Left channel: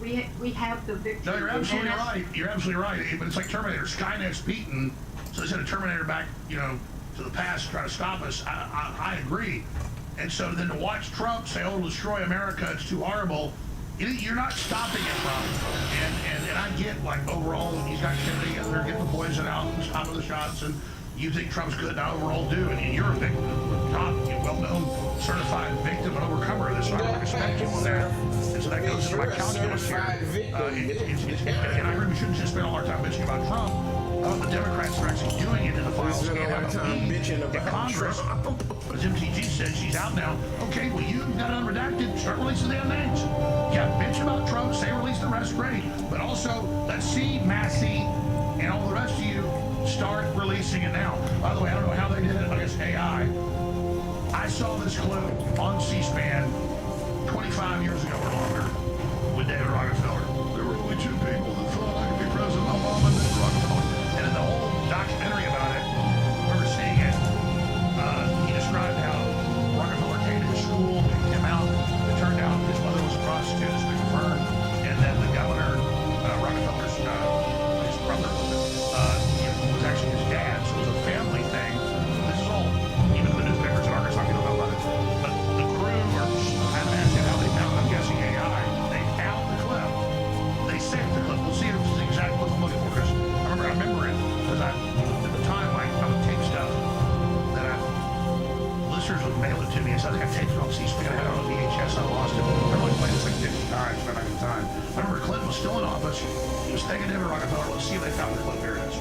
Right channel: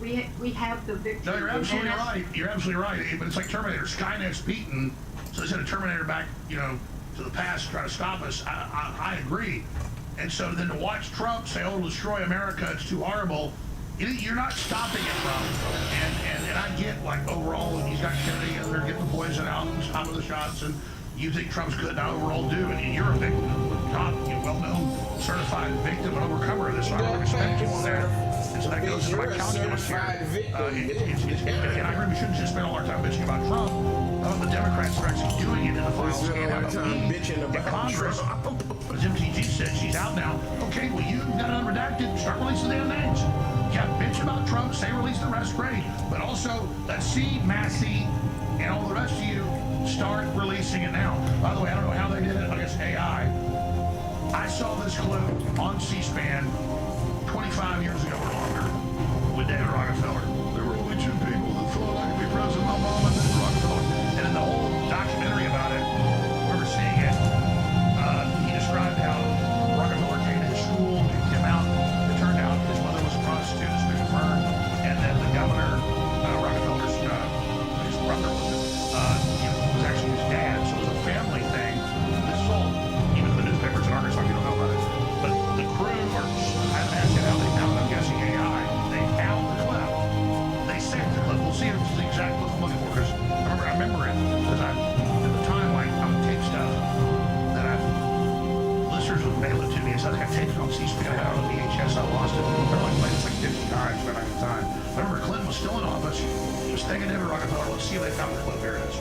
we have the victory. No, you're absolutely right. You're absolutely right. But it's like Terminator. Skynet's beaten, so they sent a Terminator back, you know, to the past to try to stop us. I agree. And so then to watch Trump say, "Oh, destroy America, it's too horrible," you're not stopping it, Trump. And I get, like, overall, he's got Kennedy and they're getting the poison out and stopping the shots, and you think Trump's good, and I overall do, and you're a victim, top, well-known, certified victim and overcomer of this, so I really respect you on that. And so that goes into my calculus here. And I agree, we shouldn't just spend all our time bitching about Trump. The Democrats are actually doing it in the files. We spend all our time bitching about Congress. As MTG said, she's out now. Okay, well, you got it unredacted. Start releasing the damn names. Yeah, bitch about Trump, say release the rest, great. But also, let's see Massey and all the rest of you start releasing it now. By the way, I don't know how they did it. I guess AI. I saw this clip on C-SPAN 25 years ago or longer with David Rockefeller. There were only two people that thought I could be president, my mom and David Rockefeller. And in the whole documentary about it, I remember seeing it, he described how Rockefeller came to his school, picked him out. It turned out his mother was a prostitute, it's been confirmed, and then the governor, Rockefeller's, his brother was actually his dad, so it was a family thing. This is all, even in the newspapers in Arkansas, you don't know about it. But the crew, or I haven't asked yet how they found it, I'm guessing AI, they found the clip. They saved the clip. We'll see if it's the exact clip I'm looking for, because I remember it, because at the time, like, I would take stuff that listeners would mail it to me. So I think I taped it on C-SPAN. I had it on VHS. I lost it. I only played this like 50 times by the time. I remember Clinton was still in office. He was thanking David Rockefeller. Let's see if they found the clip. Here it is.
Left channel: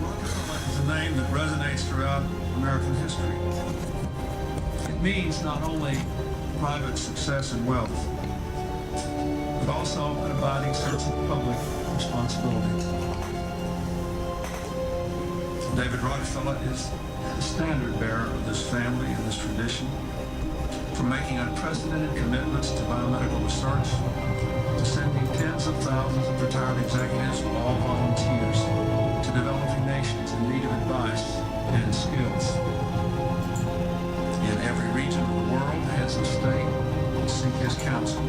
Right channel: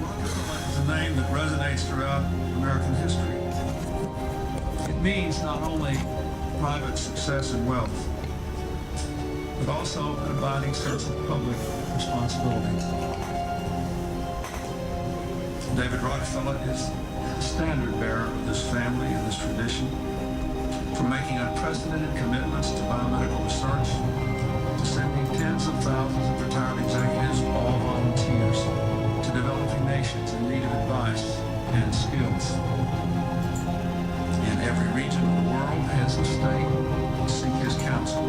Rockefeller is a name that resonates throughout American history. It means not only private success and wealth, but also an abiding sense of public responsibility. David Rockefeller is the standard bearer of this family and this tradition, from making unprecedented commitments to biomedical research, to sending tens of thousands of retired executives, all volunteers, to developing nations in need of advice and skills. In every region of the world, heads of state seek his counsel.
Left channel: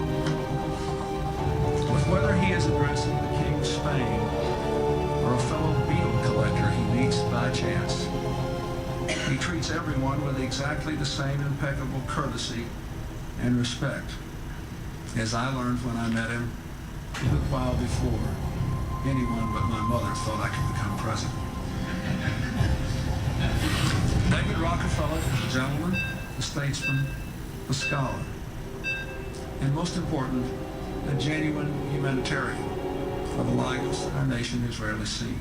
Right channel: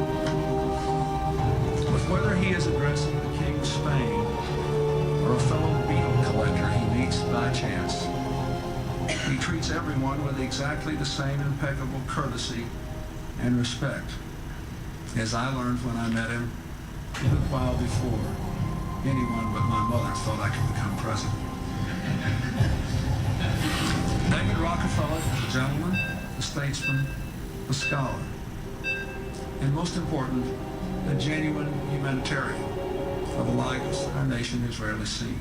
But whether he is addressing the King of Spain or a fellow beetle collector he meets by chance, he treats everyone with exactly the same impeccable courtesy and respect, as I learned when I met him a little while before anyone but my mother thought I could become president. David Rockefeller is a gentleman, a statesman, a scholar, and most important, a genuine humanitarian of a like our nation has rarely seen.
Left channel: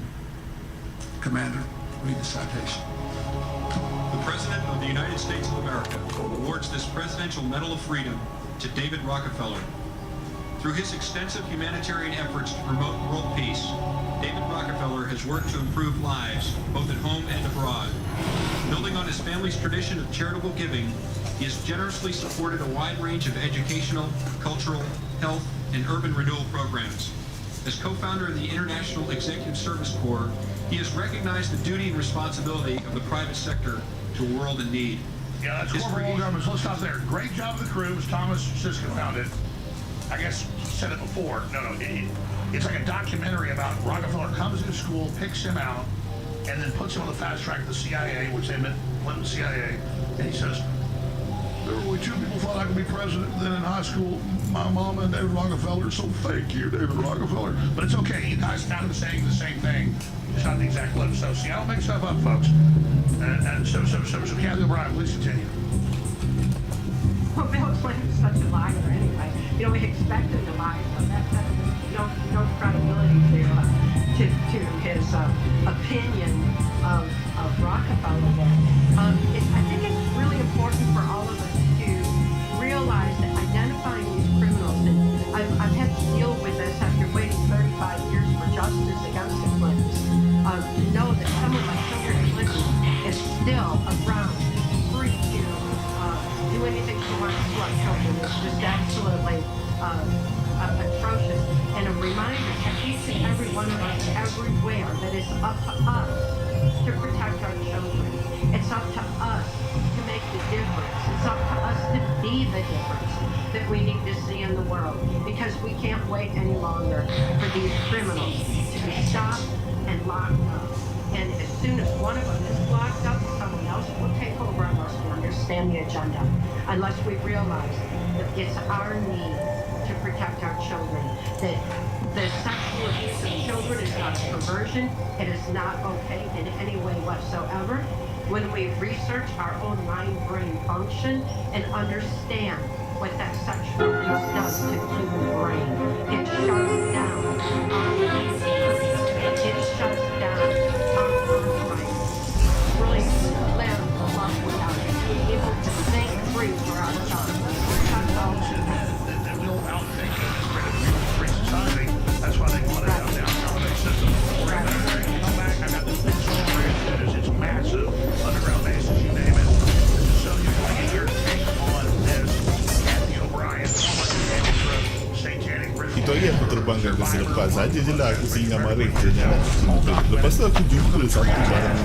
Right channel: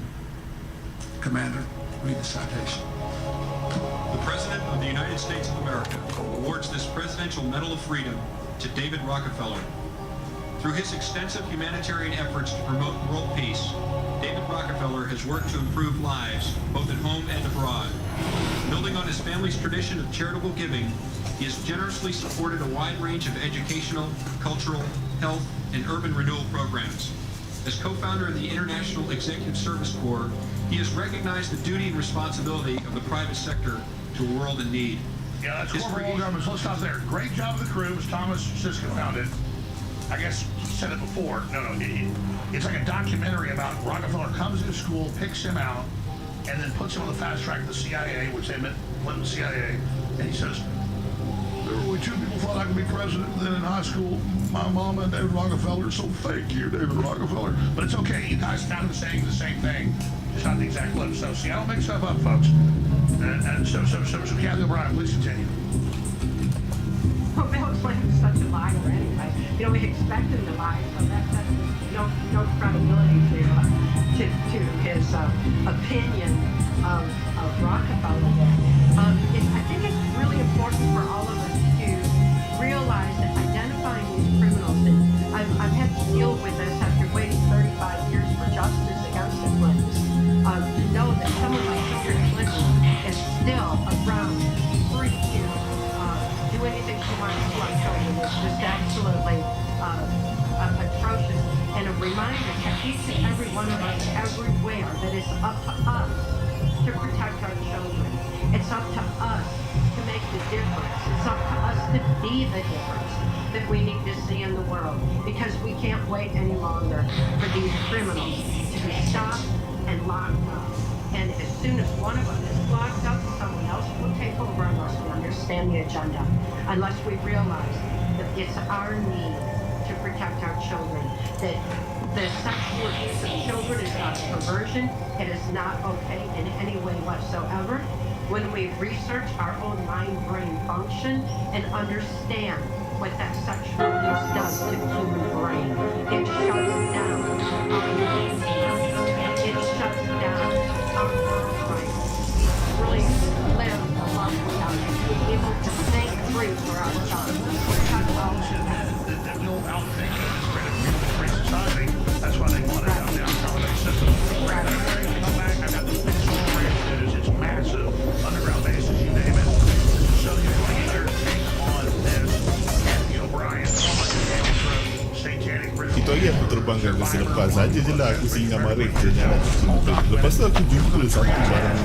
Commander, read the citation. The President of the United States of America awards this Presidential Medal of Freedom to David Rockefeller. Through his extensive humanitarian efforts to promote world peace, David Rockefeller has worked to improve lives, both at home and abroad. Building on his family's tradition of charitable giving, he has generously supported a wide range of educational, cultural, health, and urban renewal programs. As co-founder of the International Executive Service Corps, he has recognized the duty and responsibility of the private sector to a world in need. Yeah, that's corporate world government. So let's stop there. Great job of the crew. It was Thomas Siska founded. I guess he said it before. No, it's like a documentary about Rockefeller comes to school, picks him out, and then puts him on the fast track of the CIA, which they meant Clinton CIA, and he says, there were only two people thought I could be president. Then in high school, my mama and David Rockefeller. So thank you, David Rockefeller. But it's okay. You guys kind of saying the same thing, just not the exact clip. So see, I don't make stuff up, folks. And so Kathy O'Brien, please continue. Well, Bill Clinton's such a liar anyway. You know, we expect him to lie, so that's no credibility to his opinion of Rockefeller there. I think it's really important for all of us to realize that identifying these criminals, and I've had to deal with this after waiting 35 years for justice against the Clintons, to know that someone like Hillary Clinton is still around, free to do anything she wants to our children. It's just absolutely atrocious. And a reminder to each and every one of us everywhere that it's up to us to protect our children. It's up to us to make make the difference. It's up to us to be the difference that we need to see in the world, because we can't wait any longer for these criminals to be stopped and locked up. And as soon as one of them is locked up, someone else will take over unless we understand the agenda, unless we realize that it's our need to protect our children, that the sexual abuse of children is not a perversion. It is not okay in any way whatsoever. When we research our own mind-brain function and understand what that sexual abuse does to the human brain, it shuts down our immune system. It shuts down our birthright. We really live a life without being able to think free for ourselves. That's all that will outthink a free society. That's why they want it out down college system. We're going to break, come back. I've got this big solar ranch that is, it's massive, underground bases, you name it. So you want to get your take on this. Kathy O'Brien, former satanic ritual. Itu hari aku terbangkan ke selepas saja je lah aku singgah mari je jalan motor. Lepas tu aku jumpa satu barang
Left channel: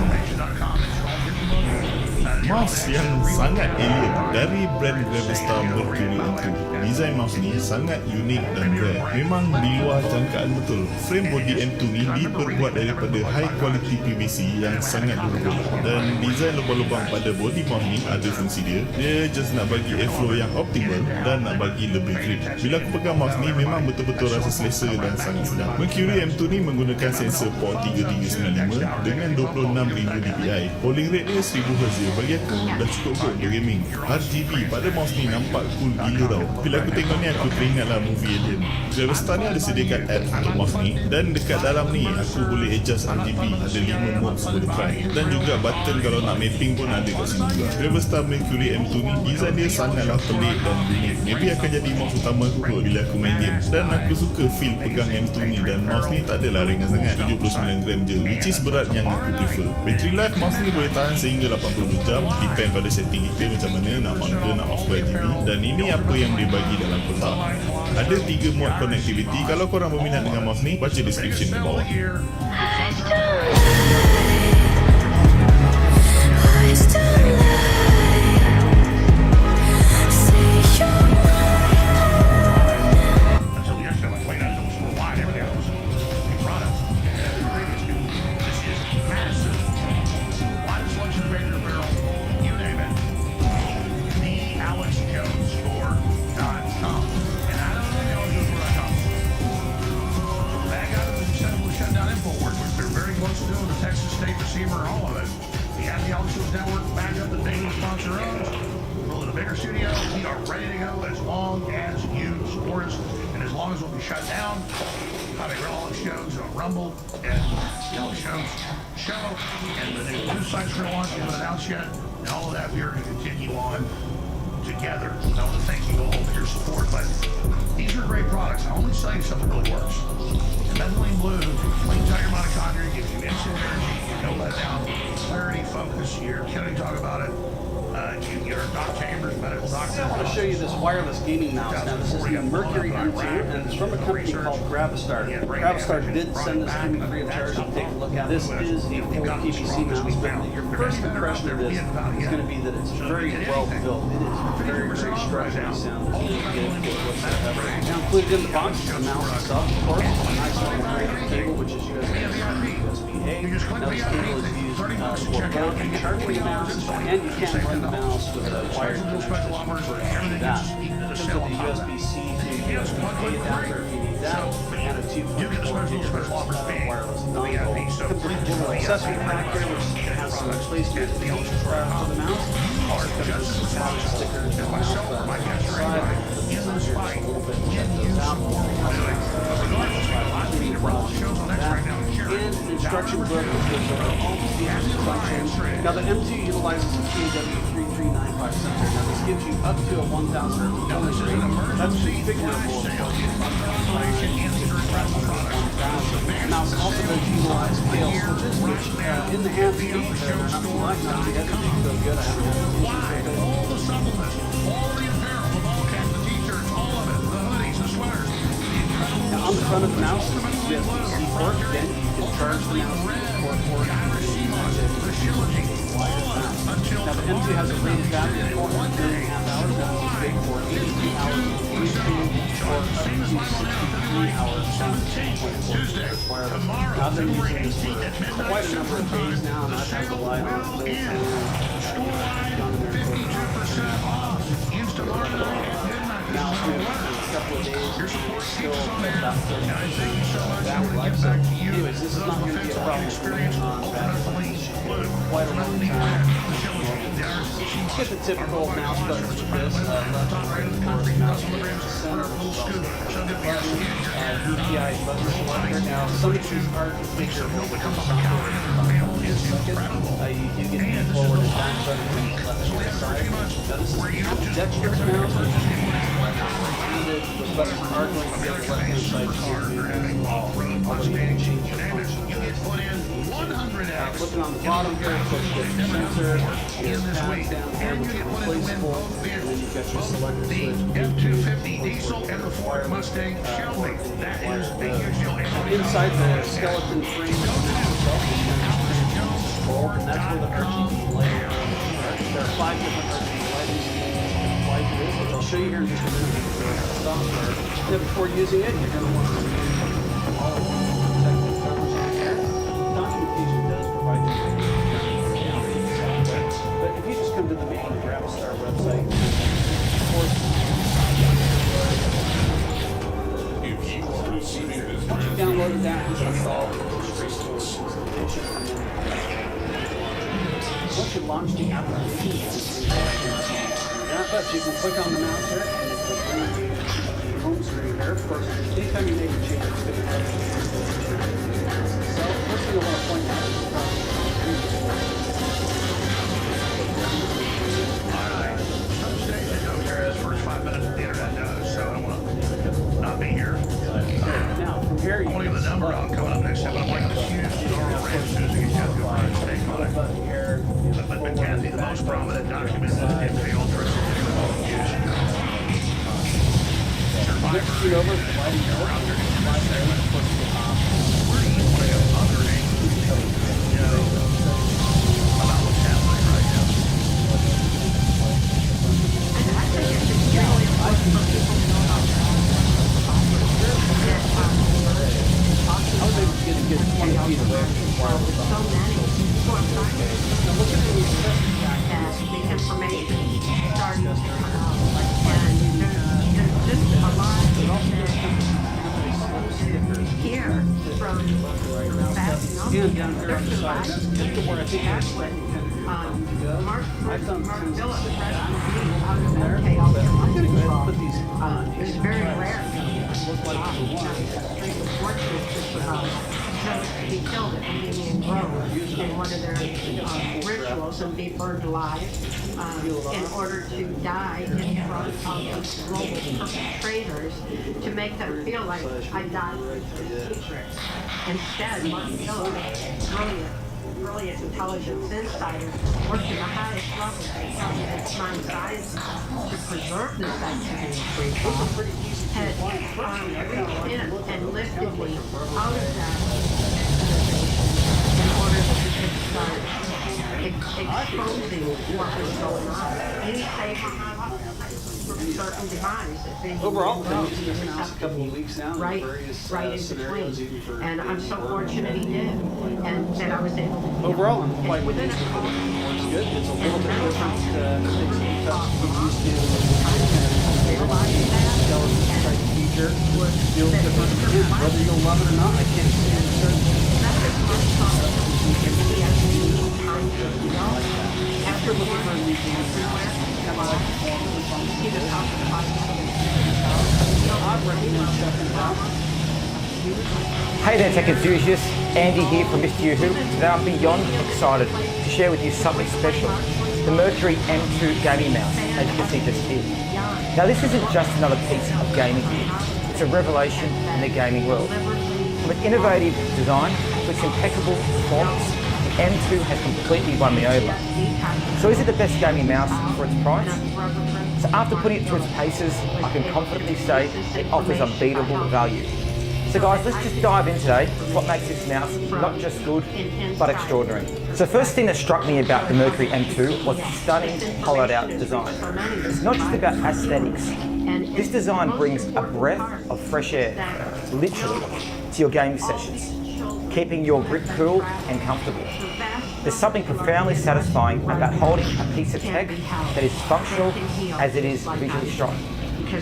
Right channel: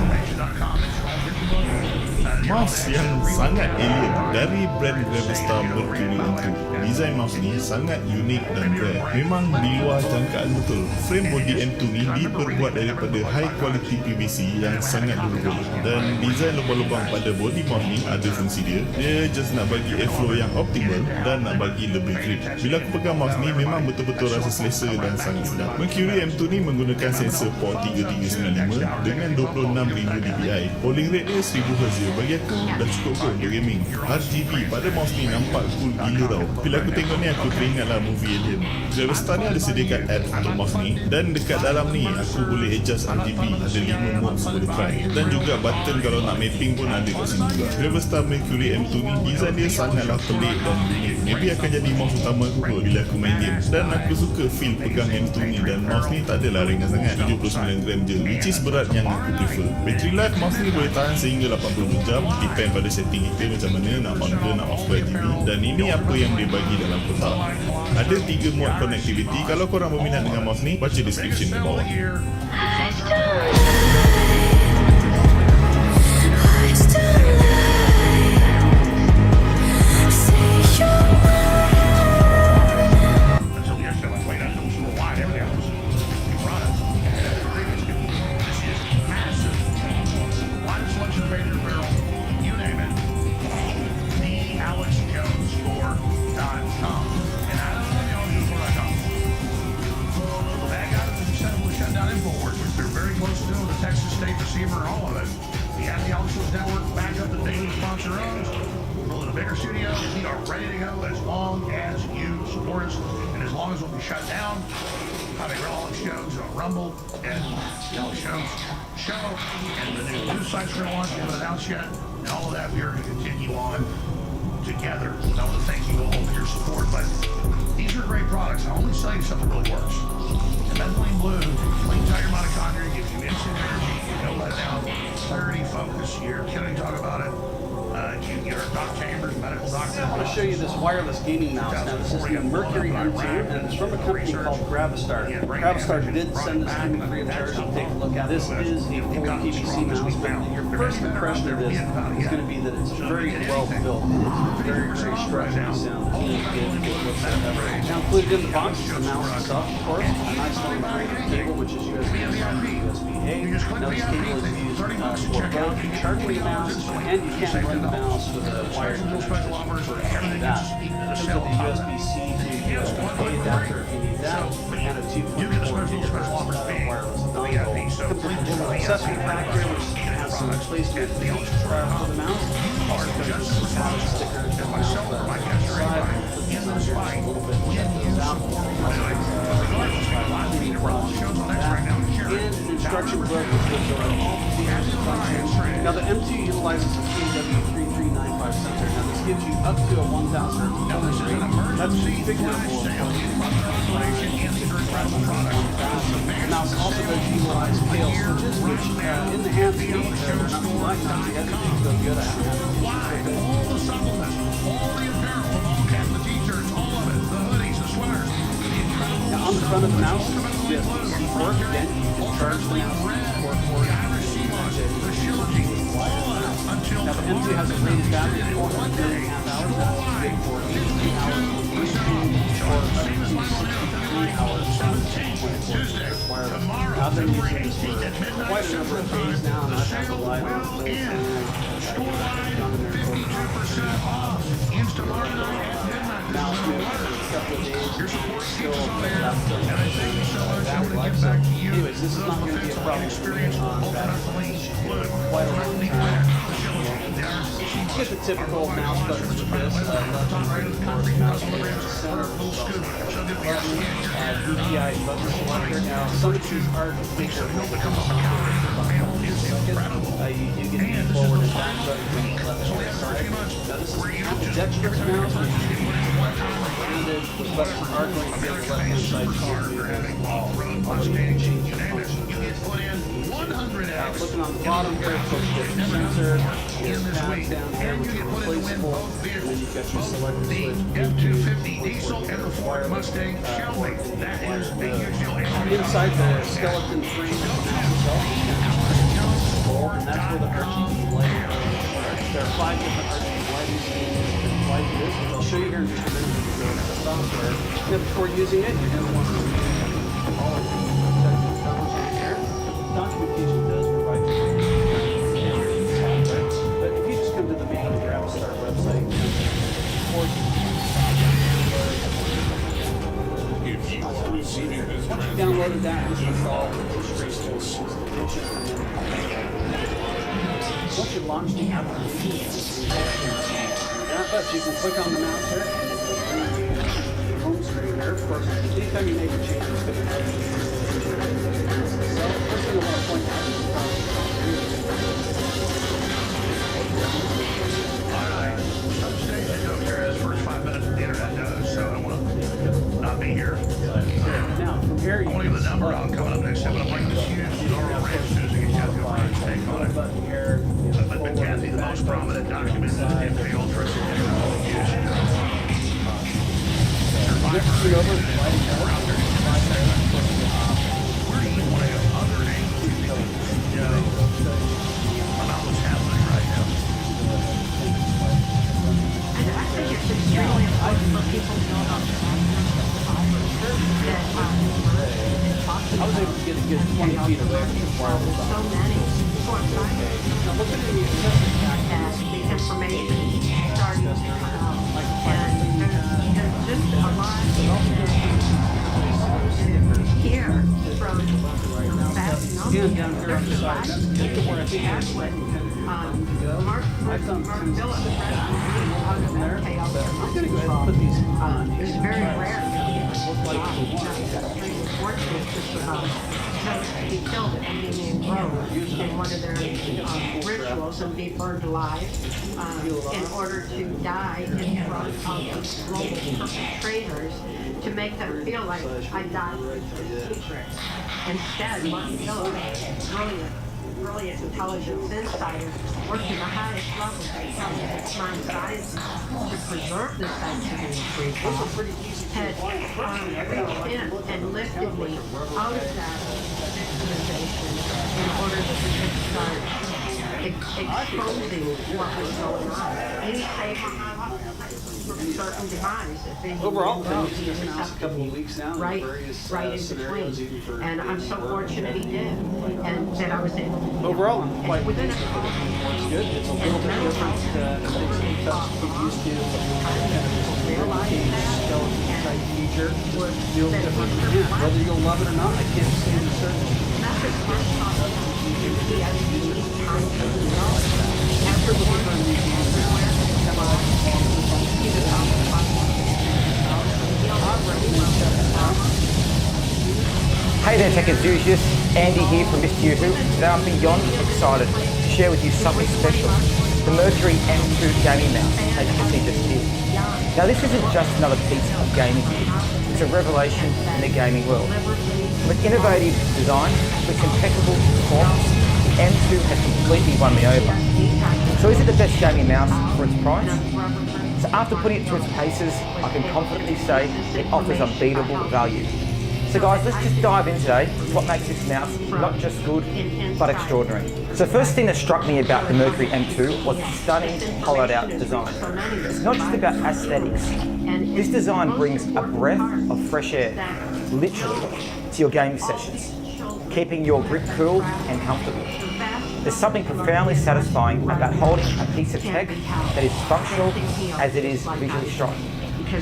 mouse yang sangat alien dari brand Gravestar Mercury M2. Design mouse ni sangat unik dan rare. Memang di luar jangkaan betul. Frame body M2 ni diperbuat daripada high quality PVC yang sangat durable. Dan design lubang-lubang pada body mouse ni ada fungsi dia. Dia just nak bagi airflow yang optimal dan nak bagi lebih grip. Bila aku pegang mouse ni memang betul-betul rasa selesa dan sangat sedap. Mercury M2 ni menggunakan sensor port 3395 dengan 26,000 dpi. Polling rate dia 1000 Hz. Bagi aku dah cukup kot untuk gaming. RGB pada mouse ni nampak cool gila tau. Bila aku tengok ni aku teringatlah movie Alien. Gravestar ni ada sediakan app untuk mouse ni, dan dekat dalam ni aku boleh adjust RGB. Ada 5 modes boleh try, dan juga button kalau nak mapping pun ada kat sini juga. Gravestar Mercury M2 ni design dia sangatlah pelik dan unik. Maybe akan jadi mouse utama aku kot bila aku main game. Dan aku suka feel pegang M2 ni, dan mouse ni tak adalah ringan sangat, 79 gram je, which is berat yang aku prefer. Battery life mouse ni boleh tahan sehingga 80 jam, depend pada setting kita macam mana nak on ke nak off RGB. Dan ini apa yang dia bagi dalam kotak. Ada 3 mode connectivity. Kalau korang berminat dengan mouse ni, baca description di bawah. And all of that, we are going to continue on together. I want to thank you all for your support, but these are great products. I only sell you stuff that really works. And methylene blue cleans out your mitochondria, gives you instant energy, no letdown, clarity, focus. You're going to talk about it. You're Doc Chambers, medical doctor. I want to show you this wireless gaming mouse. Now this is the Mercury M2, and it's from a company called Gravestar. Gravestar did send this to me free of charge to take a look at. This is a full PVC mouse, but your first impression of this is going to be that it's very well built. It is very structurally sound. It's really good whatsoever. Now included in the box is the mouse itself, of course, a nice long braided cable, which is USB-C, USB-A. Now this cable is used for both charging the mouse, and you can run the mouse with a wired connection for that. In terms of the USB-C to USB-A adapter if you need that, and a 2.4 GHz wireless dongle. Comes with a little accessory pack here, which has some placement for the mouse. Also comes with some solid stickers and mouse on the side. Put these on here just a little bit to check those out. And an instruction book which goes over all the features and functions. Now the M2 utilizes a TAW3395 sensor. Now this gives you up to a 1000 Hz polling rate. That's configurable, of course. The mouse also does utilize scale switches, which in the hands might not be everything so good. I haven't had any issues with it. All the supplements, all the apparel, the ball caps, the t-shirts, all of it, the hoodies, the sweaters, the incredible. Now on the front of the mouse is the USB-C port. Again, you can charge the mouse with the port for it. the shielding on until Now the M2 has a rated battery of 4.5 hours. That's big for 83 hours on YouTube or up to 63 hours on 2.4 wireless. Now I've been using this for quite a number of days now, and I've had the WILE on full time. Gone in there and 52% off. Instantly now it's been a couple of days. your support Still keeps us on at air. about 30 And I thank you so much. I want to life. get So, back to you. anyways, this is not going to be a problem Experience on ultimately blue. quite a long time. The RC Get the typical mouse buttons with this, left and right, of course, mouse button, center, DPI button selector. Now, some of these are configurable with the software. You do get the forward and back button from the left and right side. Now, this is a dexterous mouse, which is the buttons are going to be on the left hand side too. Although you can change the function. Now, looking on the bottom here, of course, you get your sensor, your tabs down here, which are replaceable, and then you've got your selector switch. F-250 diesel and the Ford Mustang Shelby. That is a huge deal. Inside the skeleton frame of the mouse itself is going to be control, and that's where the RGB lighting are. There are 5 different RGB lighting schemes that apply to this, which I'll show you here in just a minute with the software. Now, before using it, you're going to want to review all of the technical covers on here. Documentation does provide you with software, but if you just come to the main Gravistar website, once you've downloaded that, it's installed. It's a straightforward installation. Once you launch the application, but you can click on the mouse here and it will bring you to the home screen here. Of course, anytime you make a change, it's going to help you. So, first thing I want to point out is the Some states I know here is first 5 minutes of the internet does, so I don't want to not be here. now, from here, you I want to give the number out coming up next time. I'm bringing this huge Zorro Ranch as soon as I get Kathy O'Brien's take on it. button here, But Kathy, the most prominent document is the MK Ultra use. next shoot over to the lighting here. Where do you want to go? Other angles you think you know about what's happening right now? I think it's extremely important for people to know about the fibers that I was able to get a good 20 feet away from the wire. so many for fibers. Now look at the accessory pack. As the information started to come out, and there's just a lot here from fast And down here on the side, that's where I think that's what Mark Phillips out of MK Ultra. I'm going to go ahead and put these on. It's very rare. Extremely fortunate to he killed it, Indian Grove, in one of their rituals and be burned alive in order to die in front of these global perpetrators to make them feel like I died in secret. Instead, Mark Phillips, brilliant intelligence insider, worked in the highest levels of mind science to preserve this activity of free thought, had reached in and lifted me out of that victimization in order that we could start exposing what was going on. He saved my life from certain demise. Overall, I've been using this mouse a couple of weeks now in right various in scenarios, even between. for And I'm so fortunate he did, and that I was able to. Overall, I'm quite within pleased a with it. It works good. It's a little bit different things that you get used to. Kind of this ribcage skeleton type feature feels different. Yeah, whether you'll love it or not, I can't say with certainty. After looking for a new gaming mouse, kind of like performance and function. I'd recommend checking it out. Hey there tech enthusiasts, Andy here from Mr. Yoo-Hoo. Today I'm beyond excited to share with you something special, the Mercury M2 gaming mouse, as you can see just here. Now this isn't just another piece of gaming gear, it's a revelation in the gaming world. From its innovative design to its impeccable performance, the M2 has completely won me over. So is it the best gaming mouse for its price? So after putting it through its paces, I can confidently say it offers unbeatable value. So guys, let's just dive in today to what makes this mouse not just good, but extraordinary. So first thing that struck me about the Mercury M2 was its stunning, hollowed out design. It's not just about aesthetics. This design brings a breath of fresh air, literally, to your gaming sessions, keeping your grip cool and comfortable. There's something profoundly satisfying about holding a piece of tech that is functional as it is visually striking.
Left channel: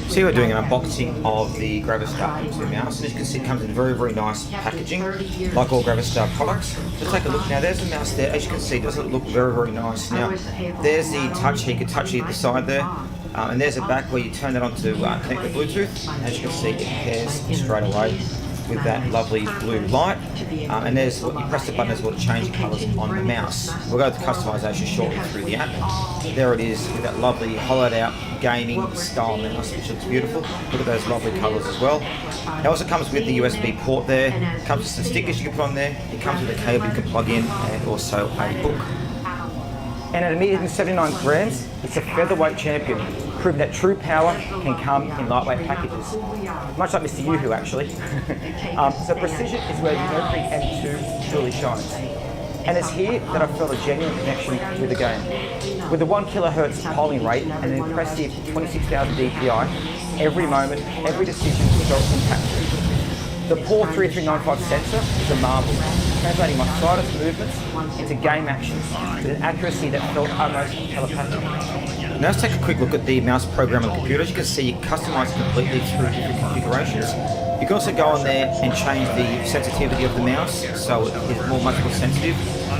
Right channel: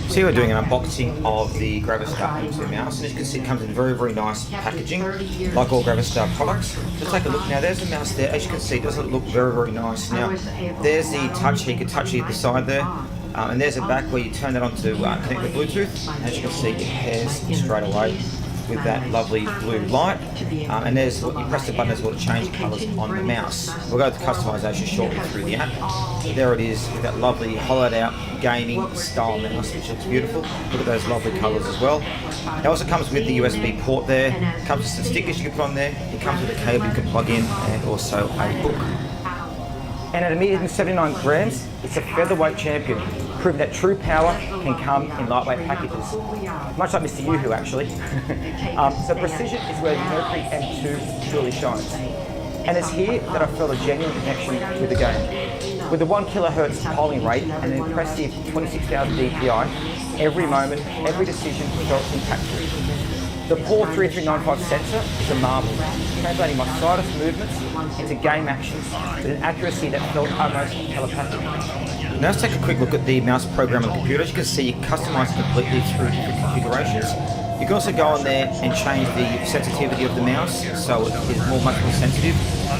So we're doing an unboxing of the Gravistar M2 mouse, and as you can see it comes in very, very nice packaging, like all Gravistar products. Just take a look now, there's the mouse there, as you can see it does look very, very nice. Now, there's the touch here, you can touch it at the side there, and there's a back where you turn that on to connect with Bluetooth, and as you can see it pairs straight away with that lovely blue light, and there's what you press the button, there's what change colours on the mouse. We'll go to customization shortly through the app. There it is with that lovely hollowed out gaming style mouse, which looks beautiful. Look at those lovely colours as well. It also comes with the USB port there. It comes with some stickers you can put on there. It comes with a cable you can plug in, and also a book. And at a mere 79 grams, it's a featherweight champion, proving that true power can come in lightweight packages. Much like Mr. Yoo-Hoo, actually. So precision is where the Mercury M2 truly shines. And it's here that I felt a genuine connection with the game. With a 1 kilohertz polling rate and an impressive 26,000 DPI, every moment, every decision felt impactful. The POR 3395 sensor is a marvel, translating my slightest movements into game actions with an accuracy that felt almost telepathic. Now let's take a quick look at the mouse program on the computer. As you can see, you customize completely through different configurations. You can also go on there and change the sensitivity of the mouse, so it is much more sensitive.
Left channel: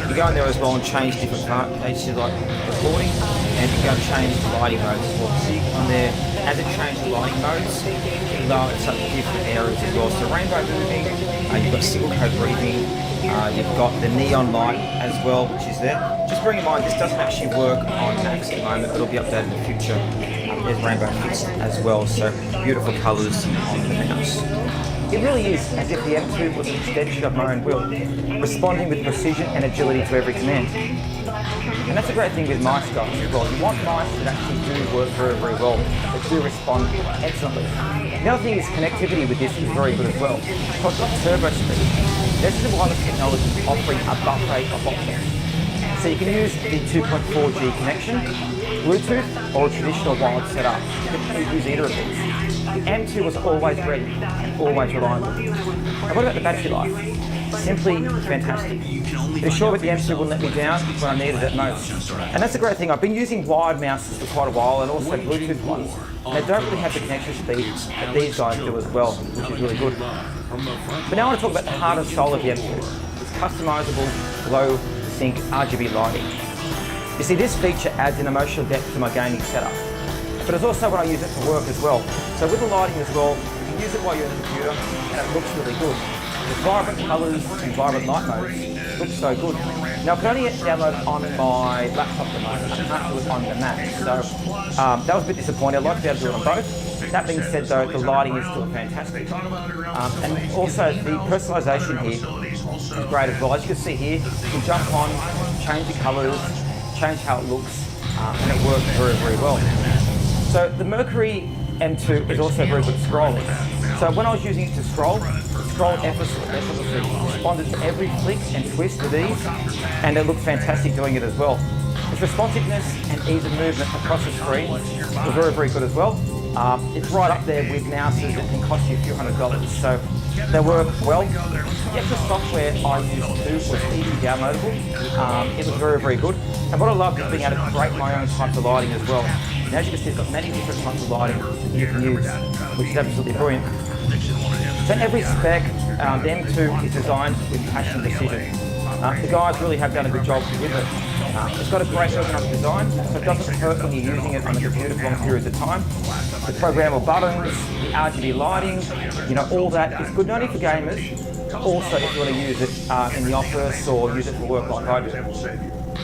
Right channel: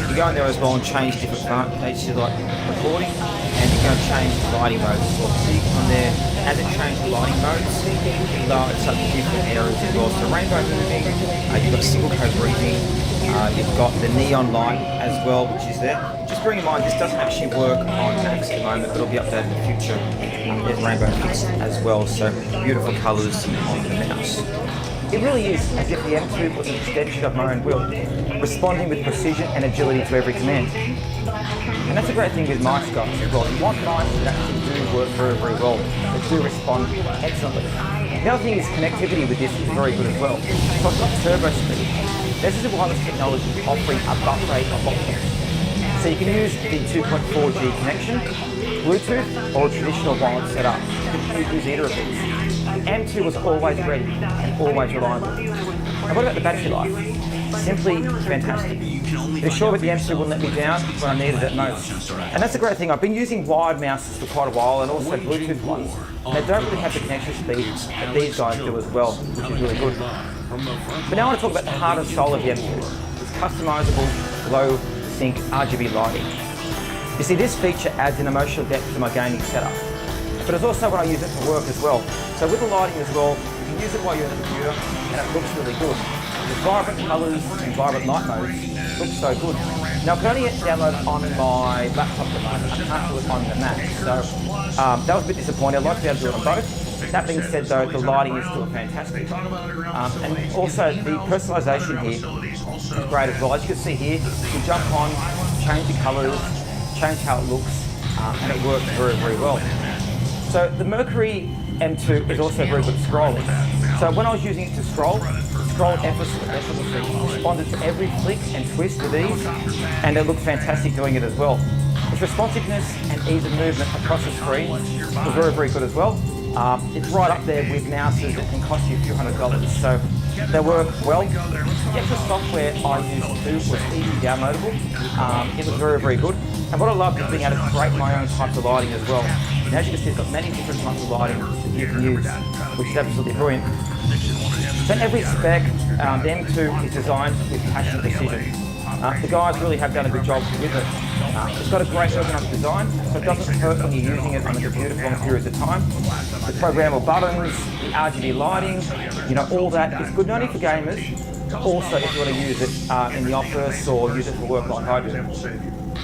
You go in there as well and change different pages like recording, and you can change the lighting modes as well. So you go on there, as it changes the lighting modes, it lights up different areas as well. So rainbow moving, you've got single code breathing, you've got the neon light as well, which is there. Just bearing in mind, this doesn't actually work on Macs at the moment, but it'll be updated in the future. There's rainbow fix as well, so beautiful colours on the mouse. It really is as if the M2 was an extension of my own will, responding with precision and agility to every command. And that's a great thing with mice guys as well. You want mice that actually do work very, very well, that do respond excellently. The other thing is connectivity with this is very good as well. Talk about turbo speed. This is a wireless technology offering a buffer rate of options. So you can use the 2.4G connection, Bluetooth, or a traditional wired setup. You can use either of these. The M2 was always ready and always reliable. And what about the battery life? Simply fantastic. It assured that the M2 wouldn't let me down when I needed it most. And that's a great thing. I've been using wired mouses for quite a while, and also Bluetooth ones. And they don't really have the connection speed that these guys do as well, which is really good. But now I want to talk about the heart and soul of the M2. It's customizable, glow sync RGB lighting. You see, this feature adds an emotional depth to my gaming setup. But it's also when I use it for work as well. So with the lighting as well, you can use it while you're in the computer, and it looks really good. The vibrant colours and vibrant light modes look so good. Now I can only download it on my laptop at the moment. I can't do it on the Mac. So that was a bit disappointing. I'd like to be able to do it on both. That being said though, the lighting is still fantastic. And also the personalisation here is great as well. As you can see here, you can jump on, change the colours, change how it looks, and it works very, very well. So the Mercury M2 is also very good at scrolling. So when I was using it to scroll, it scrolled effortlessly, responded to every flick and twist with ease, and it looked fantastic doing it as well. Its responsiveness and ease of movement across the screen was very, very good as well. It's right up there with mouses that can cost you a few $100s. So they work well. The extra software I used too was easily downloadable. It was very, very good. And what I loved is being able to create my own types of lighting as well. And as you can see, it's got many different types of lighting that you can use, which is absolutely brilliant. So in every spec, the M2 is designed with passion and precision. The guys really have done a good job with it. It's got a great ergonomic design, so it doesn't hurt when you're using it on the computer for long periods of time. The programmable buttons, the RGB lighting, all that is good not only for gamers, but also if you want to use it in the office or use it for work like I do.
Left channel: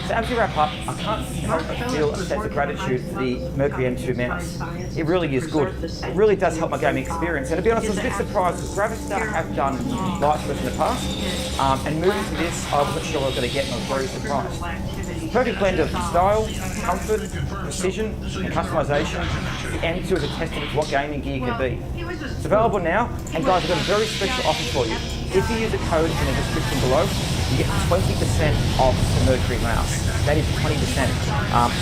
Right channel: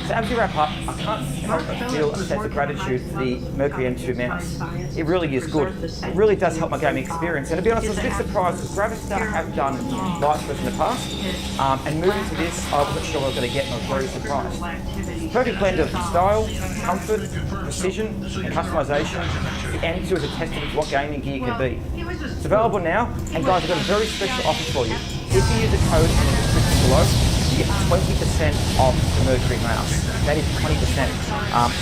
So as we wrap up, I can't help but feel a sense of gratitude for the Mercury M2 mouse. It really is good. It really does help my gaming experience. And to be honest, I was a bit surprised because Gravistar have done lights for us in the past. And moving to this, I wasn't sure what I was going to get and I was very surprised. Perfect blend of style, comfort, precision, and customization. The M2 is a testament to what gaming gear can be. It's available now, and guys, I've got a very special offer for you. If you use a code in the description below, you get 20% off the Mercury mouse. That is 20%,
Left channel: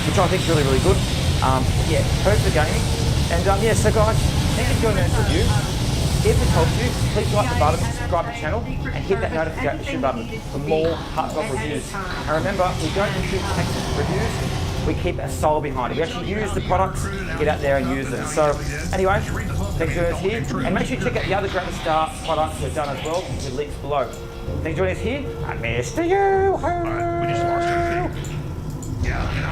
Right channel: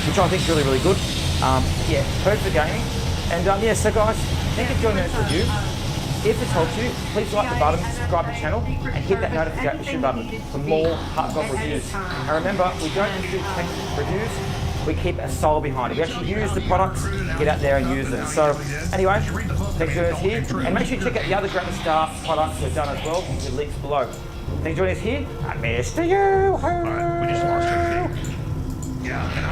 which I think is really, really good. Yeah, perfect for gaming. And yeah, so guys, thank you for joining this review. If it's helped you, please like the button, subscribe to the channel, and hit that notification button for more heartfelt reviews. And remember, we don't shoot text reviews, we keep a soul behind it. We actually use the products, get out there and use them. So anyway, thanks for joining us here. And make sure you check out the other Gravistar products we've done as well, with links below. Thanks for joining us here. I'm Mr. Alright, we just lost our kid. Yeah, and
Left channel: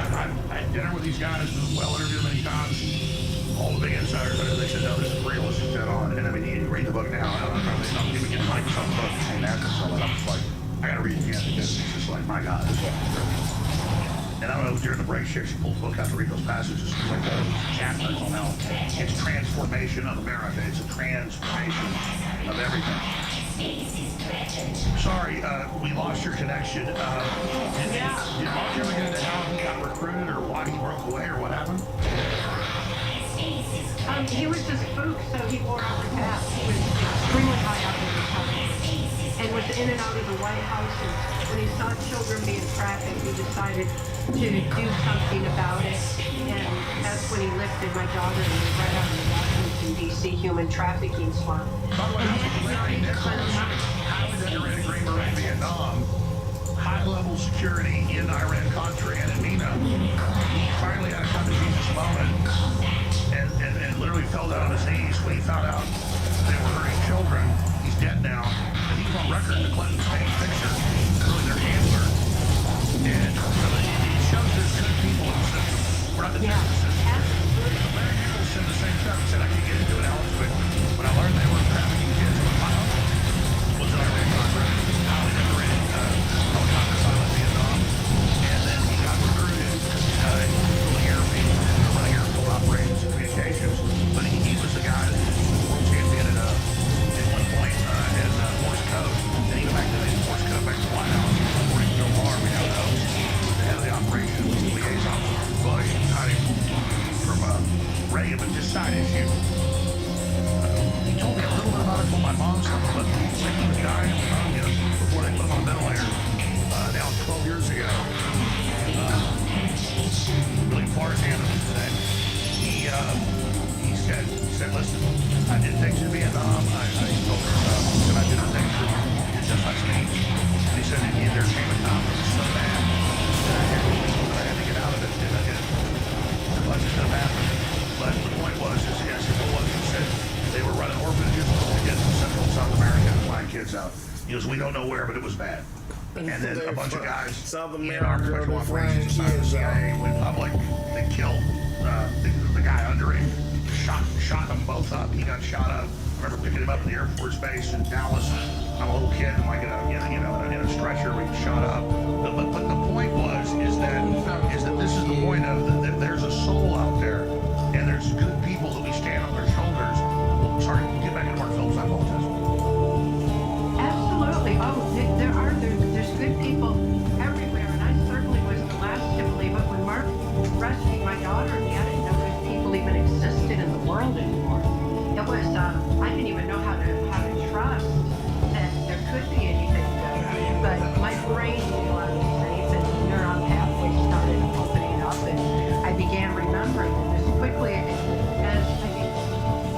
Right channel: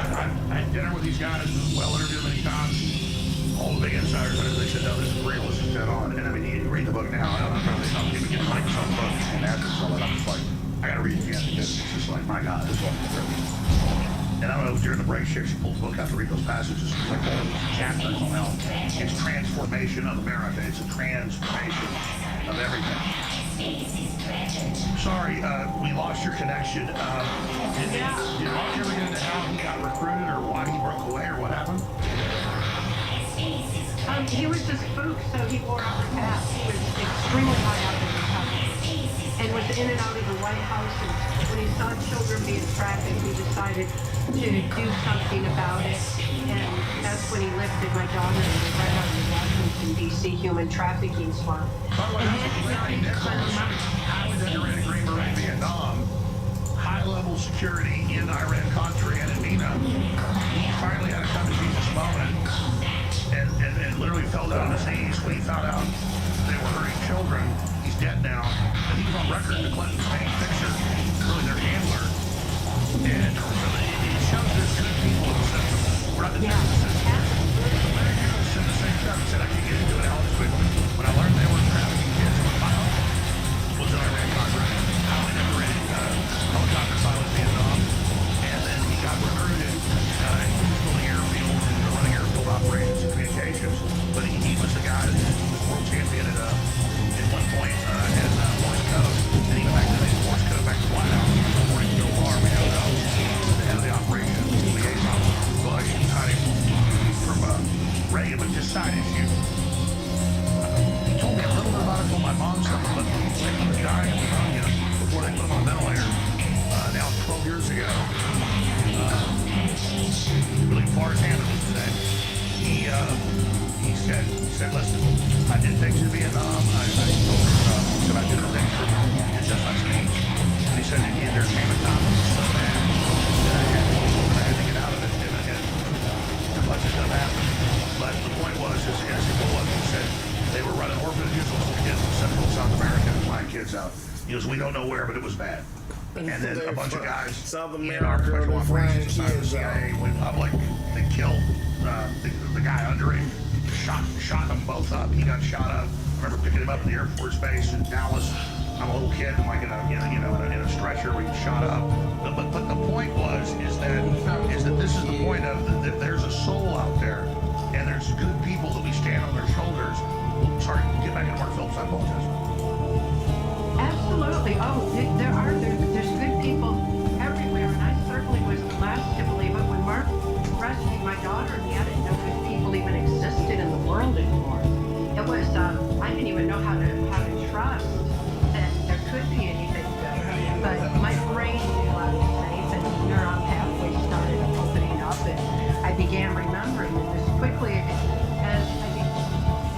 I had dinner with these guys, well interviewed many times. All the big insiders, they said, no, this is real, this is dead on. And I mean, you read the book now, I don't know, they don't even get money from the book, and after all that, I'm just like, I gotta read it again, because it's just like, my God, this is real. And I don't know, during the break here, she pulled the book out to read those passages. It's like all these chapters on how it's transformation of America. It's a transformation of everything. Sorry, we lost your connection. Did Mark ever get into how he got recruited or why he broke away or what happened? He was just spooked, so he wore out the hat. He was extremely high up in the company and was in and out of the White House. And when he saw children being trafficked, he decided to do something about it. And that's when he lifted my daughter and we right out of the Washington, D.C. human trafficking swamp. By the way, Larry Nichols, highly decorated Green Beret Vietnam, high-level security in Iran-Contra and in MENA. He finally had a come-to-Jesus moment and literally fell down on his knees when he found out they were hurting children. He's dead now, and he was on record in the Clintons painting picture, really their handler. And really, it shows there's good people in the system. We're not the system. Larry Nichols said the same stuff. He said, I can't get into it, Alex, but when I learned they were trafficking kids, my uncle was an Iran-Contra, highly decorated helicopter pilot in Vietnam, and then he got recruited. He was building airfield, running airfield operations and communications, but he was the guy that was world champion at one point in Morse code, and even back then they used Morse code back to the White House. According to Bill Barr, we now know he was the head of the operation, liaison with Bush, and hiding from Reagan, but just side issue. He told me a little bit about it from my mom's stuff, but when he was dying of pneumonia before they put him on a ventilator, now 12 years ago, really far as hand of this today, he said, listen, I did things in Vietnam, I told her, he said, I did the things for just like me. And he said, there came a time when it was so bad that I had to get out of it, and a bunch of stuff happened. But the point was, I said, what was it? He said, they were running orphanages with little kids in Central and South America and flying kids out. He goes, we don't know where, but it was bad. And then a bunch of guys in our special operations side of the CIA went public. They killed the guy under him, shot them both up. He got shot up. I remember picking him up at the Air Force Base in Dallas. I'm a little kid, like in a stretcher, we shot up. But the point is that this is the point of that there's a soul out there, and there's good people that we stand on their shoulders. Sorry, get back into Mark Phillips. I apologize. Absolutely. Oh, there's good people everywhere, and I certainly was the last to believe it. When Mark rescued my daughter and me, I didn't know good people even existed in the world anymore. It was I didn't even know how to trust that there could be anything good. But my brain knew I was safe, and neuron pathways started opening up, and I began remembering. And as quickly as I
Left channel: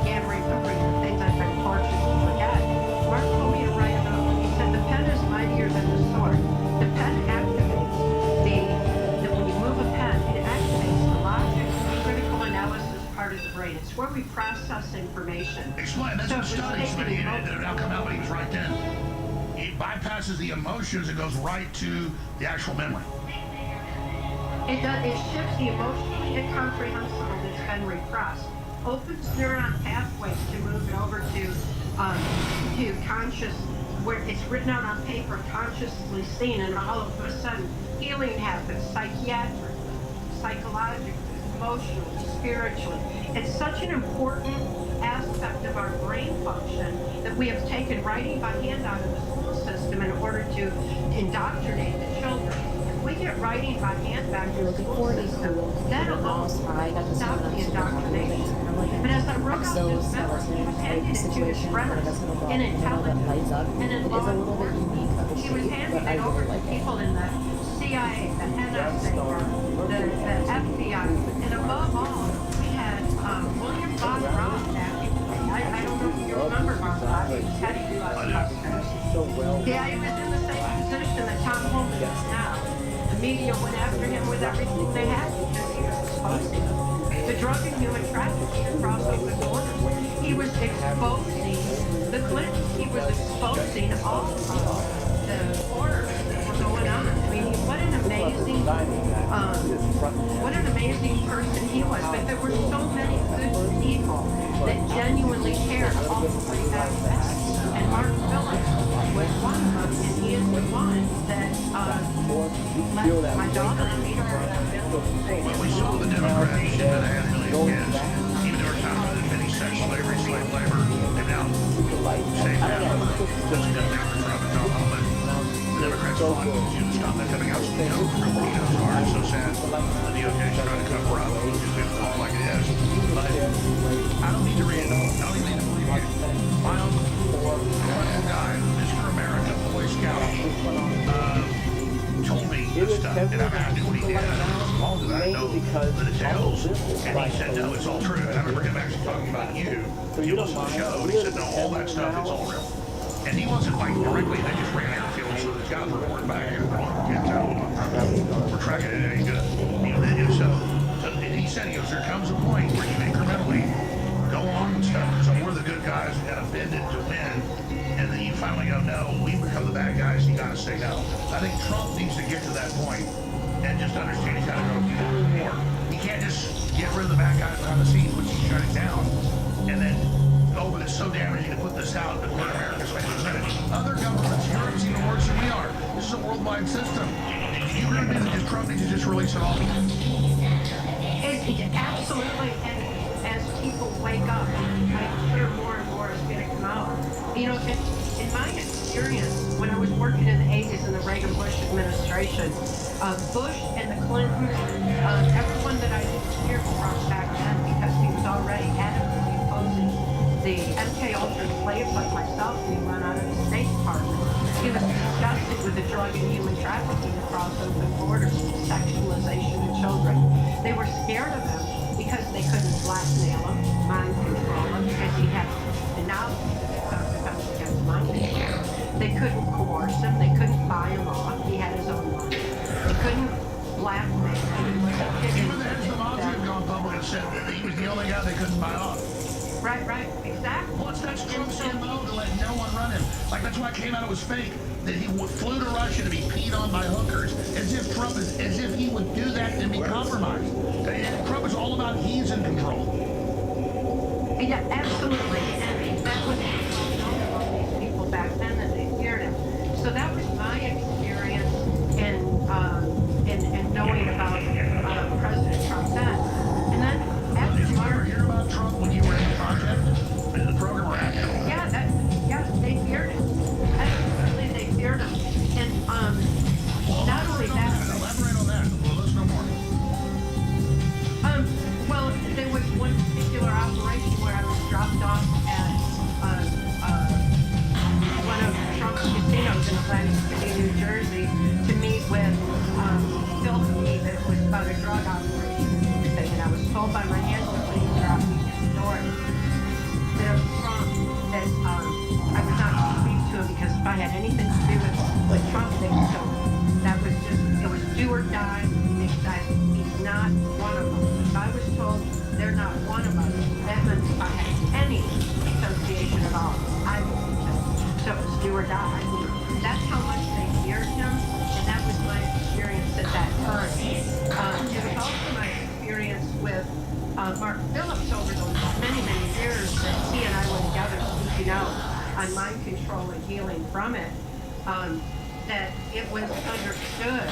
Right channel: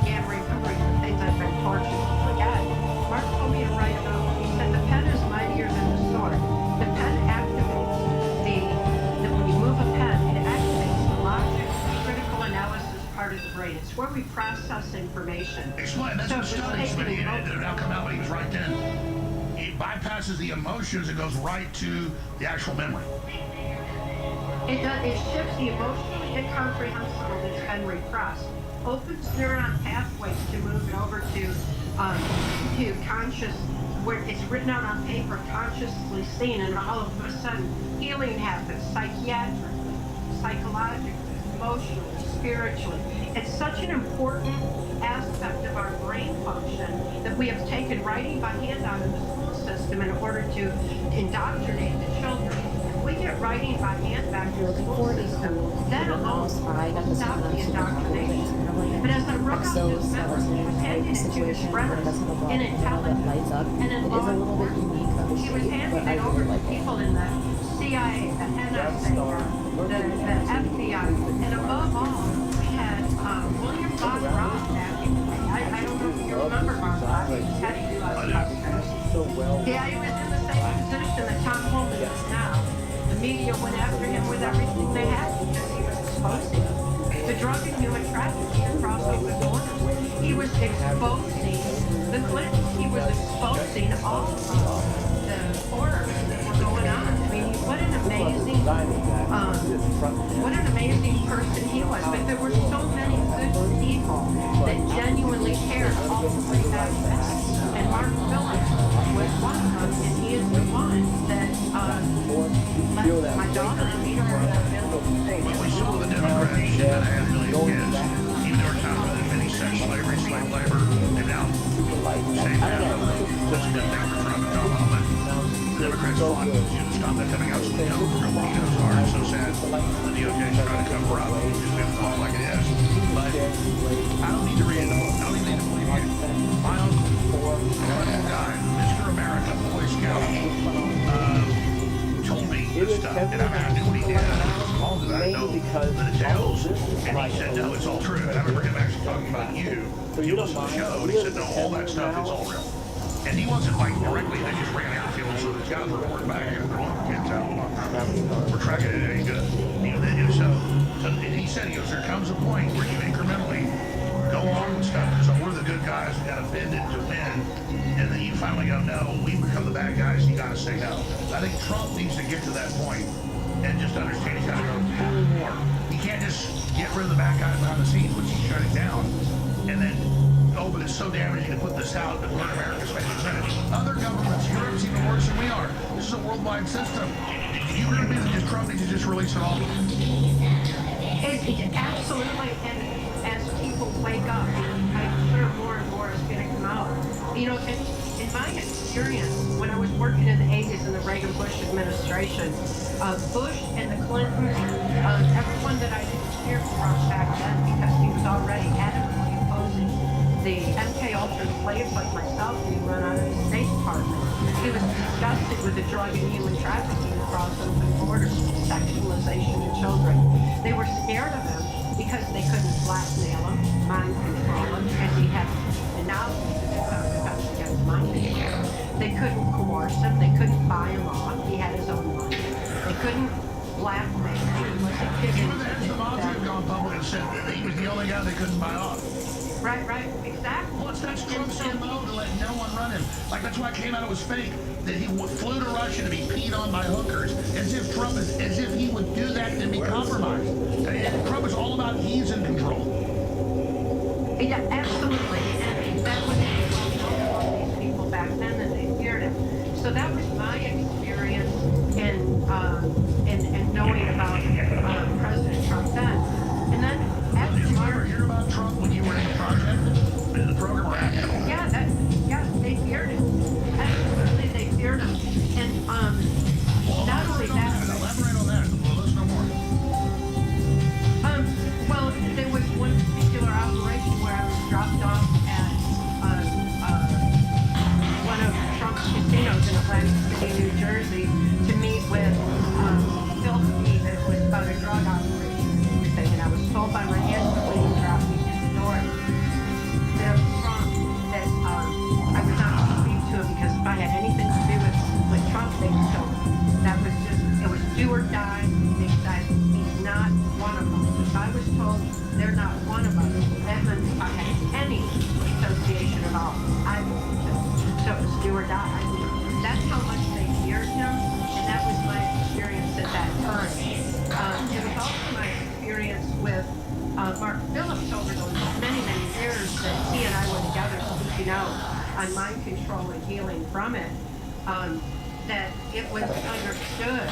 began remembering the things I've been tortured to forget, Mark told me to write it up. He said the pen is mightier than the sword. The pen activates when you move a pen, it activates the logic, the critical analysis part of the brain. It's where we process information. Explain. That's what studies, but it now come out, but he was right then. It bypasses the emotions. It goes right to the actual memory. It shifts the emotionally incomprehensible that's been repressed, opens neuron pathways to move it over to to conscious, where it's written out on paper, consciously seen, and all of a sudden healing happens, psychiatrically, psychologically, emotionally, spiritually. It's such an important aspect of our brain function that we have taken writing by hand out of the school system in order to indoctrinate the children. If we get writing by hand back to the school system, that alone will stop the indoctrination. But as I wrote out this memo, he was handing it to his friends in intelligence and in law enforcement. He was handing it over to people in the CIA, the NSA, the FBI, and above all, we had William Bob Ross back in the day. I don't know if you remember Bob Ross. He was heading customers. Yeah, he was in the same position that Tom Holman is now. The media went after him with everything they had because he was exposing the drug and human trafficking across open borders. He was exposing the Clintons. He was exposing all of the horrors that were going on. I mean, what an amazing person he was. But there were so many good people that genuinely cared all the way back then. And Mark Phillips was one of them, and he is the one that let my daughter and me Well, we saw the Democrats that had million kids, even though we're talking about many sex slavery, slave labor, and now same path. That's a good thing for Trump and Tom Holman. The Democrats fought to stop that coming out, so they know who real pedos are. It's so sad the DOJ's trying to cover up. It's just going to fall like it is. But I don't need to read it. I don't even need to believe you. My uncle, a guy, Mr. America, Boy Scout, told me this stuff, and I knew what he did. I was involved in that. I know the details, and he said, no, it's all true. And I remember him actually talking about you. You listen to the show, and he said, no, all that stuff is all real. And he wasn't like directly, they just ran airfields, so these guys were reporting back, and can't tell. We're tracking it, it ain't good. So he said, he goes, there comes a point where you incrementally go along with stuff. So we're the good guys, we gotta bend it to win. And then you finally go, no, we become the bad guys, you gotta say no. I think Trump needs to get to that point and just understand he's gotta go more. He can't just get rid of the bad guys behind the scenes, which he's shutting down, and then, oh, but it's so damaging to put this out that we're in America spending a minute. Other governments, Europe's even worse than we are. This is a worldwide system. You agree with me that Trump needs to just release it all? Absolutely, and as people wake up, I'm sure more and more is going to come out. You know, in my experience, when I was working in the 80s in the Reagan-Bush administration, Bush and the Clintons, everyone that I didn't hear from back then because he was already adamantly opposing the MK Ultra slaves like myself being run out of the State Department. He was disgusted with the drug and human trafficking across open borders, sexualization of children. They were scared of him because they couldn't blackmail him, mind control him, because he had the knowledge of defense against mind control. They couldn't coerce him. They couldn't buy him off. He had his own money. They couldn't blackmail him. He wasn't giving Even the heads of the mafia have gone public and said that he was the only guy they couldn't buy off. Right, exactly. Well, that's Trump's MO to let no one run him. Like, that's why it came out it was fake, that he flew to Russia to be peed on by hookers, as if he would do that and be compromised. And Trump is all about he's in control. Yeah, absolutely. And that was all these people back then that they feared him. So that was my experience in knowing about President Trump then. And then after Did you ever hear about Trump when you were in the project? In the program or after? Yeah, they feared him. Absolutely, they feared him. And not only that. Elaborate on that. Well, let's know more. Well, there was one particular operation where I was dropped off at one of Trump's casinos in Atlantic City, New Jersey, to meet with Phil Key that was about a drug operation thing. And I was told by my handler when he dropped me at the door that Trump, that I was not to speak to him because if I had anything to do with Trump, they would kill him. That was just, it was do or die. They said he's not one of them. If I was told they're not one of us, that meant if I had any association at all, I would be killed. So it was do or die. That's how much they feared him, and that was my experience at that time. It was also my experience with Mark Phillips over those many, many years that he and I were together speaking speaking out on mind control and healing from it, that it was understood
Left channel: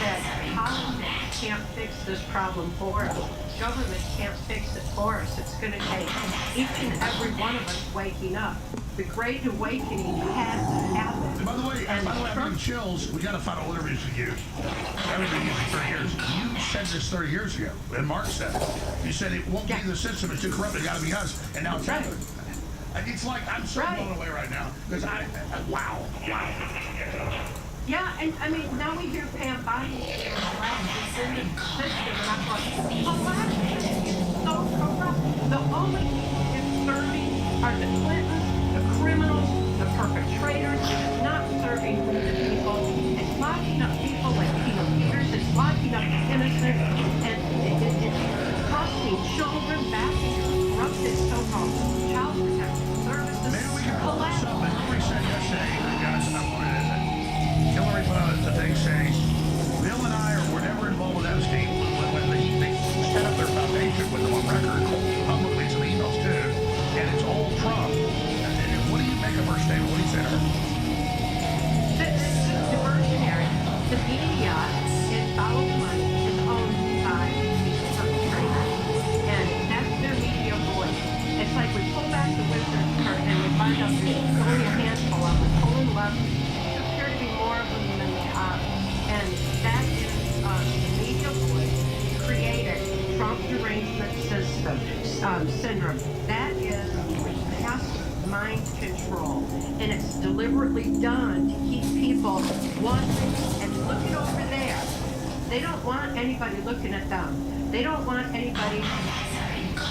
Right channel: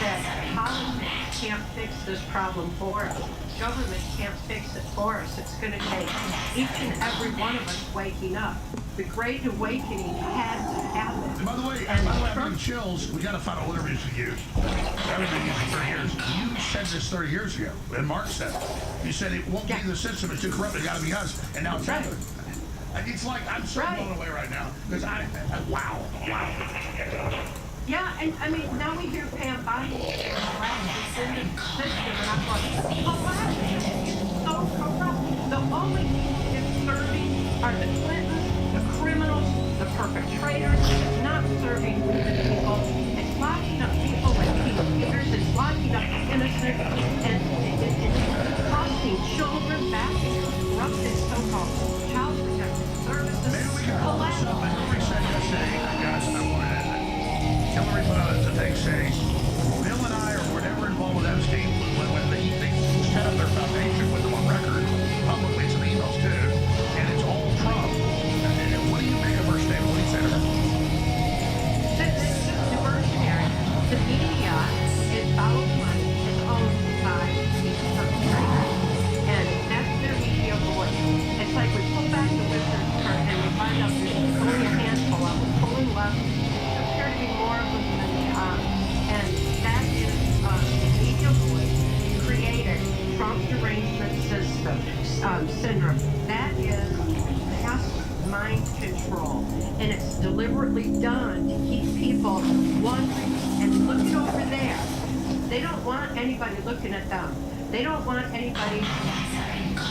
that politics can't fix this problem for us. Government can't fix it for us. It's going to take each and every one of us waking up. The Great Awakening had to happen. And by the way, I'm getting chills. We got to final interviews with you. I haven't been used for 30 years. You said this 30 years ago, and Mark said it. You said it won't be the system, it's too corrupt, it got to be us, and now it's happening. It's like, I'm so blown away right now, because wow. Yeah, and I mean, now we hear Pam Bondi collapse in the system, and I'm like, collapse is so corrupt. The only people it's serving are the Clintons, the criminals, the perpetrators. It's not serving we the people. It's locking up people like Peter Peters. It's locking up the innocent, and it's thrusting children back into corrupted so-called child protective services. Maybe we can pull this up. Hillary said yesterday, guys, I wanted to Hillary put out a thing saying, Bill and I were never involved with Epstein when they set up their foundation with them on record, publicly to the emails too, and it's all Trump. And what do you make of her statement? What do you say to her? It's diversionary. The media is follows money, is owned by these perpetrators, and that's their media voice. It's like we pull back the wizard's curtain and we find out there's only a handful of them pulling levers. To be more of them than they are. And that is the media voice created Trump derangement system syndrome. That is mass mind control. And it's deliberately done to keep people wondering and looking over there. They don't want anybody looking at them. They don't want anybody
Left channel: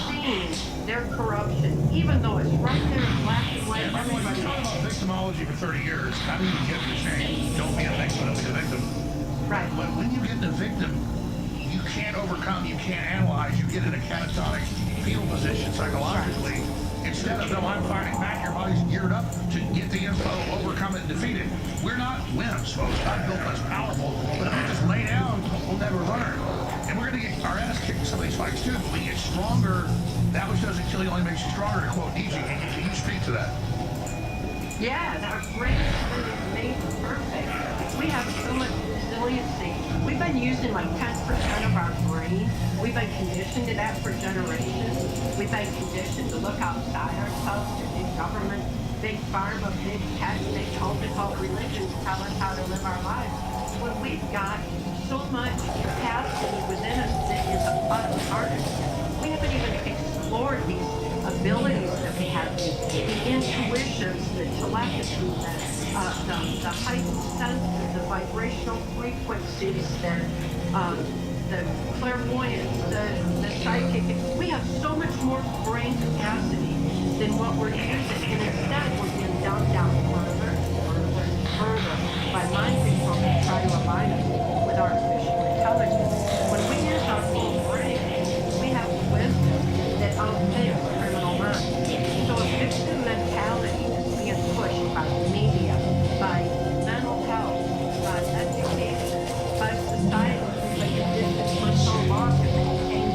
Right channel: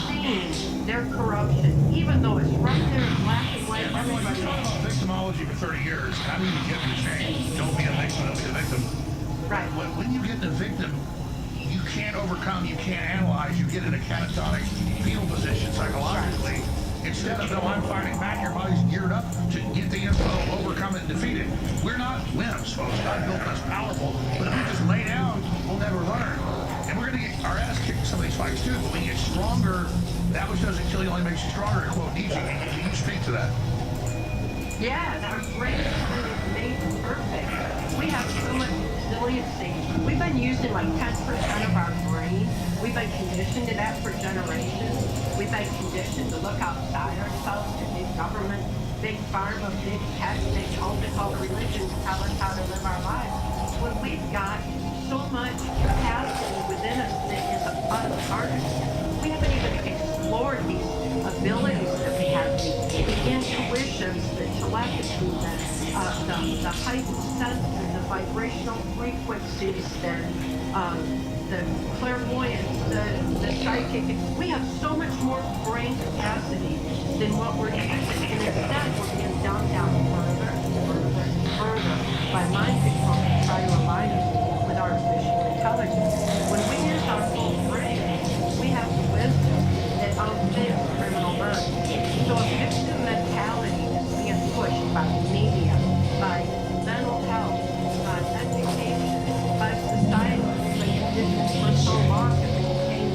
seeing their corruption, even though it's right there in black and white. Yeah, by the way, you've talked about victimology for 30 years. How do you get them to change? Don't be a victim, don't be a victim. Right. When you get the victim, you can't overcome, you can't analyze, you get in a catatonic fetal position psychologically. Instead of, no, I'm fighting back, your body's geared up to get the info, overcome it, and defeat it. We're not wimps, folks. God built us powerful, but if we just lay down, we'll never learn. And we're going to get our ass kicked in some of these fights too, but we get stronger. That which doesn't kill you only makes you stronger, to quote Nietzsche. Can you speak to that? Yeah, our brain is made perfect. We have so much resiliency. We've been using like 10% of our brain. We've been conditioned to that for generations. We've been conditioned to look outside ourselves to big government, big pharma, big tech, big cult religions tell us how to live our lives. When we've got so much capacity within us that is unharnessed. We haven't even explored these abilities that we have, the intuitions, the telepathy, the heightened senses, the vibrational frequencies, the clairvoyance, the psychic. We have so much more brain capacity than what we're using, and instead we're being dumbed down further by mind control to try to align us with artificial intelligence. When we use our full brain, we have the wisdom that outfits criminal minds. So a victim mentality is being pushed by the media, by mental health, by education, by society. We've been conditioned for so long to maintain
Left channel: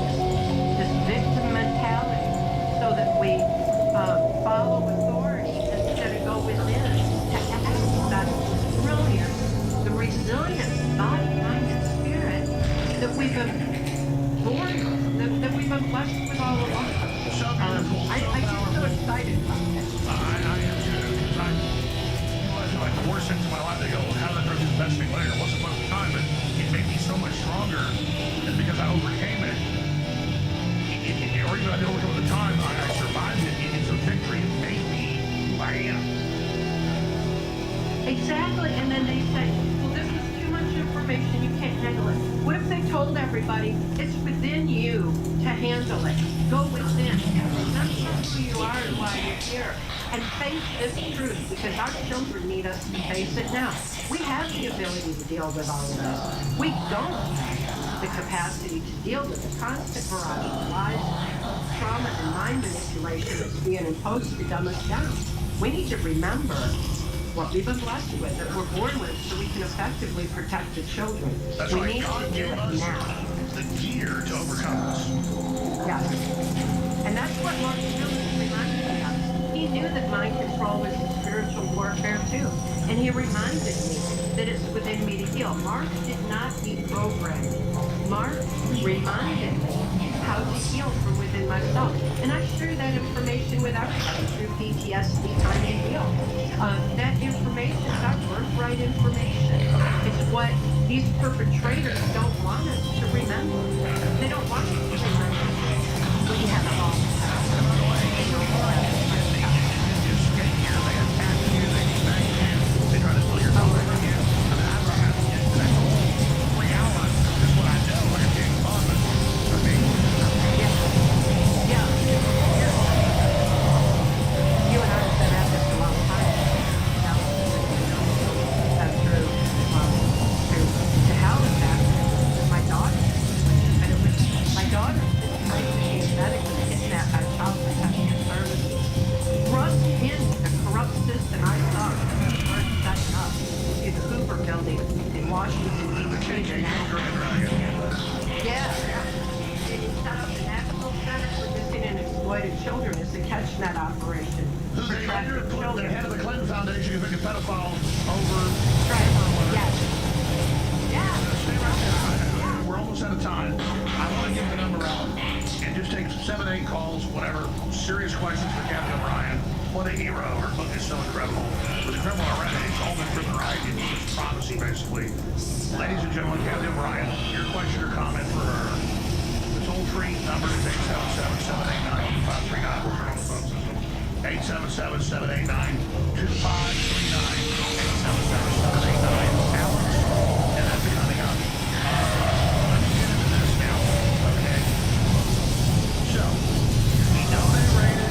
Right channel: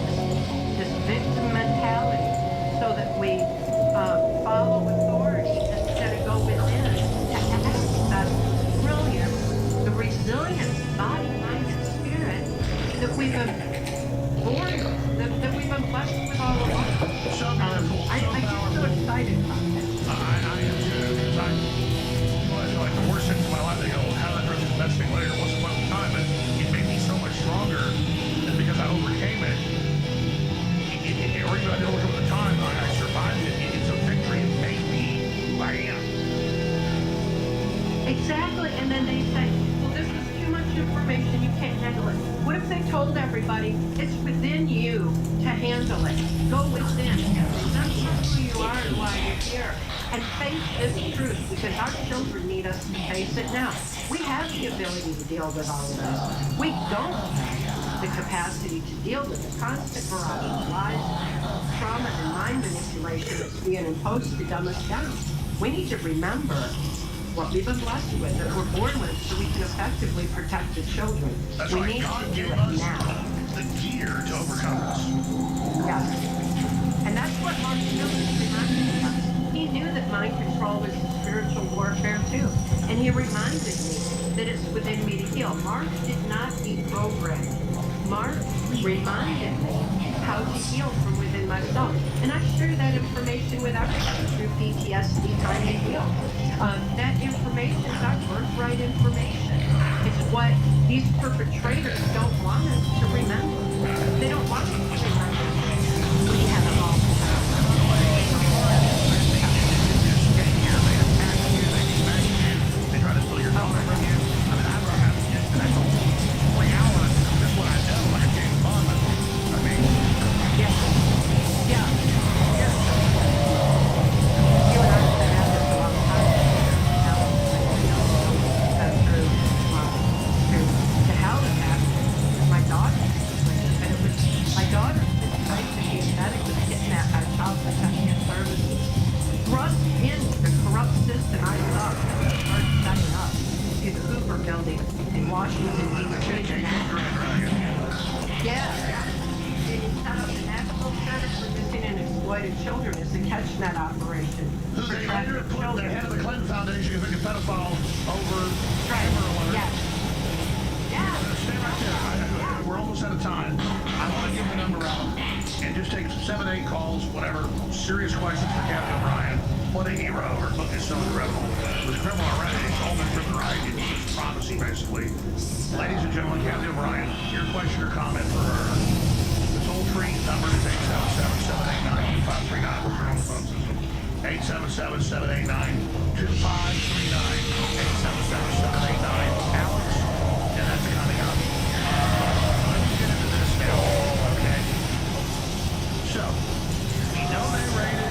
this victim mentality so that we follow authority instead of go within to access the brilliance, the resilience, body, mind, and spirit that we've been born with, that we've been blessed with all along. So beautiful, I get so excited about that. I am too, because I feel like the worst things in my life, they go, how did I ever do the best thing later? It wasn't fun at the time, but it made me so much stronger, and because I overcame it, or even I didn't overcome it at the time, I survived it. It's a victory. It made me who I am. Exactly, and then they say, well, this is too much information, you can't handle it. What if they told everybody, it's within you to handle it? Go within, remember who you are and why you're here, and face this truth, because our children need us to face it now. We have the ability to deal with all of this. We don't have the capacity to deal with the constant barrage of lies, trauma, and mind manipulation that's being imposed to dumb us down. We need to remember what we've been blessed with, that we're born with, so we can effectively protect the children. That's we right. need God to do gave it us now. the gear to overcome this. Yes. And that's what Mark Miller reminded me of. He knew knew that mind control was spiritual warfare too. And he reminded me that it's within me to heal. Mark did not deprogram. Mark reminded me how to heal from within myself. And I share that information with everybody through PTSD Time to Heal. That information is our birthright information. It's what these perpetrators don't want us to remember. They don't want us to remember. We have it all. They try to steal your dollar from you. I mean, that's a whole 3 hours. Just what I know, like a James Bond movie. I mean, Yeah. You and I have been at this a long time. Now, that's true. To hell with that with my daughter. And it was my daughter trying to be a medic was kidnapped by Child Protection Services. Thrust into the corrupt system I saw started setting up to the Hoover Building in Washington, D.C. Yeah. They set up the National Center for Missing and Exploited Children as a catch-net operation who for they later trafficked put the children. head of the Clinton Foundation convicted pedophile over Right. camera alert. Yes. Yeah. Stay right there. We're almost out of time. I want to give the number out and just take 7, 8 calls, whatever. Serious questions for Captain O'Brien. What a hero. Her book is so incredible. It was a criminal already. It's all been proven right. It's just prophecy, basically. Ladies and gentlemen, Captain O'Brien, your question or comment for her. The toll-free number is 877-789-2539. We'll turn on the phone system. 877-789-2539. 877-789-ALEX. And that's coming up. Let me get into this now, okay? So, we know they raided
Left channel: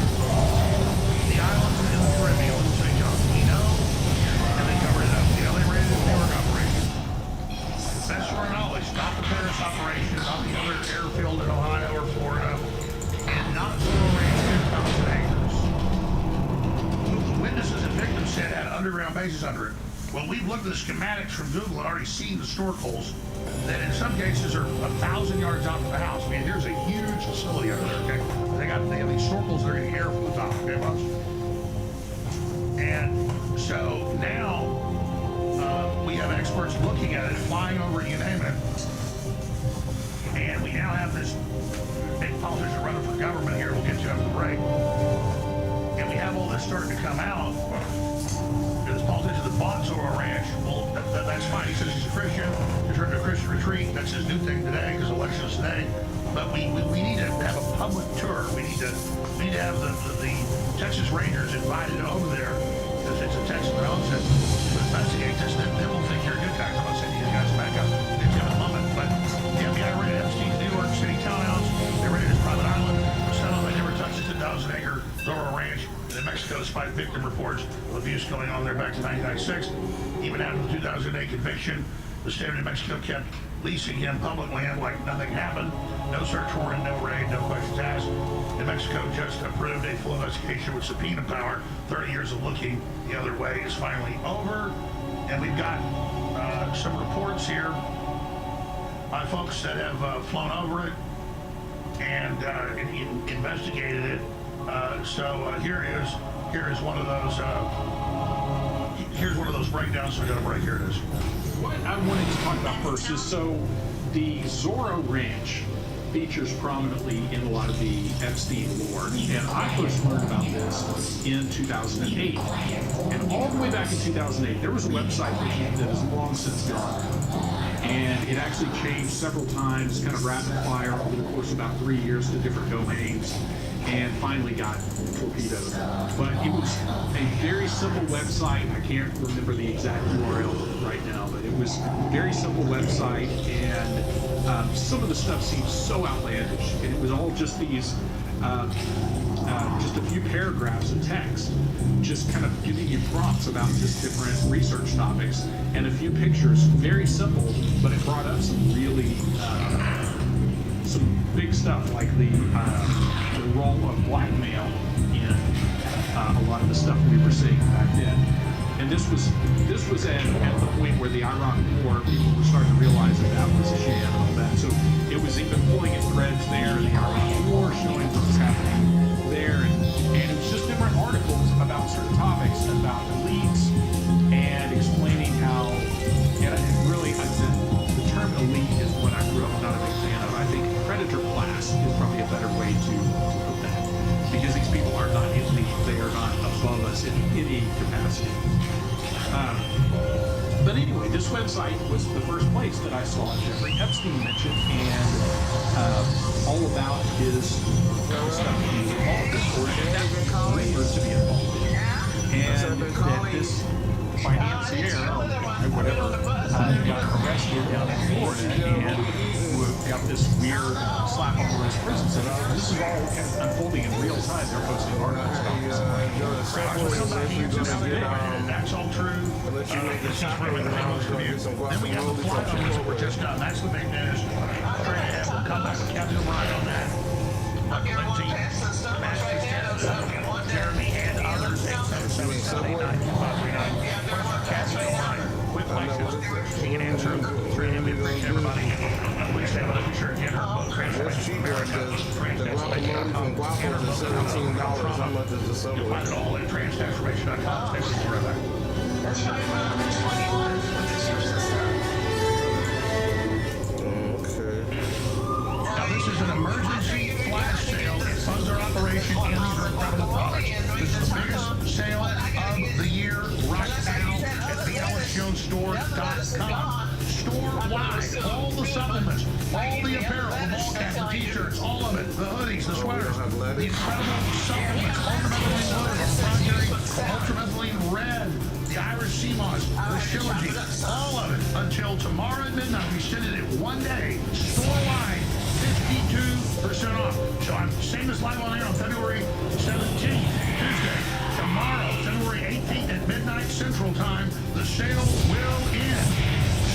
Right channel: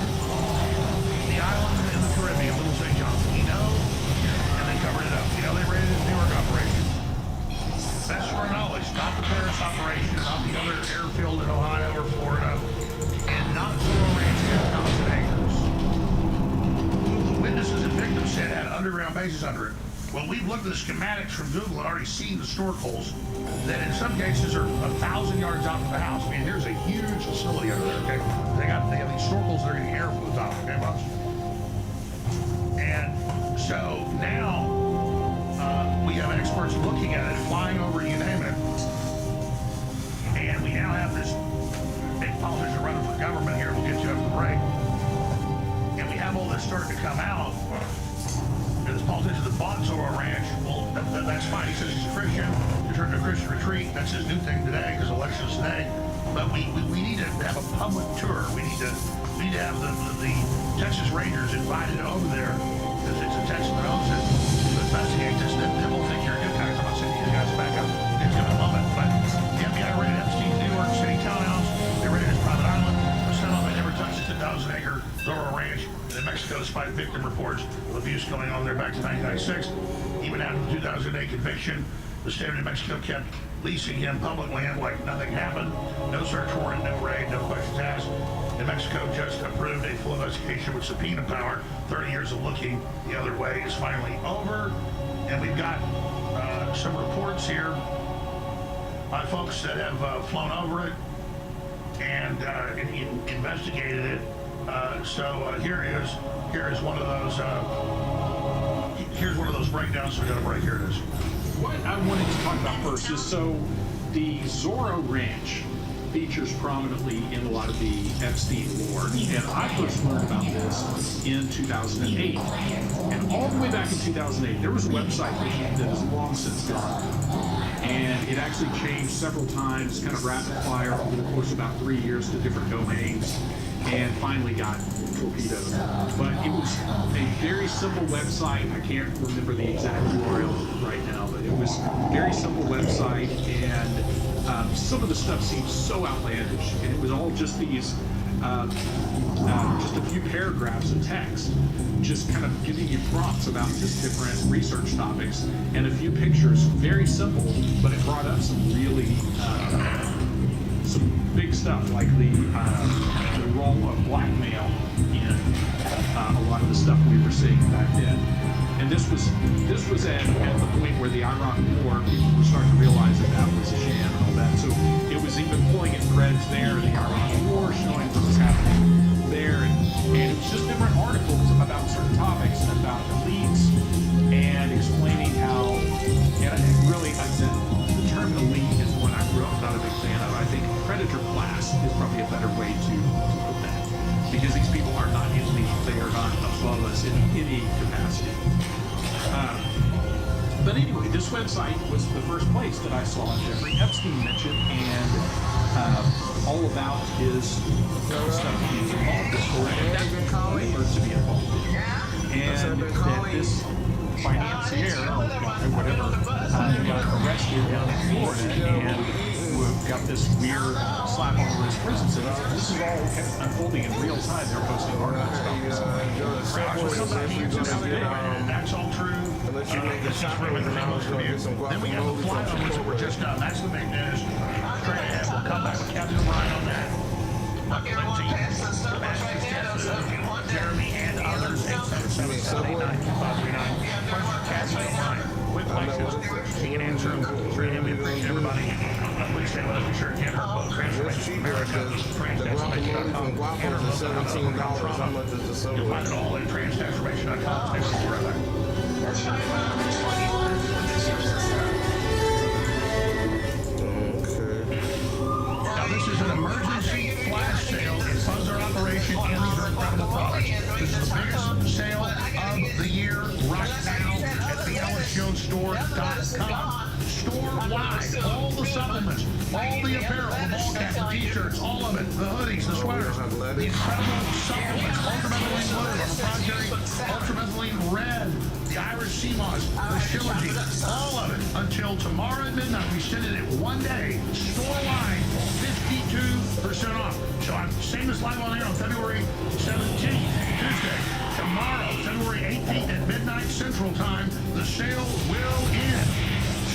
the islands in the Caribbean, Little St. John. We know, and they covered it up. We know they raided the New York operation. Best to our knowledge, not the Paris operation, not the other airfield in Ohio or Florida, and not Zorro Ranch 10,000 acres. The witnesses and victims said had underground bases under it. Well, we've looked at the schematics from Google and already seen the snorkels that in some cases are 1,000 yards out from the house. I mean, here's a huge facility over there, okay? They have these snorkels that are getting air from the top, okay, boss? And so now we have experts looking at it, flying over it, you name it. And we now have this big politician running for government here. We'll get you up the break. And we have all this starting to come out. This politician that bought Zorro Ranch, well, that's fine. He says he's a Christian. He turned to a Christian retreat. That's his new thing today because election is today. But we need to have a public tour. We need to have the Texas Rangers invited over there because it's a Texan that owns it to investigate this. Then we'll think you're a good guy. I'm not saying you guys back up in a moment. But the FBI raided Epstein's New York City townhouse. They raided his private island. Somehow they never touched the 10,000-acre Zorro Ranch in Mexico, despite victim reports of abuse going on there back to 1996. Even after the 2008 conviction, the state of New Mexico kept leasing him public land like nothing happened. No search warrant, no raid, no questions asked. New Mexico just approved a full investigation with subpoena power. 30 years of looking the other way is finally over. And we've got some reports here by folks that have flown over it and investigated it. Here is one of those. Here's one of those breakdowns. So we're gonna break. Here it is. What I wanted to talk about first is the Zorro Ranch features prominently in a lot of the Epstein lore, and I first learned about this in 2008. And all the way back in 2008, there was a website that is long since gone. And it actually changed several times, kind of rapid fire over the course of about 3 years to different domains, and finally got torpedoed. But it was a very simple website. I can't remember the exact URL right now, but it was a very simple website, and some of the stuff seemed so outlandish, and it was all just these just a few paragraphs of text, just kind of giving you prompts about just different research topics, and a few pictures. Very simple, but it brought up some really some big stuff, like the role of blackmail in a lot of the stuff we were seeing back then. And this was at the point where the Iraq War, people were starting to realize that was a sham and all that. So it was even pulling at threads there in the Iraq War, showing what was happening there, and it was just different articles about certain topics, about elites, and explaining how, and really, the term elite is one I grew up not a big fan of. I think predator class is probably a better way to put that, because these people are not elite, they are not above us in any capacity. But anyway, this website was the first place that I saw Jeffrey Epstein mentioned, and all about his stuff he's involved in, or rumored to be involved in. And that this financier, or guy, whatever, got arrested down in Florida and got this weird slap over his prison sentence. This is all kind of unfolding in real time. They're posting articles about this. That's all true. This is really the most review. Then we got the flight on that were just done. That's the big news. Straight ahead, we'll come back with Captain O'Brien on that. Lindsay, Master Stephen, Jeremy, and others. 877-789-2539. Cassie O'Brien with Lexus. She can answer them. Straight ahead, we appreciate everybody. Please stay with us. Be sure to get her book, Transformation America, transformation.com. And her book, $17. How much is the subway? You'll find it all at transformation.com. Stay with us forever. Now this is an emergency flash sale. It funds our operation, and these are incredible products. This is the biggest sale of the year right now at thealexjonesstore.com. Store-wide, all the supplements, all the apparel, the ball caps, the t-shirts, all of it, the hoodies, the sweaters, the incredible supplements, ultramethylene blue, the proprietary ultramethylene red, the Irish sea moss, the shilajit, all of it until tomorrow at midnight. We send it at one day, store-wide, 52% off. So I'm saying this live on air on February 17th, Tuesday. Tomorrow, February 18th at midnight Central Time, the sale will end.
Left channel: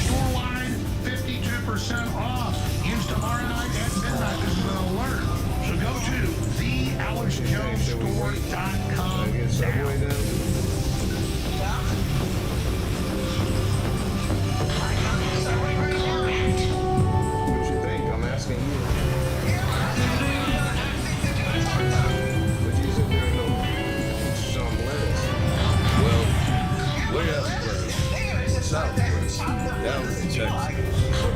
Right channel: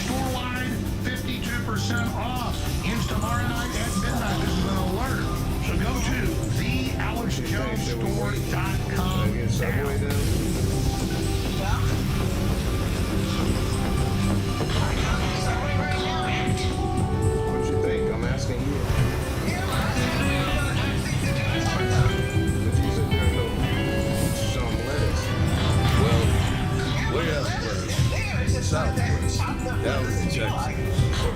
Store-wide, 52% off. Ends tomorrow night at midnight. This is an alert. So go to thealexjonesstore.com now. What you think? I'm asking you. But you said there's no some lettuce. Well, way out west, southwest, down in Texas,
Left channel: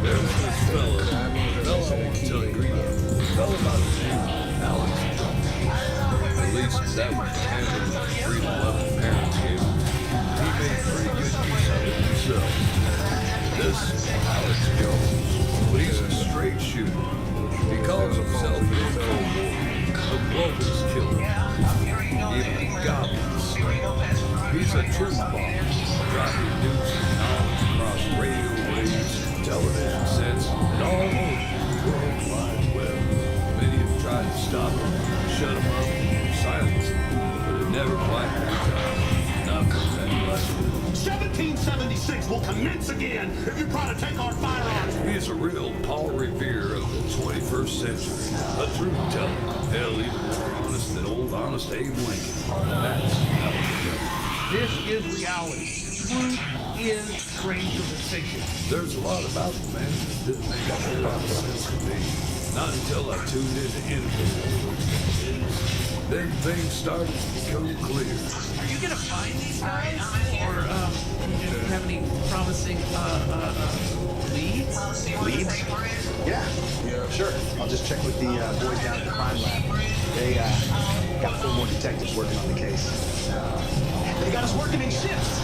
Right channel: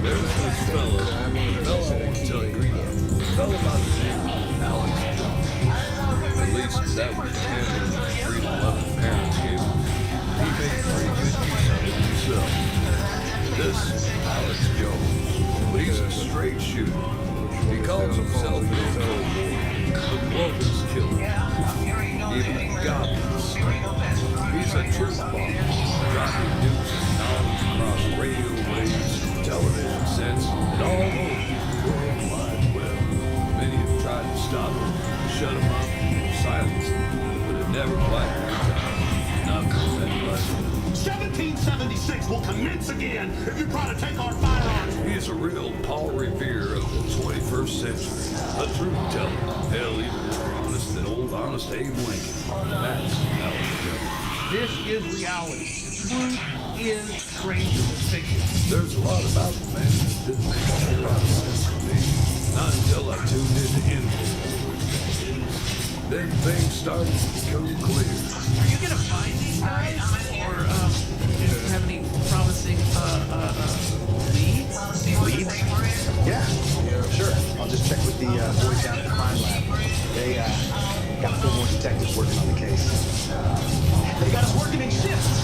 there's this fella I won't tell you, fella by the name of Alex Jones. At least that was the handle the freedom loving parents gave him. He made pretty good use of it himself. This Alex Jones, but he's a straight shooter. He calls himself in the Cold War a globalist killer, even a godless. He's a truth bomber, dropping news and knowledge across radio waves, television sets, and all over the World Wide Web. Many have tried to stop him, shut him up, silence him, but it never quite worked out. Not for anybody. 1776 will commence again if you try to take our firearms. He is a real Paul Revere of the 21st century. A truth teller. Hell, even more honest than old honest Abe Lincoln. That's Alex Jones. This is reality. Truth is stranger than fiction. There's a lot about the man that didn't make a whole lot of sense to me. Not until I tuned into interviews. Then things started to become clear. Are you gonna find these guys, or do you have any promising leads? Leads? Yeah, sure. I'll just check with the boys down at the crime lab. They got 4 more detectives working on the case. They got us working in shifts.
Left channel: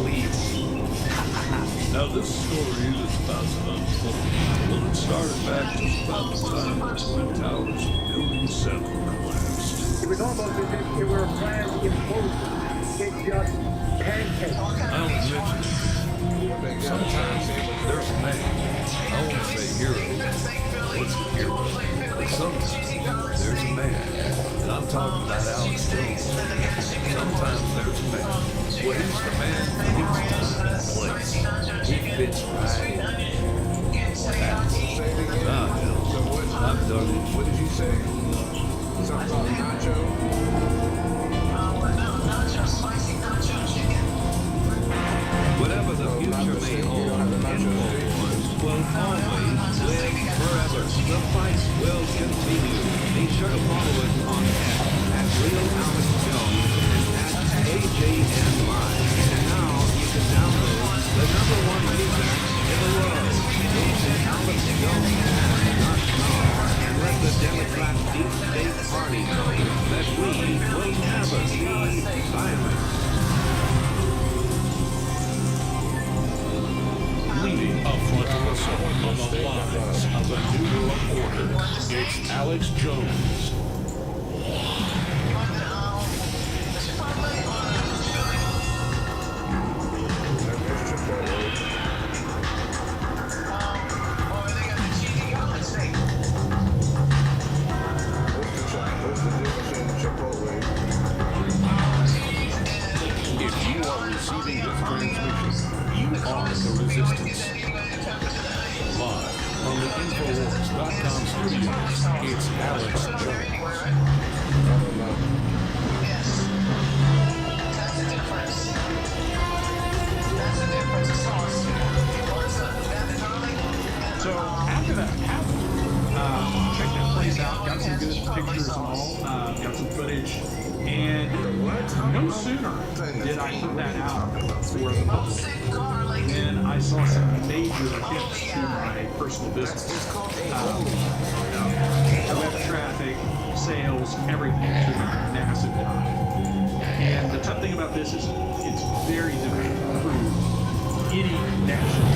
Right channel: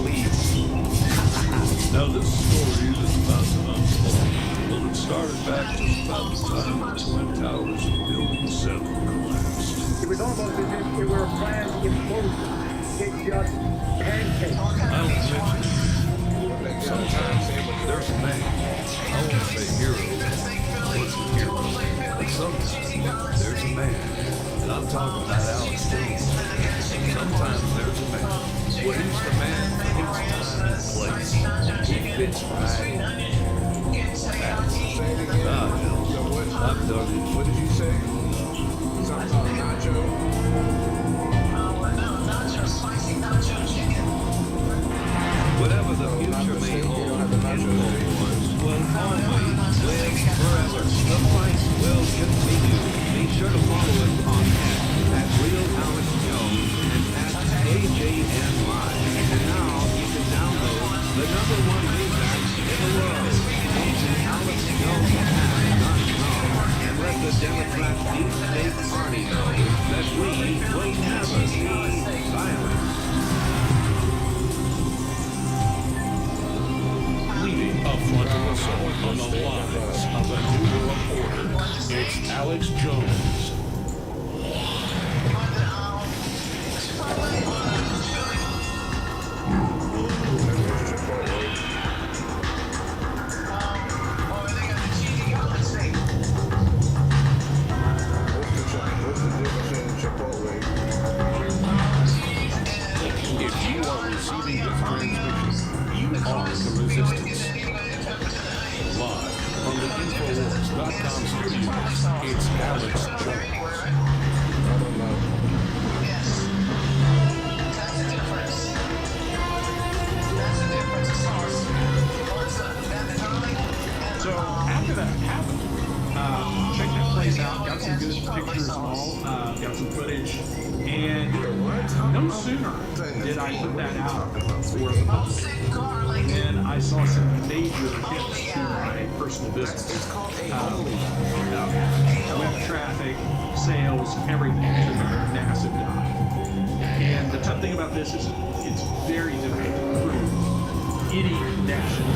Leads. Now this story is about to unfold. Well, it started back just about the time the Twin Towers of Building 7 collapsed. It was almost as if it were a planned implosion. It's just pancake. I only mention it. Sometimes there's a man. I won't say hero. What's a hero? But sometimes there's a man. And I'm talking about Alex Jones. Sometimes there's a man. Well, he's the man for his time and place. He fits right in. I've done it. What did you say? Something about nacho? Nacho, spicy nacho chicken. Whatever the future may hold, Infowars will always live forever. The fight will continue. Be sure to follow us on X at Real Alex Jones and at AJN Live. And now you can download the #1 Mixax in the world. Go to AlexJonesHack.com and let the Democrat deep state party know that we will never be silent. Leading a frontal assault on the lines of a new world order, it's Alex Jones. If you are receiving this transmission, you are the resistance. Live from the Infowars.com studios, it's Alex Jones. So after that happened, checked that place out, got some good pictures and all, got some footage, and no sooner did I put that out for the public, then I saw some major hits to my personal business. Web traffic, sales, everything took a massive dive. And the tough thing about this is it's very difficult to prove any connection.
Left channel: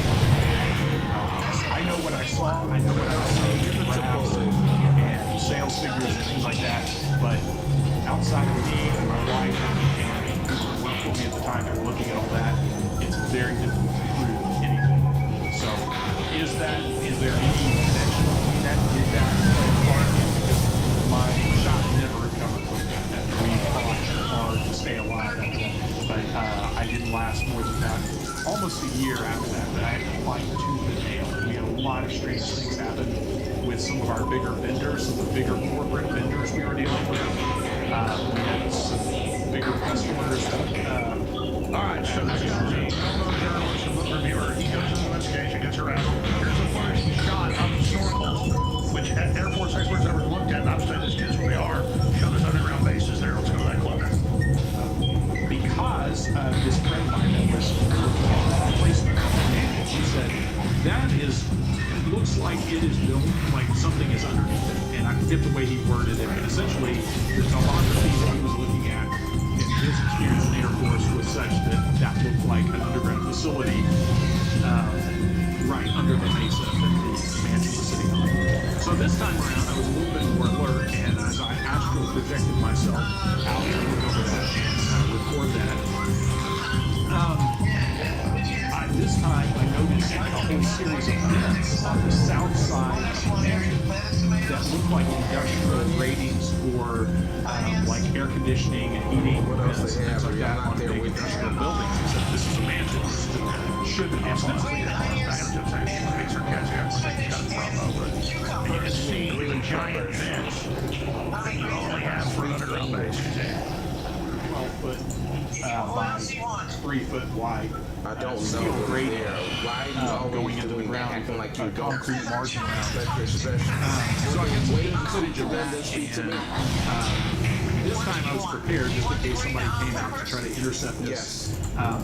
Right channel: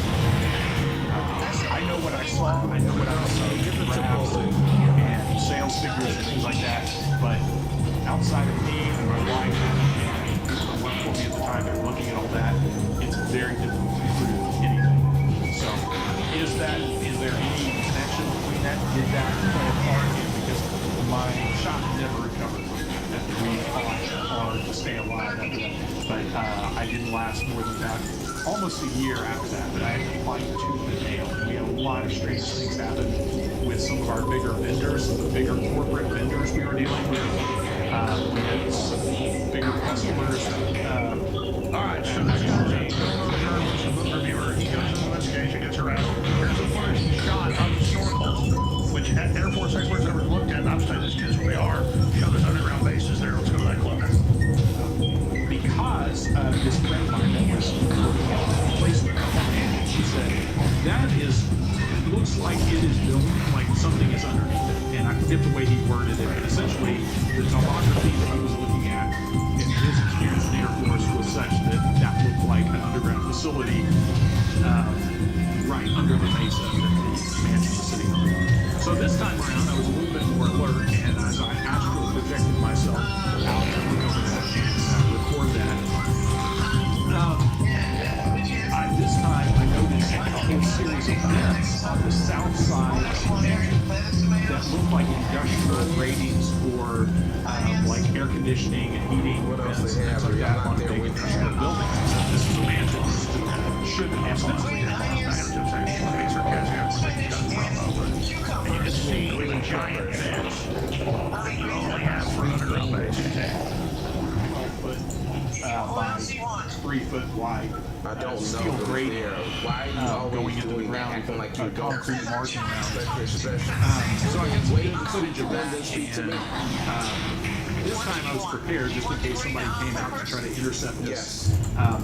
I know what I saw, I know what I see, graphs and sales figures and things like that, but outside of me and my wife and people that worked for me at the time that were looking at all that, it's very difficult to prove anything. So, is there any connection between that? Did that play a part in, because my shop never recovered from that. We fought hard to stay alive after that, but I didn't last more than that. Almost a year after that, but I had to fight tooth and nail. We had a lot of strange things happen with some of our bigger vendors, the bigger corporate vendors we were dealing with. We had some bigger customers. All right, so this guy's a well-known journalist and book reviewer. He goes into the investigation, gets harassed. Here's the footage he shot of the snorkels, which Air Force experts never looked at, and I've studied these kids where they are. Show there's underground bases there. Let's go to that clip. Because this friend of mine that was looking at the placement of that mansion, she said, that looks like it is built like something is underneath it. And I forget the way he worded it, but essentially the topography that he was looking at in his experience in the Air Force was such that looked like an underground facility right under the mesa that the mansion was sitting on. So this time around, I was a little bit more alert, and as I astral projected myself out to look over that and record that, this time I noticed a whole series of vents on the south side of the mansion that looked like industrial ratings for like air conditioning and heating vents and things like that on big industrial buildings. Except this is a mansion. Shouldn't have necessarily And you can see the giant vents that you only have for an underground base. 12 foot by 3 foot wide. I don't steel know grating why you always going into the doing ground acting with like a you don't concrete margin around it. special. So I got some good footage of that, Speak to and me. this time I was prepared just in case somebody came out to try to intercept this.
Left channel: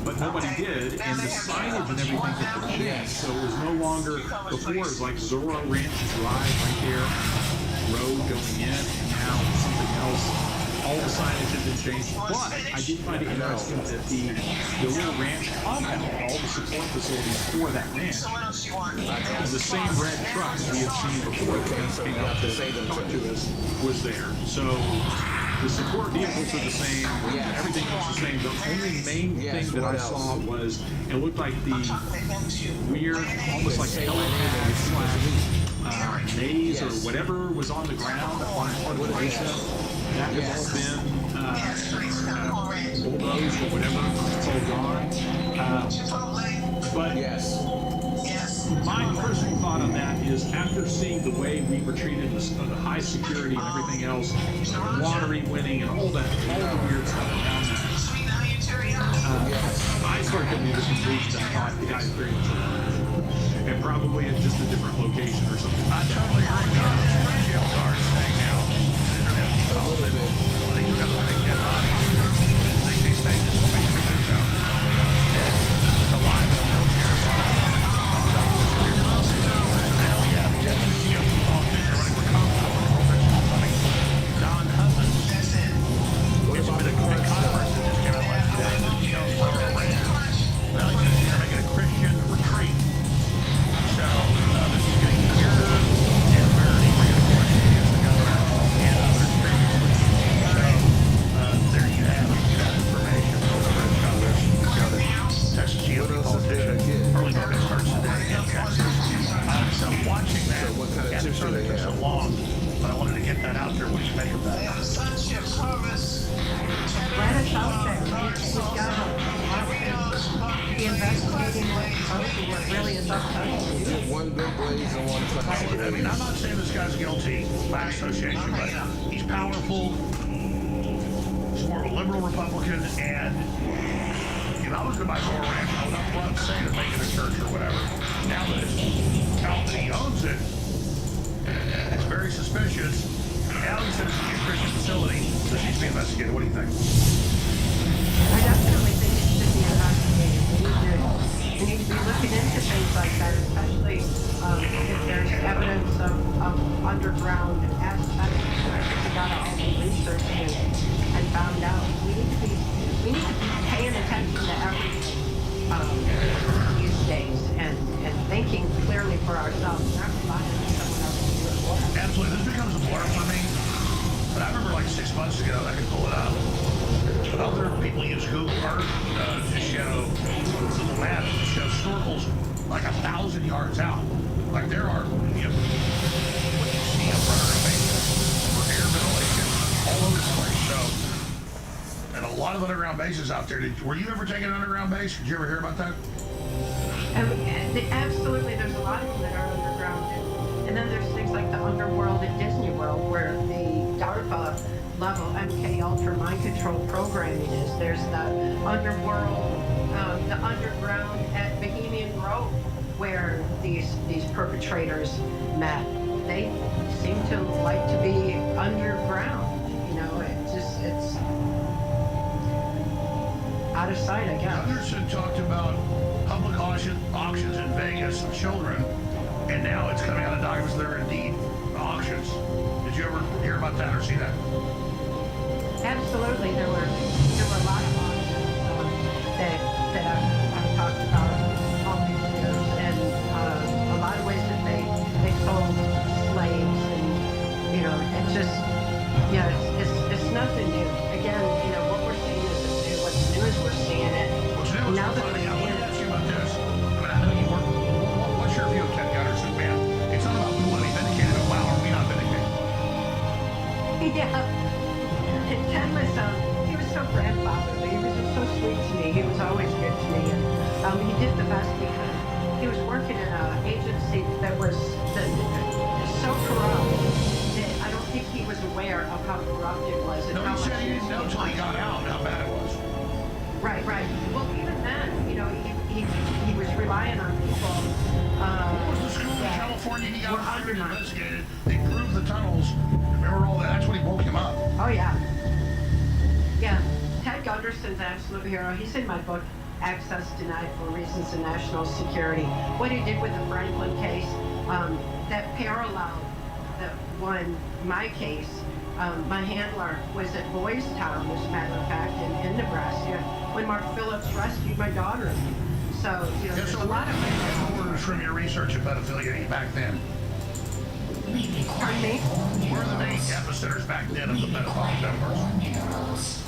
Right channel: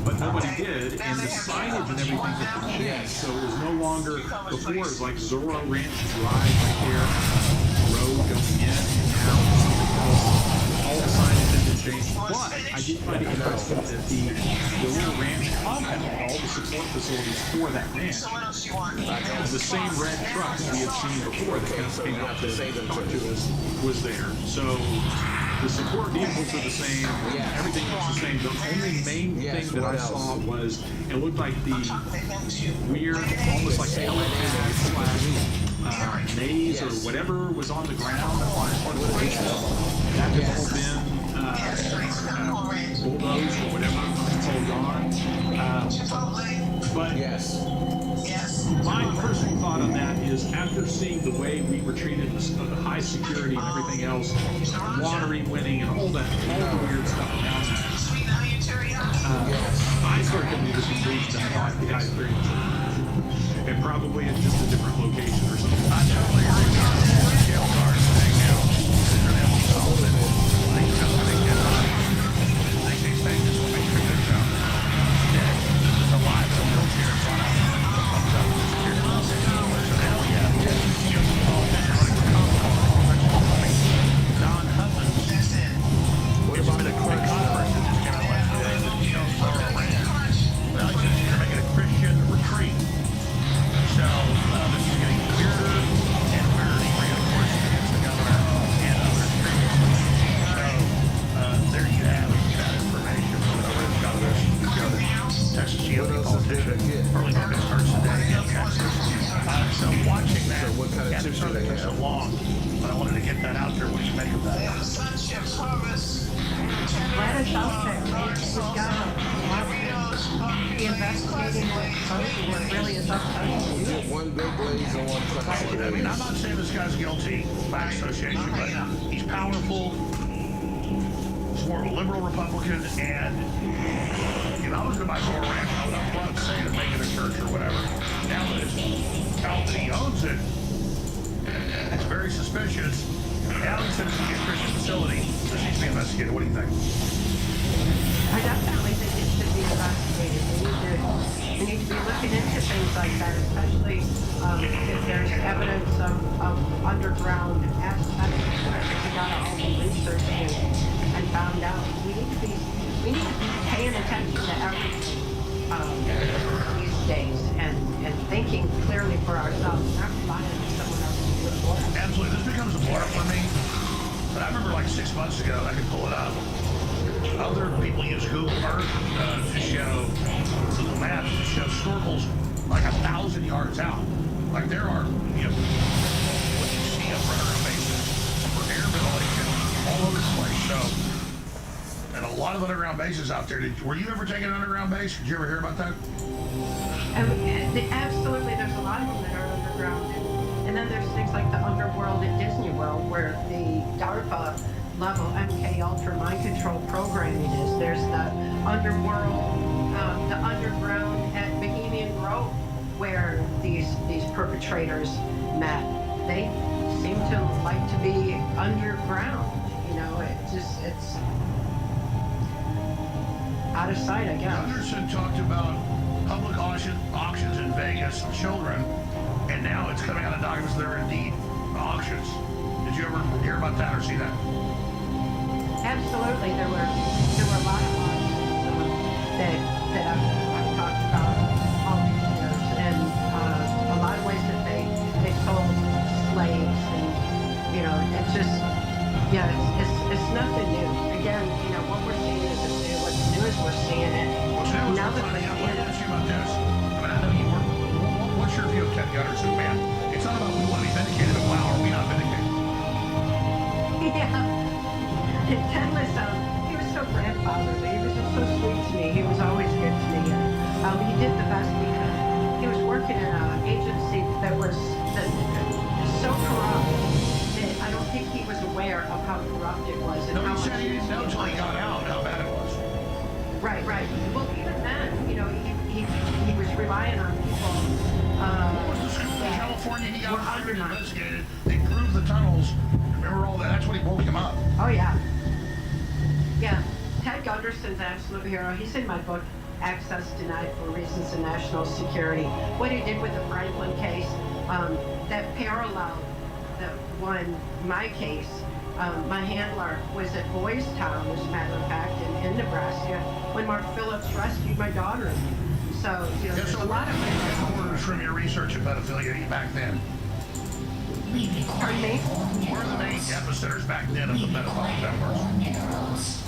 But nobody did, and the signage and everything had been changed, so it was no longer, before it was like Zorro Ranch Drive right there, road going in, and now something else. All the signage had been changed, but I did find it interesting that the little ranch compound, all the support facilities for that ranch, the same red truck that we had seen before that came out to talk to us was there. So the support vehicles are the same, everything looks the same. The only main thing that I saw was, it looked like the weird, almost like /maze or whatever was on the ground on part of the basement. That has all been bulldozed or whatever. It's all gone. But my personal thought on that is, after seeing the way we were treated, the high security and everything else, lottery winning and all the weird stuff around that, I started coming to the conclusion that I thought the guy is very much alive. and probably at just a different location or something. I totally agree. We have a jail guard thing now. They're going to have to solve it. They just got to make dead bodies. They say this is make sure they're down. Dead. It's alive in a wheelchair. Brought out. Comes out and disappears. So now we have a GOP politician running for Comptroller. Don Hubbins. What about the crunch stuff? That just came out last few days. That, you know, Laura ran. Well, he says they're making a Christian retreat. So this is getting weirder and weirder. He ran, of course, against the governor and others previously. So there you have it. You got information. Got this. Got it. Texas GOP politician. Early voting starts today in Texas. So watching that. So what kind of tips do they have? So long, but I wanted to get that out there. What do you make of that? Let us out there. We've got to be investigating what's exposing what really is up to You get one big blaze and one cloud. I mean, I'm not saying this guy's guilty by association, but he's powerful. He's more of a liberal Republican, and if I was to buy Zora Ranch, I would up front say to make it a church or whatever. Now that it's out that he owns it, it's very suspicious. Now he said it's going to be a Christian facility. This needs to be investigated. What do you think? I definitely think it should be investigated. We need to be looking into things like that, especially if there's evidence of underground aspects that we gotta all be researching and found out. We need to be paying attention to everything these days and thinking clearly for ourselves, not relying on someone else to do it for us. Absolutely. This becomes a blur for me. But I remember like 6 months ago, I could pull it up. Other people use Google Earth to show Google Maps to show snorkels like 1,000 yards out. Like there are, you know, what you see up front of our bases for air ventilation all over the place. So, and a lot of underground bases out there. Were you ever taking an underground base? Did you ever hear about that? Absolutely, there's a lot of them that are underground. And then there's things like the underworld at Disney World where the DARPA level MK Ultra mind control programming is. There's the underworld, the underground at Bohemian Grove where these perpetrators met. They seem to like to be underground. You know, it's out of sight, I guess. Gunderson talked about public auctions in Vegas of children, and now it's coming out of documents that are indeed auctions. Did you ever hear about that or see that? Absolutely, there were a lot of auctions that I've talked about all these years, and a lot of ways that they sold slaves, and you know, it's just it's nothing new. Again, you know, what we're seeing isn't new. What's new is we're seeing it. What's new is now we're finding out. Let me ask you about this. I mean, I know you work. What's your view of Ted Gunderson, man? It's not about we want to be vindicated, but wow, are we not vindicated? Yeah. Ted was, he was so grandfatherly. He was just so sweet to me. He was always good to me. And he did the best he could. He was working in an agency that was so corrupt that I don't think he was aware of how corrupt it was. And No, how he said much he didn't know until he got out how bad it was. Right. Well, even then, you know, he was relying on people. What was the school in California he got hired and investigated? They proved the tunnels. Remember all that? That's when he woke him up. Oh, yeah. Yeah. Ted Gunderson's an absolute hero. He's in my book, Access Denied for Reasons of National Security. What he did with the Franklin case, that paralleled my case. My handler was at Boys Town, as a matter of fact, in Nebraska, when Mark Phillips rescued my daughter. So, you know, there's a lot of orders from your research of pedophilia back then. Pardon me? Where are the main epicenters back then of the pedophile networks?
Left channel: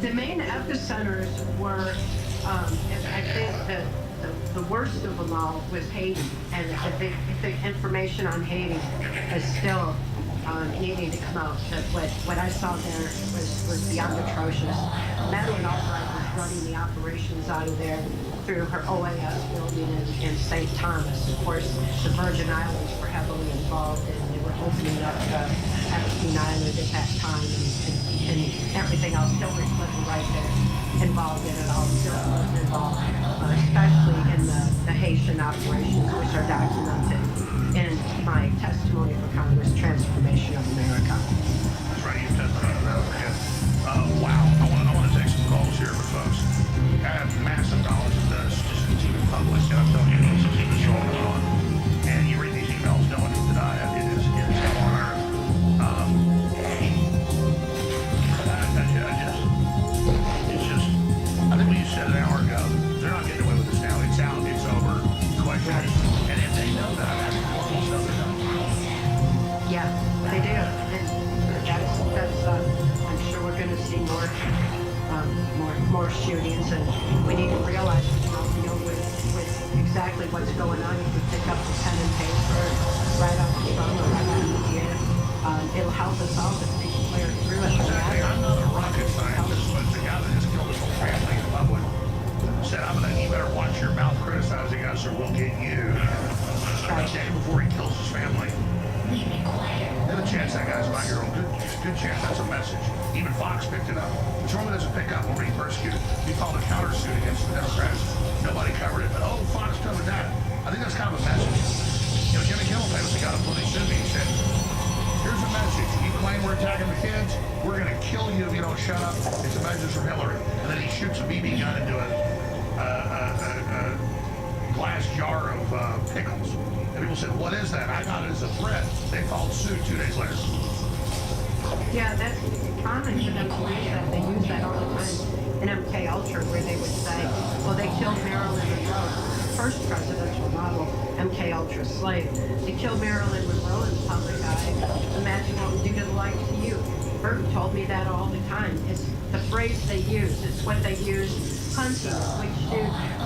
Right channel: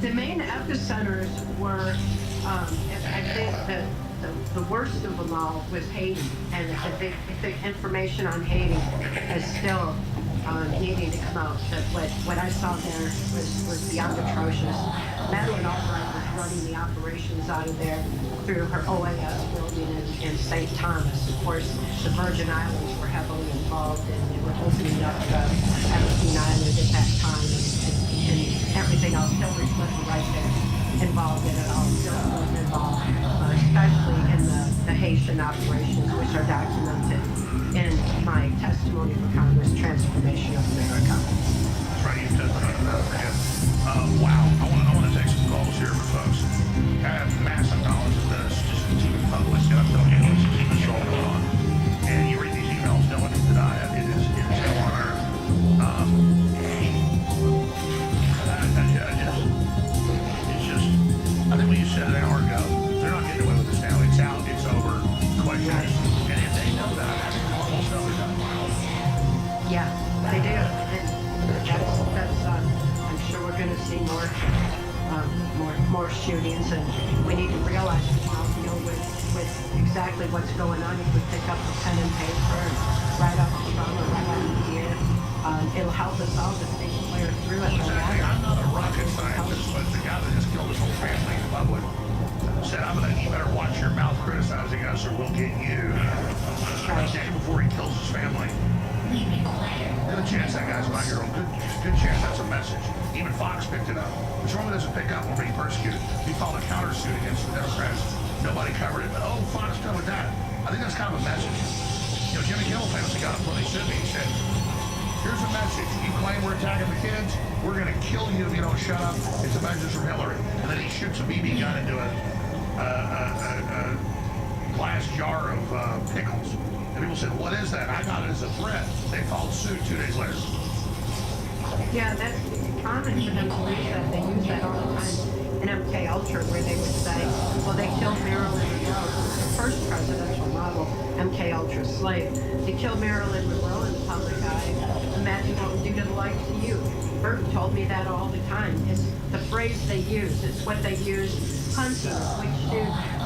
The main epicenters were, I think that the worst of them all was Haiti, and I think information on Haiti is still needing to come out. But what I saw there was beyond atrocious. Madeline Albright was running the operations out of there through her OAS building in St. Thomas. Of course, the Virgin Islands were heavily involved, and they were opening up the King Island at that time, and everything else. Hillary Clinton right there involved in it all. Still was involved, especially in the Haitian operations, which are documented in my testimony for Congress, Transformation of America. That's right, you testified to that. Wow, I want to take some calls here for folks. I have massive knowledge of this, just it's even public, and I'm telling you, this is all going on. And you read these emails, knowing that it is hell on earth. I think what you said an hour ago, they're not getting away with this now. It's out, it's over, question. And if they know that, I think normal stuff is done. Yeah, they do. And that's I'm sure we're going to see more shootings, and we need to realize how to deal with exactly what's going on. If we pick up the pen and paper and write out the trauma, write out the year, it'll help us all to think clear through it. Exactly. I'm not a rocket scientist, but the guy that just killed his whole family in public said, you better watch your mouth criticizing us or we'll get you. A day before he kills his family. Good chance that guy's 5-year-old. Good chance that's a message. Even Fox picked it up. Which normally doesn't pick up when being persecuted. He filed a countersuit against the Democrats. Nobody covered it, but Fox covered that. I think that's kind of a message. Jimmy Kimmel famously got up when he sued me. He said, here's a message. You claim we're attacking the kids. We're going to kill you if you don't shut up. It's a message from Hillary. And then he shoots a BB gun into a glass jar of pickles. And people said, what is that? I got it as a threat. They filed suit 2 days later. Yeah, that's common for them to use that. They use that all the time in MK Ultra, where they would say, well, they killed Marilyn Monroe. The first presidential model, MK Ultra slave. They killed Marilyn Monroe in the public eye. Imagine what we do to the likes of you. Burton told me that all the time. It's the phrase they use. It's what they use constantly. Which do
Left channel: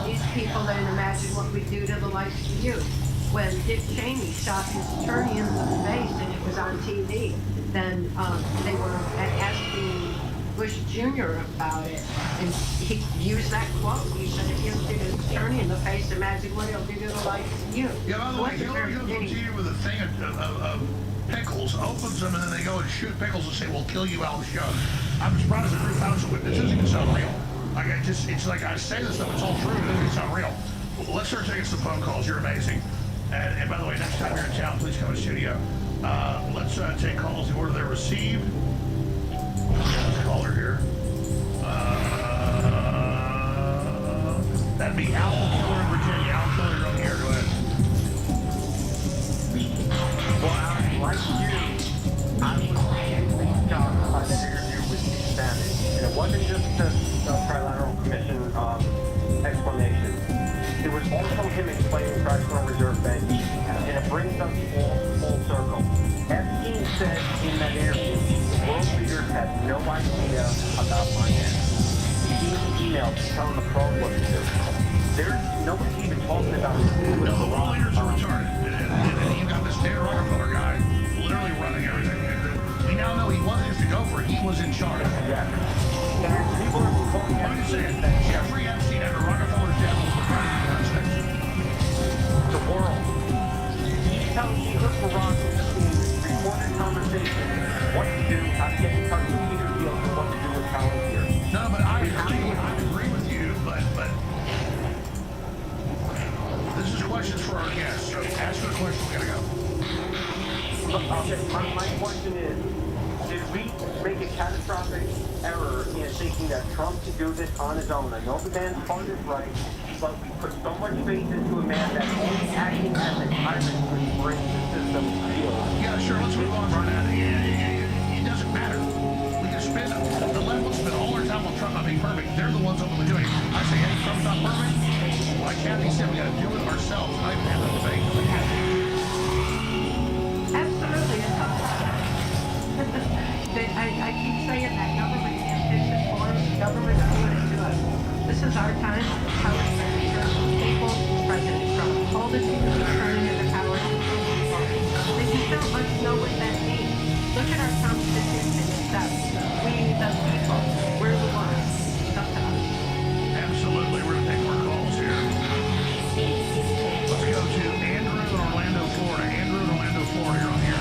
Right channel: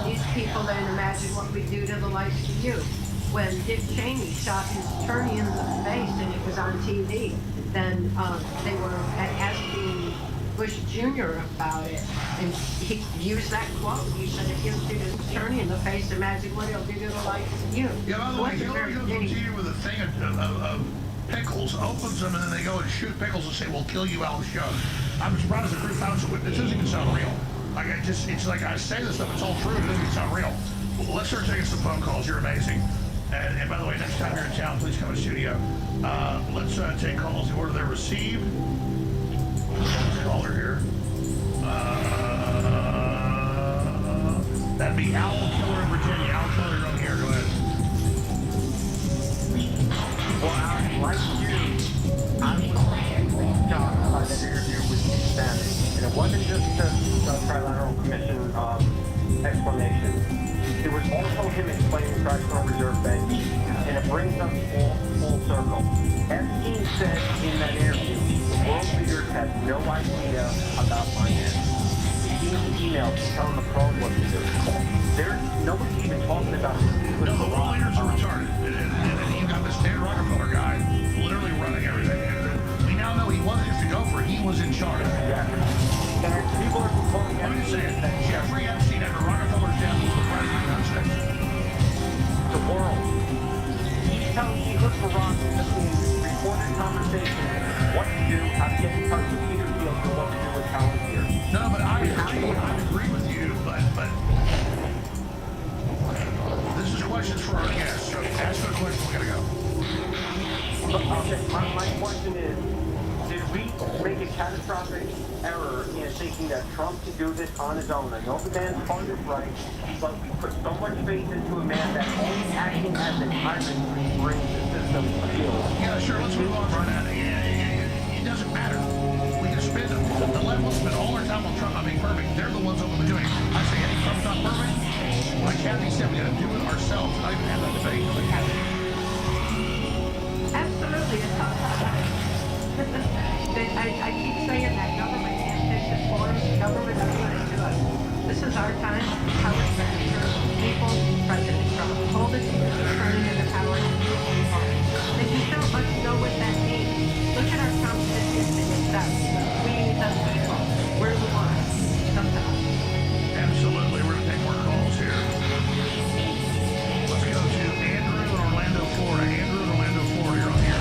these people then imagine what we do to the likes of you? When Dick Cheney shot his attorney in the face and it was on TV, then they were asking Bush Jr. about it, and he used that quote. He said, if you shoot his attorney in the face, imagine what he'll do to the likes of you. Yeah, by the way, Hillary goes on TV with a thing of pickles, opens them, and then they go and shoot pickles and say, we'll kill you out of the show. I'm surprised the proof house with this doesn't even sound real. It's like I say this stuff, it's all true, it doesn't even sound real. Well, let's start taking some phone calls. You're amazing. And by the way, next time you're in town, please come to the studio. Let's take calls in order they're received. Let's call her here. That'd be Owl Killer in Virginia. Owl Killer, you're on the air. Go ahead. Well, like you, I was shocked by that interview with Steve Bannon. And it wasn't just the Trilateral Commission explanation. It was also him explaining fractional reserve banking, and it brings us full circle. Epstein said in that interview, the world leaders had no idea about finance. He emailed telling the phone what to do. Nobody's even talking about it. No, the world leaders are retarded. And you got this David Rockefeller guy literally running everything. We now know he wasn't just a gopher, he was in charge. Yeah. And people are calling Let me just say it. Jeffrey Epstein, after Rockefeller's death, was the president of the United States. The world. He heard Barack in recorded conversation what to do, how to get in touch with Peter Thiel, and what to do with Palantir. No, but I agree with you, but this is questions for our guests, so ask the question, we gotta go. Okay, my question is, did we make a catastrophic error in thinking that Trump could do this on his own? I know the man's heart is right, but we put so much faith into a man that only acting as a tyrant could bring the system to heel. Yeah, sure, let's move on from that. It doesn't matter. We can spend, the left will spend all our time on Trump not being perfect. They're the ones openly doing it. I say, hey, Trump's not perfect. Like Kathy said, we gotta do it ourselves. I even have that debate. Absolutely. I keep saying that government can't fix it for us. Government is doing it to us. This is our time. Power is going to return to the people. President Trump told us he was returning to the power of the people. If you don't much know what that means, look at our Constitution. It says, we the people, we're the ones. It's up to us. Absolutely. We're going to take more calls here. Let's go to Andrew in Orlando, Florida. Andrew in Orlando, Florida, you're on here.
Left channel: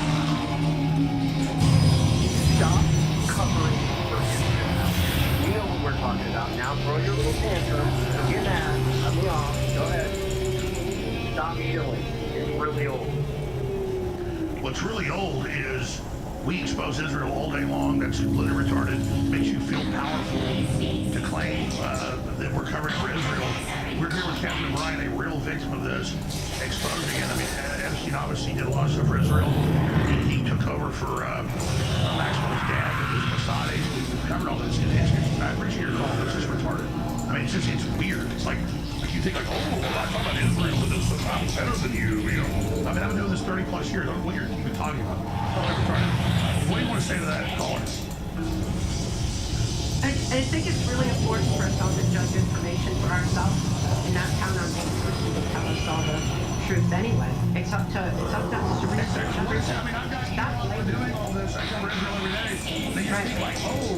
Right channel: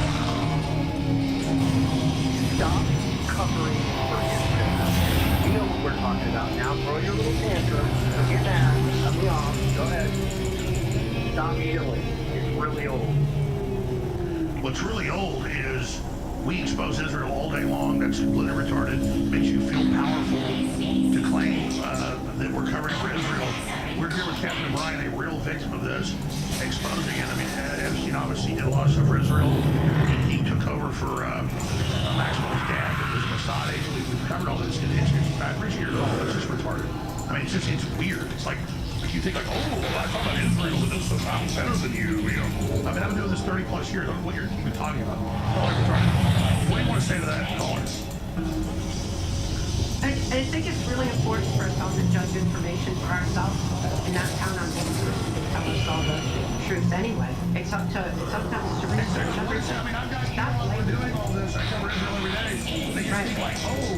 stop covering for Israel. You know what we're talking about now. Throw your little tantrum. Don't get mad. Cut me off. Go ahead. Stop yelling. It's really old. What's really old is we expose Israel all day long. That's completely retarded. Makes you feel powerful to claim that we're covering for Israel. We're here with Captain O'Brien, a real victim of this, exposing it. I mean, Epstein obviously did a lot of stuff for Israel. He took over for Maxwell's dad, that was Mossad agent. We've covered all this. I appreciate your call. It's just retarded. I mean, it's weird. It's like you think like, oh, I thought about Israel, but this is I'm better than you. You know, I mean, I've been doing this 30 plus years. I don't know what you're even talking about. Totally retarded. What do you want to say to that caller? I think it's really important for us all to judge information for ourselves and not count on one person to tell us all the truth anyway. It's up to us to research everything. I mean, I've got people doing all this. I cover Israel every day. They just think like, oh,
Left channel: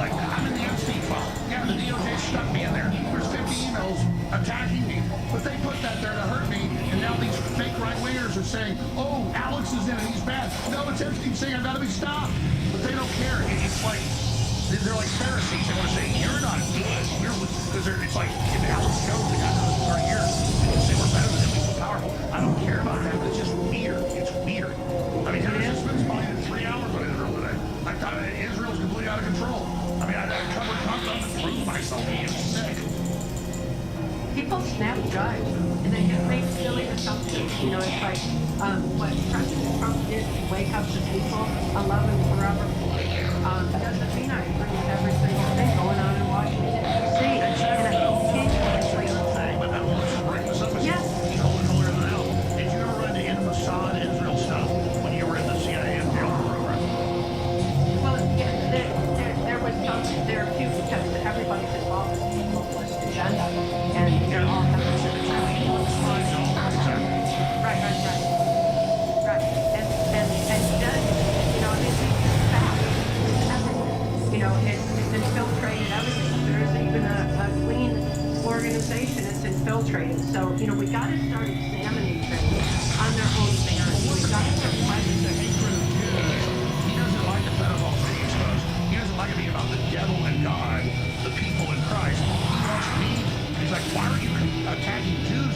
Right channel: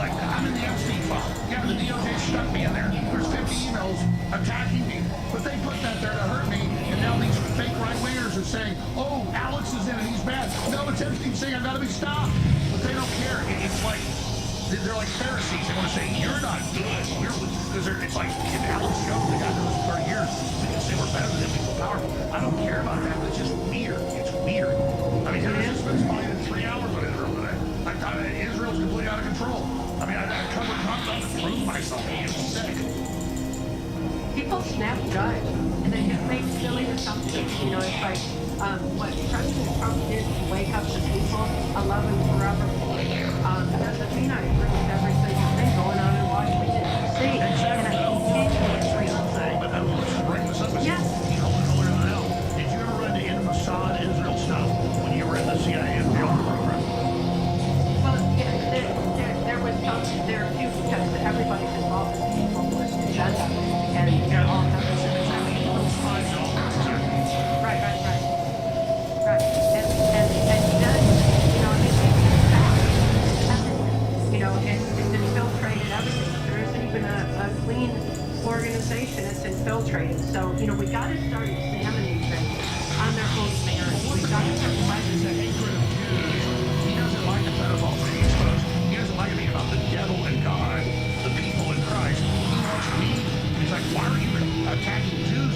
like I'm in the Epstein file. Yeah, the DOJ stuck me in there. There's 50 emails attacking me, but they put that there to hurt me. And now these fake right-wingers are saying, oh, Alex is in it. He's bad. No, it's Epstein saying I've got to be stopped. But they don't care. It's like they're like Pharisees. They want to say you're not good. Because it's like if Alex shows the guy doing this for 30 years, they can say we're better than him. We feel powerful. I don't care about that, but it's just weird. It's weird. I mean, Henry just spent probably 3 hours on Israel today. I thought Israel's completely out of control. I mean, I covered Trump to prove myself. It's sick. People snap judge, and they just make silly assumptions. You know, it's like what President Trump did to wake up the people, I love him forever for. Doesn't mean I agree with every single thing going on in Washington, D.C. Exactly. And I continuously say, but let's just bring this up. Yes. You call it holier than thou. Did you ever run into Mossad Israel stuff when you were in the CIA and jail program? Well, yeah, there was there are a few because everybody's involved in the globalist agenda, and they're all having exactly. Right. And judges, you know, I mean, it's fact. It's everywhere. You know, it's infiltrated everything. If there isn't even a clean organization, it's infiltrated. So, you know, we got to start examining things on their own merits. We got to start questioning the hatred of Jews. He doesn't like the pedophiles being exposed. He doesn't like it being about the devil and God, the people in Christ. He wants me. He's like, why are you attacking Jews?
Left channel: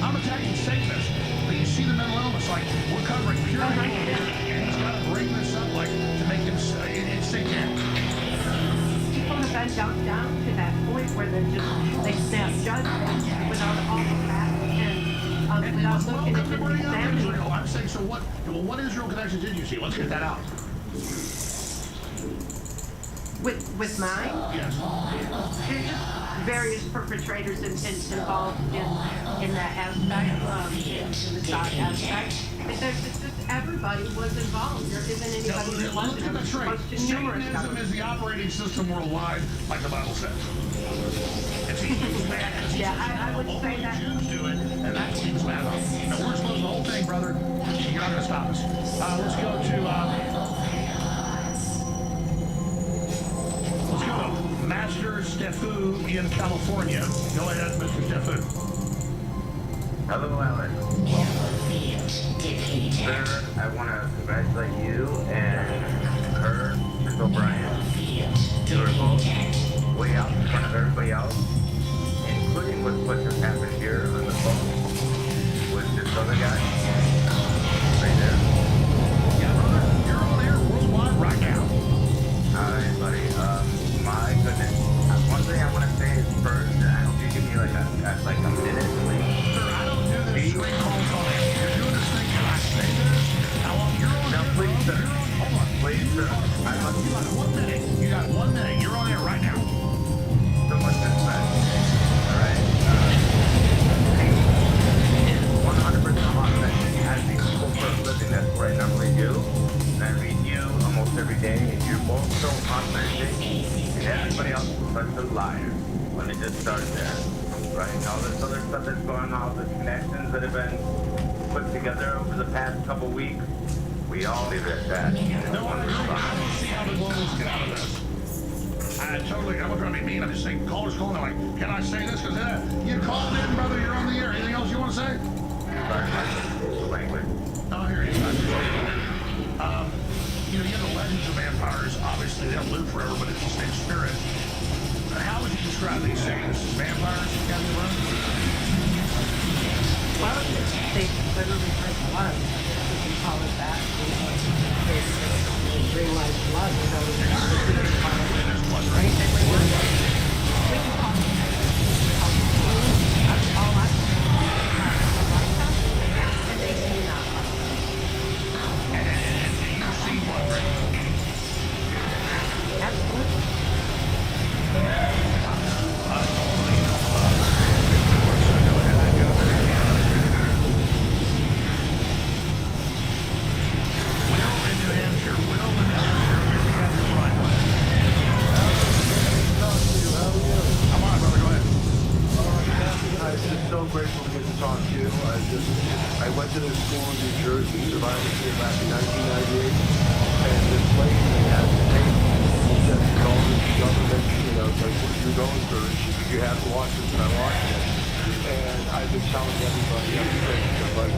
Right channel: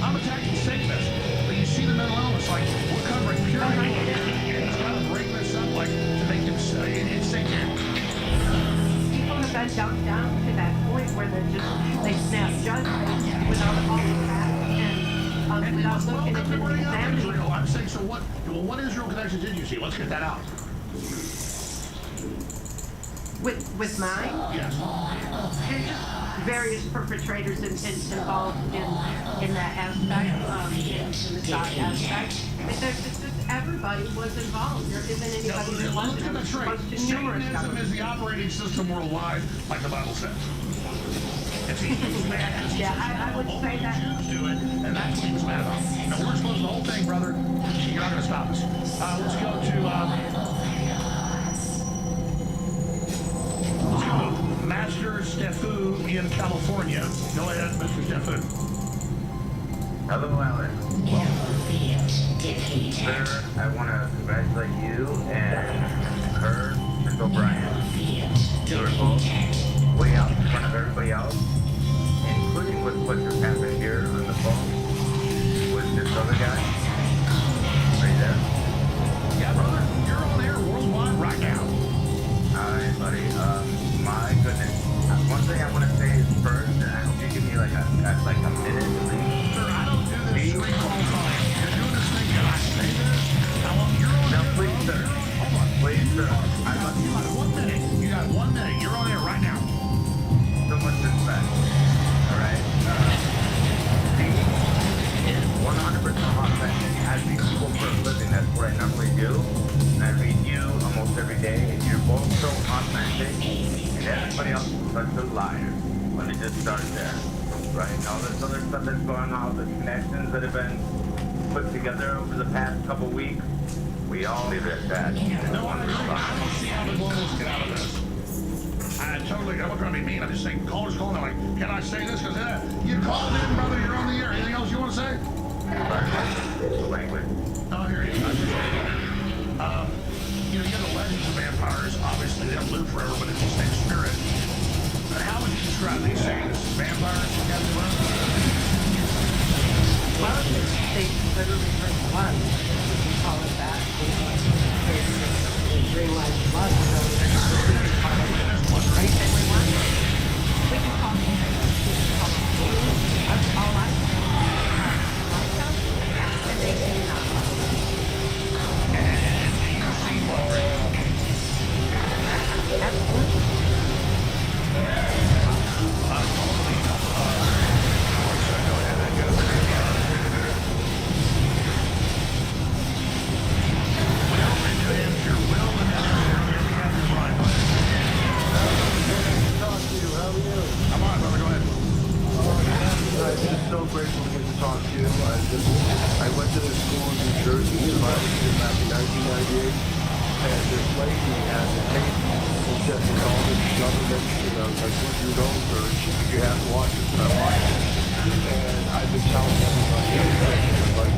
I'm attacking Satanists. But you see the mental illness, like, we're covering purity. And he's got to bring this up, like, to make him, it's satanic. People have been dumped down to that point where they snap judgments without all the facts and without looking at the examining. I'm saying, so what Israel connections did you see? Let's get that out. With mine? Yes. There's just various perpetrators involved in that aspect, in the side aspect. It's just everybody was involved. There isn't anybody who wasn't. Look at the trait. Satanism is the operating system worldwide, like the Bible says. It's he's mad because I would say that Jews do it, and that's what he was mad about. Now we're exposing the whole thing, brother. You're not going to stop us. Let's go to Master Stefu in California. Go ahead, Mr. Stefu. Hello, Alex. Sir, I want to congratulate you and her, Mr. O'Brien. You were both way out in front of everybody else, including with what just happened here on the phone with this other guy. Right there. Yeah, brother, you're on air worldwide right now. All right, buddy. My goodness. One thing I want to say is first, and I hope you give me like a minute at least. Sir, I don't do this screen calls on air. You're doing this thing. Can I say this? How long? You're on now, air. Please, sir. Hold on. Please, sir. You got 1 minute. You got 1 minute. You're on air right now. So much respect. All right. He is 100% authentic. I read people for a living. That's what I normally do. And I read you almost every day. And you're both so authentic. And everybody else is such a liar. Let me just start there. Right? And all this other stuff that's going on, all the connections that have been put together over the past couple weeks, we all leave it at that. No, I don't see how the globals get out of this. I'm not trying to be mean. I'm just saying, callers calling. I'm like, can I say this? Because you called in, brother. You're on the air. Anything else you want to say? Language. Oh, here he is. you have the legends of vampires. Obviously, they don't live forever, but it's the same spirit. How would you describe these things? Vampires, Captain Brown? Well, they literally drink blood. I guess we can call it that. They drink like blood, so we can call it anything we want. We can call it food. That's all I say. Like them, and they do not like them. And you've seen blood drinks? Absolutely. Normally, let's go ahead and go through Will in New Hampshire. Will in New Hampshire. We have your line. Go ahead. Talk to you. How are you? I'm on, brother. Go ahead. I'm just so grateful to get to talk to you. I went to this school in New Jersey, survived it back in 1998, and this lady had the tape and said it's all this government, like what you're going through. And she said, you have to watch this, and I watched it. And I've been telling everybody everything. Like,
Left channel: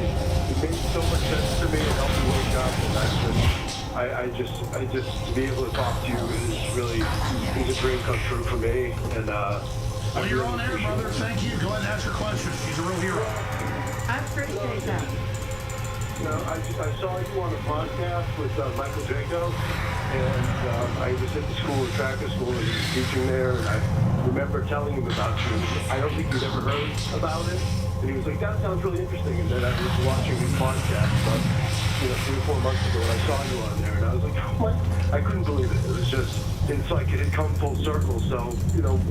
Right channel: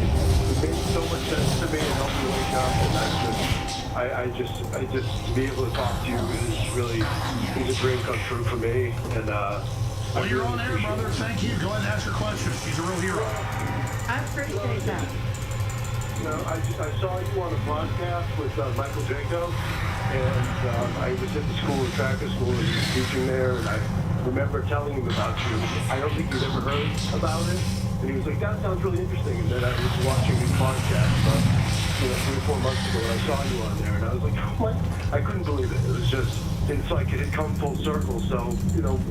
it made so much sense to me. It helped me wake up, and I just to be able to talk to you is a dream come true for me. And well, you're on air, brother. Thank you. Go ahead and ask your questions. She's a real hero. I appreciate that. I saw you on a podcast with Michael Jaco, and I was at the school, Tracker School, and he was teaching there, and I remember telling him about you. I don't think you'd ever heard about it, and he was like, that sounds really interesting. And then I was watching his podcast about 3 or 4 months ago, and I saw you on there, and I was like, oh my, I couldn't believe it. It was just, it's like it had come full circle. So,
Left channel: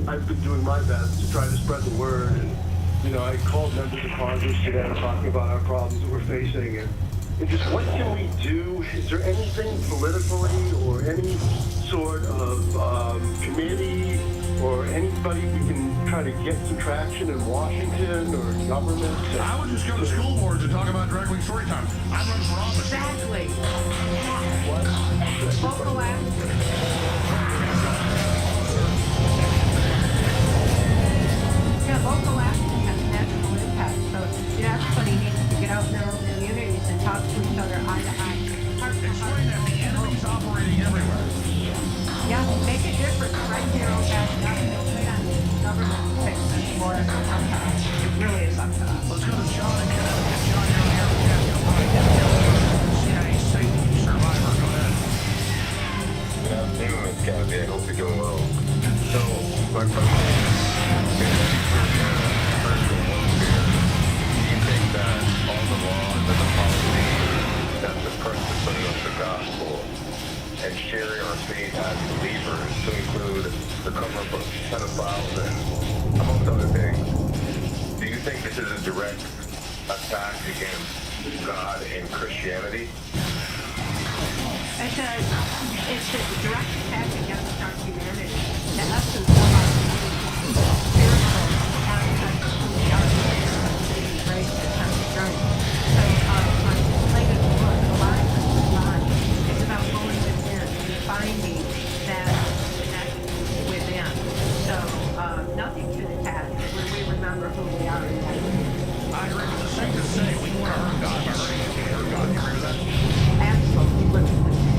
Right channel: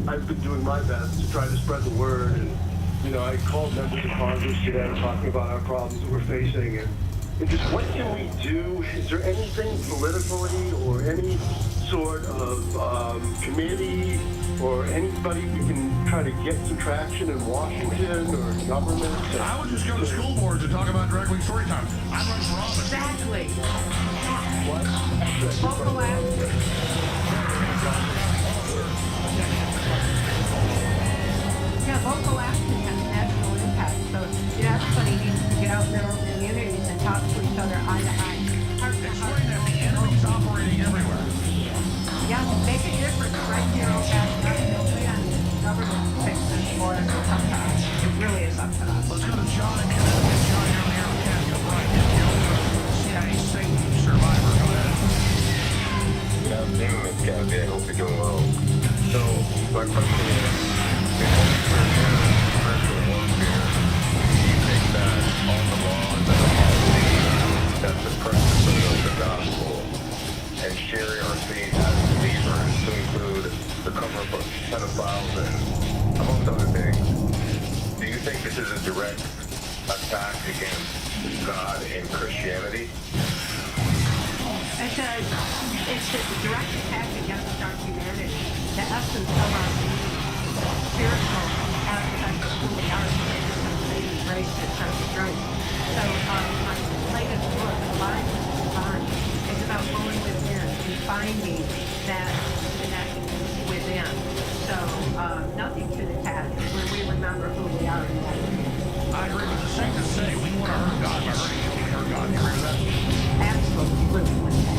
I've been doing my best to try to spread the word, and I called members of Congress today talking about our problems that we're facing, and just what can we do? Is there anything politically or any sort of committee or anybody we can try to get some traction in Washington or government? I would just go to school boards and talk about Drag Week story time. I'm running for office. Exactly. What? Local action. Yeah, local action has national impact. So, everybody needs to get out in their own communities and talk to each other eye to eye. Explain that the enemy's operating everywhere. Yeah, make a difference right here on that. Don't wait on the government to fix this for us. It's up to us. It really is up to us. Let's go to John in Connecticut. John, you're on the air with Kathy O'Brien, CIA Satan survivor. Go ahead. Good afternoon, Miss Kathy. I hope you're doing well. So, my question is, in order for spiritual warfare, do you think that all the laws and the policies that suppress the spread of the gospel and sharing our faith as believers, to include the cover-up of pedophiles and amongst other things, do you think this is a direct attack against God and Christianity? It's a direct attack against our humanity, the essence of our being, the spiritual aspect of who we are, the saving grace that's our strength. So my latest book, Alive with the Divine, is about going within and finding that connection within. So nothing can attack when we remember who we are in that. I agree with the saint to say we want to hurt God by hurting him. We hurt God. Do you agree with that? Absolutely.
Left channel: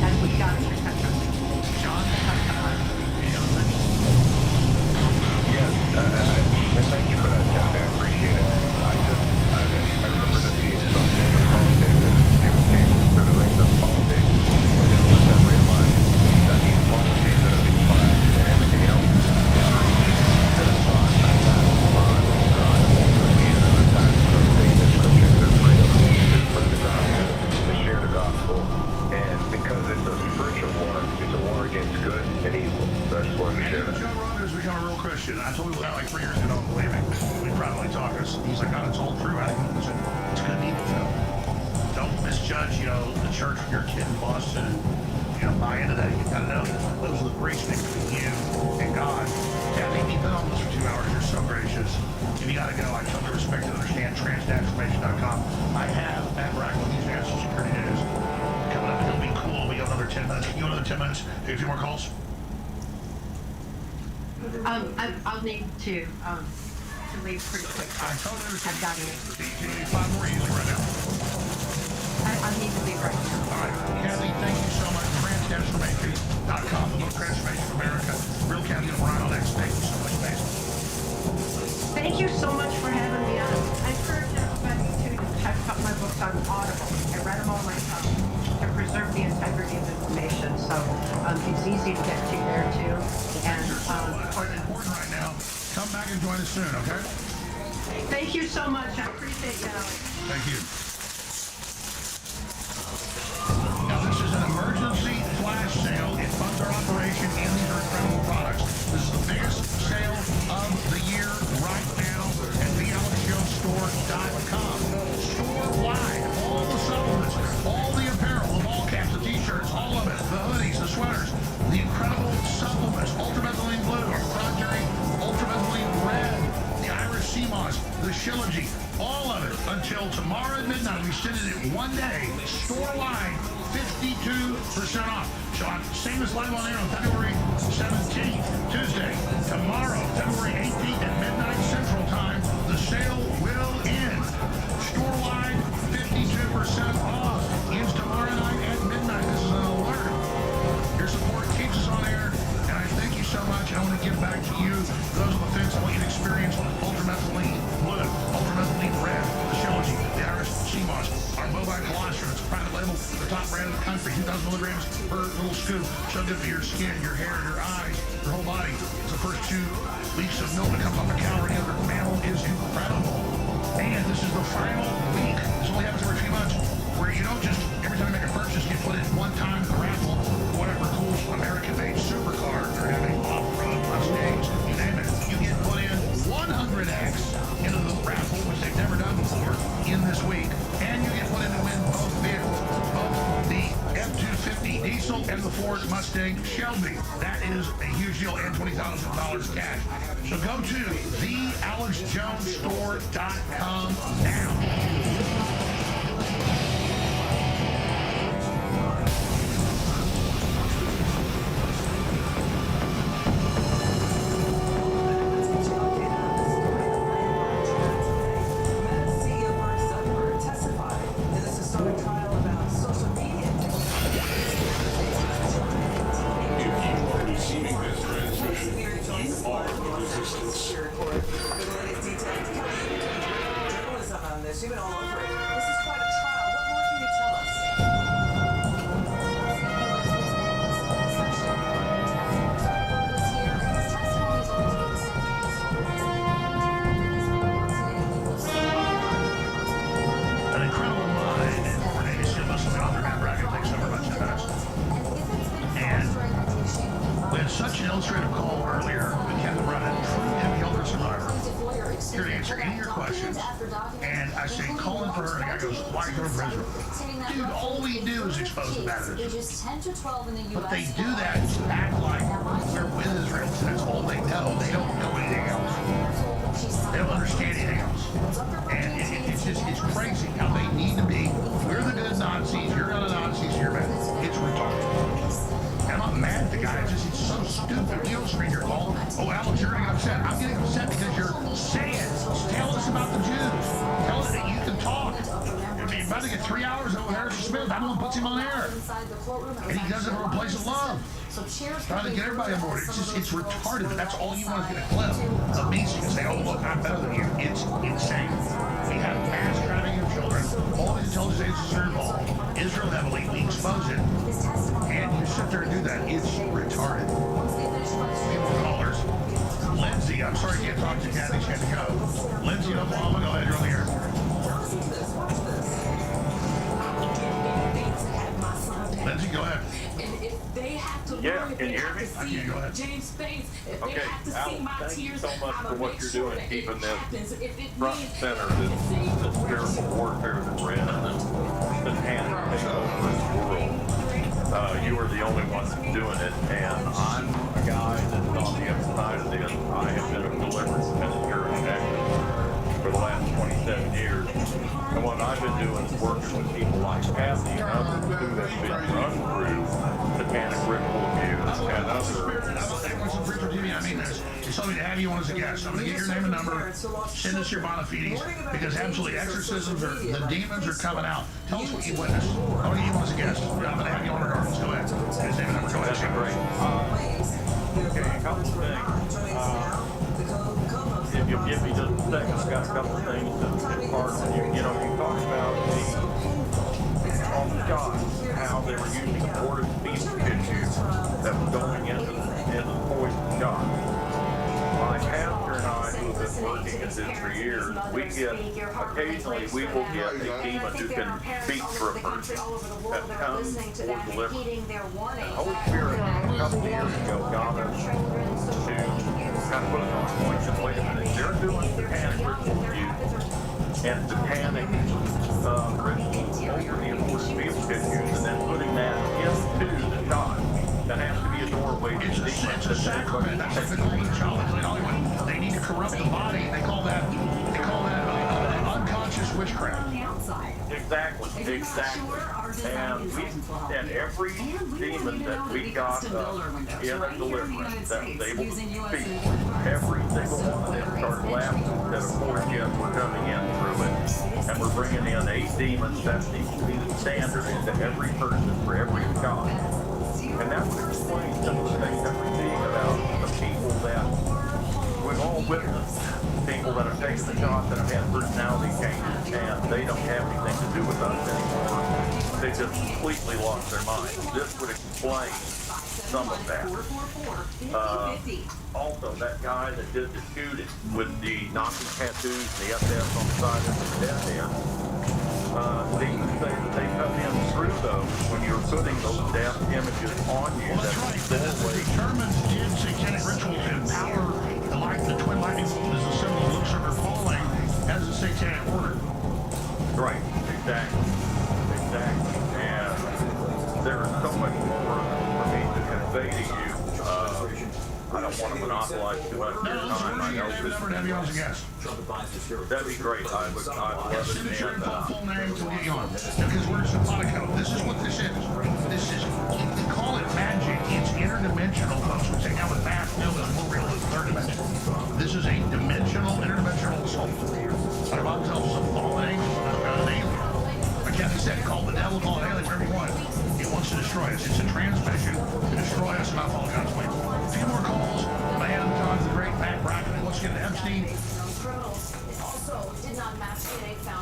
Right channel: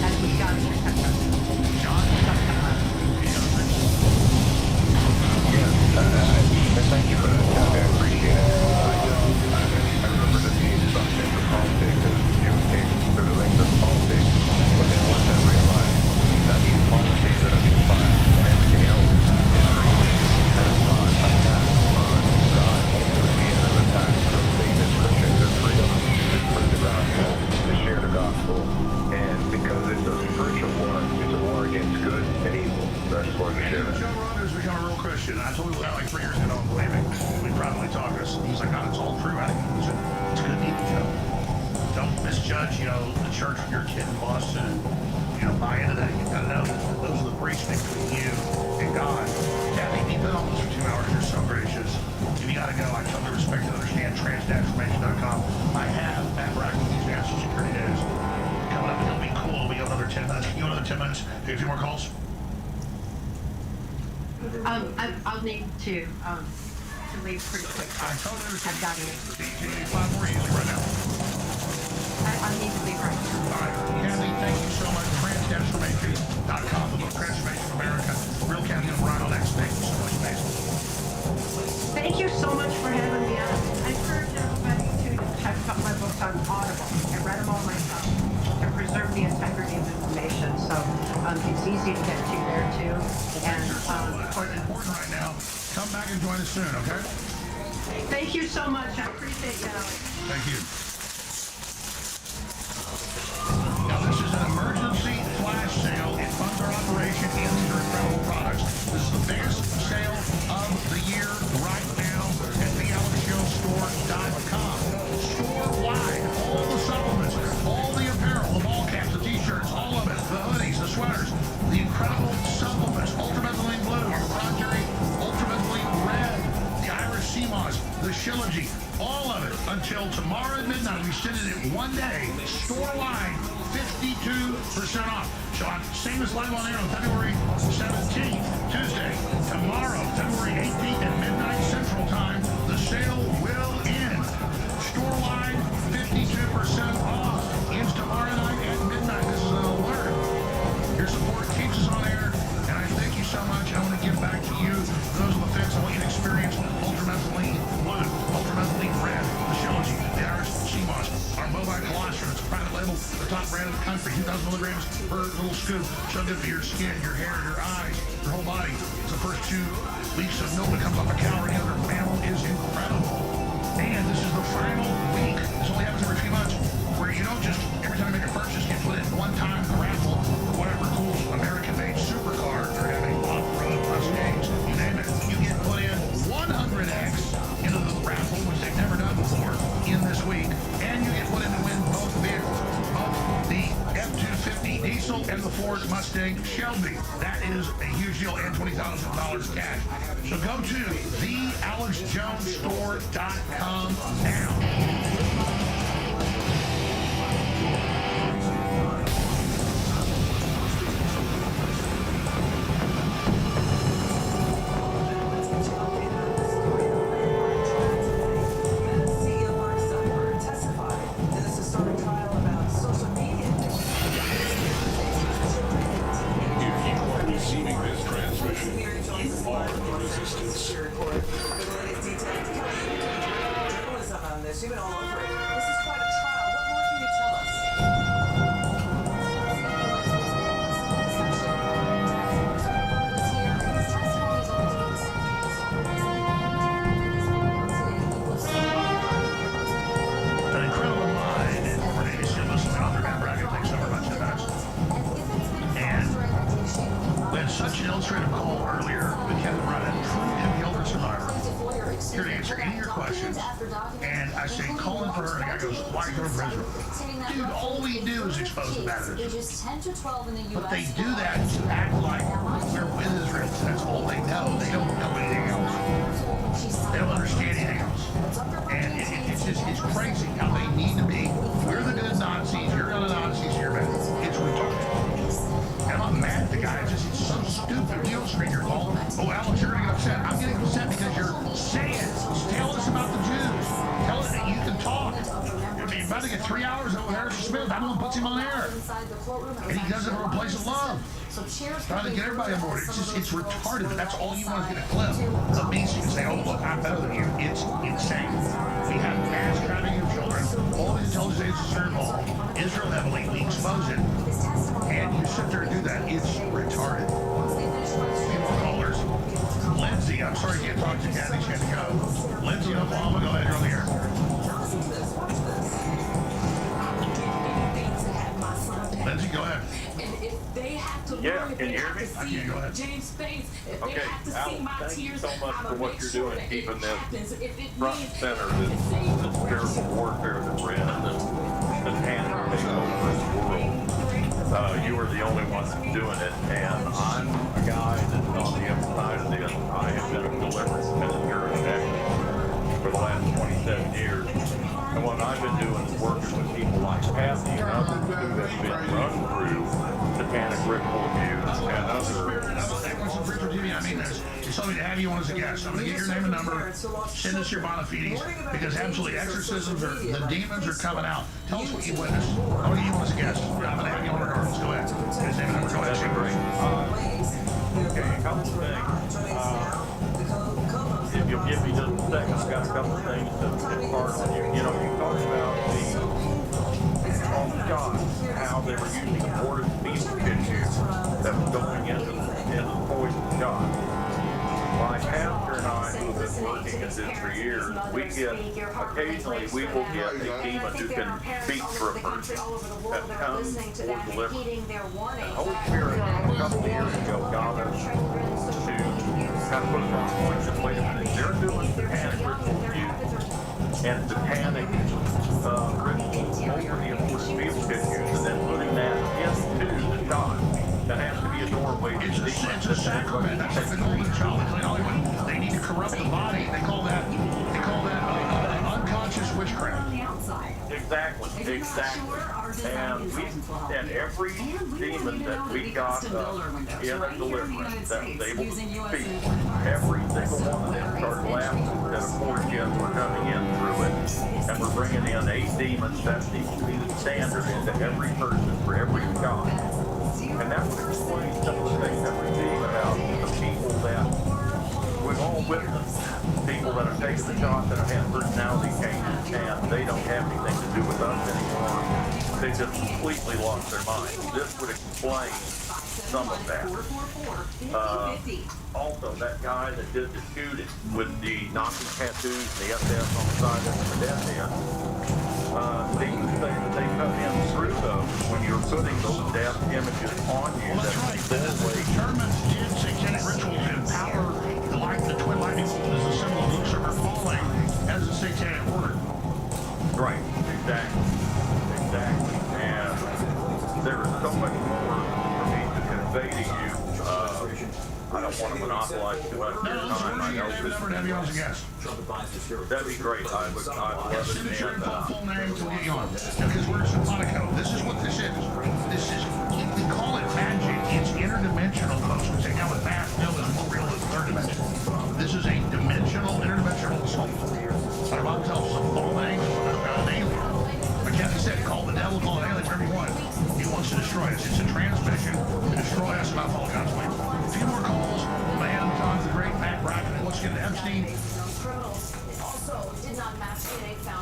That's what God is protect us. John? It's up to us. Any other things? Yes, thank you for that, Kathy. I appreciate it. I remember this being sucked into politics and June came through the length of politics. But then once I realized that these policies that are being passed and everything else is really an attack on God ultimately, and an attack on our faith as Christians, their freedom to spread the gospel, to share the gospel. And because it's a spiritual war, it's a war against good and evil. So I just wanted to share that. Joe Rogan's become a real Christian. I told him that like 3 years ago, don't believe me. We probably talked to us. He's like, God, it's all true. I said, it's good and evil, Joe. Don't misjudge, the church when you're a kid in Boston and, buy into that. You've got to know that those are the breach between you and God. Kathy, you've been on this for 2 hours. You're so gracious. If you got to go, I totally respect and understand. Transnationalformation.com. I have at Brack with these National Security News. Coming up, it'll be cool. We got another 10 minutes. Can you go another 10 minutes? Do a few more calls? I'll need to leave pretty quick. I totally understand. I've got it. You need 5 more easily right now. I need to leave right now. All right, Kathy, thank you so much. Transformation.com, the book Transformation of America. Real Kathy O'Brien on X. Thank you so much, Mason. Thank you so much for having me on. I encourage everybody to check out my books on Audible. I read them all myself to preserve the integrity of information. So it's easy to get to there too. And important right now. Come back and join us soon, okay? Thank you so much. I appreciate you, Alex. Thank you. Now, this is an emergency flash sale. It funds our operation, and these are incredible products. This is the biggest sale of the year right now at thealexjonesstore.com. Store-wide, all the supplements, all the apparel, the ball caps, the t-shirts, all of it, the hoodies, the sweaters, the incredible supplements, ultramethylene blue, our proprietary ultramethylene red, the Irish sea moss, the Shilajit, all of it until tomorrow at midnight. We extended it one day, store-wide, 52% off. So I'm saying this live on air on February 17th, Tuesday. Tomorrow, February 18th at midnight Central Time, the sale will end. Store-wide, 52% off. Ends tomorrow night at midnight. This is an alert. Your support keeps us on air, and I thank you so much. I want to give back to you, those on the fence. I want you to experience ultramethylene blue, ultramethylene red, the Shilajit, the Irish sea moss, our bovine colostrum. It's a private label, the top brand in the country, 2,000 milligrams per little scoop. So good for your skin, your hair, your eyes, your whole body. It's the first 2 weeks of milk that comes off a cow or any other mammal is incredible. And this is the final week. This only happens every few months, where you don't just, every time you make a purchase, get put in one time in the raffle for whatever cool American-made supercar they're having, off-road Mustangs, you name it. You get put in 100X into the raffle, which they've never done before, in this week. And you get put in to win both vehicles, both the F-250 diesel and the Ford Mustang Shelby. That is a huge deal, and $20,000 cash. So go to thealexjonesstore.com now. You've been all over it. This is quite a trial. What more can you tell us? An incredible mind and former Navy SEAL listening author Matt Brackett. Thanks so much for that. And we had such an illustrative call earlier with Kevin Brennan, true MPL survivor, here to answer any of your questions. And I say, call in for her, and the guy goes, why go to Israel? Dude, all we do is expose the bad of Israel. But they do that to act like we're with Israel. That's all they know. They don't know anything else. They don't understand anything else. And it's crazy how they need to be. We're the good Nazis, you're not a Nazi, so you're bad. It's retarded. And I'm not mad at the guy, it's so stupid. You don't screen your call. Oh, Alex, you're going to get upset. I'm getting upset because you're saying, tell us about the Jews. Tell us that you can talk. You're about to get 3 hours over Harrison Smith. I'm the one who puts him on air. And he does it from a place of love. Trying to get everybody on board. It's retarded. That's all you want to get a clip of me and say, oh, look, I'm better than you. It's insane. We have mass trafficking of children. All these intelligence agencies are involved. Israel heavily. We expose it. And you sit there and do that. It's retarded. Few more callers. Lindsay, I'm sorry you can't talk to Kathy. She had to go. Lindsay in Oklahoma, go ahead. You're on the air. Lindsay, go ahead. And if they have to Yeah, learn, if can they you hear have me? to see James' face, if they have to see Alex, my thank you tears, so much I'm for what you're doing, keeping this front and center, this spiritual warfare that we're in, this panic takeover in the world. You are the only one that's doing it, and I'm a guy that's on the other side of this. I have been a deliverance minister in Texas. for the last 27 years. And what I've been doing is working with people like Kathy and others who have been run through satanic ritual abuse and other. I mean, it's something to have you on as a guest. I'm going to get your name and number, send us your bona fides, because absolutely exorcisms are, the demons are coming out. Tell us what you witnessed. I want to get you on as a guest. I'm going to have you on regardless. Go ahead. Get his name and number. Go ahead. That'd be great. Okay, a couple of things. If you'll give me just a second, I've got a couple of things to impart on you. You know, you talked about on the shot, how they were using aborted fetal tissue that was going into the poison shot. My pastor and I, who have been working at this for years, we get, occasionally we will get a demon who can speak for a person that comes for deliverance. The Holy Spirit, a couple of years ago, got us to kind of put us on point that, wait a minute, they're doing satanic ritual abuse and satanic rituals over the aborted fetal tissues and then putting that into the shot. That has to be a doorway. It's a sacrament. That's like the golden child in Hollywood. They need to corrupt the body. They call that unconscious witchcraft. Exactly. And every demon that we got in deliverance that was able to speak, every single one of them started laughing that of course yes, we're coming in through it. And we're bringing in 8 demons. That needs to be the standard into every person for every shot. And that would explain some of the things that we're seeing about the people that we've all witnessed. People that have taken the shots that have had personality changes and they don't have anything to do with us anymore. They just completely lost their minds. This would explain some of that. Also, that guy that did the shooting with the Nazi tattoos and the SS on the side of the death end, they say that they cut in through those when you're putting those death images on you. Well, that's right. The Germans did satanic rituals to empower the twin lightning bolt as a symbol of Lucifer falling as a satanic order. Right. Exactly. And there is so much more for me to convey to you. I don't want to monopolize too much of your time. I know this. Have you on as a guest. That'd be great. I'd love it. Send us your full name to get you on. Because we're simpatico. This is what this is. We call it magic. It's interdimensional, folks. We say now with fast still is more real than third dimension. This is a dimensional, interdimensional assault. Our Bible tells us a fallen angel, an alien. Like Kathy said, call the devil, call an alien, whatever you want. He wants to destroy us. It's a transmission to destroy us and not follow God's way. A few more calls. My Adam John's the great Matt Bracken. Let's get to Epstein.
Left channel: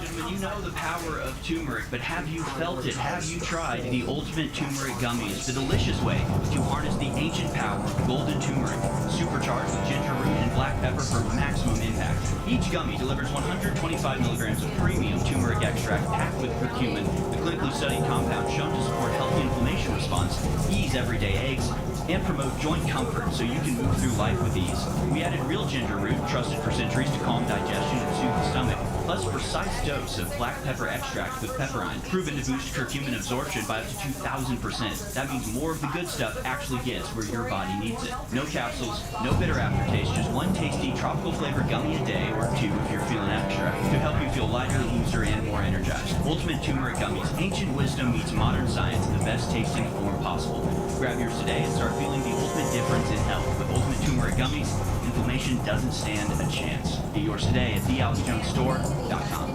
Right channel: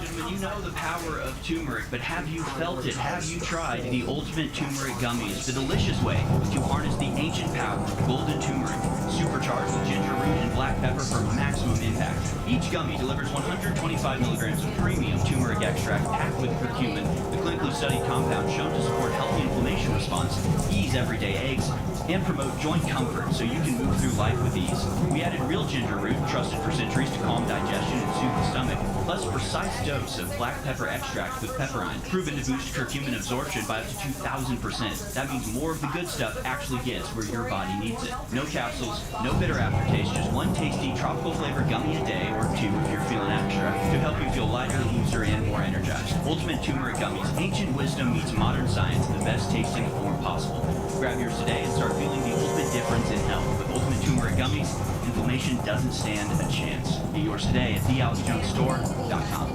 Gentlemen, you know the power of turmeric, but have you felt it? Have you tried the ultimate turmeric gummies? The delicious way to harness the ancient power of golden turmeric, supercharged with ginger root and black pepper for maximum impact. Each gummy delivers 125 milligrams of premium turmeric extract packed with curcumin, the clinically studied compound shown to support healthy inflammation response, ease everyday aches, and promote joint comfort so you can move through life with ease. We added real ginger root, trusted for centuries to calm digestion and soothe the stomach, plus a precise dose of black pepper extract with pepperine, proven to boost curcumin absorption by up to 2,000%. That means more of the good stuff actually gets where your body needs it. No capsules, no bitter aftertaste, just one tasty tropical flavored gummy a day, or 2 if you're feeling extra, to help you feel lighter, looser, and more energized. Ultimate Turmeric Gummies, ancient wisdom meets modern science in the best tasting form possible. Grab yours today and start feeling the ultimate difference in health. With Ultimate Turmeric Gummies, inflammation doesn't stand a chance. Get yours today at thealexjonesstore.com.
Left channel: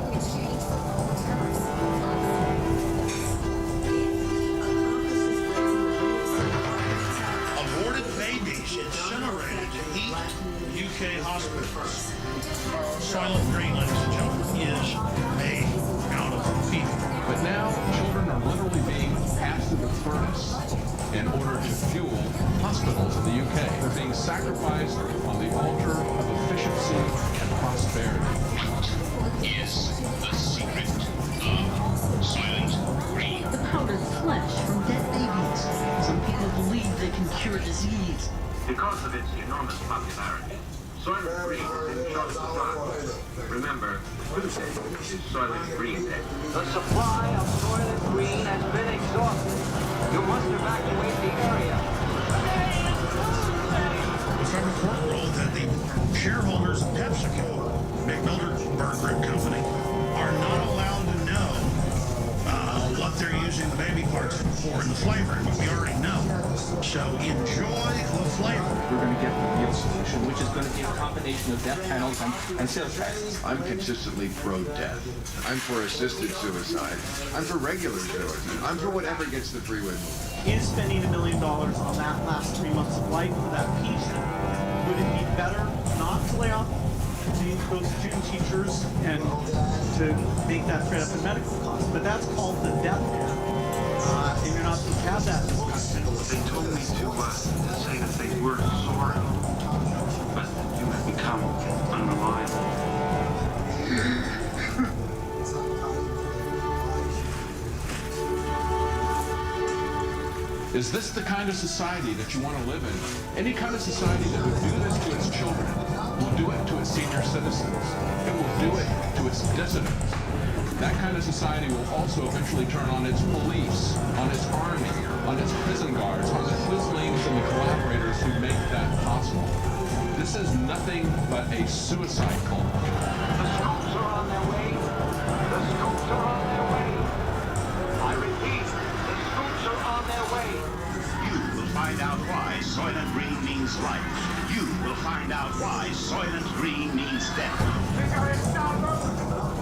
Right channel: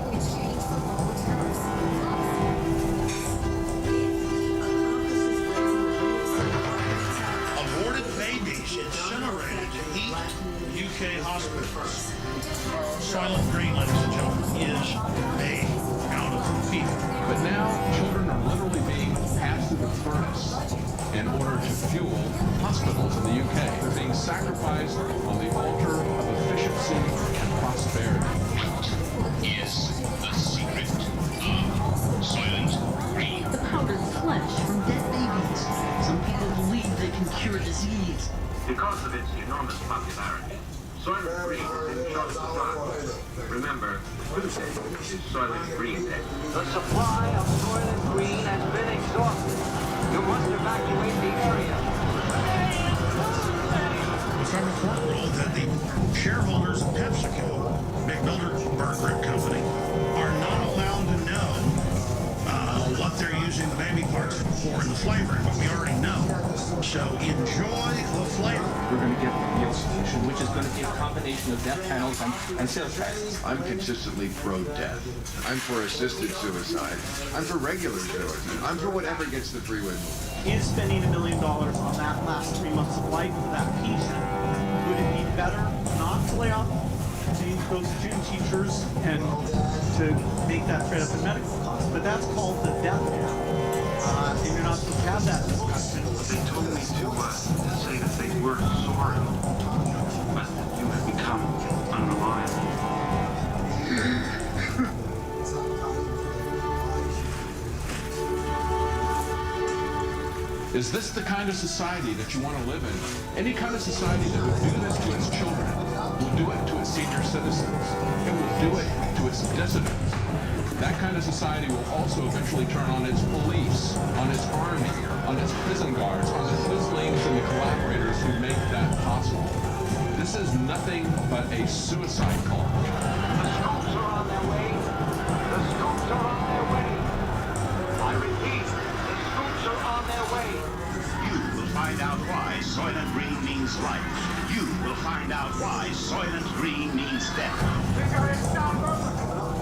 Aborted babies incinerated to heat UK hospitals. Silent Green, ladies and gentlemen, is made out of people. But now, children are literally being passed through the furnace in order to fuel hospitals in the UK. They're being sacrificed on the altar of efficiency and prosperity. Is the secret of Silent Green. The powdered flesh from dead babies. Some people believe they can cure disease. Because of its enormous popularity, Soylent Green is in short supply. Remember, Tuesday is Soylent Green Day. The supply of Soylent Green has been exhausted. You must evacuate the area. It's our report rule that the shareholders of PepsiCo, big Bilderberg Group company, are not allowed to know what they're using the baby parts for in the flavoring, but we already know. So enjoy the flavor. We're going to get the real solution, which is going to be a combination of death panels and sales taxes. I'm consistently pro-death. I'm for assisted suicide. I'm for regular suicide. I'm for whatever gets the freeway moving. Is spending $1 million on that last 3 months of life for that piece, would it be better not to lay off those student teachers and to make that straight up in medical costs? But that's called the death cap, and you're not supposed to have that discussion. They told me to say that they were sorry, but you have become unreliable. Is this the kind of society that you want to live in? Any kind of society that would do this to its children, will do it to its senior citizens, and will do it to its dissidents. That kind of society will also eventually turn on its police, on its army, on its prison guards, on the Twizzlings and the collaborators who make that possible. This is nothing but a suicide cult. The scoops are on their way. The scoops are on their way. I repeat, the scoops are on their way. You will find out why Soylent Green means life. You will find out why Soylent Green means death.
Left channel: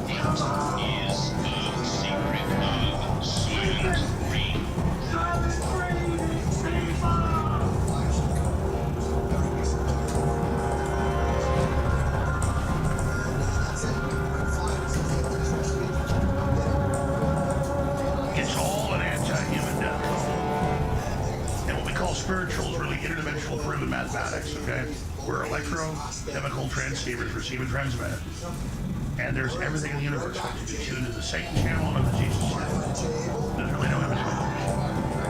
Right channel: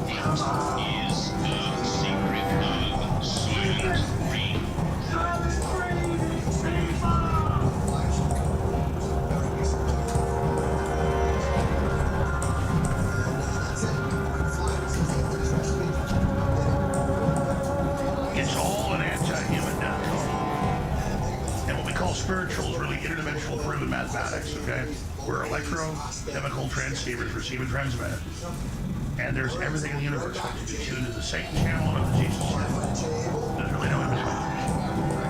It is the secret of Soylent Green. Soylent Green, viva! It's all an anti-human death cult. And what we call spiritual is really interdimensional proven mathematics, okay? Where electrochemical transceivers receive and transmit. And there's everything in the universe which is tuned to the Satan channel and the Jesus channel. There's really no in between.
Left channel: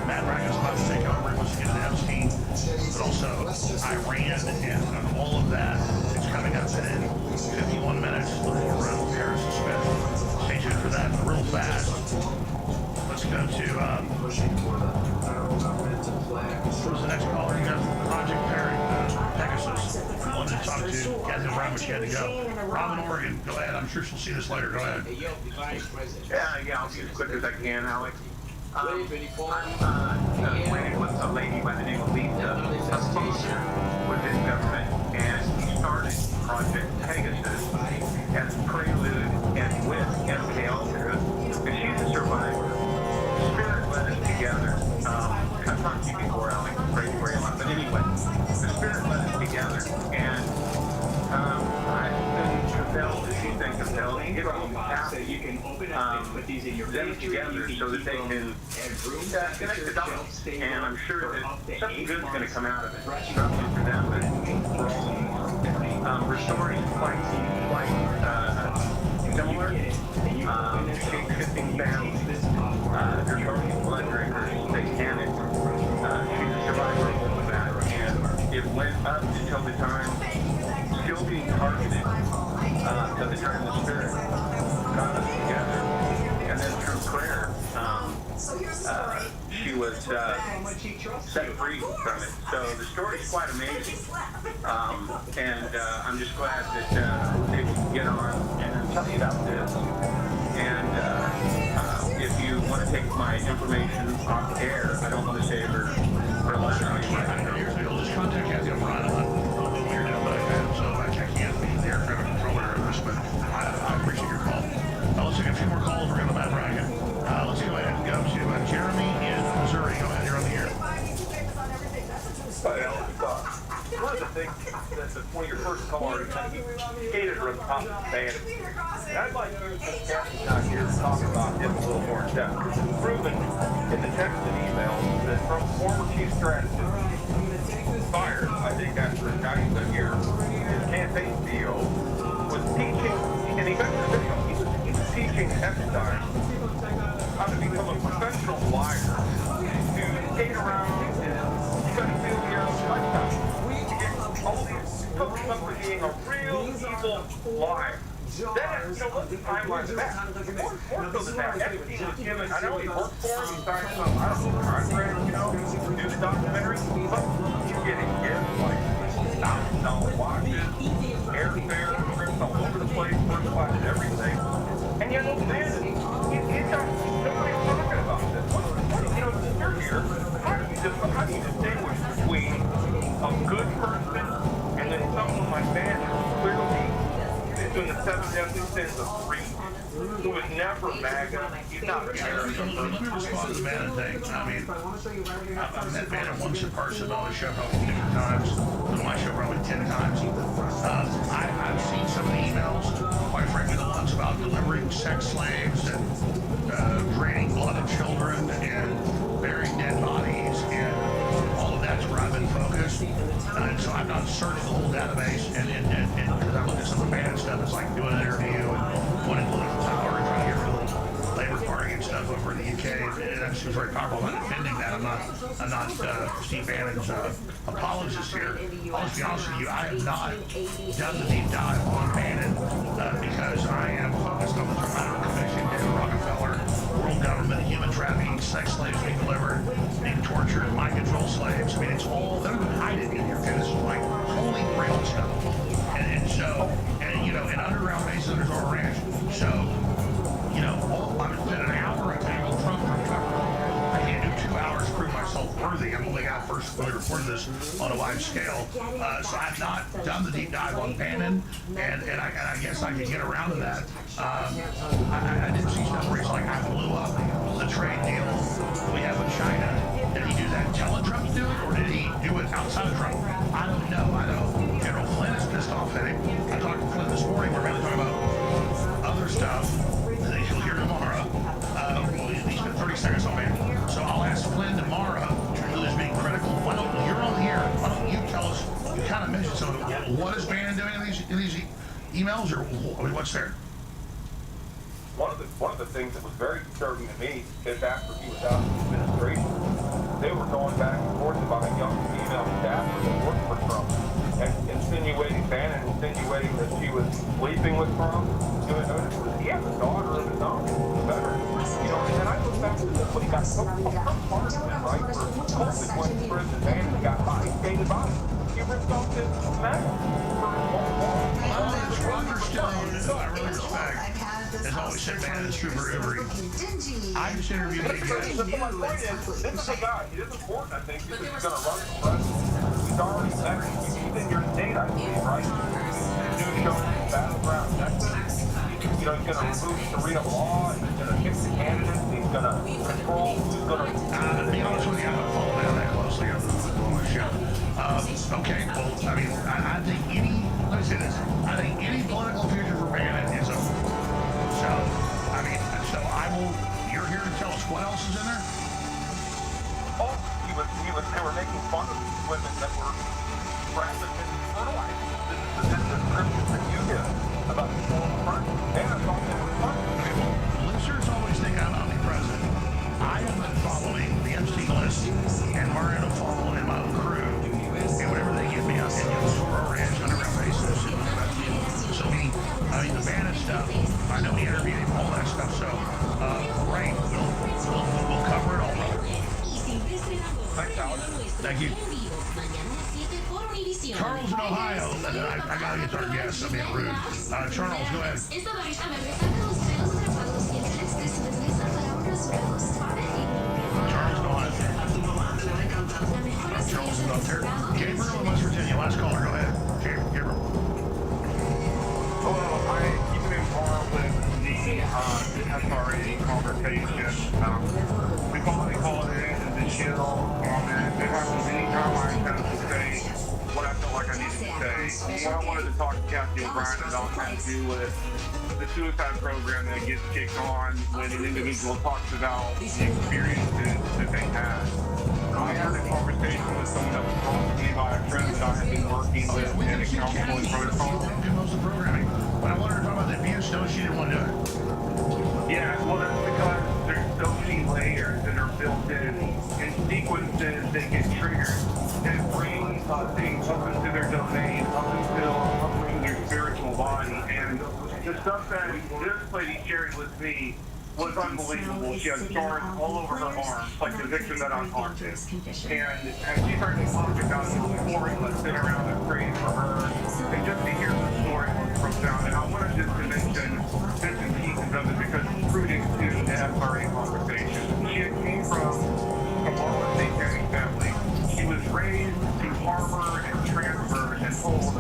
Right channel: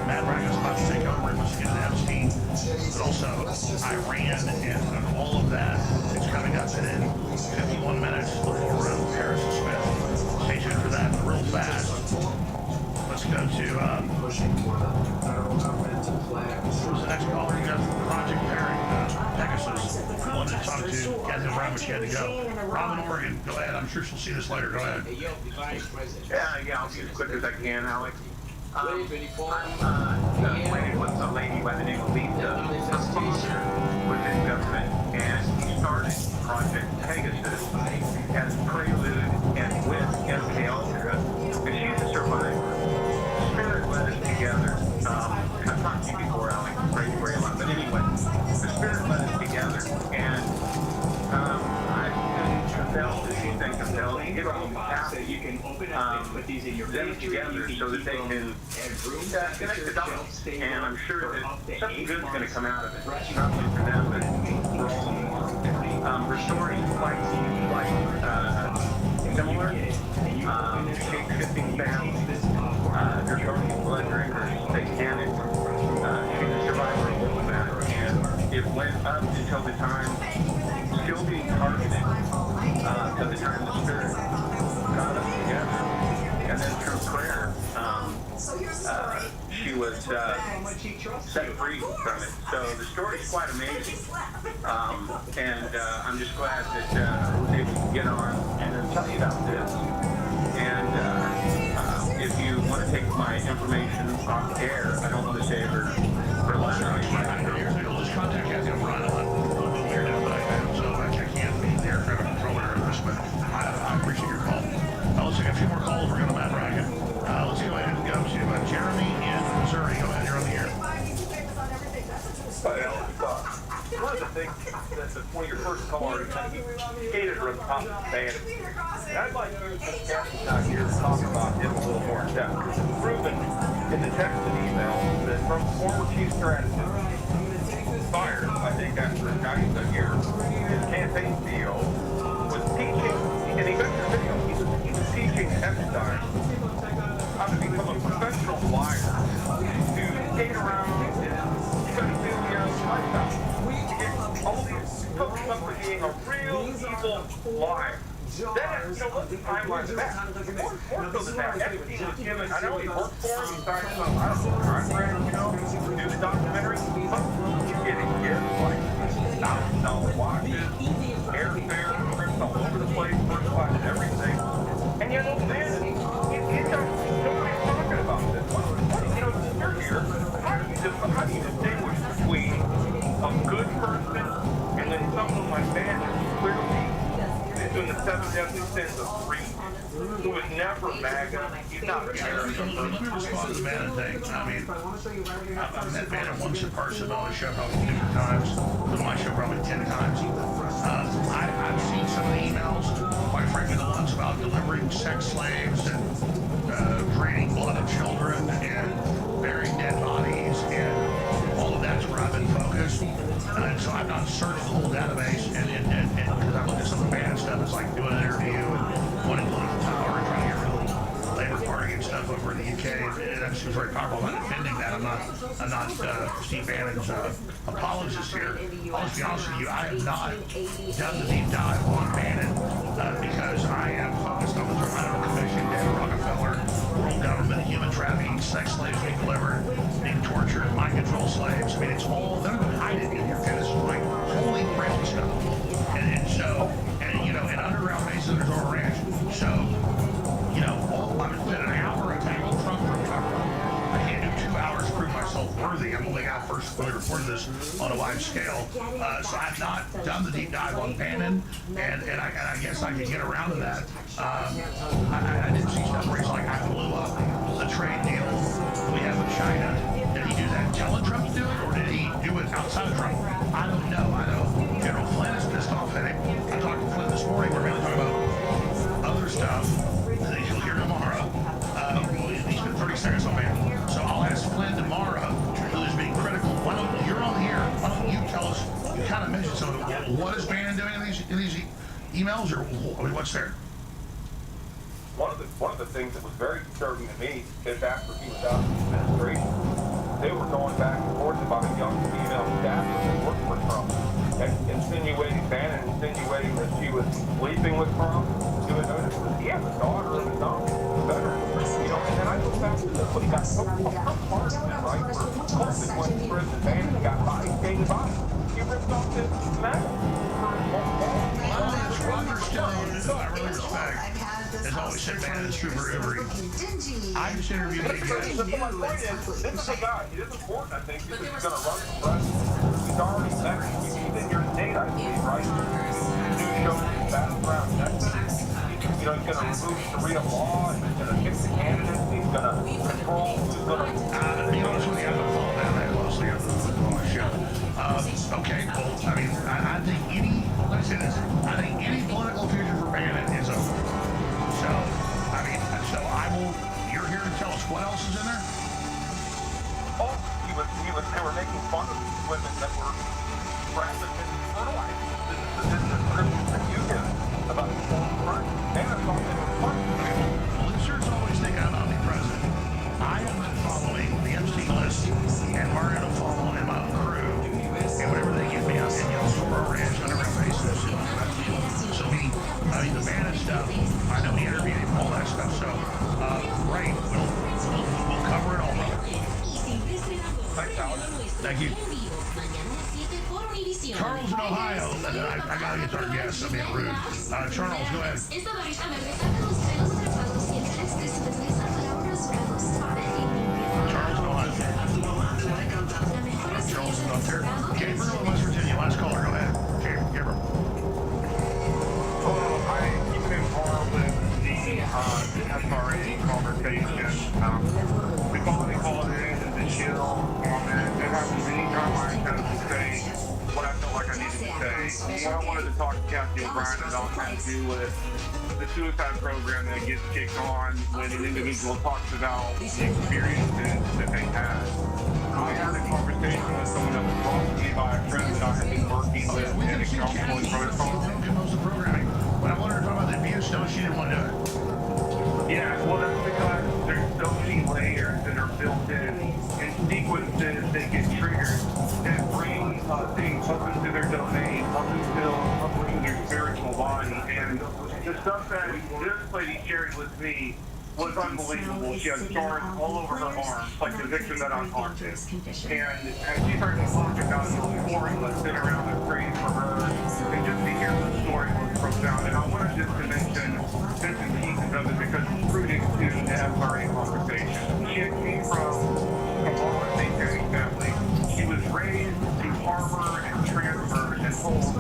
Matt Bracken's about to take over and wants to get into Epstein, but also Iran and all of that is coming up in 51 minutes before Paris is spent. Stay tuned for that real fast. Let's go to, who's the next caller? You got Project Perry, Pegasus. I wanted to talk to Kathy Brown, but she had to go. Robin, Oregon, go ahead. I'm sure she'll see this later. Go ahead. Yeah, I'll be as quick as I can, Alex. I'm playing with a lady by the name of Lisa. Her father was in government, and he started Project Pegasus as prelude and with MK Ultra, and she's a survivor. Spirit led us together. I've talked to you before, Alex. Prayed for you a lot, but anyway, the Spirit led us together, and I've been compelled, as she's been compelled, to get all the paths you can them together so that they can connect the dots. And I'm sure that something good's going to come out of it, not only for them, but for all of them. Restoring quite similar. Shape-shifting families. Draconian blood drinkers, satanic. She's a survivor of all of that. And it went up until the time, still being targeted, till the time the Spirit got us together. And then through prayer, she was set free from it. So the story's quite amazing. And I'm just glad that I was able to get on and tell you about this. And if you want to take my information off air, I don't want to say her last name. Here's the just contact Kathy O'Brien on weird now, but I can't be the air traffic controller of this, but I appreciate your call. Let's take a few more calls. We're going to Matt Bracken. Let's go ahead and go to Jeremy in Missouri. Go ahead, you're on the air. One of the things that one of your first callers he skated around the top of the band. And I'd like you, since Kathy's not here, to talk about him a little more in depth. Because it's proven in the text and emails that from former chief strategist, fired, I think after not even a year, his campaign CEO was teaching, and he mentioned the video, he was teaching Epstein how to become a professional liar, to skate around and pedophilia lifestyle. All these folks up for being a real evil liar. Then, you know, what the timeline of that? More so than that, Epstein was given, I know he worked for him, he signed some, I don't know, contract, you know, to do the documentary, but he's getting gifts like $1,000 watches, airfare, trips all over the place, first class and everything. And yet, old man, he's got nobody's talking about this. You know, you're here. How do you distinguish between a good person and then someone like that who's clearly doing the 7 deadly sins of greed, who was never MAGA, he's not a terrorist. Let me respond to the Bannon thing. I mean, I've met Bannon once in person on the show probably 50 times, on my show probably 10 times. I've seen some of the emails, quite frankly, the ones about delivering sex slaves and draining blood of children and burying dead bodies, and all of that's where I've been focused. And so I've not searched the whole database, and because I look at some of the Bannon stuff, it's like doing an interview and wanting political power and trying to get rid of the Labour Party and stuff over in the UK. And that seems very powerful. I'm not defending that. I'm not Steve Bannon's apologist here. I'll just be honest with you, I have not done the deep dive on Bannon because I am focused on the Toronto Commission, David Rockefeller, world government, human trafficking, sex slaves being delivered, being tortured, mind control slaves. I mean, it's all, they don't even hide it in here. Okay, this is like holy grail stuff. And so, and you know, in underground bases under Zorro Ranch. So, you know, I'm spent an hour attacking Trump from cover up. I can't do 2 hours to prove myself worthy. I'm only got first really reported this on a wide scale. So I've not done the deep dive on Bannon, and I guess I could get around to that. I did see stuff where he's like, I blew up the trade deal we have with China. Did he do that telling Trump to do it, or did he do it outside of Trump? I don't know. I know General Flynn is pissed off at him. I talked to Flynn this morning. We're mainly talking about other stuff that you'll hear tomorrow. He spent 30 seconds on Bannon. So I'll ask Flynn tomorrow, who is being critical. Why don't you're on here? Why don't you tell us? You kind of mentioned some of it. What is Bannon doing in these emails, or I mean, what's there? One of the things that was very disturbing to me is after he was out of the administration, they were going back and forth about a young female staffer that worked for Trump, and insinuating that she was sleeping with Trump. He has a daughter of his own, the veteran. You know, and then I look back to this, what he got so hard with him, right? For COVID went to prison, Bannon got body, skated by. He ripped off his medal for Roger Stone, who I really respect, has always said Bannon is super ubery. I just interviewed him again. My point is, this is a guy, he is important, I think, because he's going to run for president. He's already met, he's in your state, I believe, right? New show, Battleground Texas. You know, he's going to remove Sharia law, he's going to pick the candidates, he's going to control who's going to... To be honest with you, I don't follow Bannon that closely on my show. Okay, well, I mean, I think let me say this, I think any political future for Bannon is over. So, I mean, you're here to tell us what else is in there? Oh, they were making fun of these women that were trafficked and fertilized. This is the description that you give about the whole front. Bannon thought they were funny. Okay, well, listeners always think I'm omnipresent. I have been following the Epstein list and Mariano Fall and my own crew, and whatever they give me out in Zorro Ranch, underground bases. So I mean, the Bannon stuff, I know he interviewed him, all that stuff. So, great. We'll cover it all, brother. Thanks, Alex. Thank you. Charles in Ohio. I gotta get to our guests. I'm being rude. Charles, go ahead. Charles in Ohio. Charles is up there. Gabriel in West Virginia. Last caller. Go ahead. Gabriel. Hello. I keep in par with the SRA conversation. We finally called it in the chill on it. It happens anytime I attempt to say what I felt like I needed to say. What I wanted to talk to Kathy O'Brien about had to do with the suicide program that gets kicked on when an individual talks about the experiences that they had. I had a conversation with someone that was brought to me by a friend that I had been working with in a counseling protocol. Most of the programming. When I wanted to talk about the abuse, no, she didn't want to do it. Yeah, well, that's because there's so many layers that are built in sequences that get triggered that bring things up into their domain, up into their spiritual body. And the stuff that this lady shared with me was unbelievable. She had scars all over her arms, like the victim that I'm on to. And as she started to talk about the pouring that's been around and praying for her, and just to hear the story was profound. And I wanted just to mention bits and pieces of it because it's rooted to the FRA conversation. She came from a Kabbalah satanic family. She was raised to harbor and transfer and hold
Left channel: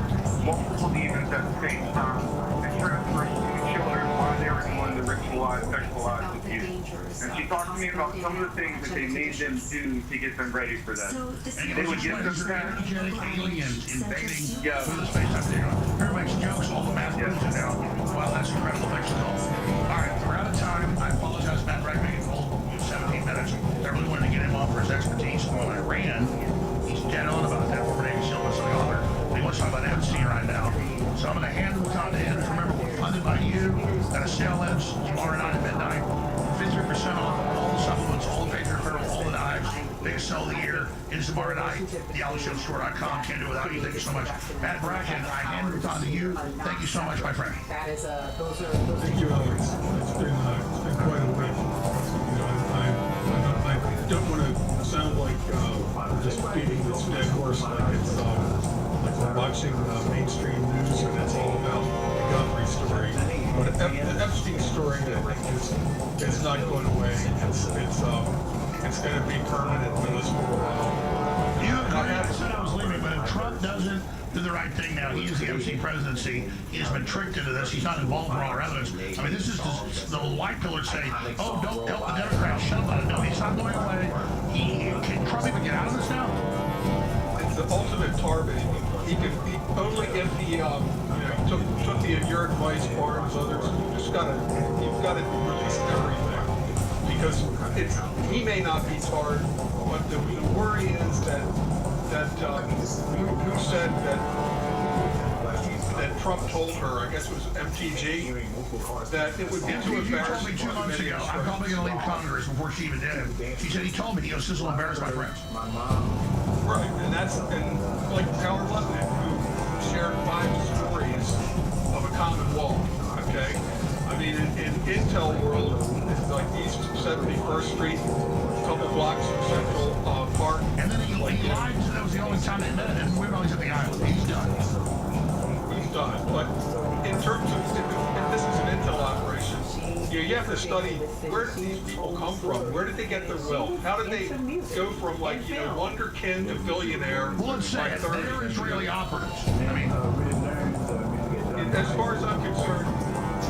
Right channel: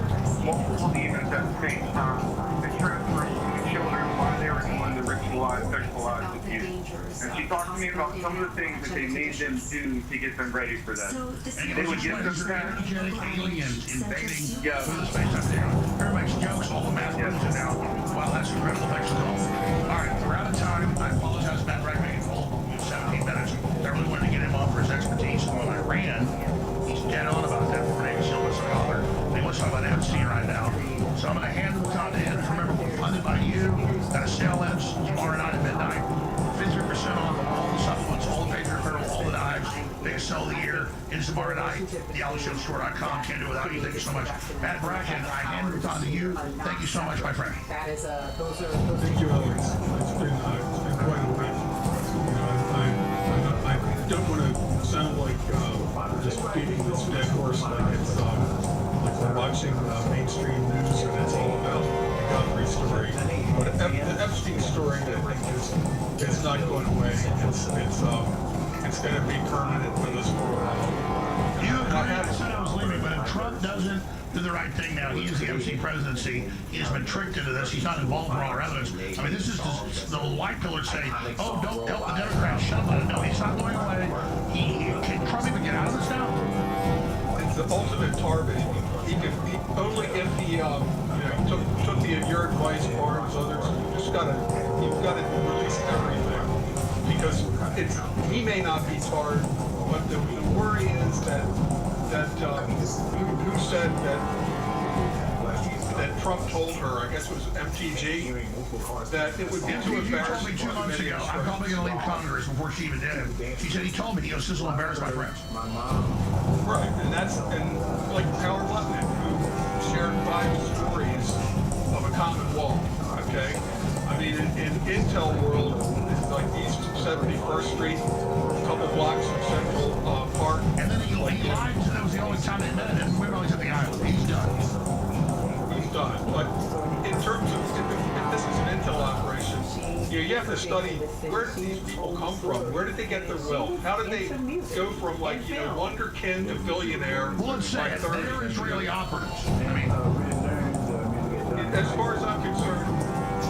multiple demons at the same time and transfer children while they were doing the ritualized, sexualized abuse. And she talked to me about some of the things that they made them do to get them ready for that. And They would get them energetic aliens invading through the space-time continuum. Everybody makes jokes, all the math proves it now. Wow, that's incredible. Thanks for calling. All right, we're out of time. I apologize, Matt Rackman. 17 minutes. I really wanted to get him on for his expertise on Iran. He's dead on about that. Former Navy SEAL, listening author. He wants to talk about Epstein right now. So I'm going to hand the baton to him. Remember, we're funded by you. Got a sale ends tomorrow night at midnight. 53% off of all the supplements, all the Patriot Apparel, all the knives. Biggest sell of the year. It's tomorrow night. TheAlleyShowStore.com. Can't do it without you. Thank you so much. Matt Bracken, I hand the baton to you. Thank you so much, my friend. Thank you, Alex. It's been quite a week. You know, I don't want to sound like we're just beating this dead horse like it's like we're watching mainstream news and it's all about the Guthrie story. But the Epstein story, I think, is not going away. It's going to be permanent with us for a while. You agree? I said I was leaving, but if Trump doesn't do the right thing now, he is the MC presidency. He has been tricked into this. He's not involved in all our evidence. I mean, this is the white pillars say, oh, don't help the Democrats. Shut up. No, he's not going away. Can Trump even get out of this now? It's the ultimate target. He only if he took your advice, Barnes, others. You've got to release everything because he may not be tarred, but the worry is that who said that Trump told her, I guess it was MTG, that it would be too embarrassing. He told me 2 months ago, I'm probably going to leave Congress before she even did it. He said he told me, he goes, this will embarrass my friends. Right, and like Howard Lutnick, who shared 5 stories of a common wall, okay? I mean, in Intel world, it's like East 71st Street, a couple blocks from Central Park. And then he lied, so that was the only time they met, and we're always at the island. He's done. He's done. But in terms of, if this is an Intel operation, you have to study where did these people come from? Where did they get their wealth? How did they go from wonderkin to billionaire? Well, let's say they're Israeli operatives. I mean, as far as I'm concerned,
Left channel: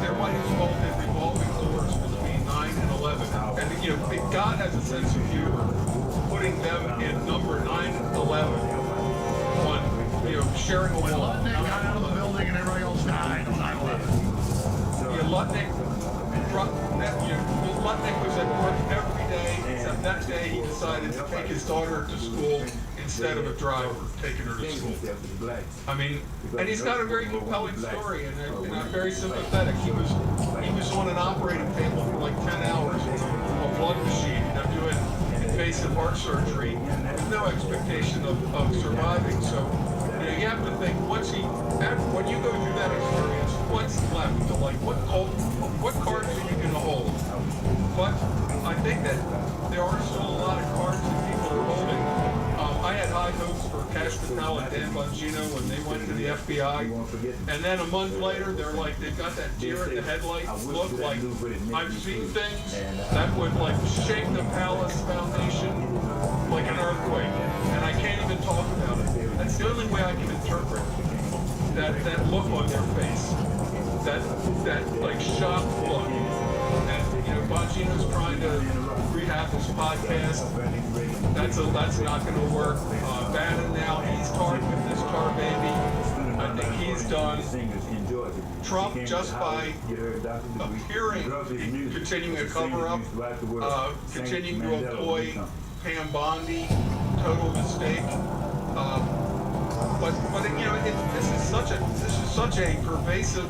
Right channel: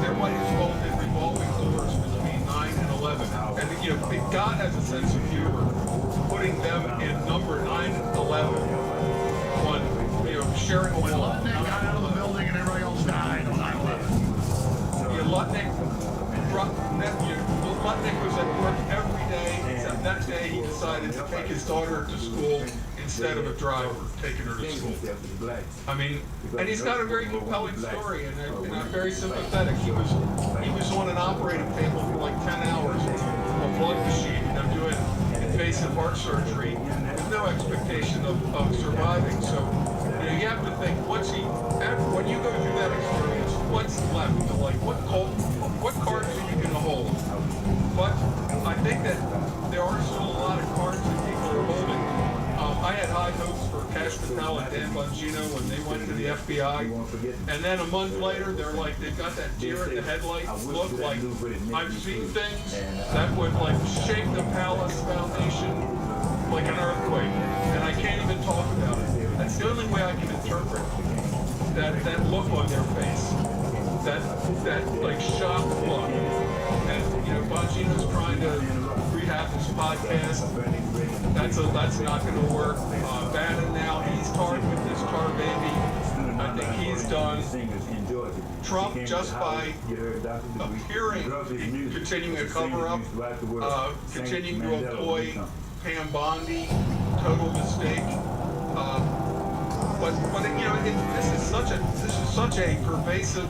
there might as well have been revolving doors between 9 and 11. And God has a sense of humor, putting them in number 9 and 11 on sharing a wall. When Lutnick got out of the building and everybody else died on 9/11. Lutnick was at work every day, except that day he decided to take his daughter to school instead of a driver taking her to school. I mean, and he's got a very compelling story, and I'm very sympathetic. He was on an operating table for like 10 hours with a blood machine, doing invasive heart surgery with no expectation of surviving. So you have to think, when you go through that experience, what's left? What cards are you going to hold? But I think that there are still a lot of cards that people are holding. I had high hopes for Cash Patel and Dan Bongino when they went to the FBI, and then a month later, they've got that deer in the headlight look like I've seen things that would shake the palace foundation like an earthquake, and I can't even talk about it. That's the only way I can interpret that look on their face, that shocked look. And Bongino's trying to rehab his podcast. That's not going to work. Bannon now, he's tarred with this tar baby. I think he's done. Trump, just by appearing, continuing a cover-up, continuing to employ Pam Bondi, total mistake. But this is such a pervasive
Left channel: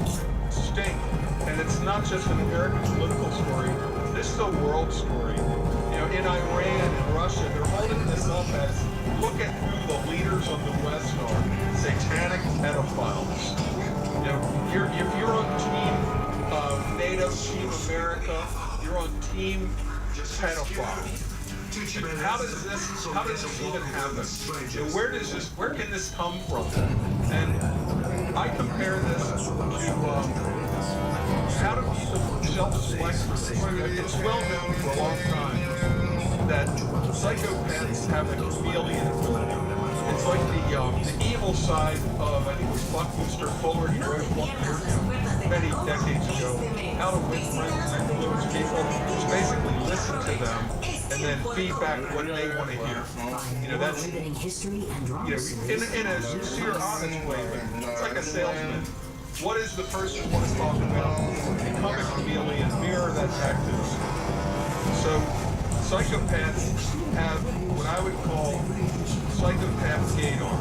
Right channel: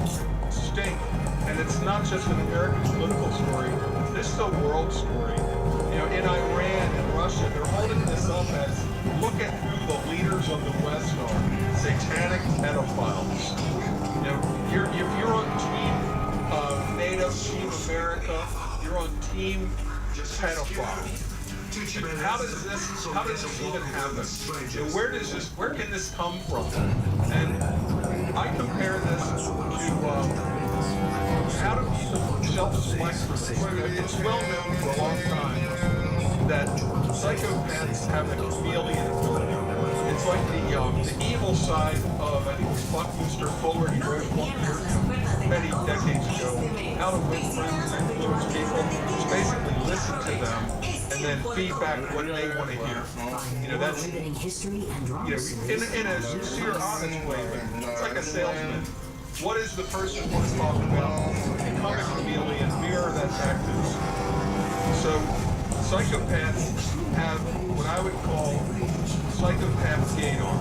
stink, and it's not just an American political story. This is a world story. In Iran and Russia, they're holding this up as, look at who the leaders of the West are, satanic pedophiles. If you're on Team NATO, Team America, you're on team pedophile. How does this even happen? You know, where can this come from? And I compare this to how do people self-select for this? It's well known for a long time that psychopaths have a chameleon ability. It's like the evil side of, I think it was Buckminster Fuller, he wrote a book many decades ago, How to Win Friends and Influence People. It's basically listen to them and then feedback what they want to hear. You know, that's, you know, in a sincere, honest way, but it's like a salesman. What is the person want to talk about? Become a chameleon, mirror that back to them. So, psychopaths have what I would call psychopath gaydar.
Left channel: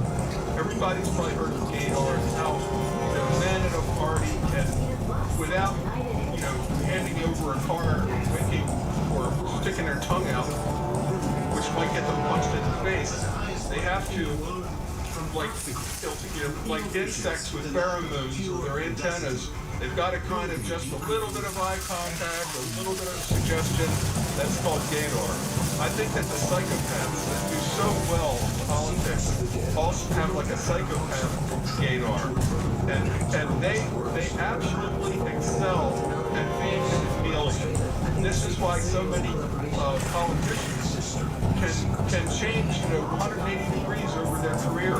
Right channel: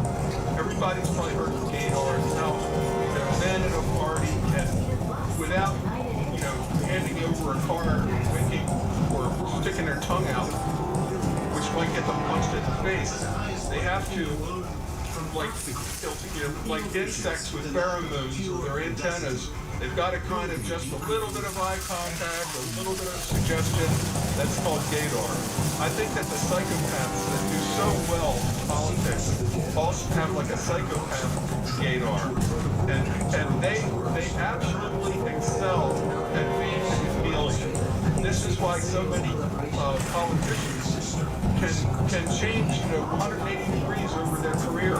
Everybody's probably heard of gaydar and how, you know, men at a party can, without, you know, handing over a card or winking or sticking their tongue out, which might get them punched in the face, they have to, like, you know, like insects with pheromones or their antennas, they've got to kind of just a little bit of eye contact, a little bit of suggestion. That's called gaydar. I think that the psychopaths that do so well in politics also have like a psychopath gaydar. And they absolutely excel at being a chameleon. This is why so many politicians can change, you know, 180 degrees over their career.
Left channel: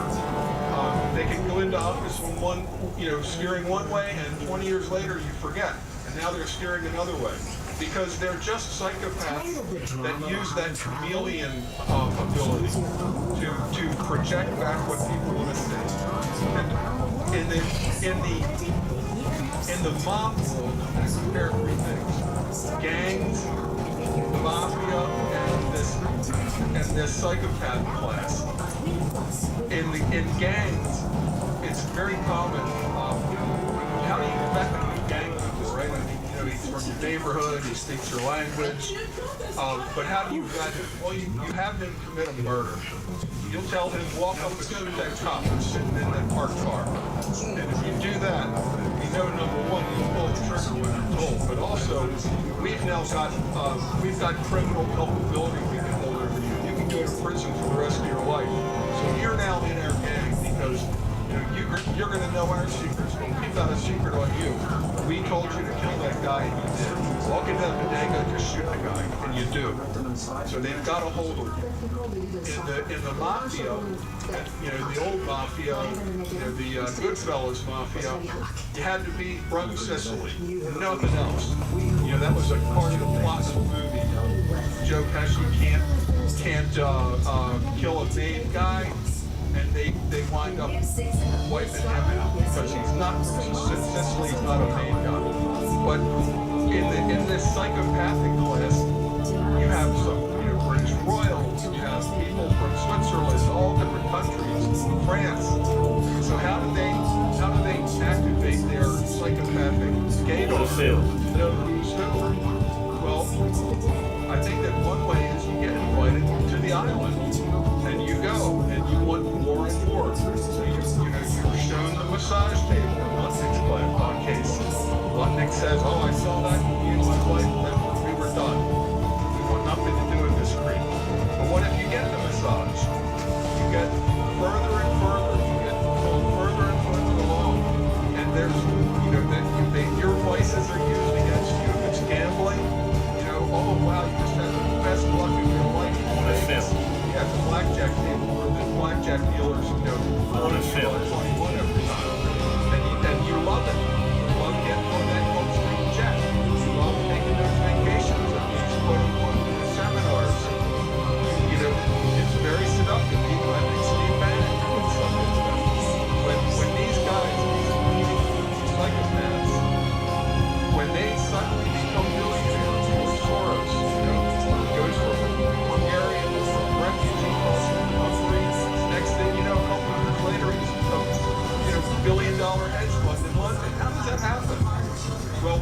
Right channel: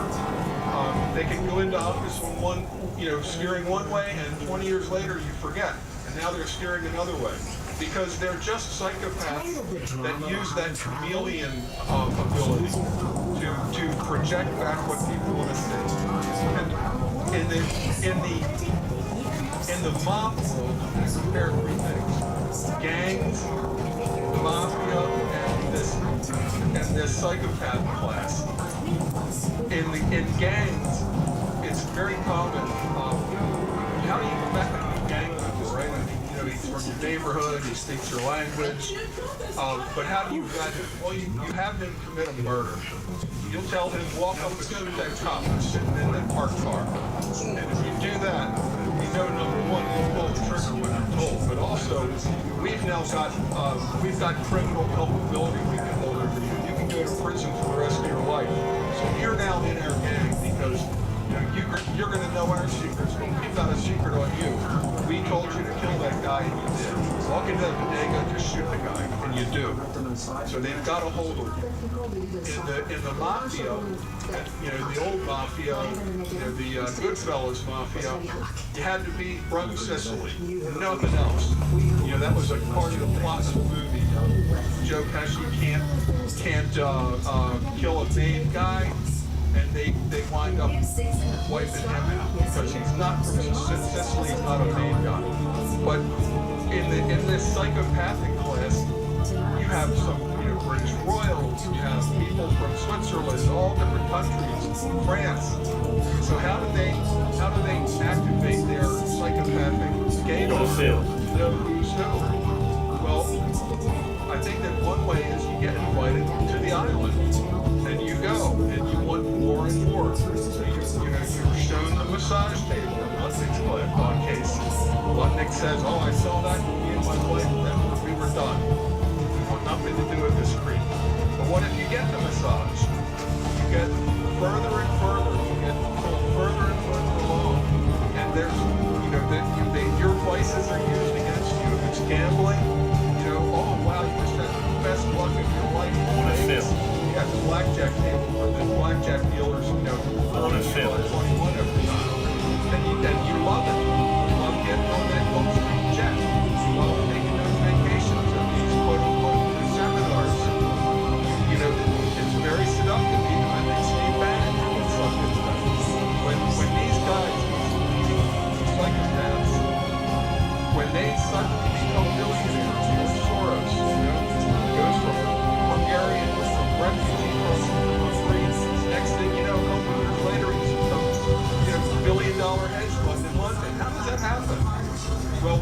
They can go into office with one, you know, steering one way, and 20 years later you forget, and now they're steering another way. Because they're just psychopaths that use that chameleon ability to project back what people want to see. And in the mob world, I compare three things: gangs, the mafia, and this psychopath class. In gangs, it's very common. How do you met a gang member, right? I mean, you know, he's from your neighborhood, he speaks your language. But how do you vet him? Well, you have him commit a murder. You'll tell him, walk up and shoot that cop who's sitting in that parked car. And if you do that, you know, number one, you'll pull the trigger when you're told. But also, we've now got criminal culpability we can hold over you. You can go to prison for the rest of your life. So you're now in our gang because, you know, you're going to know our secrets, but we've got a secret on you. We told you to kill that guy, and you did. Walk into that bodega, just shoot the guy, and you do. So they've got a hold of you. In the mafia, you know, the old mafia, you know, the Goodfellas mafia, you had to be from Sicily, nothing else. You know, that was a part of the plot of the movie. Joe Pesci can't kill a main guy, and they wind up wiping him out because he's not from Sicily, he's not a main guy. But in this psychopathic class, you have some, you know, British royals, you have people from Switzerland, all different countries, France. So how do they activate their psychopathic gaydar? Know who's who? Well, I think that one way is you get invited to the island, and you go, and you want more and more. So you're shown the massage table in Lutnick's case. Lutnick says, "Oh, I saw that me and my wife, then we were done. We want nothing to do with this creep." But what if you get the massage? You get further and further. You get pulled further and further along, and there's, you know, your vices are used against you. If it's gambling, you know, oh wow, you just had the best luck of your life. Yeah, the blackjack table where the blackjack dealers, you know, $21 every time. And you love it. You love getting on that Gulfstream jet. You love taking those vacations at these quote-unquote seminars. You know, it's very seductive. Even I think Steve Bannon gets sucked into that. When these guys, these leading psychopaths, when they suddenly become billionaires, George Soros, you know, goes from Hungarian, from refugee crossing to Hungary. Next thing you know, a couple of years later, he's a, you know, billion-dollar hedge fund in London. How does that happen? Well,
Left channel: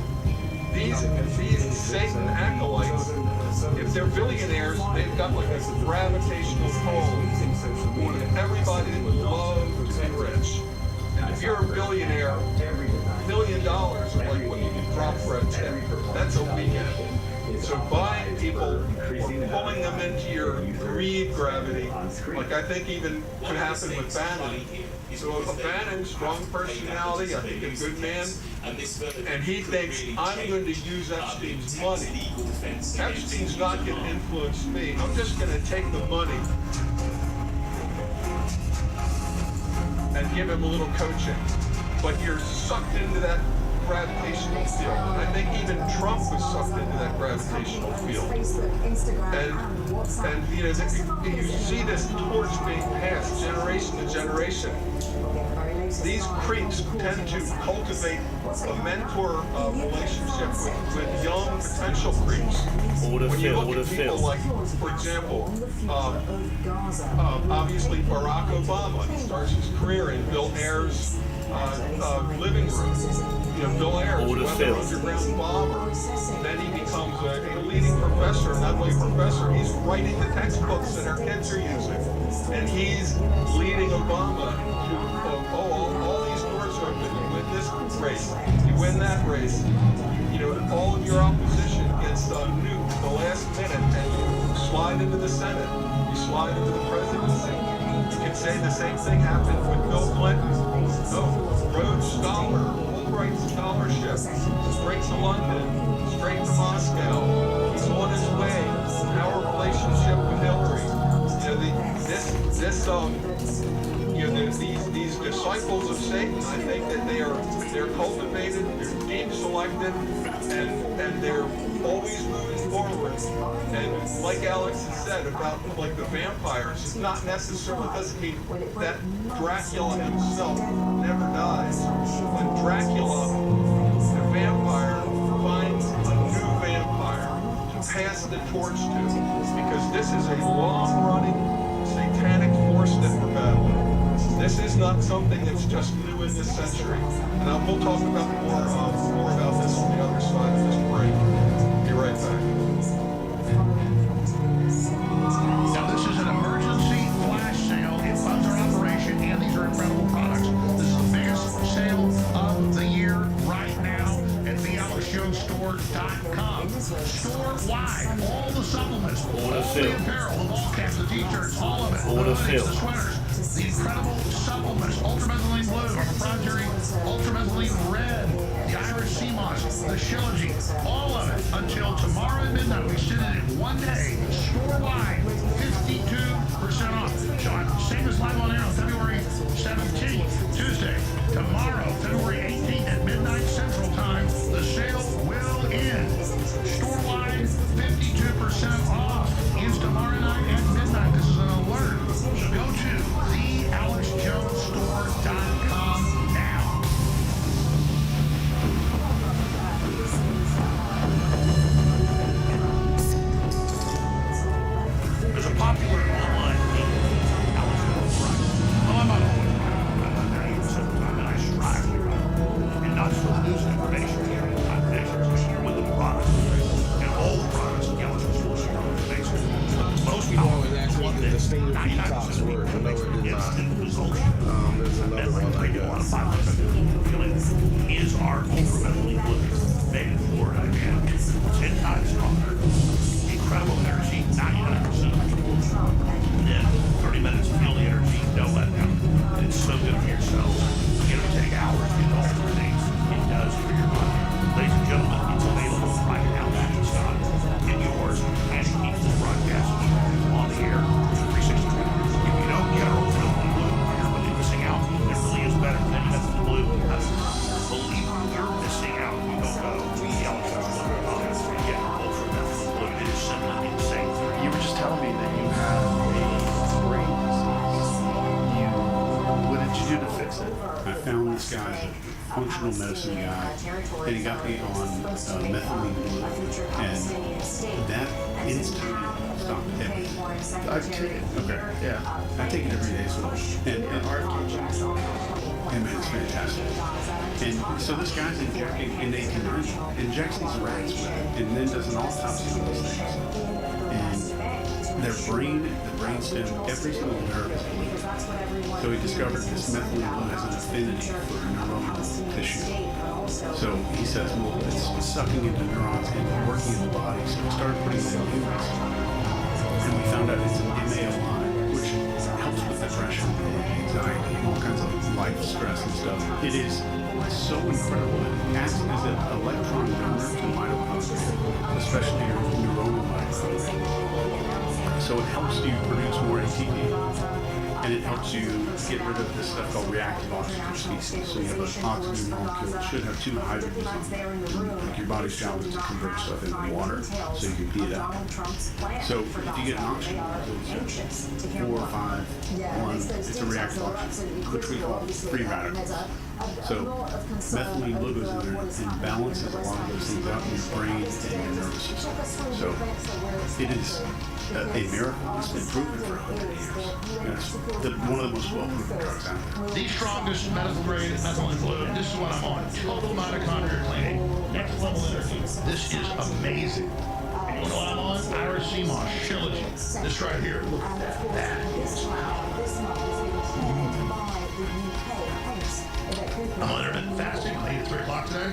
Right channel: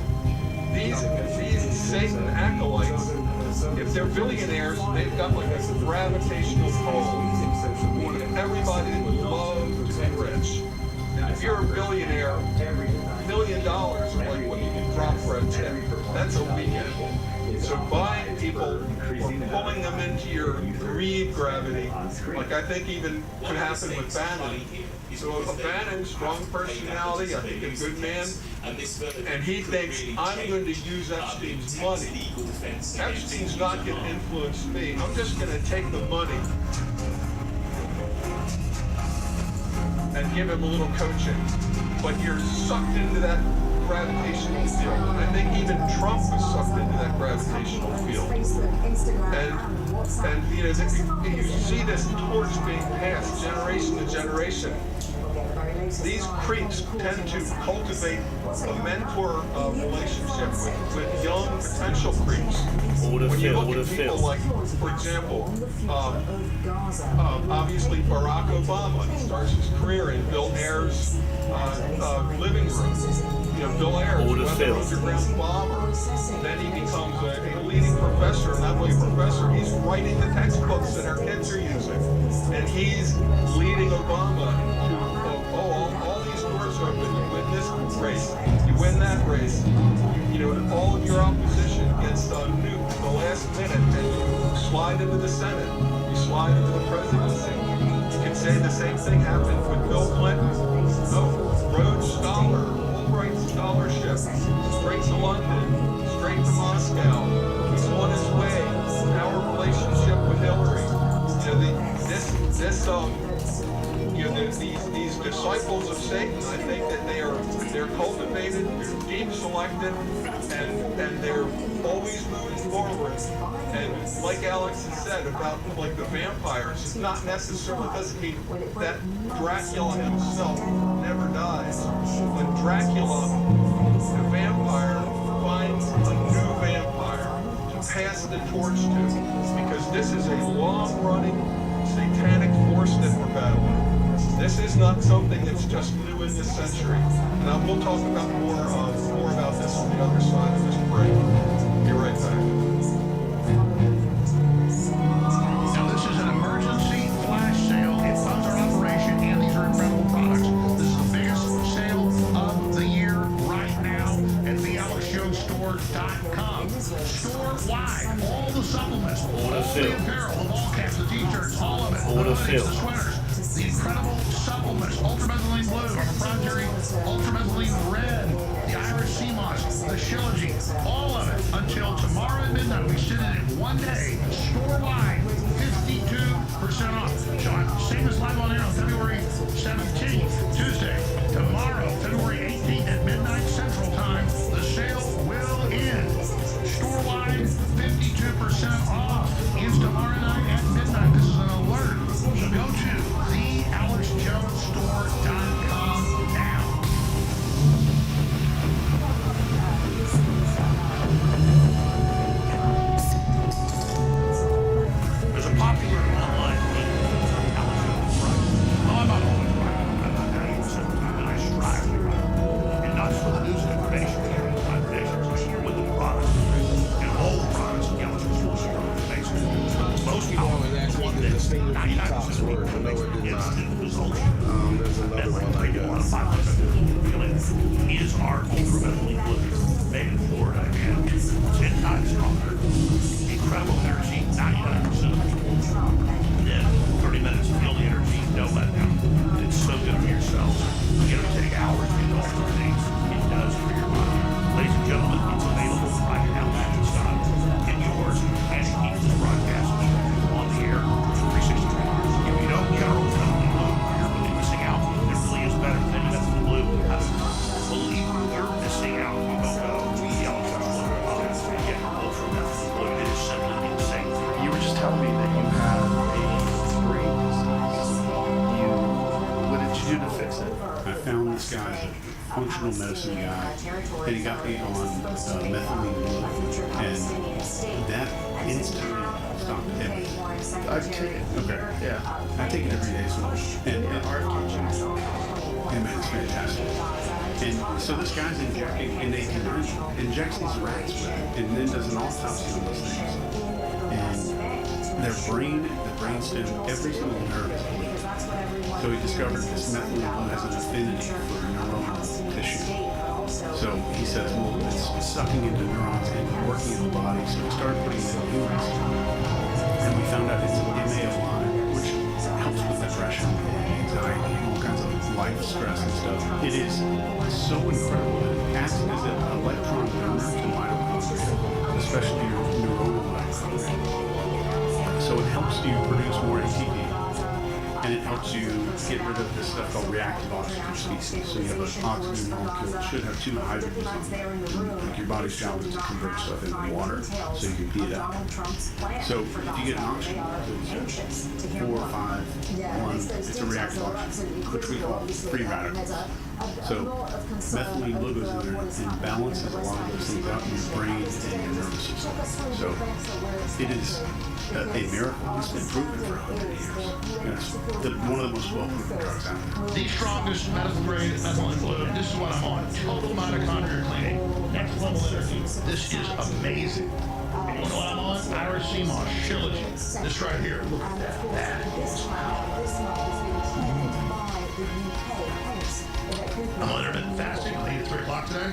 these Satan acolytes, if they're billionaires, they've got like a gravitational pull on everybody that would love to be rich. And if you're a billionaire, $1 million are like what you can drop for a tip. That's a weekend. So buying people or pulling them into your greed gravity, like I think even could happen with Bannon. So a Bannon, strong personality, I think a good man, and he thinks, I'm going to use Epstein's money. Epstein's not going to influence me. I'm just going to take the money and give him a little coaching. But you're sucked into that gravitational field. And I think even Trump was sucked into that gravitational field. And you know, you see this torch being passed generation to generation. These creeps tend to cultivate a mentor relationship with young potential creeps. When you look at people like, for example, obviously Barack Obama, he starts his career in Bill Ayers' living room. You know, Bill Ayers, weather underground bomber. Then he becomes a leading professor, not only a professor, he's writing the textbooks that our kids are using. And he's leading Obama to, all these doors open. You win this race, you win that race. You know, all of your opposition gets nuked the last minute, and you slide into the Senate, you slide into the presidency. You can say the same thing happened with Bill Clinton. Rhodes Scholar, Fulbright Scholarship, straight to London, straight to Moscow. He's on his way. Our relationship with Hillary. You know, these disciples of Satan, I think that they're cultivated, they're deemed selected, and they're always moving forward. And like Alex has said about like the vampires, it's not necessarily, it doesn't mean that Dracula himself never dies. When Dracula, the vampire, finds a new vampire to pass the torch to, because this is a long-running satanic force that we're battling. This is not something that's just new in this century. And we'll talk about more about this on the other side of this break. Be right back. Now this is an emergency flash sale. It funds our operation, and these are incredible products. This is the biggest sale of the year right now at thealexjonesstore.com. Store-wide, all the supplements, all the apparel, the wall caps, the t-shirts, all of it, the hoodies, the sweaters, the incredible supplements, ultramethylene blue, proprietary ultramethylene red, the Irish sea moss, the shilajit, all of it until tomorrow at midnight. We send it in one day, store-wide, 52% off. So I'm saying this live on air on February 17th, Tuesday. Tomorrow, February 18th at midnight Central Time, the sale will end. Store-wide, 52% off. Ends tomorrow night at midnight. This is an alert. So go to thealexjonesstore.com now. There's a popular online meme, Alex Jones right. Oh, I'm not always right. I strive to be right. And not just for the news and information, not predictions, with the products. And all the products in Alex Jones are basically most powerful. One that 99% word, no, it did not. There's another one I guess. Is our ultramethylene blue, made in Florida, and 10 times stronger. Incredible energy, 99%. Then 30 minutes of feel the energy, no letdown. And it's so good for your cells. It'll take hours to do all the things it does for your body. Ladies and gentlemen, it's available right now, Amazon, in yours, and it keeps the broadcast on the air for 360 degrees. If you don't get our ultramethylene blue, you're really missing out. It really is better than ultramethylene blue. I believe you're missing out. You don't go to the Alex Jones and get your ultramethylene blue. It is simply insane. You were just telling me that you had a brain disease. What did you do to fix it? I found this guy, a functional medicine guy, and he got me on methylene blue, and that instantly stopped everything. I take it. Okay. Yeah. I take it every day, so and man, it's fantastic. And so this guy's injecting, and they can injects these rats with it, and then does an autopsy on these things. And their brain, the brainstem, every single nerve is bleeding. So he discovered this methylene blue has an affinity for neuronal tissue. So he says, well, it's sucking into neurons and working in the body. So we started putting it in humans. And we found out it's an MAOI, which helps with depression and anxiety and all kinds of life stress and stuff. It is so incredible that it acts as an electron donor to mitochondria, especially your neuronal mitochondria. So it helps you produce more ATP. And it helps you get rid of this stuff called reactive oxygen species. So you have an oxygen molecule that should have two hydrogens on it. Like your body's job is to convert stuff into water so you can pee it out. So if you get an oxygen molecule, 4 or 5, 1, it's a reactive oxygen, which we call free radicals. So methylene blue goes in there and balances a lot of those things out in your brain and your nervous system. So it is a miracle. It's been proven for 100 years. It's one of the most well-proven drugs out there. The strongest medical grade methylene blue. This is what I'm on. Total mitochondria cleaning. Next level energy. This is amazing. And you know what I'm on? Iracema, Shilajit. This right here. Look at that. That is I'm on intermittent fasting. I ate at 3 o'clock today.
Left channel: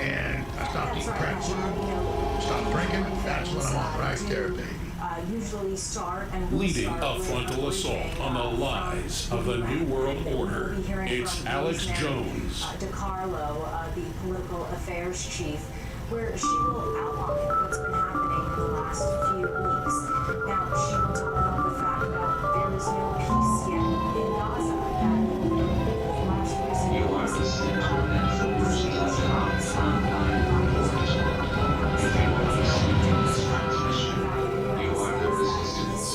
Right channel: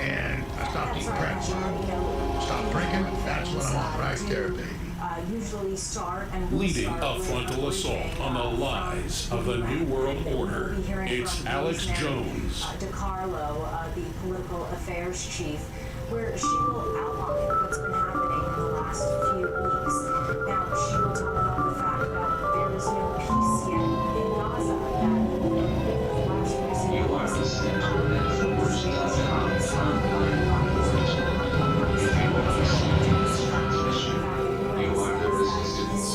And I stopped eating crap food. Stopped drinking. That's what I'm on right there, baby. Leading a frontal assault on the lies of the New World Order, it's Alex Jones. DiCarlo, the political affairs chief, where she will outline what's been happening in the last few weeks. Now, she will talk about the fact that there is no peace yet in Gaza, that last recent... You are listening to an Infowars.com online report. If you are listening to this transmission, you are the resistance.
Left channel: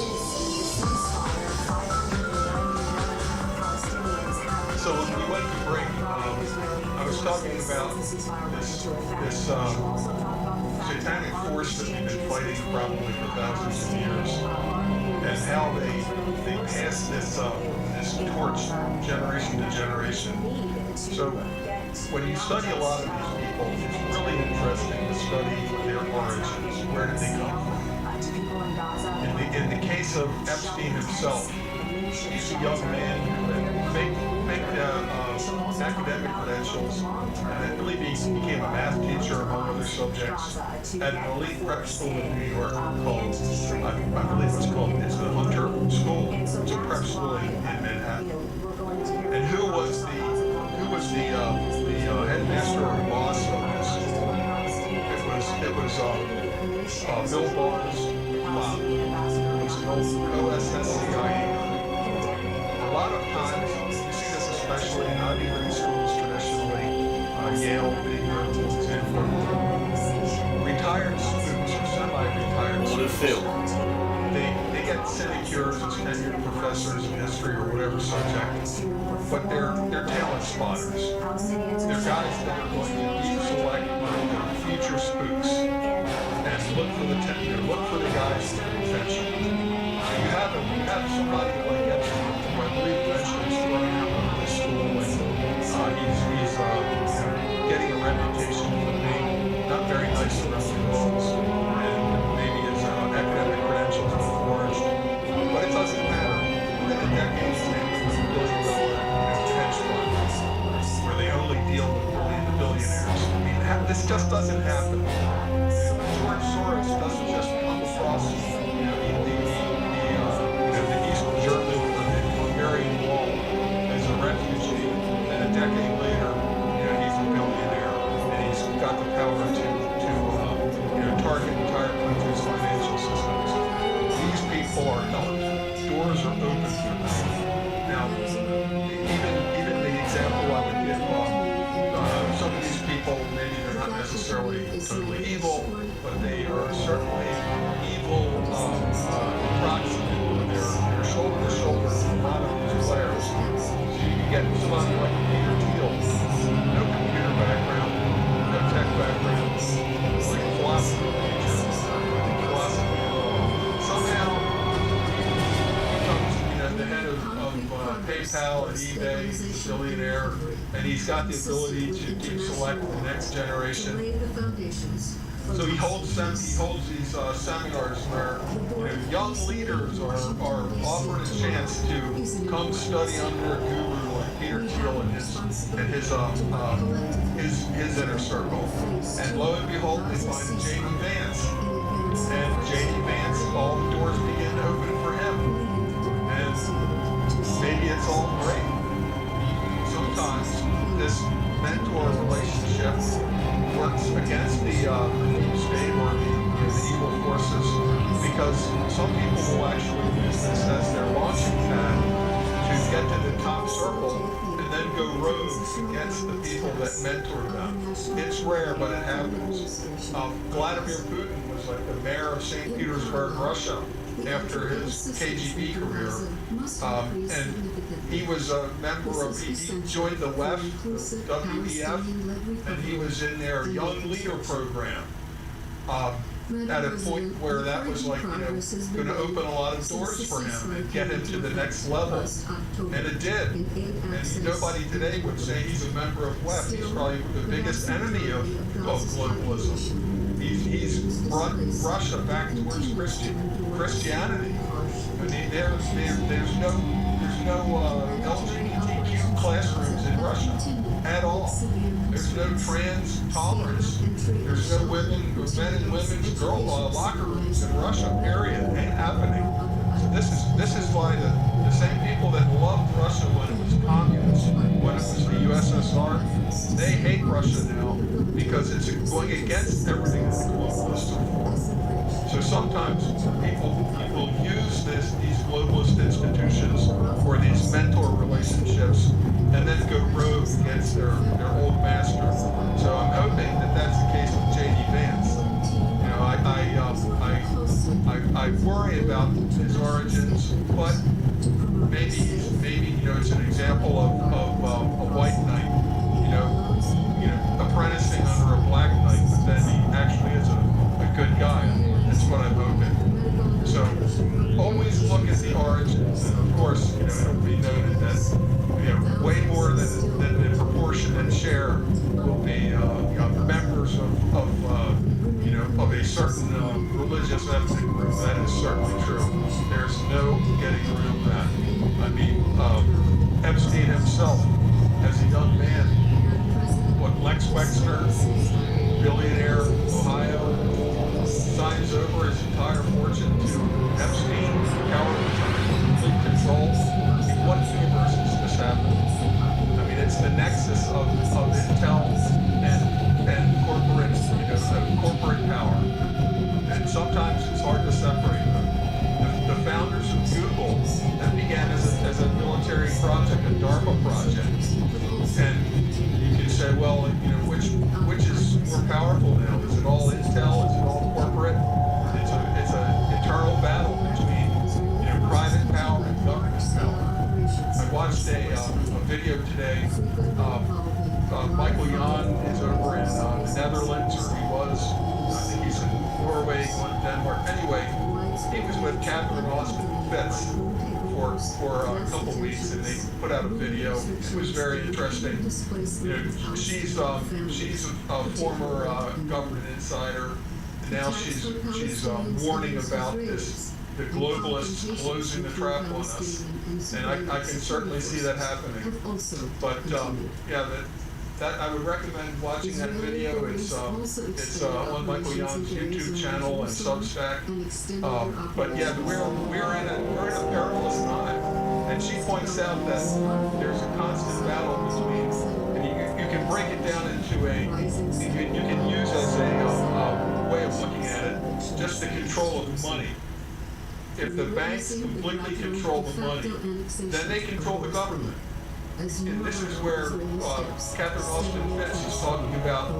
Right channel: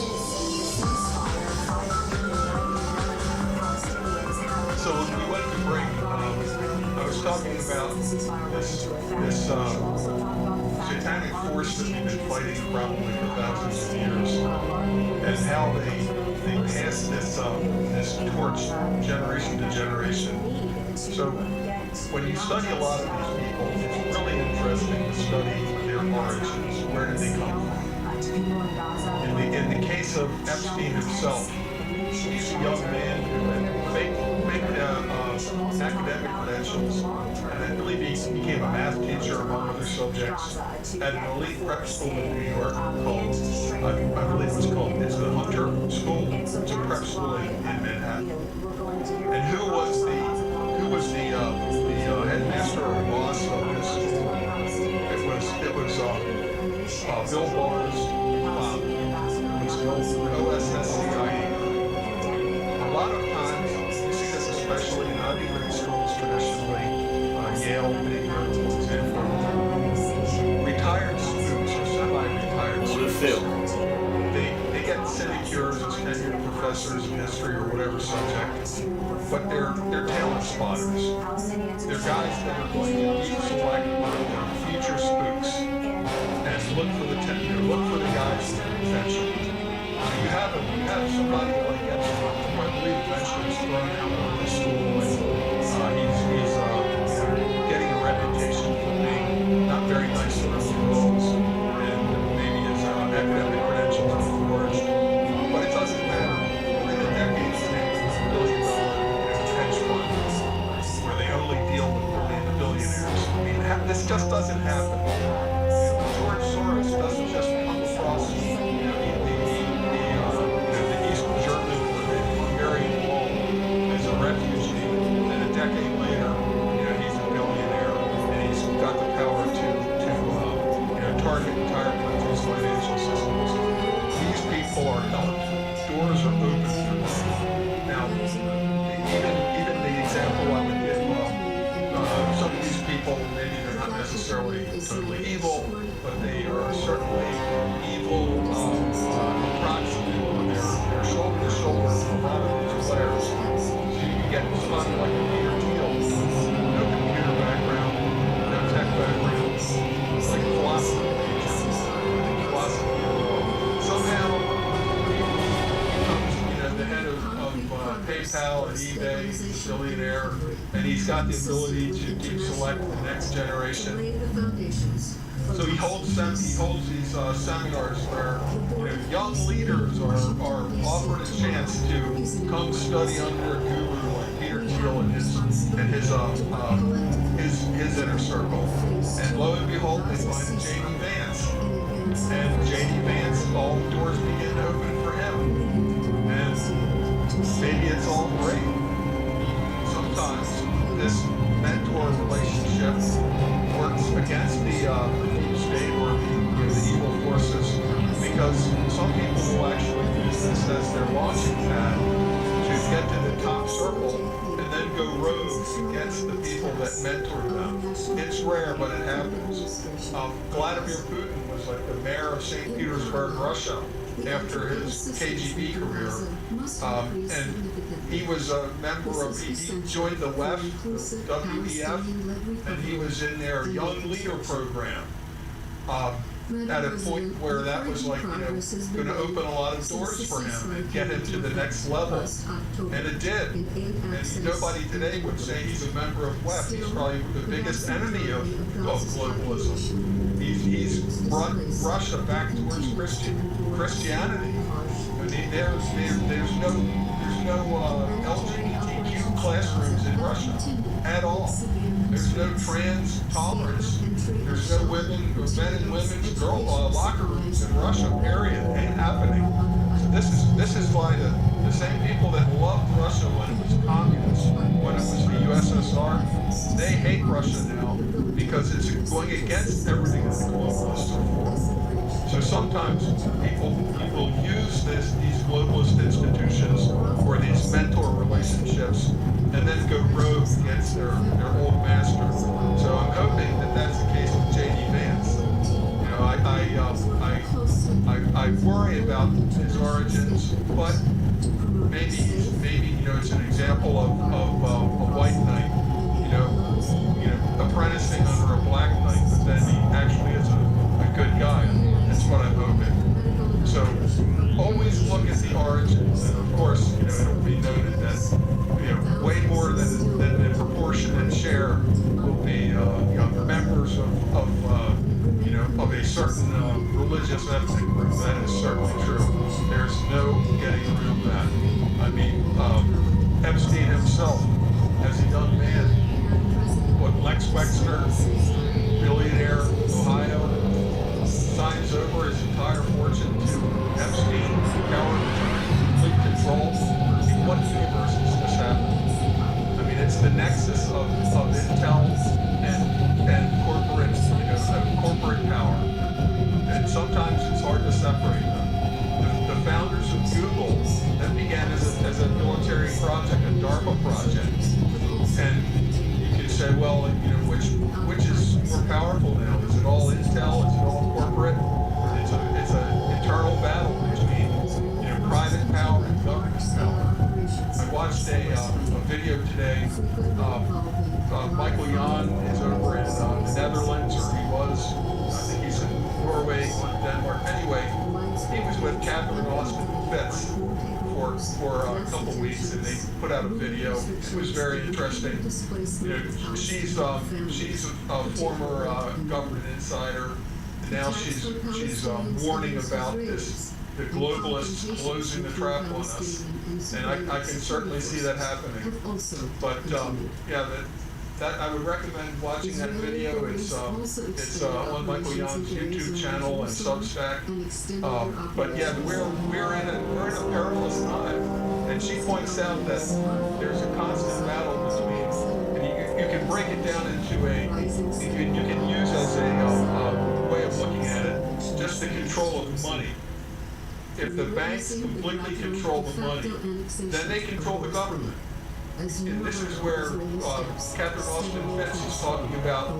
So when we went to break, I was talking about this satanic force that we've been fighting probably for thousands of years, and how they pass this torch generation to generation. So when you study a lot of these people, it's really interesting to study their origins. Where did they come from? In the case of Epstein himself, he's a young man who had fake academic credentials, and I believe he became a math teacher among other subjects at an elite prep school in New York called, I believe it's the Hunter School. It's a prep school in Manhattan. And who was the headmaster or boss of this school? It was Bill Barr's father. It was the old co-SSCIA. A lot of times, you see this especially in Ivy League schools traditionally, Yale being a notable example. Retired students or semi-retired students, they get sinecures as tenured professors of history or whatever subject, but they're talent spotters. They're guys that are going to deep select their future spooks and look for the guys with potential. So you have somebody like Epstein, who I believe eventually was thrown out of the school, and he's getting a reputation for being not very nice around the girls, and maybe his academic credentials are forged. But it doesn't matter. Within a decade, he's made $1 billion hedge fund, where they only deal with billionaires. I mean, this just doesn't happen. George Soros doesn't just come across the East German or the Hungarian Wall as a refugee, and a decade later, he's a billionaire, and he's got the power to target entire countries' financial systems. These people are helped. Doors are open for them. Now, even the example I would give, some of these people, maybe they're not necessarily totally evil, but they are certainly evil approximate, or they're shoulder to shoulder with a lot of these players. So you get somebody like Peter Thiel, no computer background, no tech background, like a philosophy major, I think philosophy at all. Somehow he becomes the head of PayPal and eBay, he's a billionaire, and he's got the ability to select the next generation. So he holds these seminars where young leaders are offered a chance to come study under a guru like Peter Thiel and his inner circle. And lo and behold, they find J.D. Vance. And J.D. Vance, all the doors begin to open for him. And maybe it's all great. Sometimes this mentor relationship works against the deep state or the evil forces, because some people will actually use this as their launching pad to get to the top circle and then go rogue against the people that mentor them. It's rare, but it happens. Vladimir Putin was like the mayor of St. Petersburg, Russia, after his KGB career. And he was a member of, he joined the WEF, the WEF, and he was in their Young Leader program. At a point where that was like, going to open a lot of doors for him and get him to the next level. And it did. And nobody today would say he's a member of WEF. He's probably the biggest enemy of globalism. He's brought Russia back towards Christianity. I mean, there's no LGBTQ classrooms in Russia at all. There's no trans tolerance. There's no men and women's locker rooms in Russia. Period. Ain't happening. So this is why the same people that loved Russia when it was communist, when it was the USSR, they hate Russia now because it's going against everything that the globalists are for. So sometimes people use these globalist institutions or these mentor relationships and then go rogue against their old master. So I'm hoping that that's the case with J.D. Vance. I worry about his origins, but maybe it's an example of a white knight, apprenticing under a black knight, but then he actually is a good guy. That's what I'm hoping. So always look at the origins, and of course, it'll be noted that way more than the proportionate share will be members of a certain religious ethnic group. That is certainly true. There's no getting around that. I mean, Epstein himself, as a young man, Lex Wexner, billionaire, Ohio, signs over his entire fortune to Epstein, power of attorney, complete control. In what universe is this happening? I mean, it's the nexus of intel and corporate power. And sometimes it's hard to separate them. The founders of Google, that began as a military project, a DARPA project. And you can say, well, which is more powerful now? Is it all intel? Is it all corporate? It's an eternal battle between private power and government power. I watched a video today. Michael Jan is over in the Netherlands, or he was. I think he's in Norway, Denmark. Anyway, he was with Catherine Austin Fitz for a couple weeks, and they put out a video. It was very interesting. She's a former government insider, and now she's warning about the globalists closing the trap on us, and I can certainly see that happening. But that I would recommend watching that video. It's on Michael Jan's YouTube channel and Substack. But yeah, we're in a perilous time, and she points out that there's a constant battle between, and you can break it down into you can use as a way of looking at it, just the control of money. If the banks completely control the money, then they control the government. And this is where Catherine Austin Fitz is talking about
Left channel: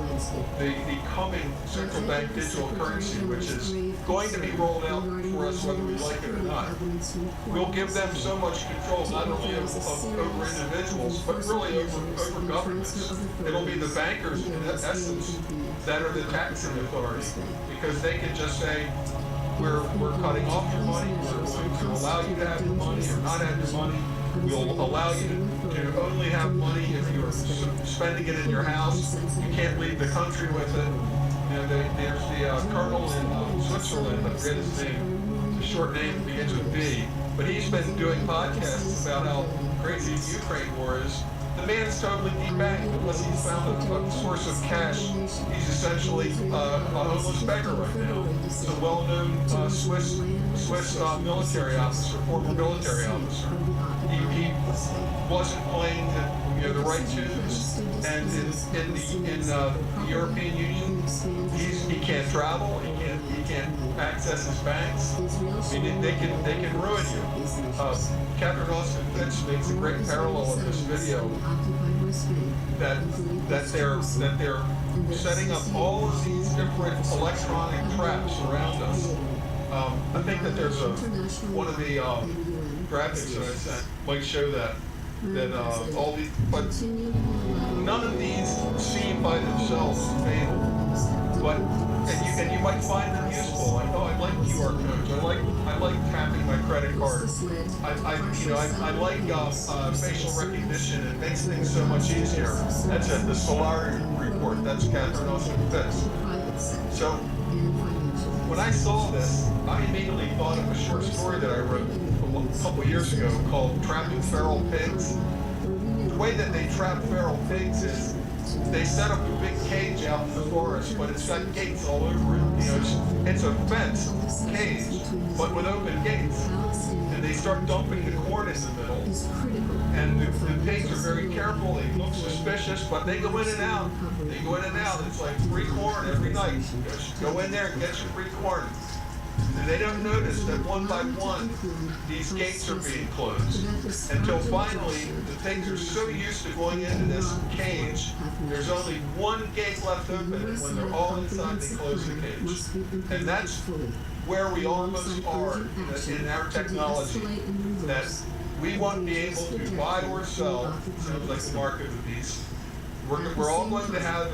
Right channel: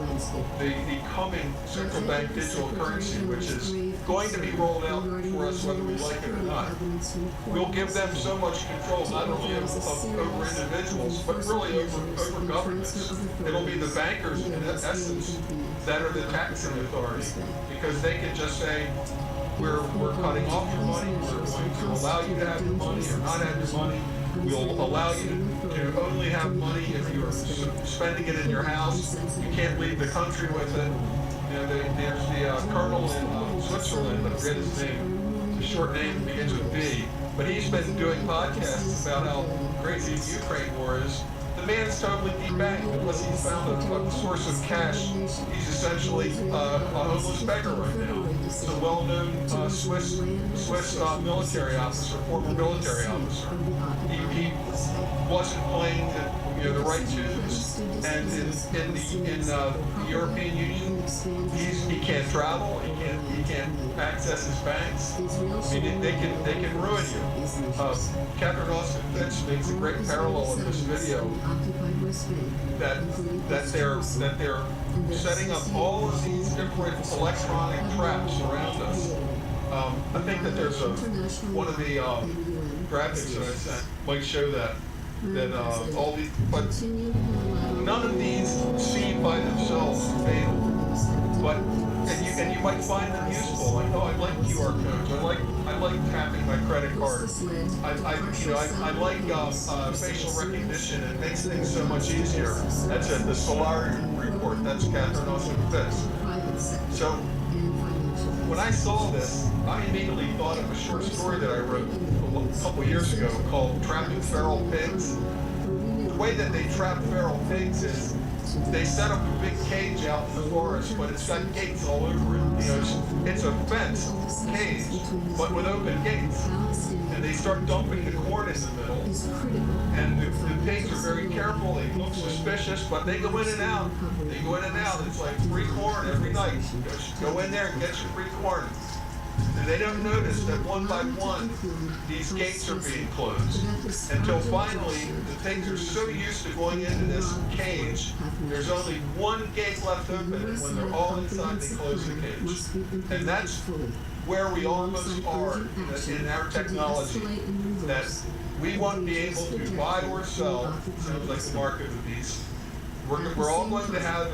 the coming central bank digital currency, which is going to be rolled out for us whether we like it or not. We'll give them so much control, not only over individuals, but really over governments. It'll be the bankers, in essence, that are the taxing authority, because they can just say, we're cutting off your money, we're going to allow you to have your money or not have your money. We'll allow you to only have money if you're spending it in your house. You can't leave the country with it. You know, there's the colonel in Switzerland, I forget his name. It's a short name, begins with B. But he's been doing podcasts about how crazy the Ukraine war is. The man's totally debanked unless he's found a source of cash. He's essentially a homeless beggar right now. He's a well-known Swiss military officer, former military officer. He wasn't playing the right tunes, and in the European Union, he can't travel. He can't access his banks. I mean, they can ruin you. Catherine Austin Fitch makes a great parallel in this video that they're setting up all of these different electronic traps around us. I think that there's one of the graphics that I sent might show that all these, but none of these seem by themselves fatal. But and you might find them useful. Like, oh, I like QR codes. I like tapping my credit card. I like facial recognition. It makes things so much easier. That's it. The Solari report. That's Catherine Austin Fitch. So when I saw this, I immediately thought of a short story that I wrote a couple years ago called "Trapping Feral Pigs." The way that they trap feral pigs is they set up a big cage out in the forest, but it's got gates all over it. You know, it's a fenced cage, but with open gates. And they start dumping the corn in the middle. And the pigs are very careful. They look suspicious, but they go in and out. They go in and out. It's like free corn every night. Go in there and get your free corn. And they don't notice that one by one, these gates are being closed. Until finally, the pigs are so used to going into this cage, there's only one gate left open, and when they're all inside, they close the cage. And that's where we almost are in our technology, that we won't be able to buy or sell. Sounds like the mark of the beast. We're all going to have an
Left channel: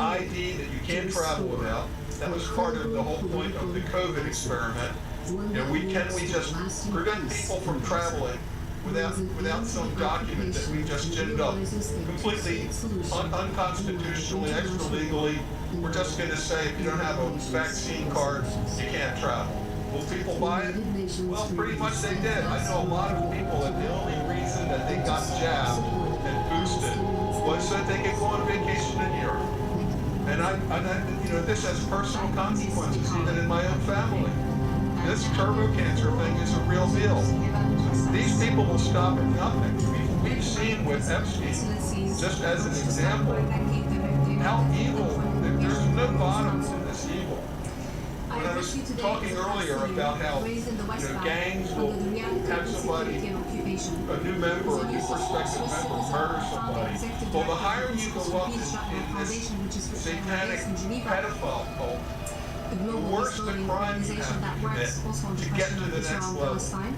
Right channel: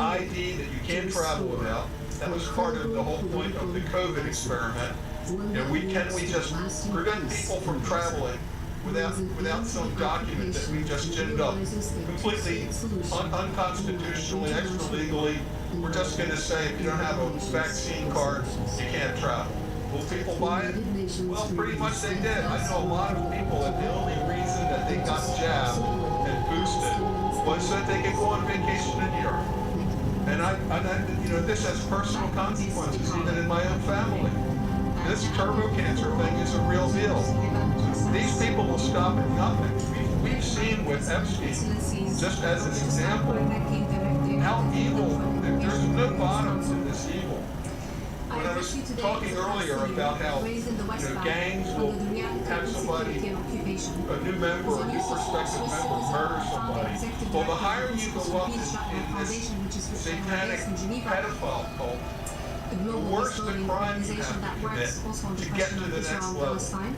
ID that you can't travel without. That was part of the whole point of the COVID experiment. You know, can we just prevent people from traveling without some document that we just ginned up completely unconstitutionally, extra legally? We're just going to say if you don't have a vaccine card, you can't travel. Will people buy it? Well, pretty much they did. I know a lot of people that the only reason that they got jabbed and boosted was so that they could go on vacation in Europe. And I, this has personal consequences, even in my own family. This turbo cancer thing is a real deal. These people will stop at nothing. We've seen with Epstein, just as an example, how evil, there's no bottom to this evil. When I was talking earlier about how gangs will have somebody, a new member, a new prospective member, murder somebody. Well, the higher you go up in this satanic pedophile cult, the worse the crime you have to commit to get to the next level.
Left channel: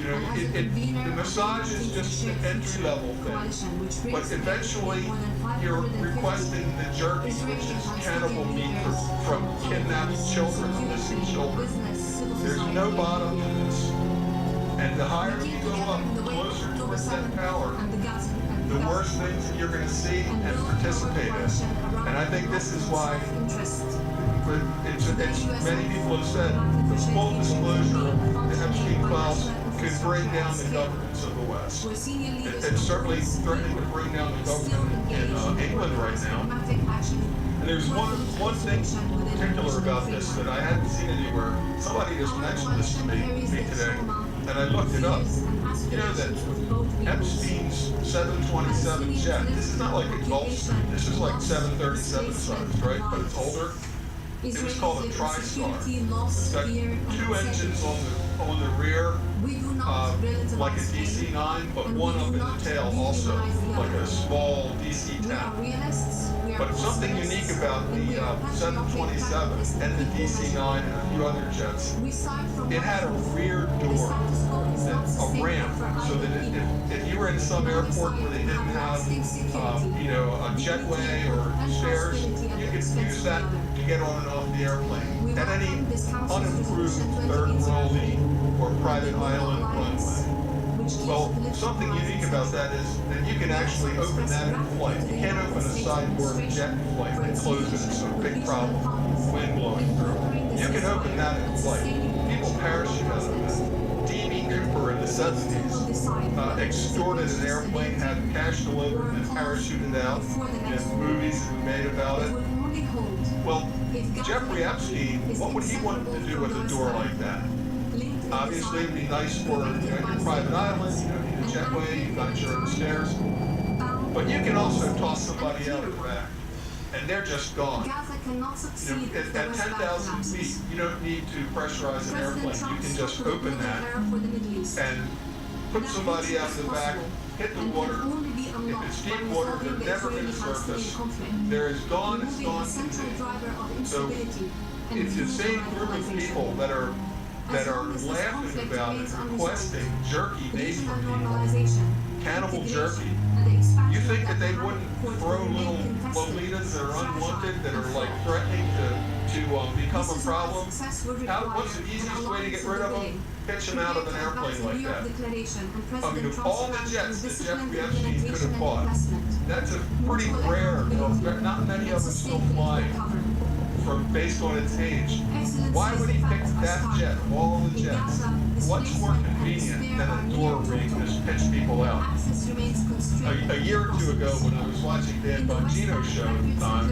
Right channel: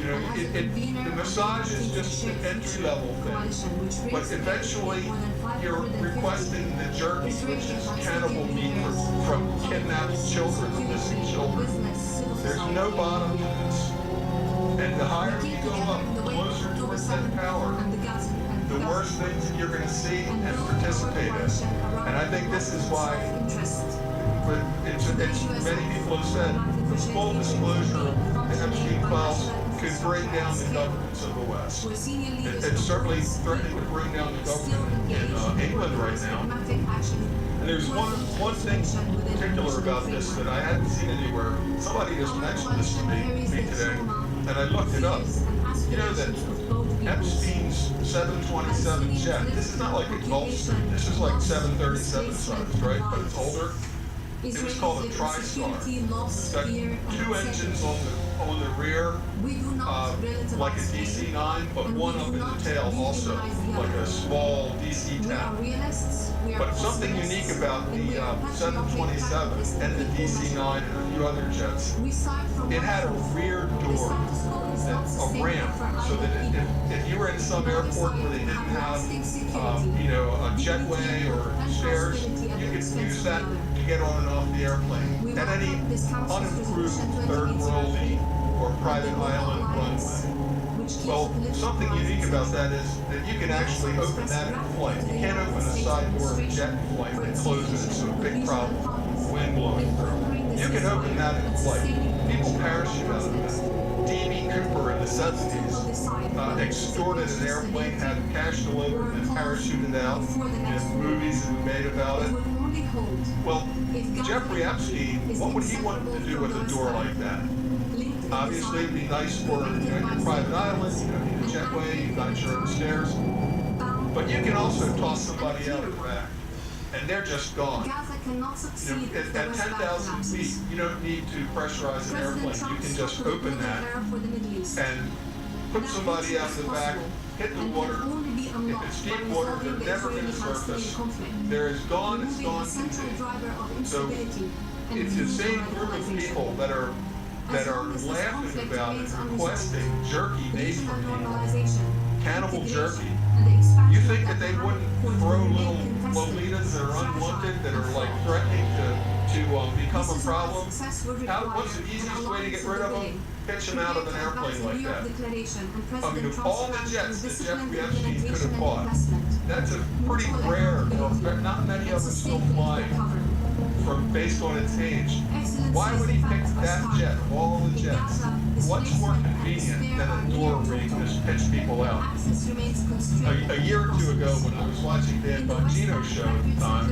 You know, the massage is just an entry-level thing, but eventually you're requesting the jerky, which is cannibal meat from kidnapped children, missing children. There's no bottom to this. And the higher you go up, the closer towards that power, the worse things that you're going to see and participate in. And I think this is why many people have said the full disclosure of the Epstein files could bring down the governments of the West. It's certainly threatening to bring down the government in England right now. And there's one thing in particular about this that I hadn't seen anywhere. Somebody just mentioned this to me today, and I looked it up. You know that Epstein's 727 jet, this is not like a Gulfstream, this is like 737 size, right? But it's older. It was called a TriStar. It's got two engines on the rear, like a DC-9, but one up in the tail also, like a small DC-10. But something unique about the 727 and the DC-9 and a few other jets, it had a rear door, a ramp, so that if you were in some airport where they didn't have, a jetway or stairs, you could use that to get on and off the airplane at any unimproved third world or private island runway. Well, something unique about that is that you can actually open that in flight. You can't open a side door of a jet in flight and close it. It's a big problem. Wind blowing through. You can open that in flight. People parachute out of that. D.B. Cooper in the 70s extorted an airplane, had cash delivered, and parachuted out. There's movies that were made about it. Well, Jeffrey Epstein, what would he want to do with a door like that? Obviously, it'd be nice for your private island. You don't need a jetway. You've got your own stairs. But you can also toss somebody out of the back, and they're just gone. At 10,000 feet, you don't need to pressurize an airplane. You can just open that and put somebody out of the back, hit the water. If it's deep water, they're never going to surface. They're as gone as gone can be. So it's the same group of people that are laughing about it, requesting jerky made from people, cannibal jerky. You think that they wouldn't throw little Lolitas that are unwanted, that are like threatening to become a problem? What's the easiest way to get rid of them? Pitch them out of an airplane like that. I mean, of all the jets that Jeffrey Epstein could have bought, that's a pretty rare, not many of them still flying. Based on its age. Why would he pick that jet of all the jets? What's more convenient than a door where you can just pitch people out? A year or two ago when I was watching Dan Bongino's show at the time,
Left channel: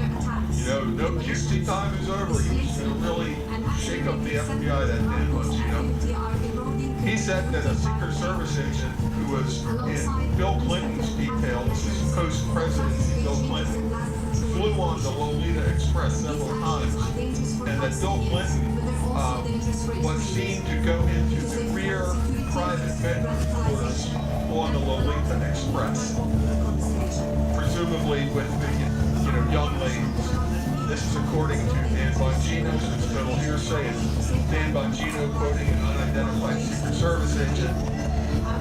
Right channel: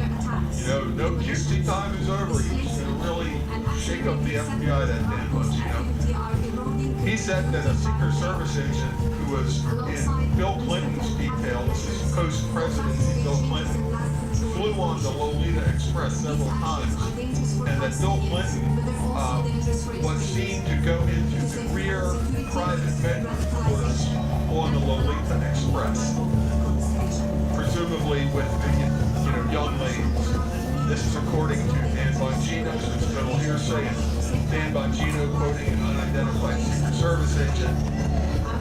no QC time is over. He was going to really shake up the FBI, that Dan Bongino. He said that a Secret Service agent who was in Bill Clinton's detail, this is post-presidency Bill Clinton, flew on the Lolita Express several times, and that Bill Clinton was seen to go into the rear private bedroom quarters on the Lolita Express, presumably with the young ladies. This is according to Dan Bongino, so it's a little hearsay, and Dan Bongino quoting an unidentified Secret Service agent.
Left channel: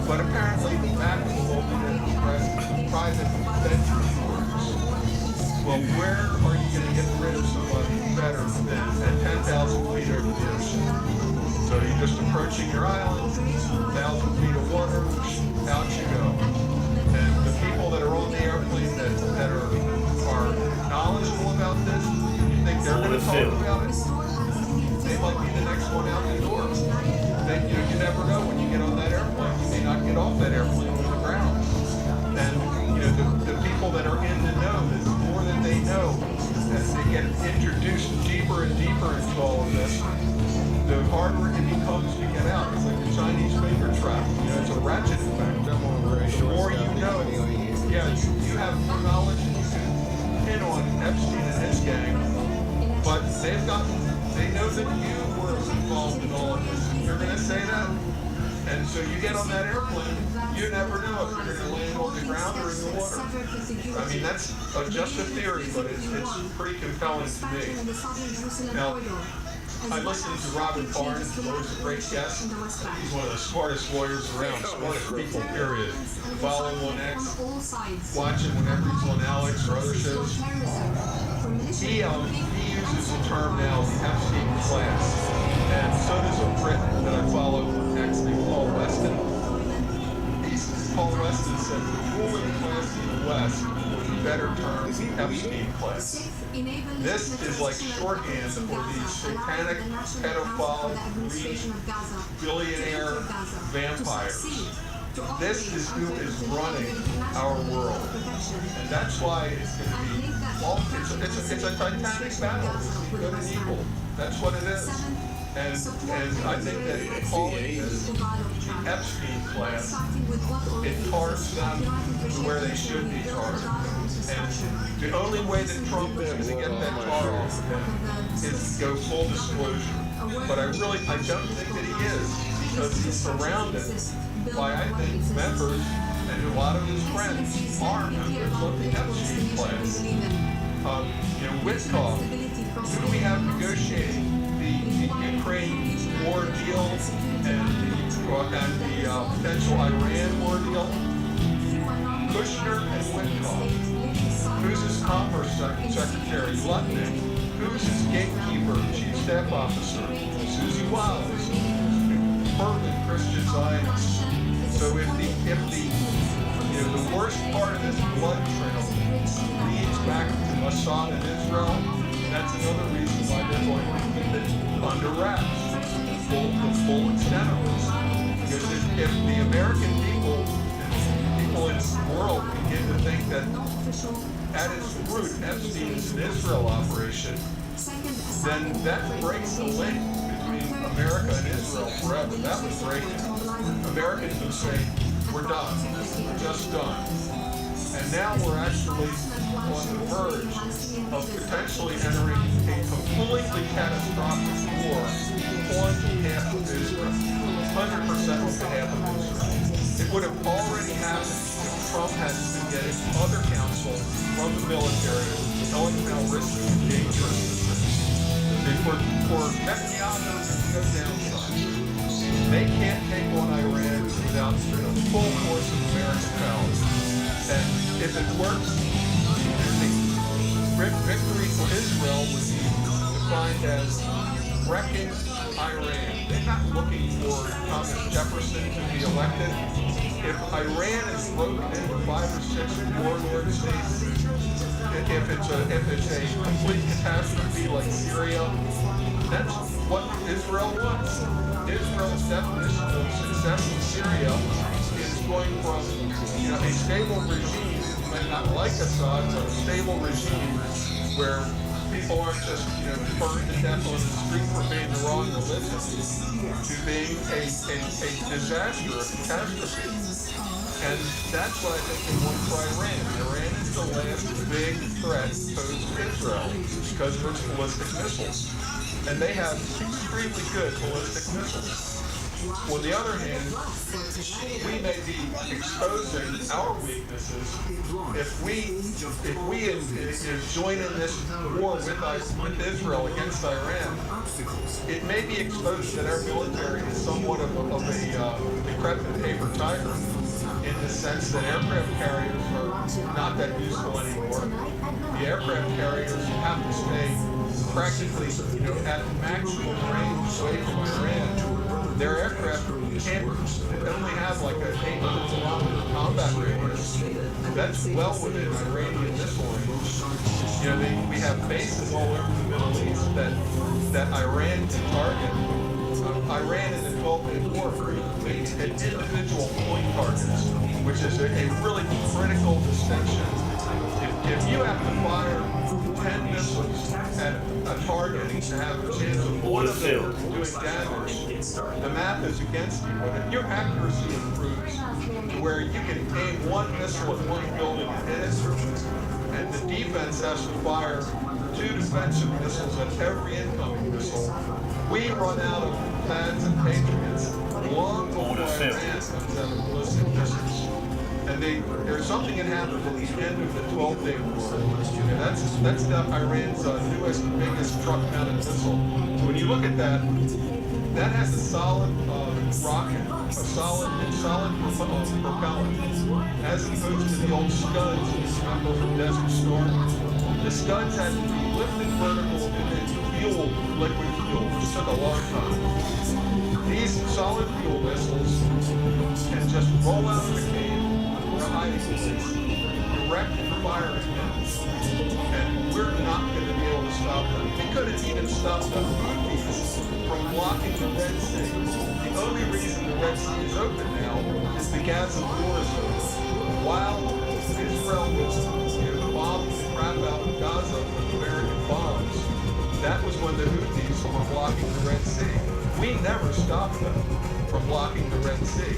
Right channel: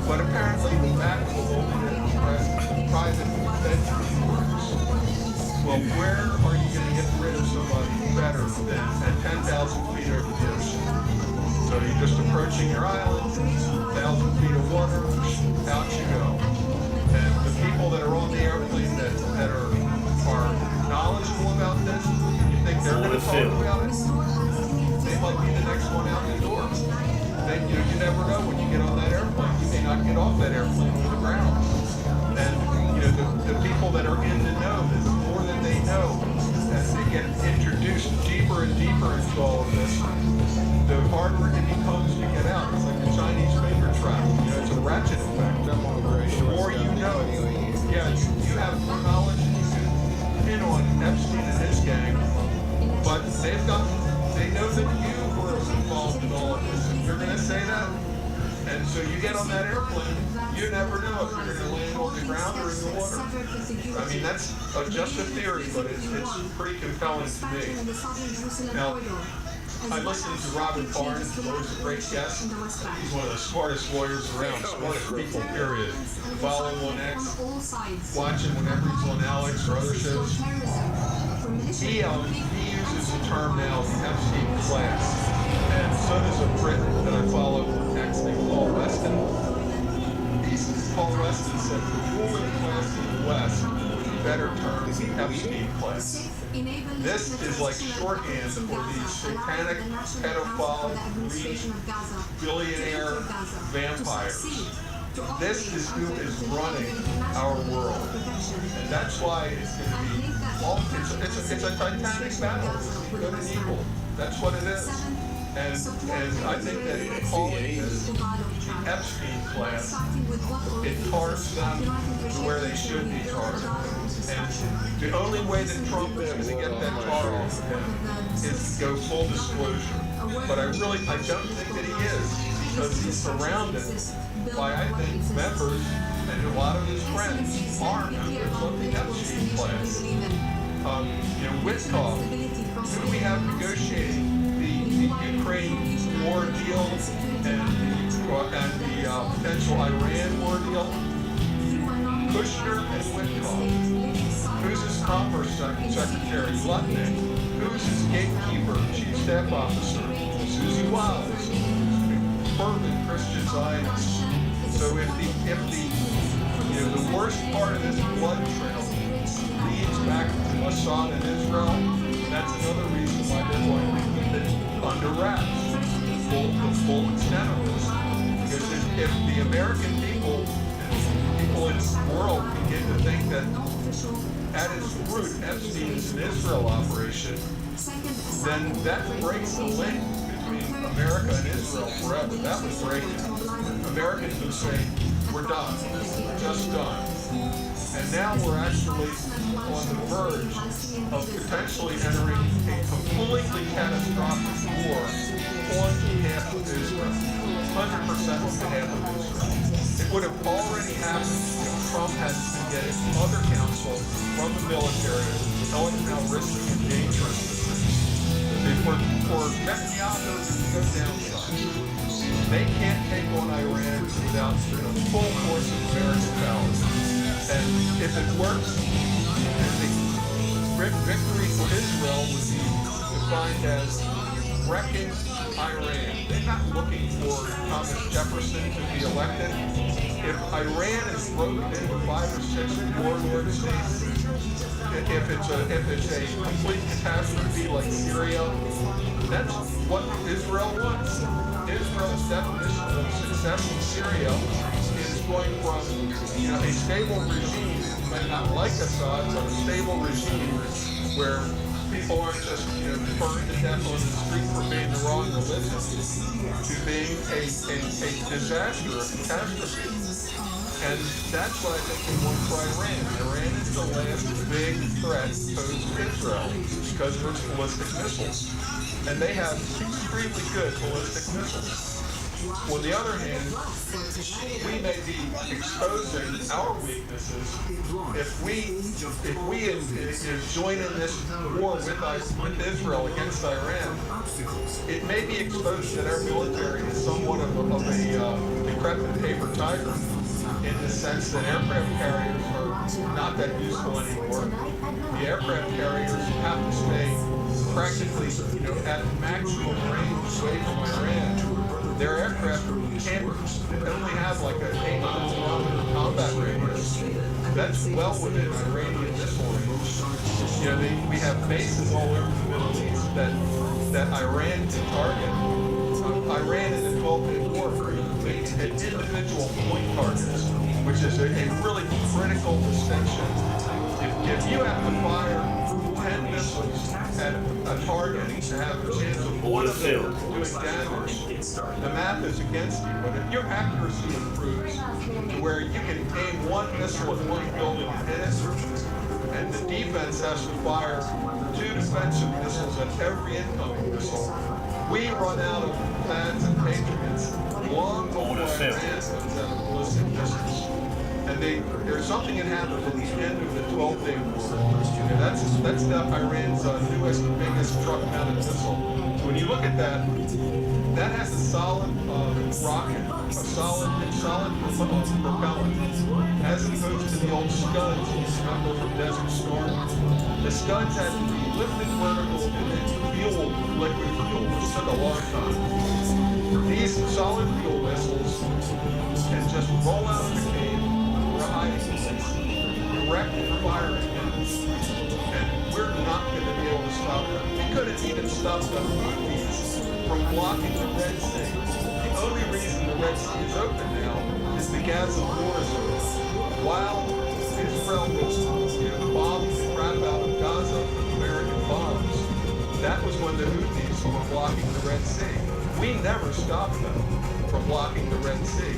But apparently the back of the Lolita Express is a private bedroom quarters. Well, where are you going to get rid of somebody better than at 10,000 feet over the ocean? So you're just approaching your island, 1,000 feet of water, out you go. And the people that are on the airplane that are knowledgeable about this, you think they're going to talk about it? They might be the next one out the door. You never know when you get on that airplane. You may not get off that airplane on the ground. And the people that are in the know, the more that they know, as they get introduced deeper and deeper into all of this, the harder it becomes to get out. It's like the Chinese finger trap. It's a ratchet effect. The more you know, you have more knowledge and you can pin on Epstein and his gang, but they know that you were involved in all of this. And you're going to say that? And so you get on that airplane, you never know if you're going to land on the ground or in the water. I mean, that's just a theory, but it's pretty compelling to me. Now, I listened to Robin Barnes, who's always a great guest. He's one of the smartest lawyers around, smartest people, period. Follow him on X, watch him whenever he's on Alex or other shows. He uses the term now, the Epstein class. And so does a Brit that I follow on X named Paul Weston. Paul Weston said the ruling class in the West would be better termed the Epstein class. This is like shorthand for these satanic, pedophile, greedy, billionaire vampires. This is who is running our world. And that's why it's going to be, it's a titanic battle. It's good and evil. That's what it is. And I think that calling this the Epstein class, it tars them to where they should be tarred. And the only way that Trump is going to get that tar off of him is to go full disclosure. But I don't think that he is, because he's surrounded by, I think, members, and a lot of his friends are members of the Epstein class. Witkoff, who do we have negotiating the Ukraine war deal and the potential Iran war deal? Kushner and Witkoff. Who's his Commerce Secretary? Lutnick. Who's his gatekeeper, Chief Staff Officer? Susie WILE, fervent Christian Zionist. So if the worst part of this blood trail leads back to Assad and Israel, that's another reason why they're going to keep it under wraps, the full extent of this. Because if the American people and people in the world begin to think that at its root Epstein is an Israel operation, then that breaks the link between America and Israel forever. That would break it. Americans would say, we're done. We're just done. And now we're actually on the verge of potentially entering a completely catastrophic war on behalf of Israel. 100% on behalf of Israel. It would have already happened if Trump hadn't been getting other counsel from the military telling him how risky and dangerous this is. For Netanyahu to go downside, they can't take on Iran without the full force of American power. And if it works, the victory for Israel would be defined as wrecking Iran. They're not looking for Thomas Jefferson to be elected. If Iran is broken into 5 or 6 warlord states, if it's a complete catastrophe like Syria, that's what Israel wants. Israel's definition of success in Syria is going from a stable regime, you might not like Assad, but a stable regime where people aren't just burned to death on the street for being the wrong religion, to being a disaster, a catastrophe. And that's what I think they want for Iran. Iran is the last big threat posed to Israel because of its ballistic missiles. And they have extremely good ballistic missiles. On the other hand, we may be exposing our weaknesses if we join in this war with Israel against Iran. It may be exposed that our military is somewhat of a decrepit paper tiger, in the sense that aircraft carriers are not that useful anymore. The aircraft carriers have to stay practically, at maximum range away from Iran. Their aircraft only have like an 800-kilometer combat radius. That's well within Iranian missile range. We have bases all over the Middle East that Iran can target. Iran in the 12-day war had individual point targets, which is a really critical distinction. If you have to fire 10 missiles at a target to have a chance of one of them doing damage, the math is against you. But if your accuracy improves to where you can aim one missile at one building and hit it, and the defense has to fire 2 defensive missiles at every incoming missile, we run out of plans and patriots long before Iran comes out of ballistic missiles. And there's something that happened at the end of the 12-day war. That's Iran's newest, biggest truck-mounted missile. So when you look at that, that has a solid rocket, a solid propellant, as opposed to the old Scuds you remember from Desert Storm. The Scuds had to be lifted vertical and then fueled with liquid fuel, which took a long time. These solid fuel missiles can just roll out of the cave or a hiding place, direct and fire at them, and we're not going to be able to stop them. We couldn't even stop the Houthis from blocking the Red Sea. The only reason the Red Sea is open now is the Gaza war is over. While Israel was bombing the crap out of Gaza with American bombs, that was when the Houthis were blocking the Red Sea. We never stopped them from blocking the Red Sea.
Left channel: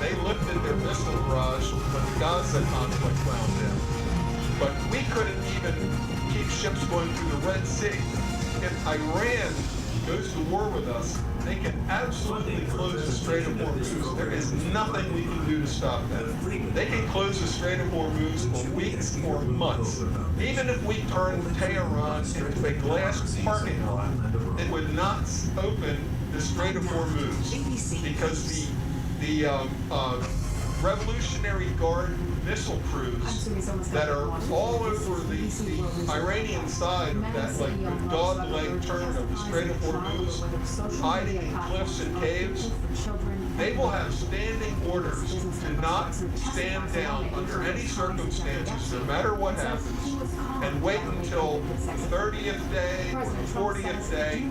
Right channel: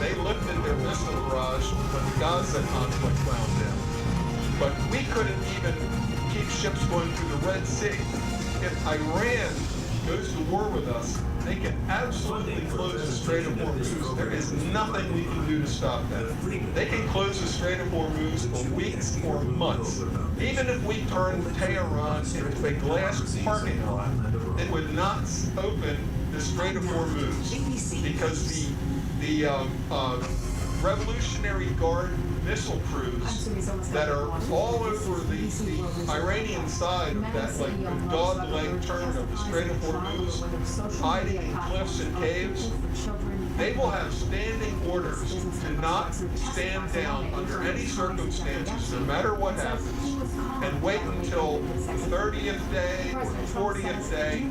They lifted their missile barrage when the Gaza conflict wound in. But we couldn't even keep ships going through the Red Sea. If Iran goes to war with us, they can absolutely close the Strait of Hormuz. There is nothing we can do to stop them. They can close the Strait of Hormuz for weeks or months. Even if we turn Tehran into a glass parking lot, it would not open the Strait of Hormuz because the Revolutionary Guard missile crews that are all over the Iranian side of that, like the dog-leg turn of the Strait of Hormuz, hiding in cliffs and caves. They will have standing orders to not stand down under any circumstances, no matter what happens, and wait until the 30th day or the 40th day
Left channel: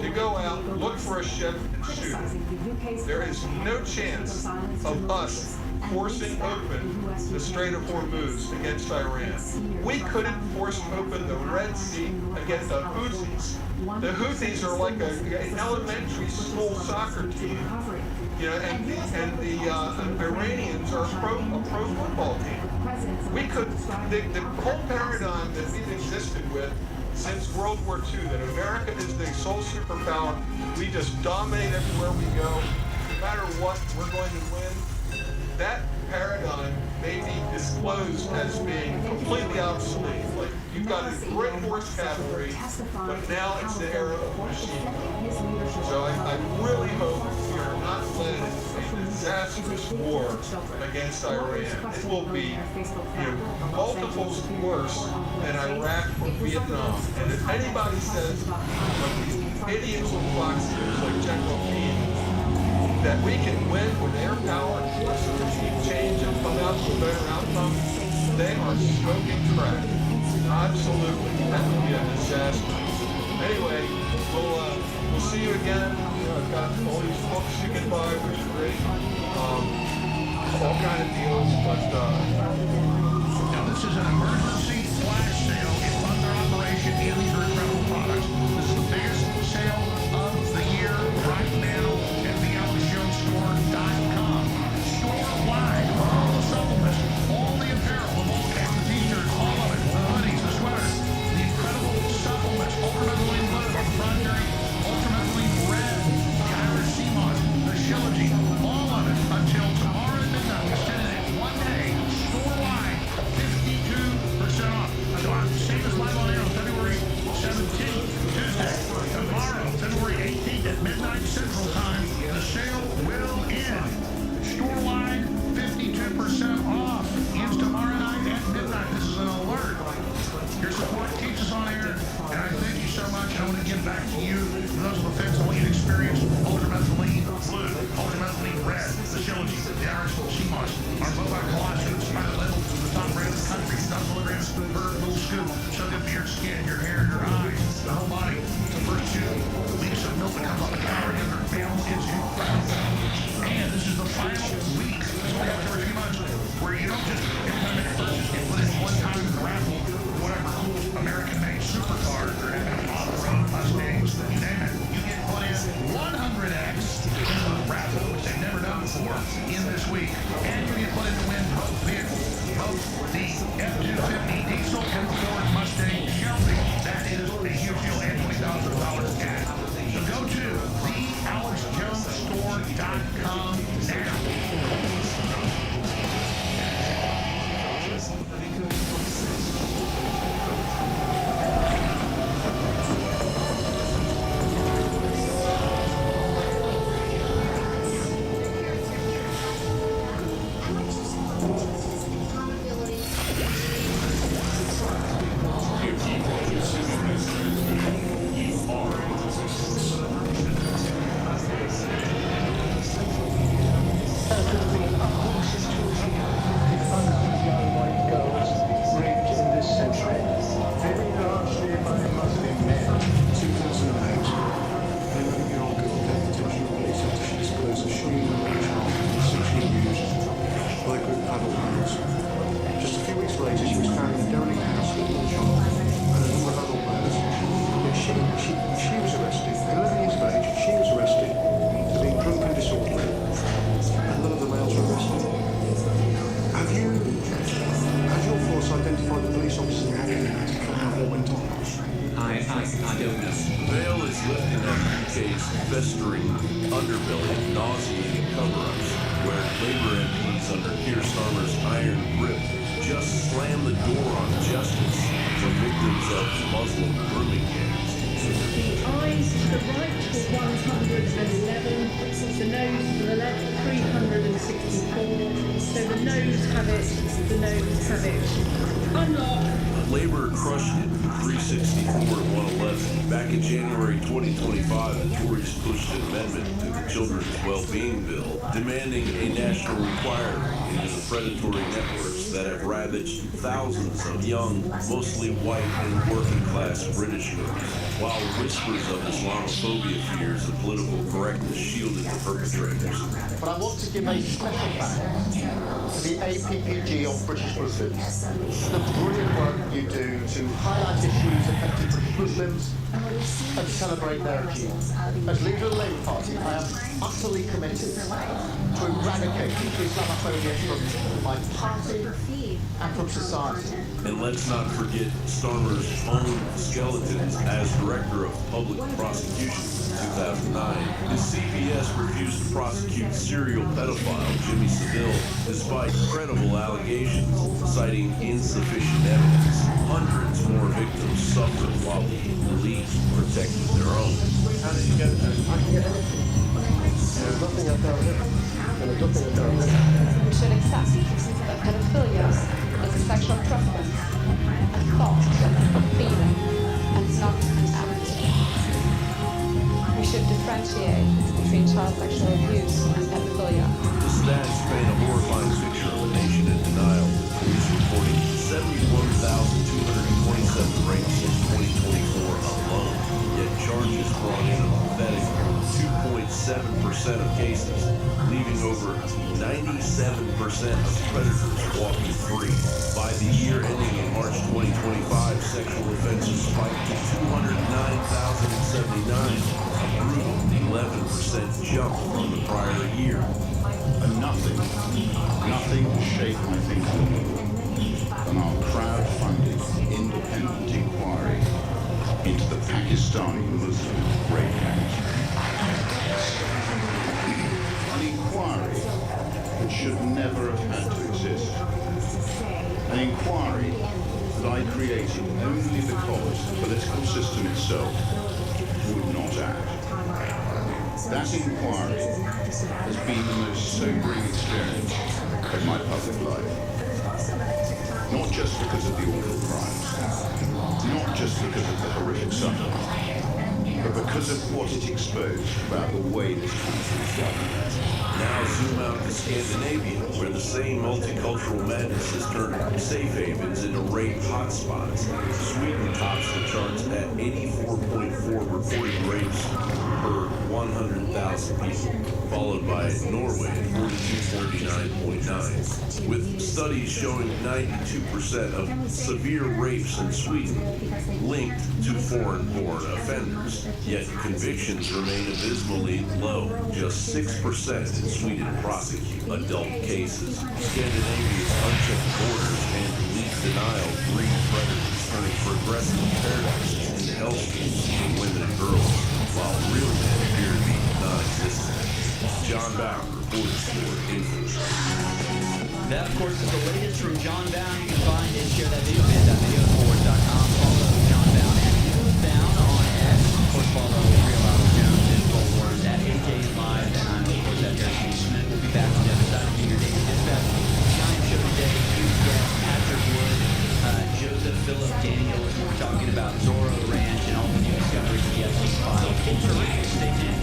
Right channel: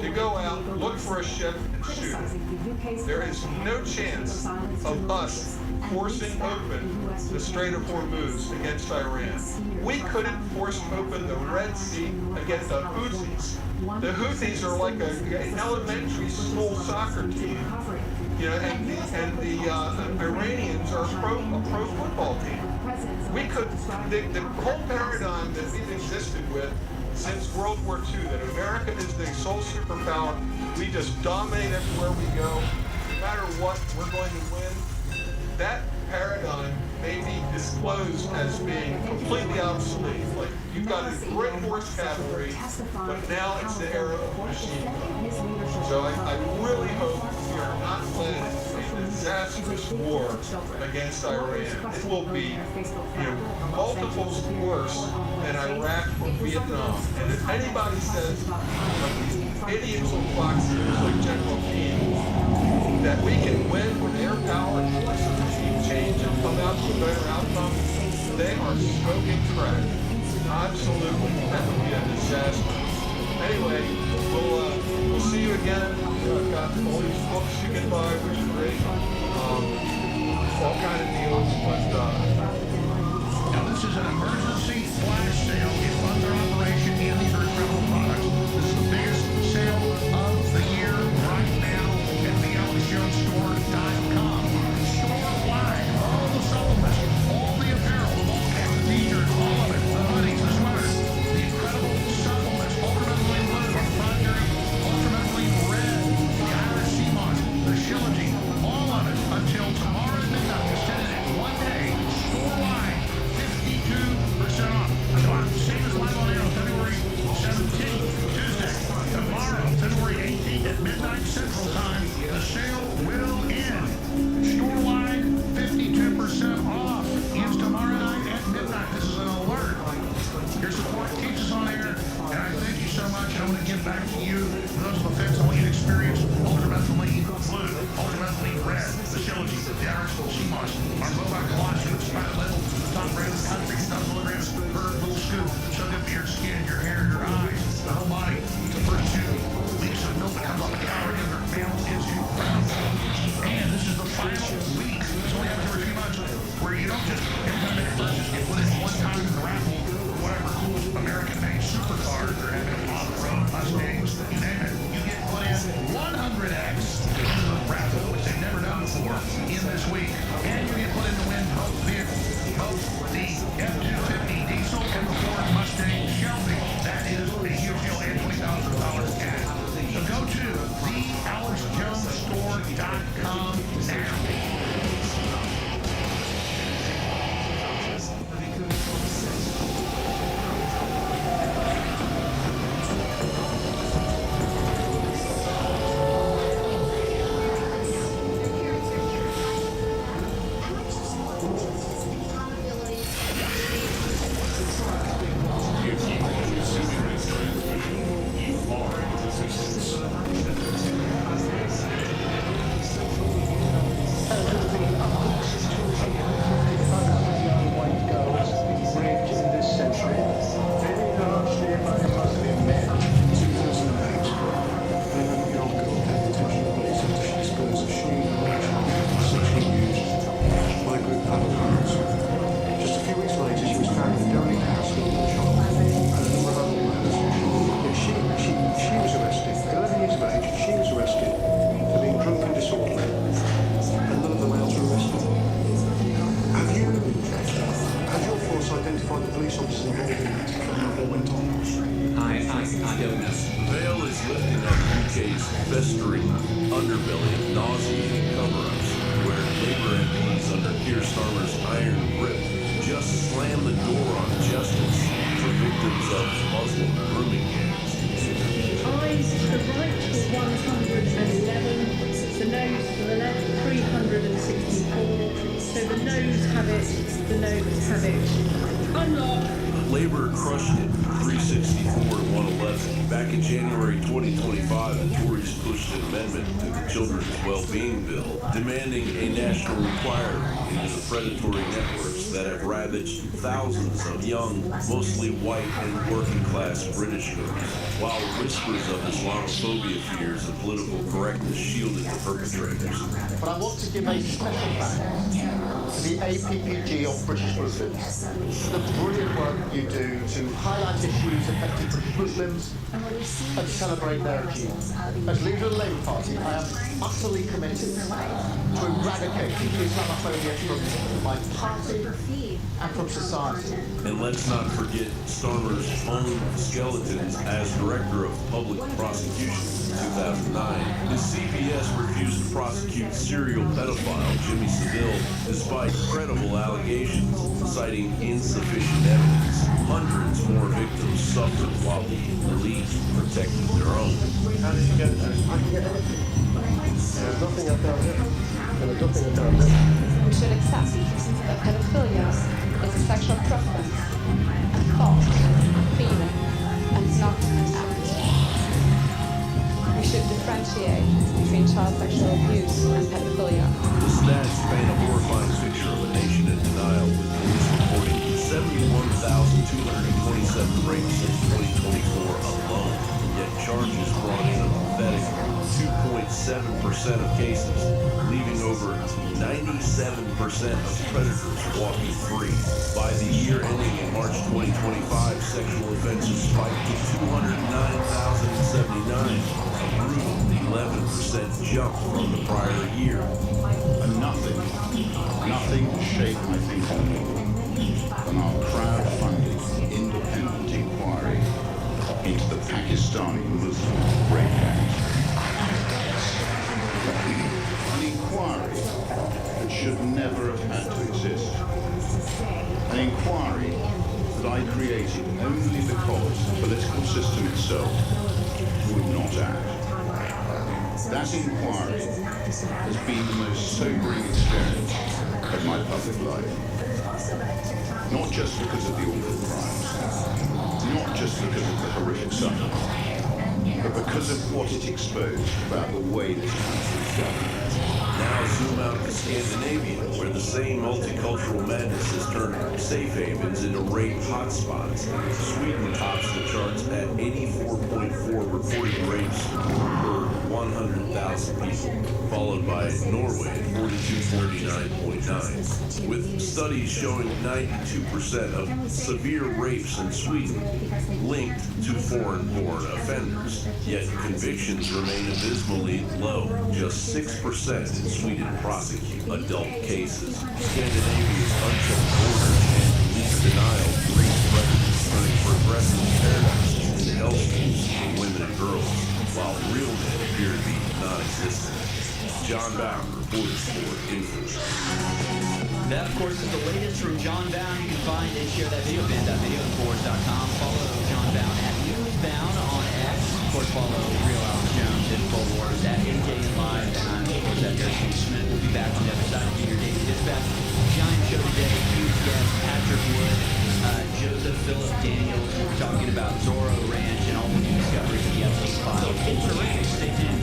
to go out, look for a ship, and shoot it. There is no chance of us forcing open the Strait of Hormuz against Iran. We couldn't force open the Red Sea against the Houthis. The Houthis are like an elementary school soccer team. You know, and the Iranians are a pro football team. We could, the whole paradigm that we've existed with since World War II, that America is the sole superpower, we just dominate everywhere we go, no matter what, we're going to win. That paradigm may be disclosed as being completely obsolete. Like, you've got a great horse cavalry, but now it's the era of machine gun. So I really hope we are not led into a disastrous war against Iran. It will be, multiples worse than Iraq or Vietnam. And if anybody says, like these idiots on Fox News like General Keane, that we can win with air power and force a regime change and come out to a better outcome, they are smoking crack. Absolutely. That would be a disaster. Anyway, we'll see you again. I've got all these books you can buy, which are great. All kind of deals, but now this is an emergency flash sale. It funds our operation, and these are incredible products. This is the biggest sale of the year right now at thealexjonestore.com. Store-wide, all the supplements, all the apparel, the ball caps, the t-shirts, all of it, the hoodies, the sweaters, the incredible supplements, ultramethyline blue, our proprietary ultramethyline red, the Irish sea moss, the shilajit, all of it until tomorrow at midnight. We're sending it one day, store-wide, 52% off. So I'm saying this live on air on February 17th, Tuesday. Tomorrow, February 18th at midnight Central Time, the sale will end. Store-wide, 52% off. Ends tomorrow night at midnight. This is an alert. Your support keeps us on air, and I thank you so much. I want to give back to you. For those on the fence, I want you to experience ultramethyline blue, ultramethyline red, the shilajit, the Irish sea moss, our bovine colostrum, it's private label, the top brand in the country, 2,000 milligrams per little scoop. So good for your skin, your hair, your eyes, the whole body. It's the first 2 weeks of milk that comes off the cow and your mammal is incredible. And this is the final week. This only happens every 3 months, where you don't just, every time you make a purchase, get put in one time in the raffle for whatever cool American-made supercars or off-road Mustangs, you name it. You get put in 100X into the raffle, which they've never done before, in this week. And you get put in to win both vehicles, both the F-250 diesel and the Ford Mustang Shelby. That is a huge deal, and $20,000 cash. So go to thealexjonestore.com now. Century, very largely by Muslim men. 2008, an 11-year-old girl gave the attention of police after she disclosed that she and another child were sexually abused by a group of adult males. Just a few weeks later, she was found in a derelict house with another child and a number of adult males. Yet she was arrested, 11 years of age, she was arrested for being drunk and disorderly, and none of the males were arrested. Has your force identified the police officers involved in what went on? I don't know. The veil is lifting on the UK's festering underbelly of nauseating cover-ups, where Labour MPs under Keir Starmer's iron grip just slam the door on justice for victims of Muslim grooming gangs. The eyes to the right were 111, the nose to the left 364. So the nose have it, the nose have it. Unlock. Labor crushed it, 364 to 111. Back in January 2025, the Tories pushed an amendment to the Children's Well-Being Bill, demanding a national inquiry into the predatory networks that have ravaged thousands of young, mostly white and working-class British girls, while whispers of Islamophobia fears and political correctness shielded the perpetrators. But I want to give a special thanks to the APPG of British Muslims for the brilliant work you do to highlight issues affecting British Muslims and celebrate their achievements. As leader of the Labour Party, I am utterly committed to eradicating Islamophobia from my party and from society. And let's not forget Starmer's own skeletons as Director of Public Prosecutions in 2009. His CPS refused to prosecute serial pedophile Jimmy Savile despite credible allegations, citing insufficient evidence. Hundreds more victims suffered while the elite protected their own. How did you get it? There's nothing I've done here. There's nothing I've done here. We should accept that pedophilia is a sexual preference, a thought, a feeling, and not an act. We should differentiate between child sexual abuse and pedophilia. The stats paint a horrifying picture of a nation in denial, with police reporting 71,227 rapes since 2024 alone, yet charges brought in a pathetic 2.7% of cases, leaving over 97% of predators walking free. By the year ending in March 2025, sexual offenses spiked to 209,079, a brutal 11% jump from the prior year. And nothing has shaped my thinking more than our crowd-funded independent inquiry into the Pakistani Muslim rape gangs. An inquiry that should never have had to exist. An inquiry that I created only because the political system itself would not act. That inquiry has been the most sobering experience of my public life. Not just because of the awful crimes, not just because of the horrific suffering, but because of what it exposed about the way this country is governed. Now zoom out to Scandinavia, where the same multicultural madness has turned safe havens into rape hotspots. Sweden tops the charts at 84.4 reported rapes per 100,000 people, followed by Norway at 4249.9, with studies showing 92% of severe rapes in Sweden linked to foreign-born offenders. Yet convictions remain abysmally low. Just 6% in Sweden prosecute adult cases. Scandinavia's unchecked borders and police denial breed predators, turning progressive paradises into hellscapes for women and girls, while real men appear to be non-existent. John Bauer, reporters for Info. That, of course, is the latest from John Bound. You can find and share that video, band.videoinfowars.com. Follow John Bound at Newsbound on X. Of course, follow Real Alex Jones, InfoWars at AJ and Live, and I'm, of course, at Harrison Smith. We'll be back on the other side of your daily dispatch. Giant show today. Huge guest, Patrick Wood, Joseph Philip Daniels. We're talking about Zorro Ranch and all the new discoveries of the Epstein files. It's terrific. Stay tuned.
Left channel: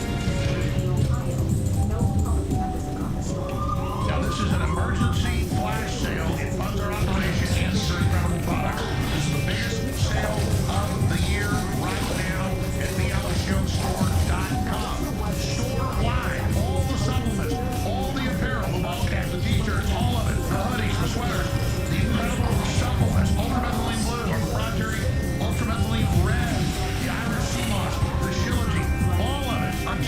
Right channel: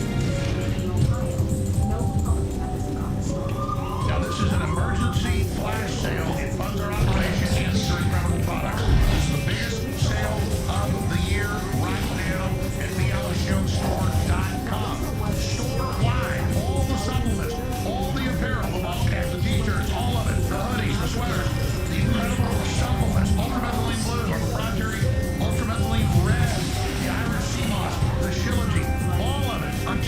Now, this is an emergency flash sale. It funds our operation and these are incredible products. This is the biggest sale of the year right now at thealexjonestore.com. Store-wide, all the supplements, all the apparel, the ball caps, the t-shirts, all of it, the hoodies, the sweaters, the incredible supplements, ultramethylene blue, the proprietary ultramethylene red, the Irish sea moss, the shilajit, all of it. I'm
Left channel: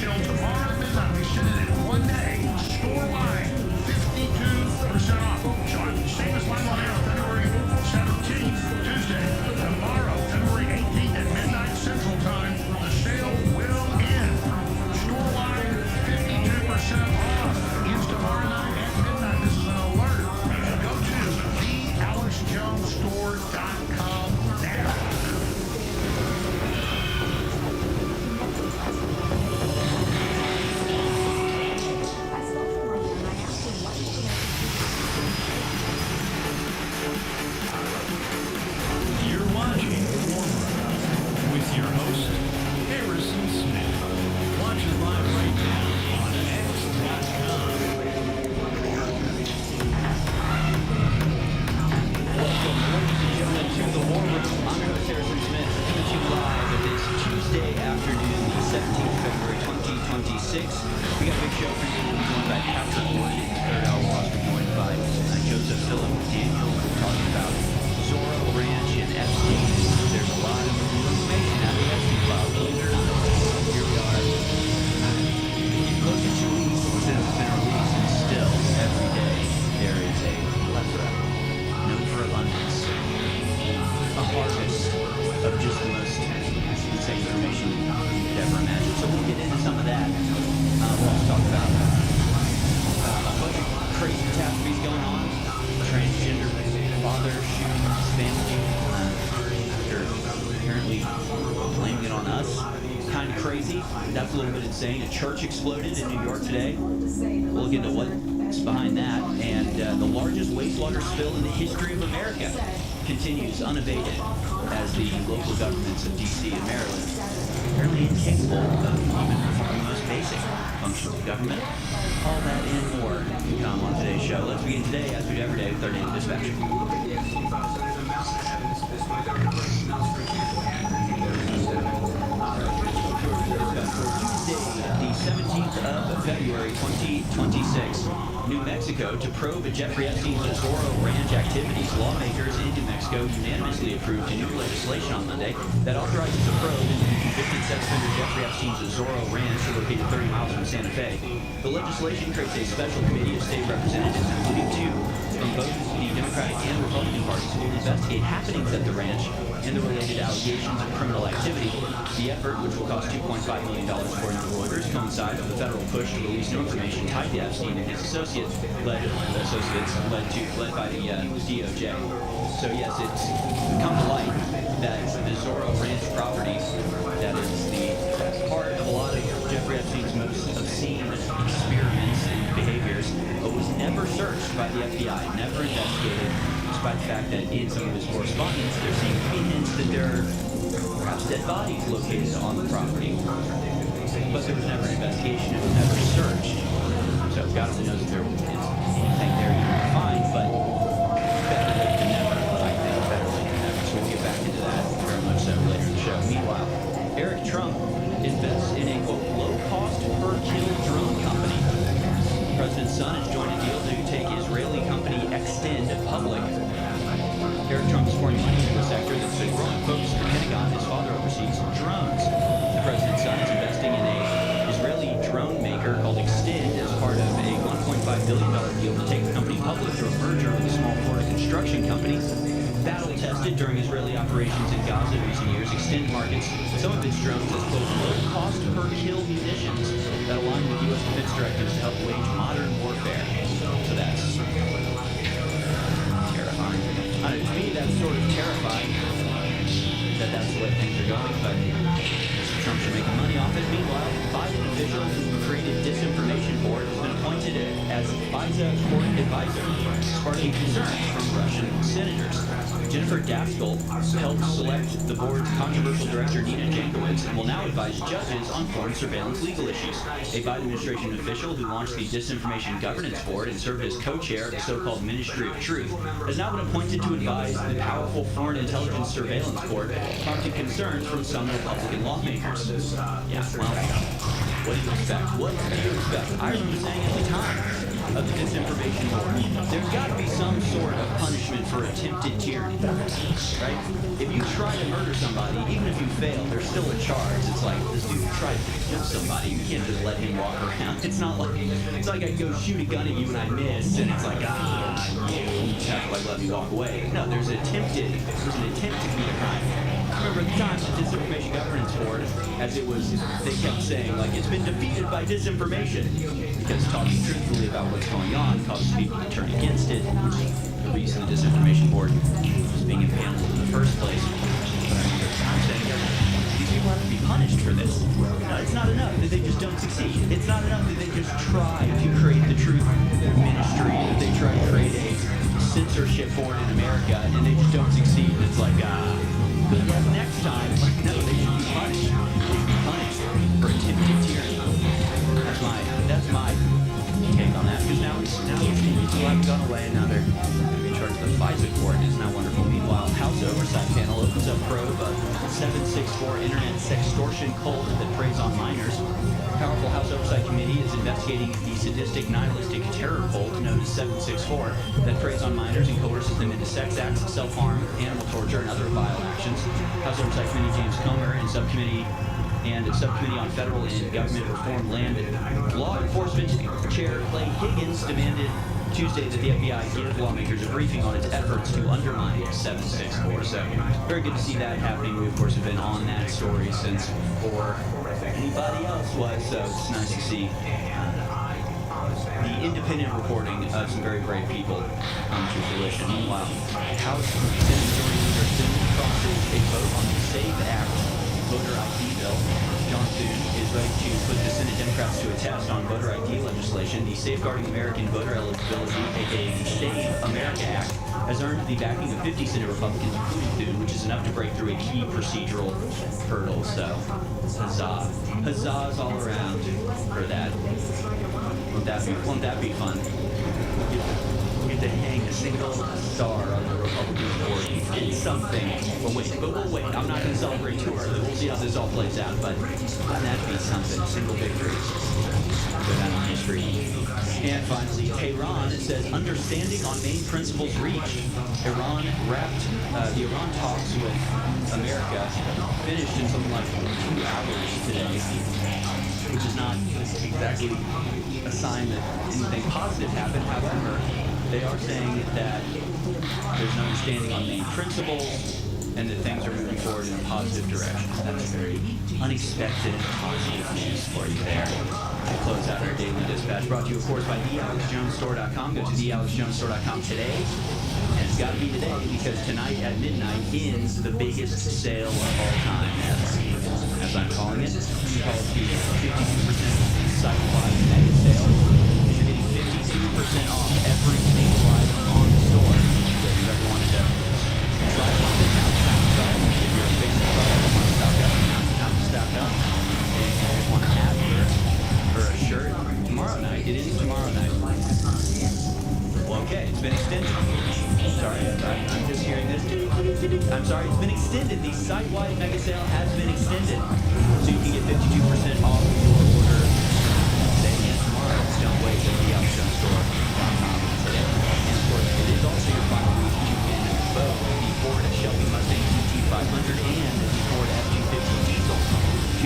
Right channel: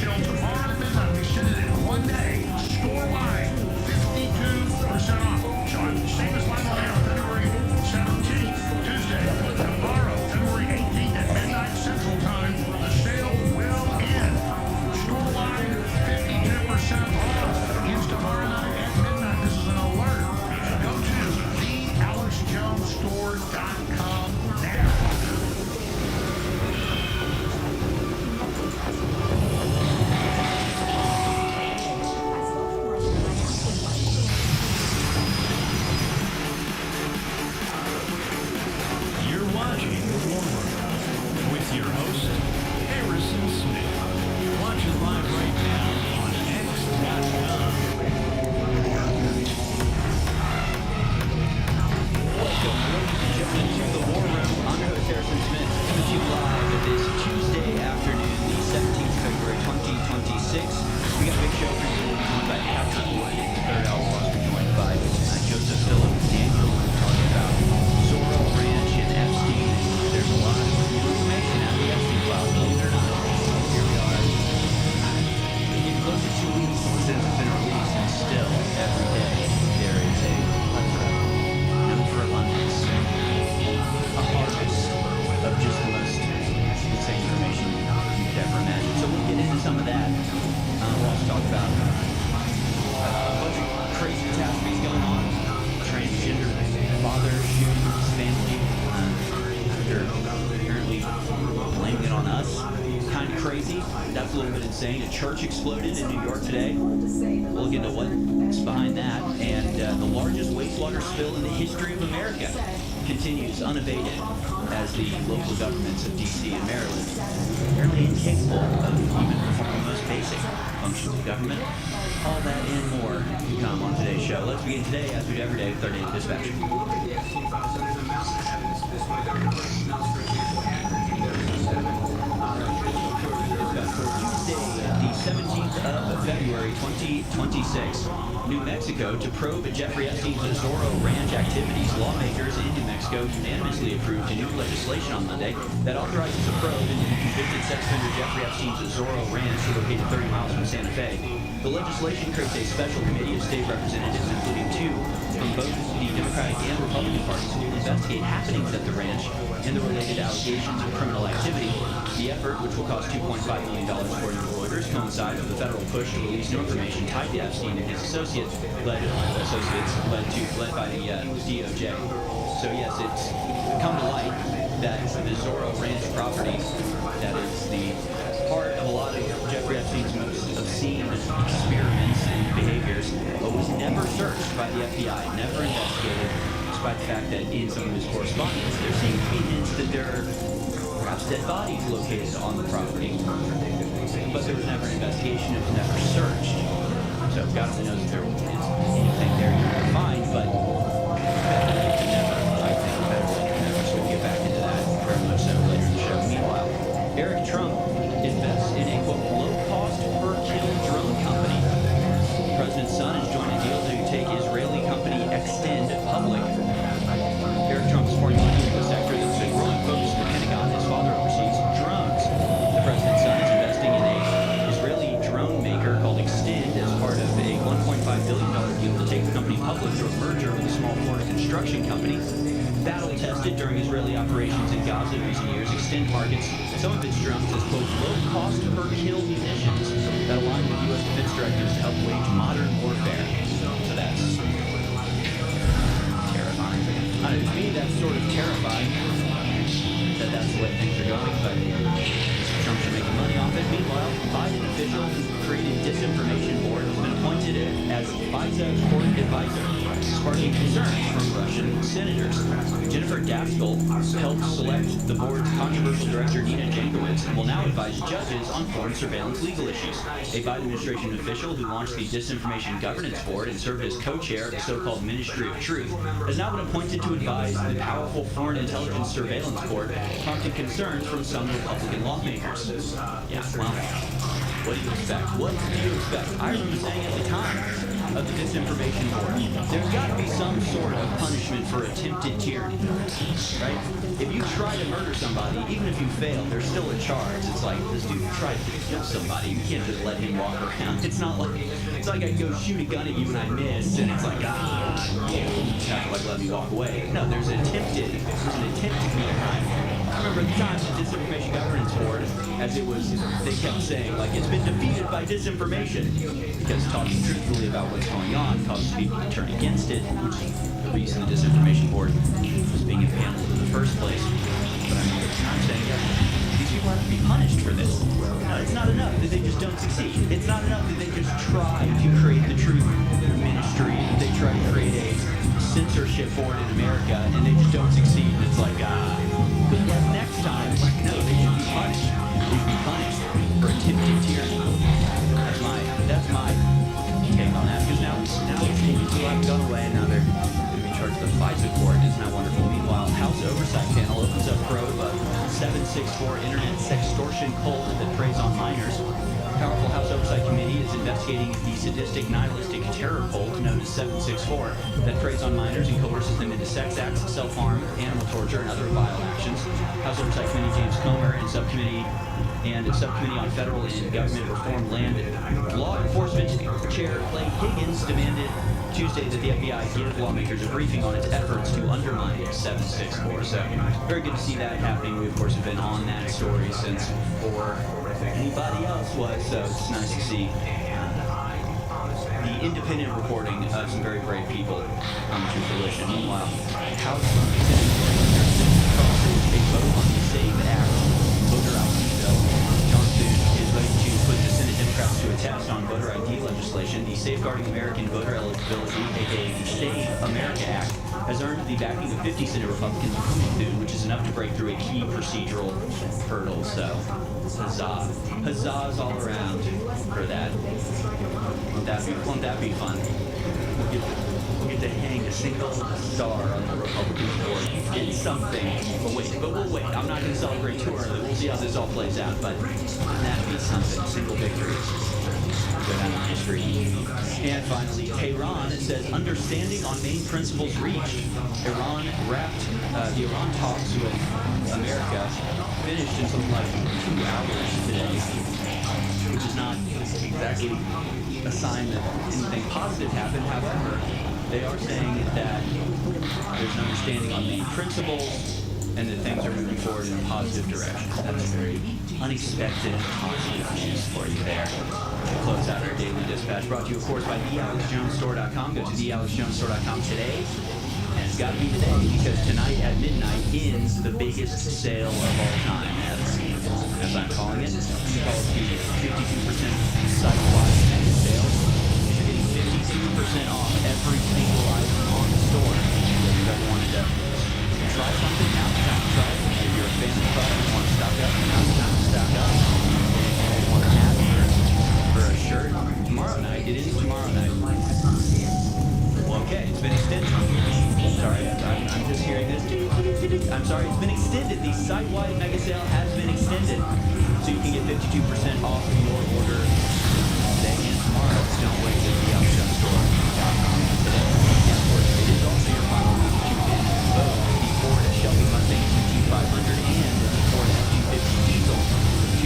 your host, Harrison Smith. Watch it live right now on X.com. Welcome, ladies and gentlemen, to the War Room. I'm your host, Harrison Smith, coming to you live this Tuesday afternoon, the 17th of February, 2026. We got a big show for you. We'll be joined by Patrick Wood in the third hour. We'll also be joined by Joseph Philip Daniel. We'll be talking about Zorro Ranch and Epstein. And there's a lot of new information out of the Epstein files, believe it or not. Here we are. Getting close to 2 weeks since it's been released, and still, every day, there is a plethora known for abundance, a harvest of just the most insane information you could ever imagine. So we'll get into some of that. We'll also talk about a bunch of crazy catastrophes going on. Transgender father shooting his family after apparently blaming it on us. Kind of crazy. That's a little bit insane. A church exploded in New York today. We'll look into what's behind that. And the largest wastewater spill in the history of America continues unabated as the local governments of D.C. and Maryland apparently incapable of even performing the most basic functions of government. All that and more to come on today's show. Let's begin today, as we do every day, with our daily dispatch. For Tuesday, the 17th of February, 2026. New Mexico to probe Jeffrey Epstein's Zorro Ranch activities. Lawmakers in New Mexico unanimously approved new legislation on Monday that authorizes a probe into the convicted sex offender Jeffrey Epstein's Zorro Ranch, located 30 miles from Santa Fe. The legislation creates a special committee of state representatives, including two from both the Democratic and Republican parties, who will investigate happenings at the ranch and the related allegations of criminal activity. The effort, which will cost $2.5 million according to Reuters, coincides with the federal push to release new information tied to Epstein and his associates led by the DOJ. So yes, it's come to light that the Zorro Ranch property, that is the part of a lot of Jeffrey Epstein's most obscene experiments and behaviors, was never searched by the FBI, never investigated, despite the fact that in some of his correspondence there seems to be hints that there are perhaps dead bodies located on the property. But there was never an investigation, it was never searched. So God only knows if there is anything there you can find, but better late than never, I think. Better late than never. So we'll get back into that very much so later in the show. Meanwhile, Eric Trump invests in a, quote, low-cost per-kill drone company. The president's son has joined a deal to take Israeli company Extend public. Eric Trump is pouring money into a sector that's a growing focus of the Pentagon. His father oversees drones. The president's son is investing in a Israeli drone maker called Extend as part of a $1.5 billion deal to take the company public through a merger with a small Florida construction company. Battle-tested during Israeli operations in Gaza in recent years, Extend markets some of its drones as, quote, low-cost per-kill munitions that align with U.S. defense directives to help wage modern warfare. So that's terrifying. I don't know, to me, that's sort of terrifying that that's the way things are going, but Mr. Trump should make money off it. Meanwhile, Biden official who created disinformation board has been appointed as FISA court advisor, sparking concerns from Russian senators. Jennifer Daskal helped select the board's controversial director, Nina Jankowicz, and will now advise judges on foreign surveillance legal issues. A Biden administration official who launched the Disinformation Governance Board and served as co-chair of the so-called Ministry of Truth has now been appointed to advise the powerful Foreign Intelligence Surveillance Board, prompting concerns from some Republican lawmakers. Yeah, well, what do you expect? What do you expect? I remember saying at the time of the Disinformation Board, there's got to be some sort of punishment for attempted tyranny, right? If you try to murder somebody, even if you fail, there's still a charge. It's like, this dude tried to kill somebody. You can't just let him walk around. It's not like, it's like I go shoot a gun at you and I miss, and it's like, you have to like let me walk away. No, there's an attempt to commit a crime. I remember at the time the Disinformation Governance Board, as it was, they kept saying, like, it's been defeated by disinformation, because talking truthfully about what's going on causes people to turn against it, which is the reason the Disinformation Board was being impaneled in the first place. But I remember at the time saying, these people have to be punished for this. No, it's not enough that they just don't succeed. It's not enough that they just try to create the truth ministry, that they try to create a censorship board in America, and they just don't succeed, and it's like, Good luck next time. Like, no, they should be punished. They should be punished for attempted tyranny. That's my take on that, because now these people have gone away, and now they're going to be charged with the FISA court. Isn't that wonderful? Meanwhile, House Oversight Panel opens up probe of 764 internet sextortion cult that preys on minors. Powerful House Oversight Committee is investigating the sadistic, nihilistic terror cult known as 764 that preys on minors and coerces them into sex acts, self-harm, animal torture, and other vile actions. House Oversight Committee James Comer and Subcommittee on Federal and Government Reform Land Law Enforcement Chair Clay Higgins demanded Tuesday that the FBI give lawmakers a briefing on its efforts to undermine 764. So very good to see that happening. We, of course, have been on that story since before anybody else was, so it's nice to see the independent reporting of some very brave people come to fruition. Meanwhile, House Senate Majority Leader Thune crosses a vote on the SAVE Act voter ID bill. John Thune is ready to put the Senate Democrats to a test on voter ID legislation. The Safeguarding American Voter Eligibility, aka the SAVE America Act, has earned the backing of 50 Senate Republicans, including Thune, which is enough to break through a key procedural hurdle. So, huzzah. Huzzahs all around for that. Won't that be fun? We'll get to hang a single star on the Republican board. It's something. But we'll wait. I'm not going to celebrate too early. We'll see how this all plays out. But wouldn't that be something? Single victory. Go down in history. And finally, Tehran says understanding on main principles reached. Iran wrapped the Iran talks with America finished in something like 2 hours today, which is not exactly a sign that anything positive happened. However, they are saying that there's an understanding on main principles and that things are moving forward in a positive direction. That's very unexpected and positive news for you there. To close out our daily dispatch, brought to you, of course, by thealexjonesstore.com. Go to thealexjonesstore.com today. And it's got to be today, because tonight at midnight ends the biggest sale of all time, as I'm calling it. We call it the 52% site-wide mega sale. You're getting 52% off every single item on the store. So if you've ever wanted to try something, now's the time to try it. If you're a fan of the product and want to stock up, now's the time to stock up. If you just want to add for a shirt, tomorrow night, it is tomorrow night. Well, okay, it's been extended. Sorry, I'm just hearing this. I'm sorry, it's been extended. The site-wide mega sale has been extended. So you can get 52% off of your order today and tomorrow. So don't wait at thealexjonesstore.com today. And of course, it is also your final week to win both the Ford Shelby Mustang GT500 and the Ford F-250 Diesel.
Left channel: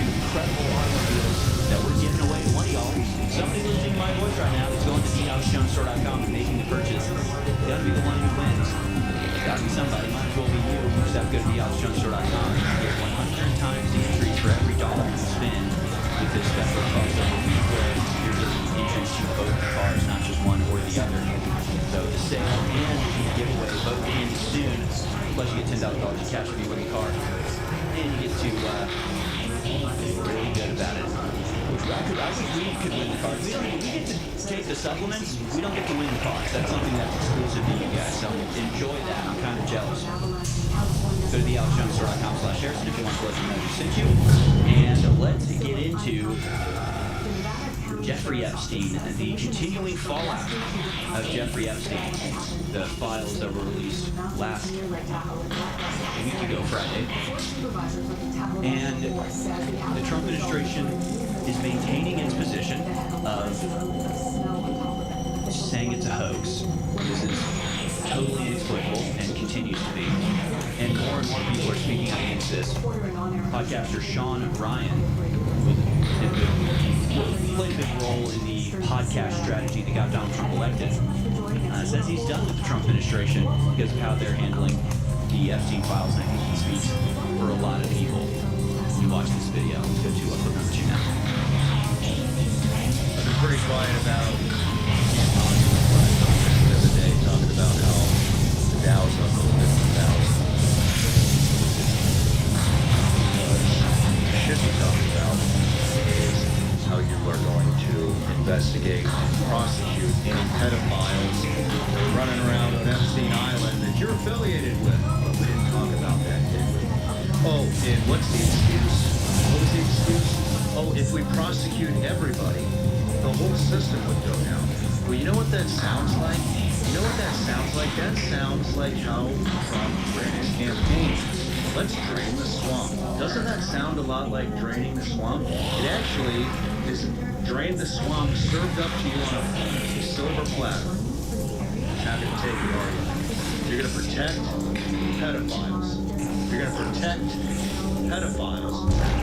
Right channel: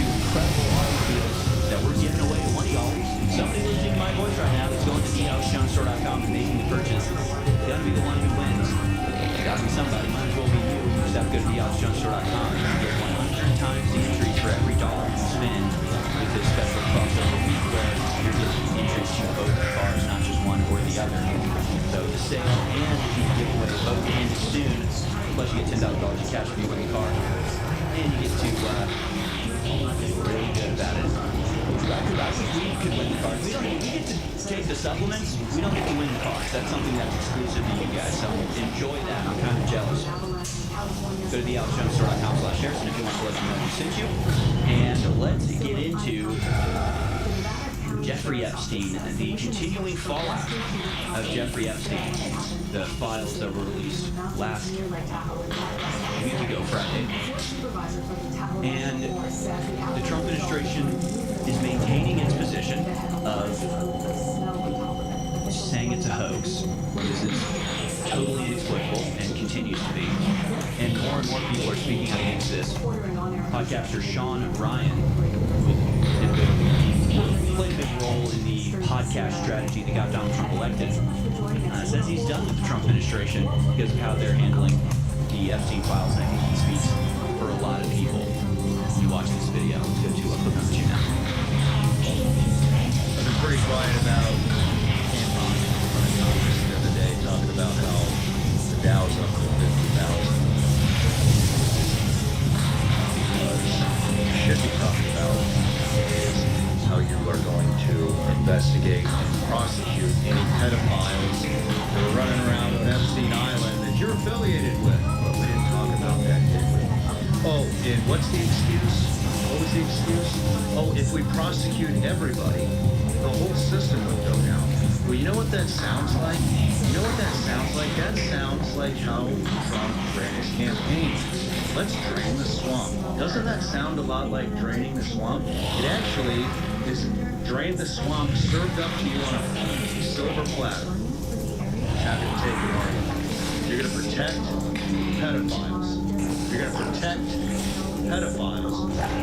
2 incredible automobiles that we're giving away to one of y'all. Somebody listening to my voice right now is going to thealexjonesstore.com and making the purchase. It's got to be the one who wins. It's got to be somebody. Might as well be you. You just have to go to thealexjonesstore.com and you get 100 times the entries for every dollar you spend with this special crossover week where you're getting entries to both cars, not just one or the other. So the sale and the giveaway both end soon. Plus you get $10,000 in cash if you win the car. And you get to feel really good about it. I wish we could win the cars. We get to take the supplements. We don't get to win the cars. That's something that's exclusive to you guys. So enjoy that. I'm kind of jealous. Go to thealexjonesstore.com/Harrison if you want to let them know who sent you. And let's get into Jeffrey Epstein, the continuing fallout of Jeffrey Epstein. The files that were released last week ago, Friday. And the Trump administration is maintaining its position of saying it's a hoax. This is totally inexplicable and continues to be. And more people are speaking out against this. Podcaster Sean Ryan played a big role in the podcast strategy that got Donald Trump elected. Says he's done with the Trump administration because of how they're handling the Epstein files, and I think he speaks for a lot of people. When you watch this video, let's go to clip number 2 now. I've been pretty quiet about tampons in front of Congress the other day, talking about how the Dow's up to 50,000. Because what you should be talking about is how you are going to investigate and prosecute any pedophiles that are running around on Epstein Island that you're affiliated with. But we didn't talk about that, did we? Oh, and what's the excuse? What was the excuse? Oh, if we prosecute everybody, the whole system would go down. Well, you know what that sounds like? You know what that sounds like? That sounds like how Trump ran his campaign. Let's drain the swamp. Doesn't that sound a lot like draining the swamp? It actually is drain the swamp served up to you on a silver platter. Happy to take the argument. You're going to protect pedophiles. You're going to protect pedophiles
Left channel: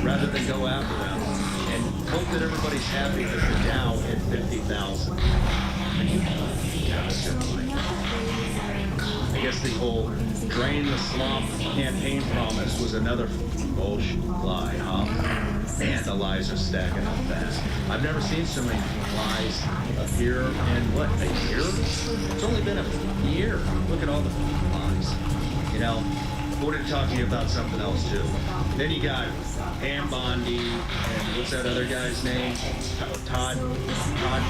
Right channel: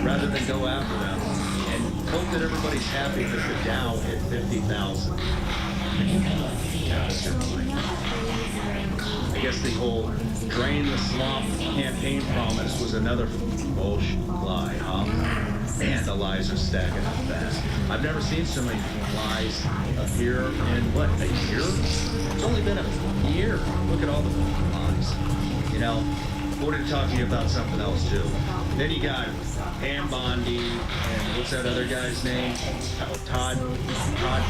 rather than go after them and hope that everybody's happy that the Dow hit 50,000. I guess the whole drain the swamp campaign promise was another bullshit lie, huh? Man, the lies are stacking up fast. I've never seen so many lies appear in, what, a year? It's only been a year. Look at all the lies. You know, I wanted to talk to you about something else, too. Then you got Pam Bondi, and what's that other guy's name? Todd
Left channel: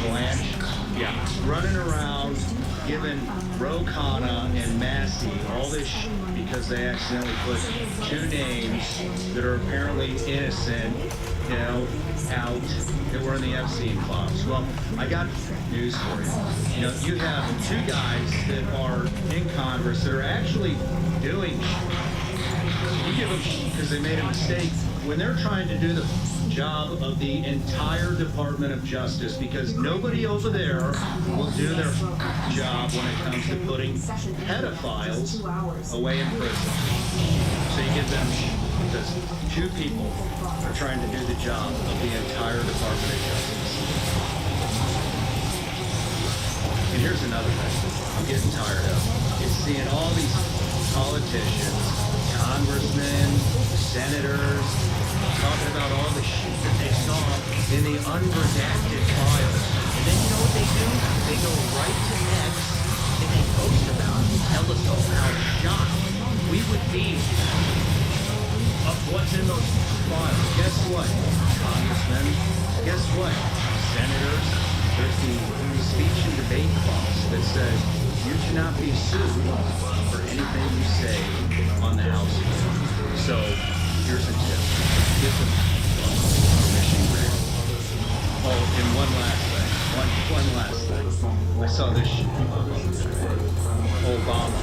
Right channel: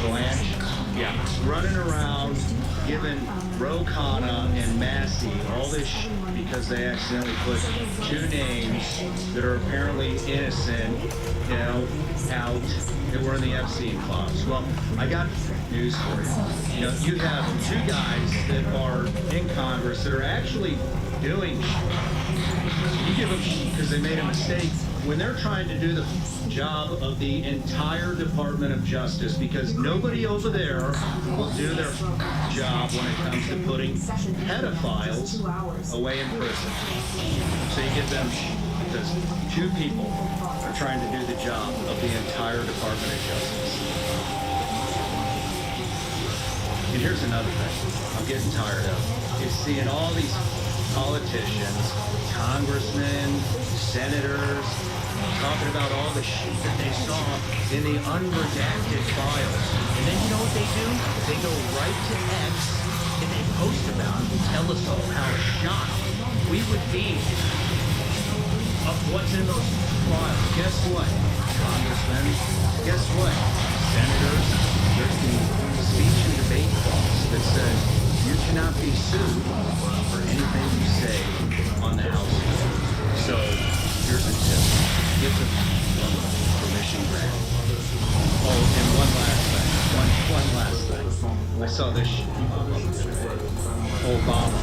Blanche? Yeah, running around giving Ro Khanna and Massey all this because they accidentally put two names that are apparently innocent, you know, out that were in the Epstein files. Well, I got news for you. You know, you have two guys that are in Congress that are actually doing you give them because they made a mistake when they're trying to do the job of the entire Department of Justice, because nobody over there will do their job when it comes to putting pedophiles away in prison. So you give them because two people are trying to do the job of the entire Department of Justice. And here's another thing I'm getting tired of, is seeing all these politicians, congressmen, senators, talking about all the shit that they saw in the unredacted files. And then you know what they do? They go right to X and they post about it and tell us all how shocked we would be of what's in those files. Guess what, congressmen? Guess what, senators? There's the speech and debate clause that says you cannot be sued for anything you say on the House floor. So here's a tip. Get the permission granted. Oh, and one last thing. One last thing. I saw this shit today. Obama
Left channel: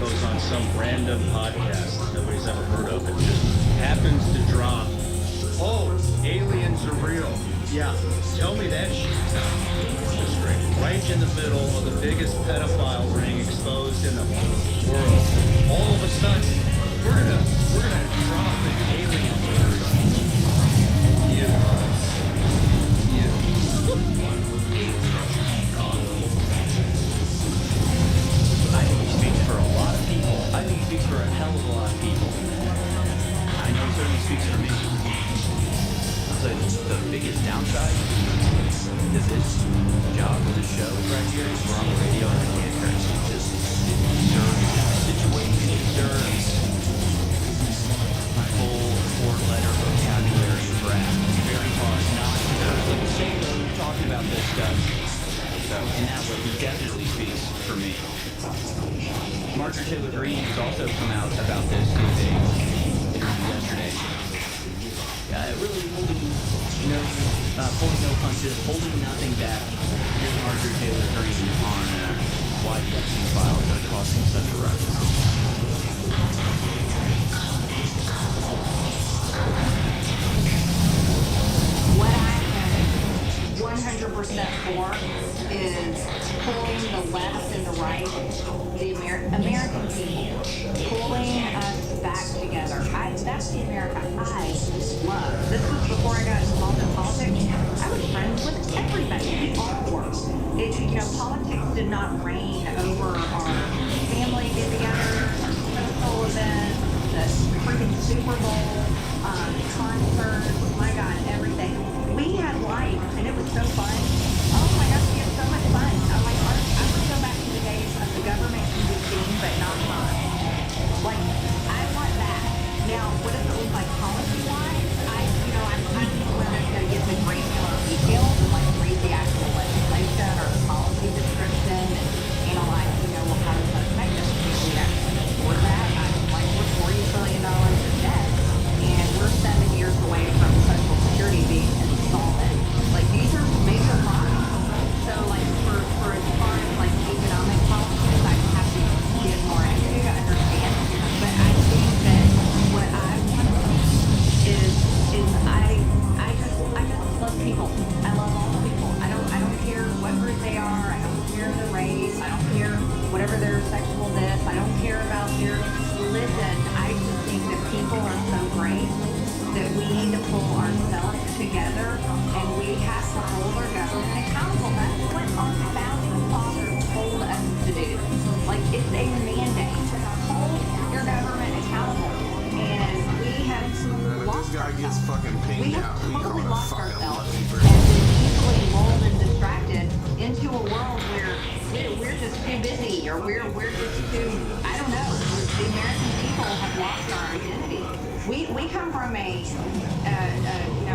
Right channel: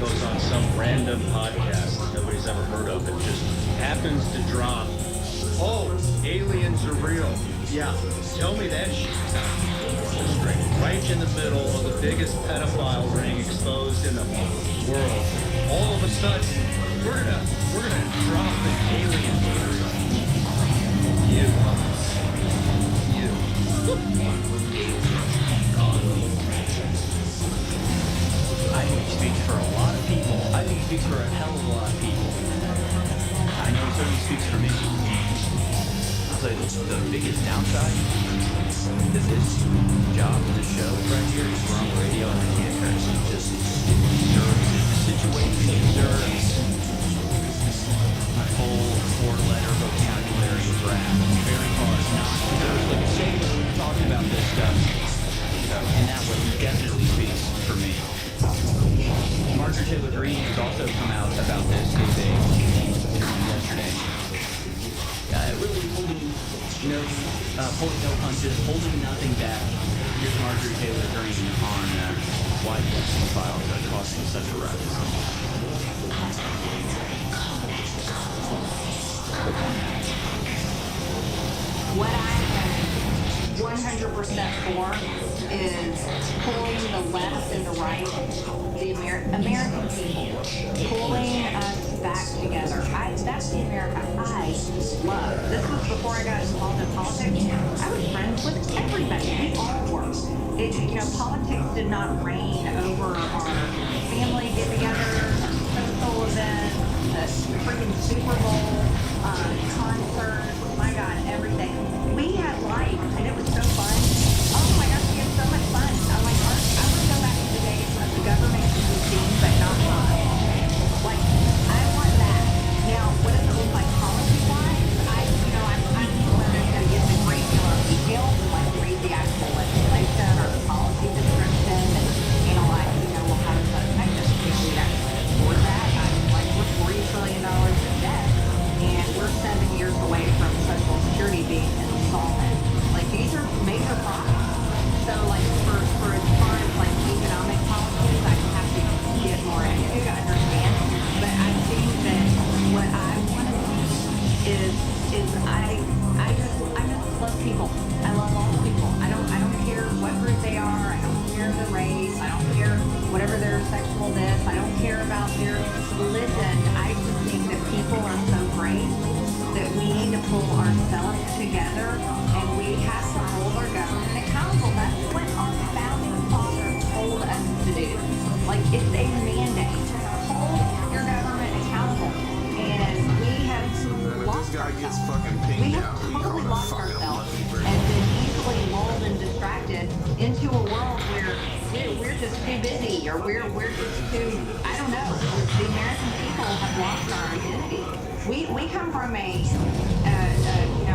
goes on some random podcast that nobody's ever heard of. It just happens to drop, oh, aliens are real. Yeah, tell me that shit's not orchestrated. Right in the middle of the biggest pedophile ring exposed in the world. All of a sudden, we're gonna drop an alien theory. You. I think he speaks for a lot of people. I think he speaks for a hell of a lot of people. I know he certainly speaks for me. I'll tell you the biggest downside to this job, to this show right here, is we're on the radio and I can't curse. It deserves the situation, it deserves my full four-letter vocabulary of rap. It's very hard not to curse like a sailor talking about this stuff. So in that way, he definitely speaks for me. Marjorie Taylor Greene has also come out about this, gave a interview yesterday. Really pulling no punches, holding nothing back. Here's Marjorie Taylor Greene on why the Epstein files are causing such a ruckus. What I am 100% for is pulling the left and the right, the American people, pulling us back together. That's the America I love. This was before I got involved in politics. I was friends with everybody. We all were. Politics did not reign over our family get-togethers, our social events, the freaking Super Bowl, concerts, my God, everything. We had life, and it was so fun. Oh my gosh, we had so much fun. I want to go back to the days of the government can be seen, but not heard. Like, I want that. Now, what does it look like policy-wise? I'm one that's going to get the granular details and read the actual legislation or the policy description and analyze, how does that affect us? If we actually afford that, we're $40 trillion in debt. people. I love all people. I don't care what group they are. I don't care their race. I don't care whatever their sexual this. I don't care about their religion. I just think that people are so great that we need to pull ourselves together and we have to hold our government accountable. That's what our founding fathers told us to do. Like, it's a mandate. Hold your government accountable. And we have lost ourselves. We have totally lost ourselves and been easily lulled and distracted into a world where we're just too busy, or we're just too, I don't know. The American people have lost our identity. We come from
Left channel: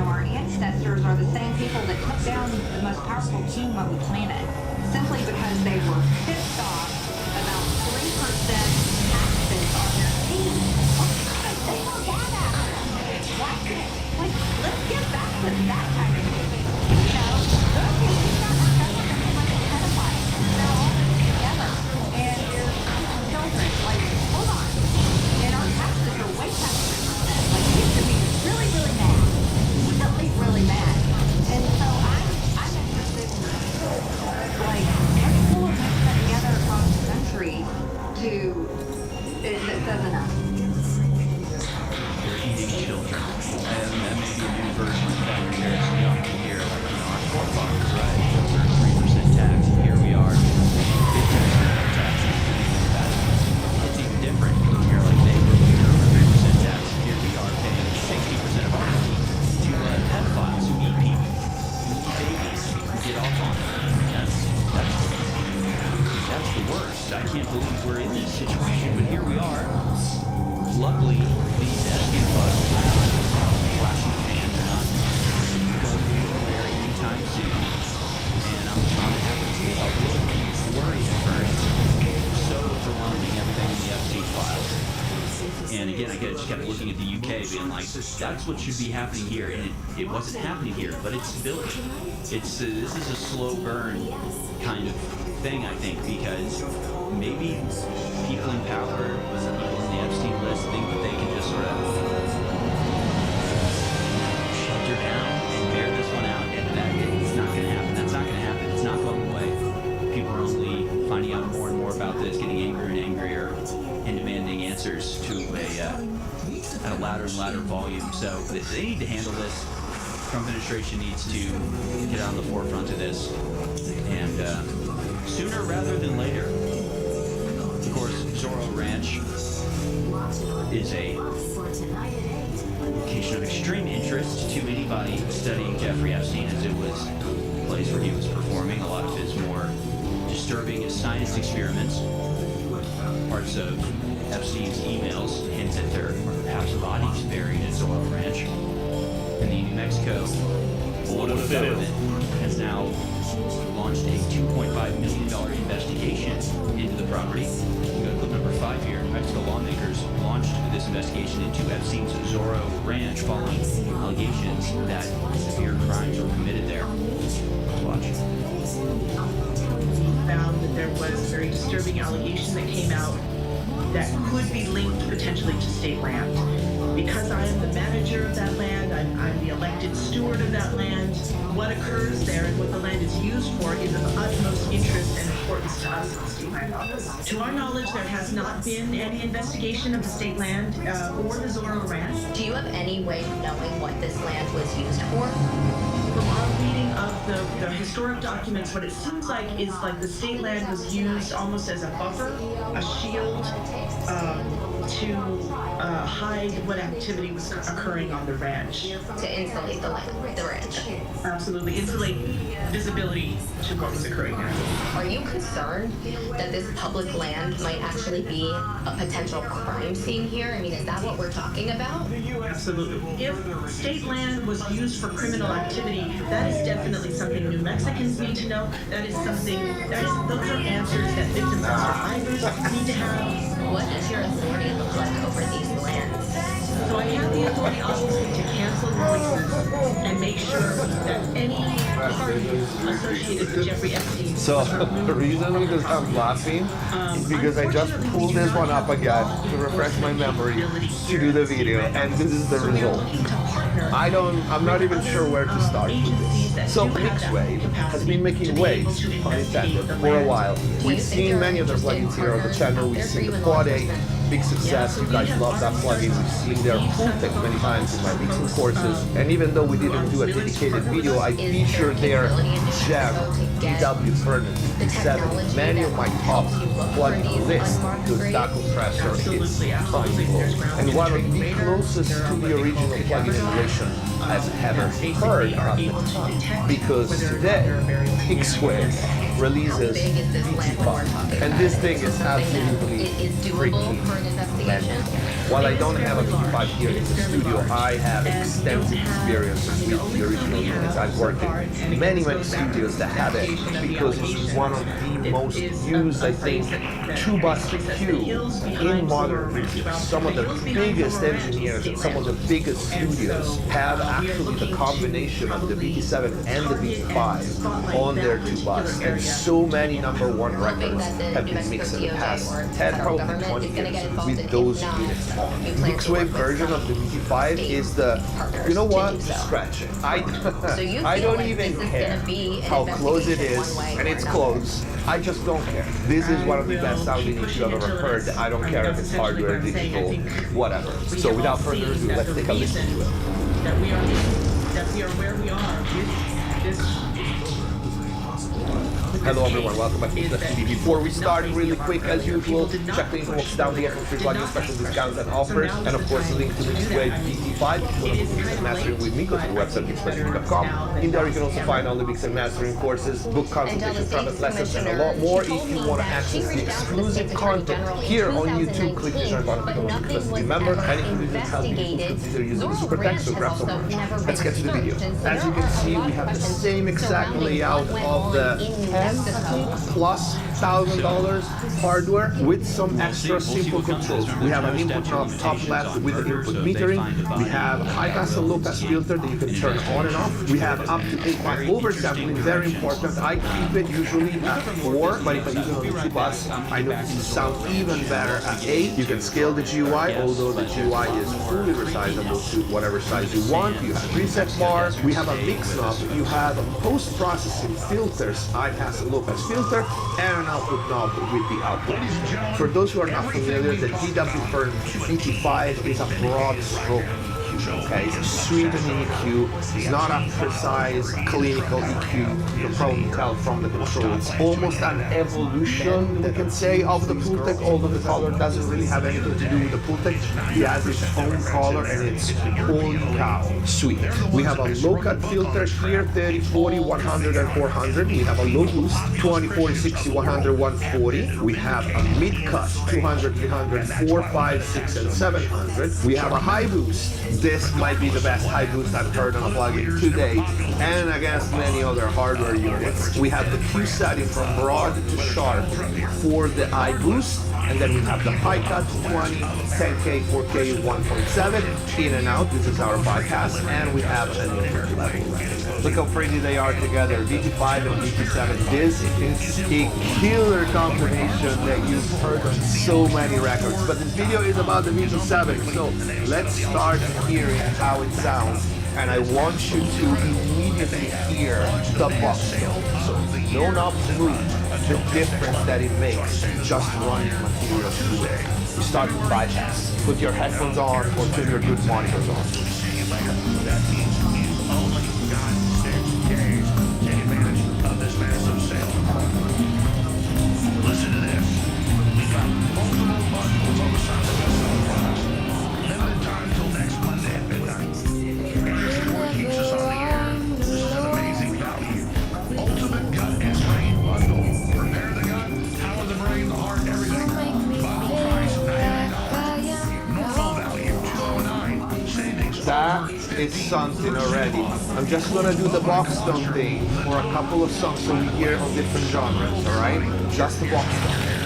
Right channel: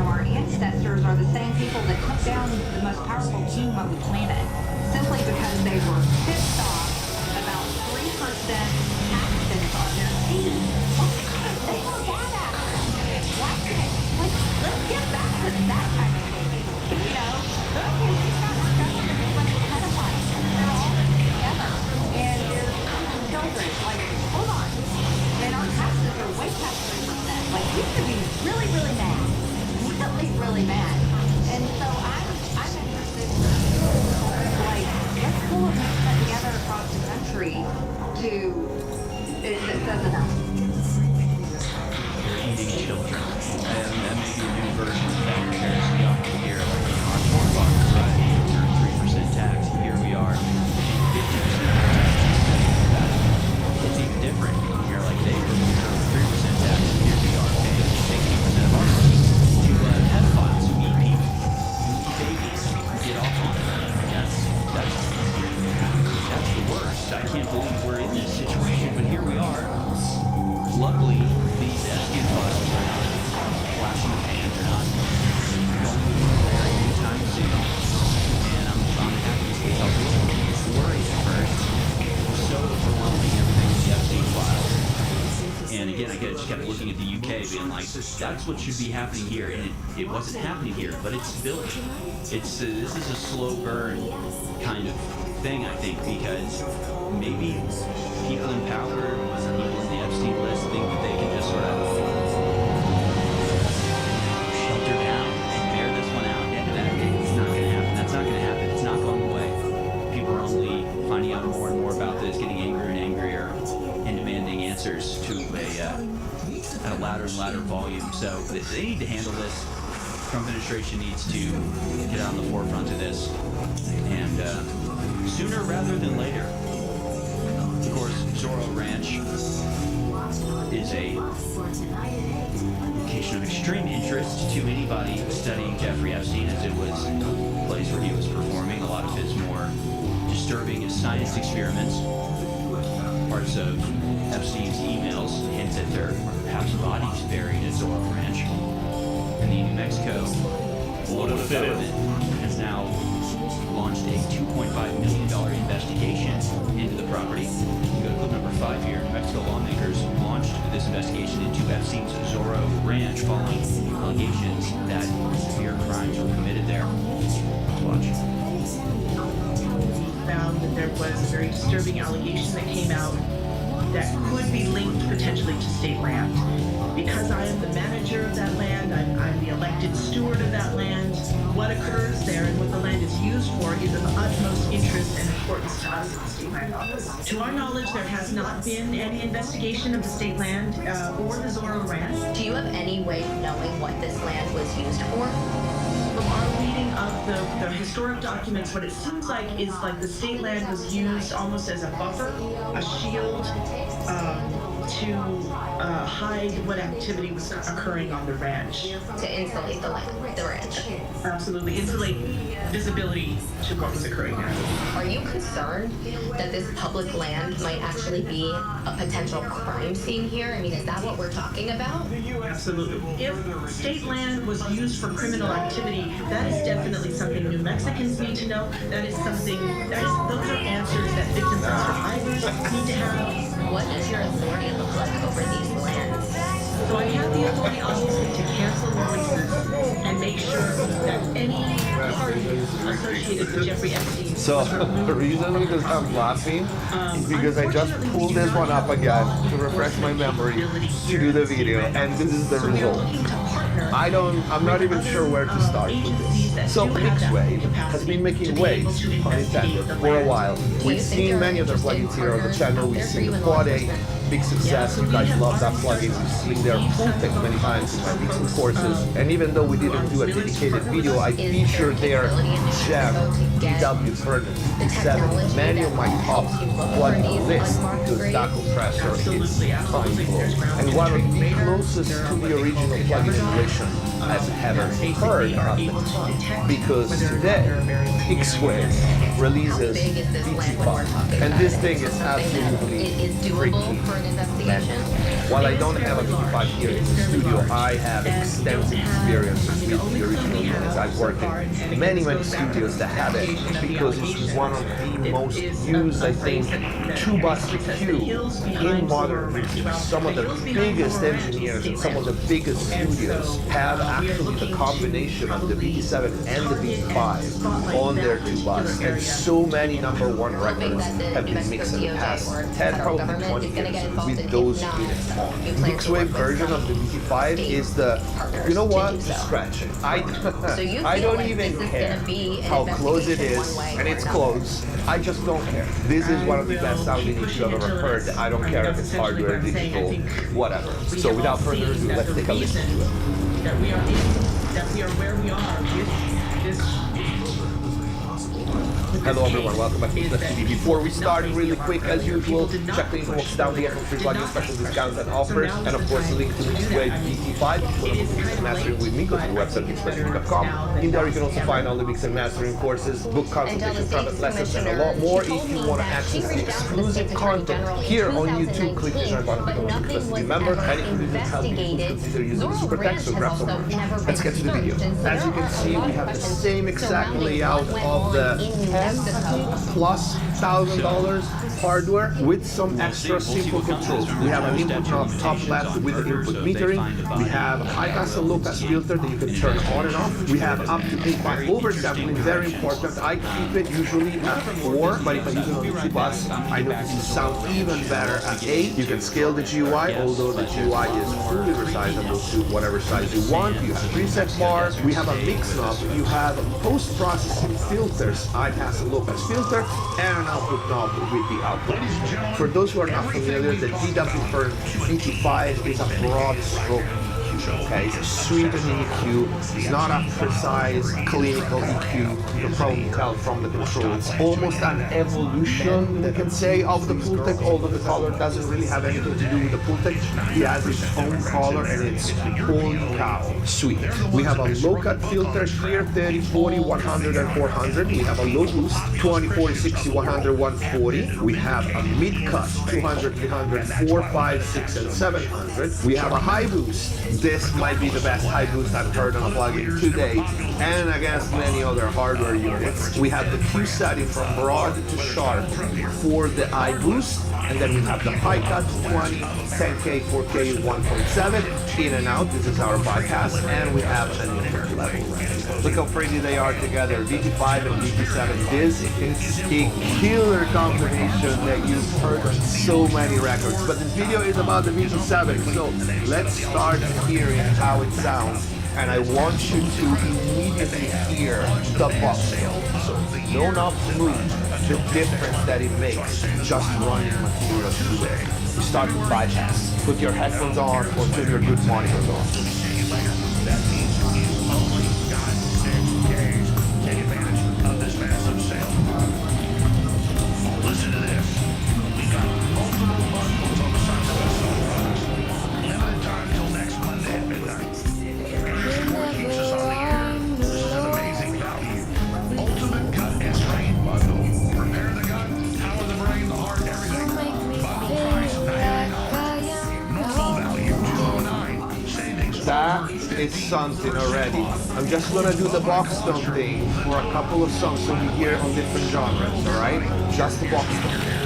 our ancestors are the same people that took down the most powerful king on the planet simply because they were pissed off about 3% taxes on their tea. They were WANA. Like, let's get back to that kind of thinking. You know, okay, we've got our government is like a pedophile. They're all together. And there's children. Like, hold on. And our taxes are way past 3%. Like, we should be really, really mad. Really mad. And so I'm interested in, like, let's pull a movement together across the country that says enough. They're eating children. And that may be a new version of that comparison. You often hear, like, our forefathers, right? Over 3% tax. Here we are, 50% tax. It's even different. You're like, they were over 3% tax. Here we are paying 60% of our money to pedophiles who eat people, who eat babies, who get off on it. That's the worst. I can't believe we're in this situation, but here we are. Luckily, these Epstein files are not flashing the pan. They're not going anywhere anytime soon. And I'm happy to say I was a little worried at first. So overwhelming, everything in the Epstein files. And again, I just kept looking at the UK, being like, that's what should be happening here, and it wasn't happening here, but it's building. This is a slow burn kind of thing, I think, because maybe people in power, people in the Epstein list, think that they can just sort of shelter down and bear this one out, and that it's not going to happen. That's not going to happen. It's not going away. People are only finding out more and more about this, getting angrier and angrier, and demanding answers to at a louder and louder volume. So they need to handle this. Trump administration needs to get on the forefront of this, and sooner rather than later. Of course, Zorro Ranch is a location of extreme interest to anybody studying Jeffrey Epstein, as it was a place where he was performing a lot of his more disturbing science experiments. Parts of Epstein's emails hint that there are perhaps bodies buried at Zorro Ranch. And the New Mexico Board of Government has now launched a $2.5 million investigation into the property. We go to clip number 5 here. New Mexico lawmakers launched this investigation into Epstein's Zorro Ranch following allegations that severe crimes were committed there. Let's watch. Found that there was a very disturbing allegation that came out that could be linked potentially to state land. Because I am the manager of that land, I'm the elected steward of that land, what occurs there and what the land is used for is of utmost interest and importance to us at the state land office. To our knowledge, there has not been any investigation of the state land or the Zorro Ranch. Do you have any way of knowing what this land was used for? From our reading of the historic documents, what it seems like is like the state land was used almost as a buffer, a shield, to hide what activity was occurring on the ranch. To insulate the land, the ranch. Absolutely, insulate visibility to what was occurring there. Are you concerned that this public land might actually be a potential crime scene here? I mean, is that what we're talking about? Absolutely. If state land was used for criminal activity, that is definitely something New Mexicans need to know. That is something, those are answers that victims and survivors need to have. What does your authority look like over these lands? So I have the authority, obviously, to cancel releases and make sure that any party associated with Jeffrey Epstein. So the reason because I'm laughing is because I just pulled this one up again to refresh my memory to do the video, and this is the result. partner. I'm not even sure where to start with this. So MixTYPE has been making waves, pun intended, for a while. We've seen many of their plugins here on the channel. We've seen the Quad 8, big success. You guys love that plugin. We've seen their full text many times in my mixing courses. And even though we didn't do a dedicated video, I featured their gem DW Furnace V7 many of my top plugin lists because that compressor is mind-blowing. And one of the closest to the original plugin emulation I've ever heard at the time. Because today, MixTYPE releases VT5. And this thing is absolutely freaking magical. While I don't have a VT5 here in the studio, I have extensive experience with the original units. I've worked in many studios that have it because it's one of the most used, I think, 2-bus EQ in modern music. Some of the biggest engineers and some of the biggest studios have actually the combination of the VT7 and the VT5 on their 2-bus. And so many #1 records have been mixed in the past 10, probably 20 years with those units on. MixTYPE version of the VT5 is the, you know what, scratching. I don't even care how close it is, and it's close. I just don't care. This is one of the best sounding EQ I've ever heard. I don't care if it's hardware, digital, whatever. So without further ado, let's take a listen to it. That we are where we are with this. Hello everyone, welcome back to Cliff TV. Before we start, really quick as usual, check the info box down below for free plugin special discounts and offers, and of course the link to MixTYPE VT5 if you want to book mix and mastering with me. Go to the website mixtype.com. In there you can also find all the mix and mastering courses, book consultations, private lessons, and a lot more. If you want to access the exclusive content here on YouTube, click the join button, become a Cliff TV member, and if you didn't help me, consider using the super text, so grab some merch. Let's get to the video. As you can see, we have the same exact layout of the plus $1,000 hardware with some extra simple controls. We have an input knob top left with the input metering. We have a high pass and low pass filter that you can turn on and off. We have up to 8x oversampling, very important. I keep it usually at 4, but if I use it on the 2-bus, I notice it sounds even better at 8. You can scale the GUI, although the GUI is fully resizable to whatever size you want. You have preset bar. We have a mix knob. You have post-processing filters, high pass and low pass filter, and an output knob with the output. For those who are not familiar, the DW Furnace VT5 is a broad stroke EQ, okay? It's a sweetening EQ. It's not a precise clinical EQ. You can probably tell from the control. It's almost an evolution, we can say, of the Pultec, although the color doesn't really have anything to do with the Pultec. It has its own color and it's holy cow sweet. We have a low cut filter here, 30, 40, 100, and 400. We have a low boost, 20, 40, 60, 100, 140. We have a mid cut, 200, 300, 4, 5, 6, and 700. We have a high boost. This might be the best high boost I've heard on a plugin to date, and against many other hardware units. We have the Q setting from broad to sharp for the high boost, and then we have the high cut 20, 10K, 4K, 1.7 in and out. This is our bypass, and we have an input level. Look how pretty they are together, VT5 and VT7. This is a killer combination that you've heard on so many records, but this video is about the VT7, so let's start hearing how it sounds. And I want you to immediately hear the box tone. So no knobs move, the difference that it makes just running material through it. You start with bypass. Put your headphones on or turn your good monitors on. That means you've only got 6 days to take advantage of this massive sale. Listen to this. We've got multiple bundles on the side of our best-selling products. Limited time till next Monday at midnight. Support keeps us on the air. This is an amazing value. Ultimate gut and brain bundle. Repair the gut, power the brain, the heart, everything. Bundle price $99. Normal value $209. Savings. That is something already. I'm just gonna do the box tone thing for a couple of songs so we hear on different genres, alright? Just the box tone.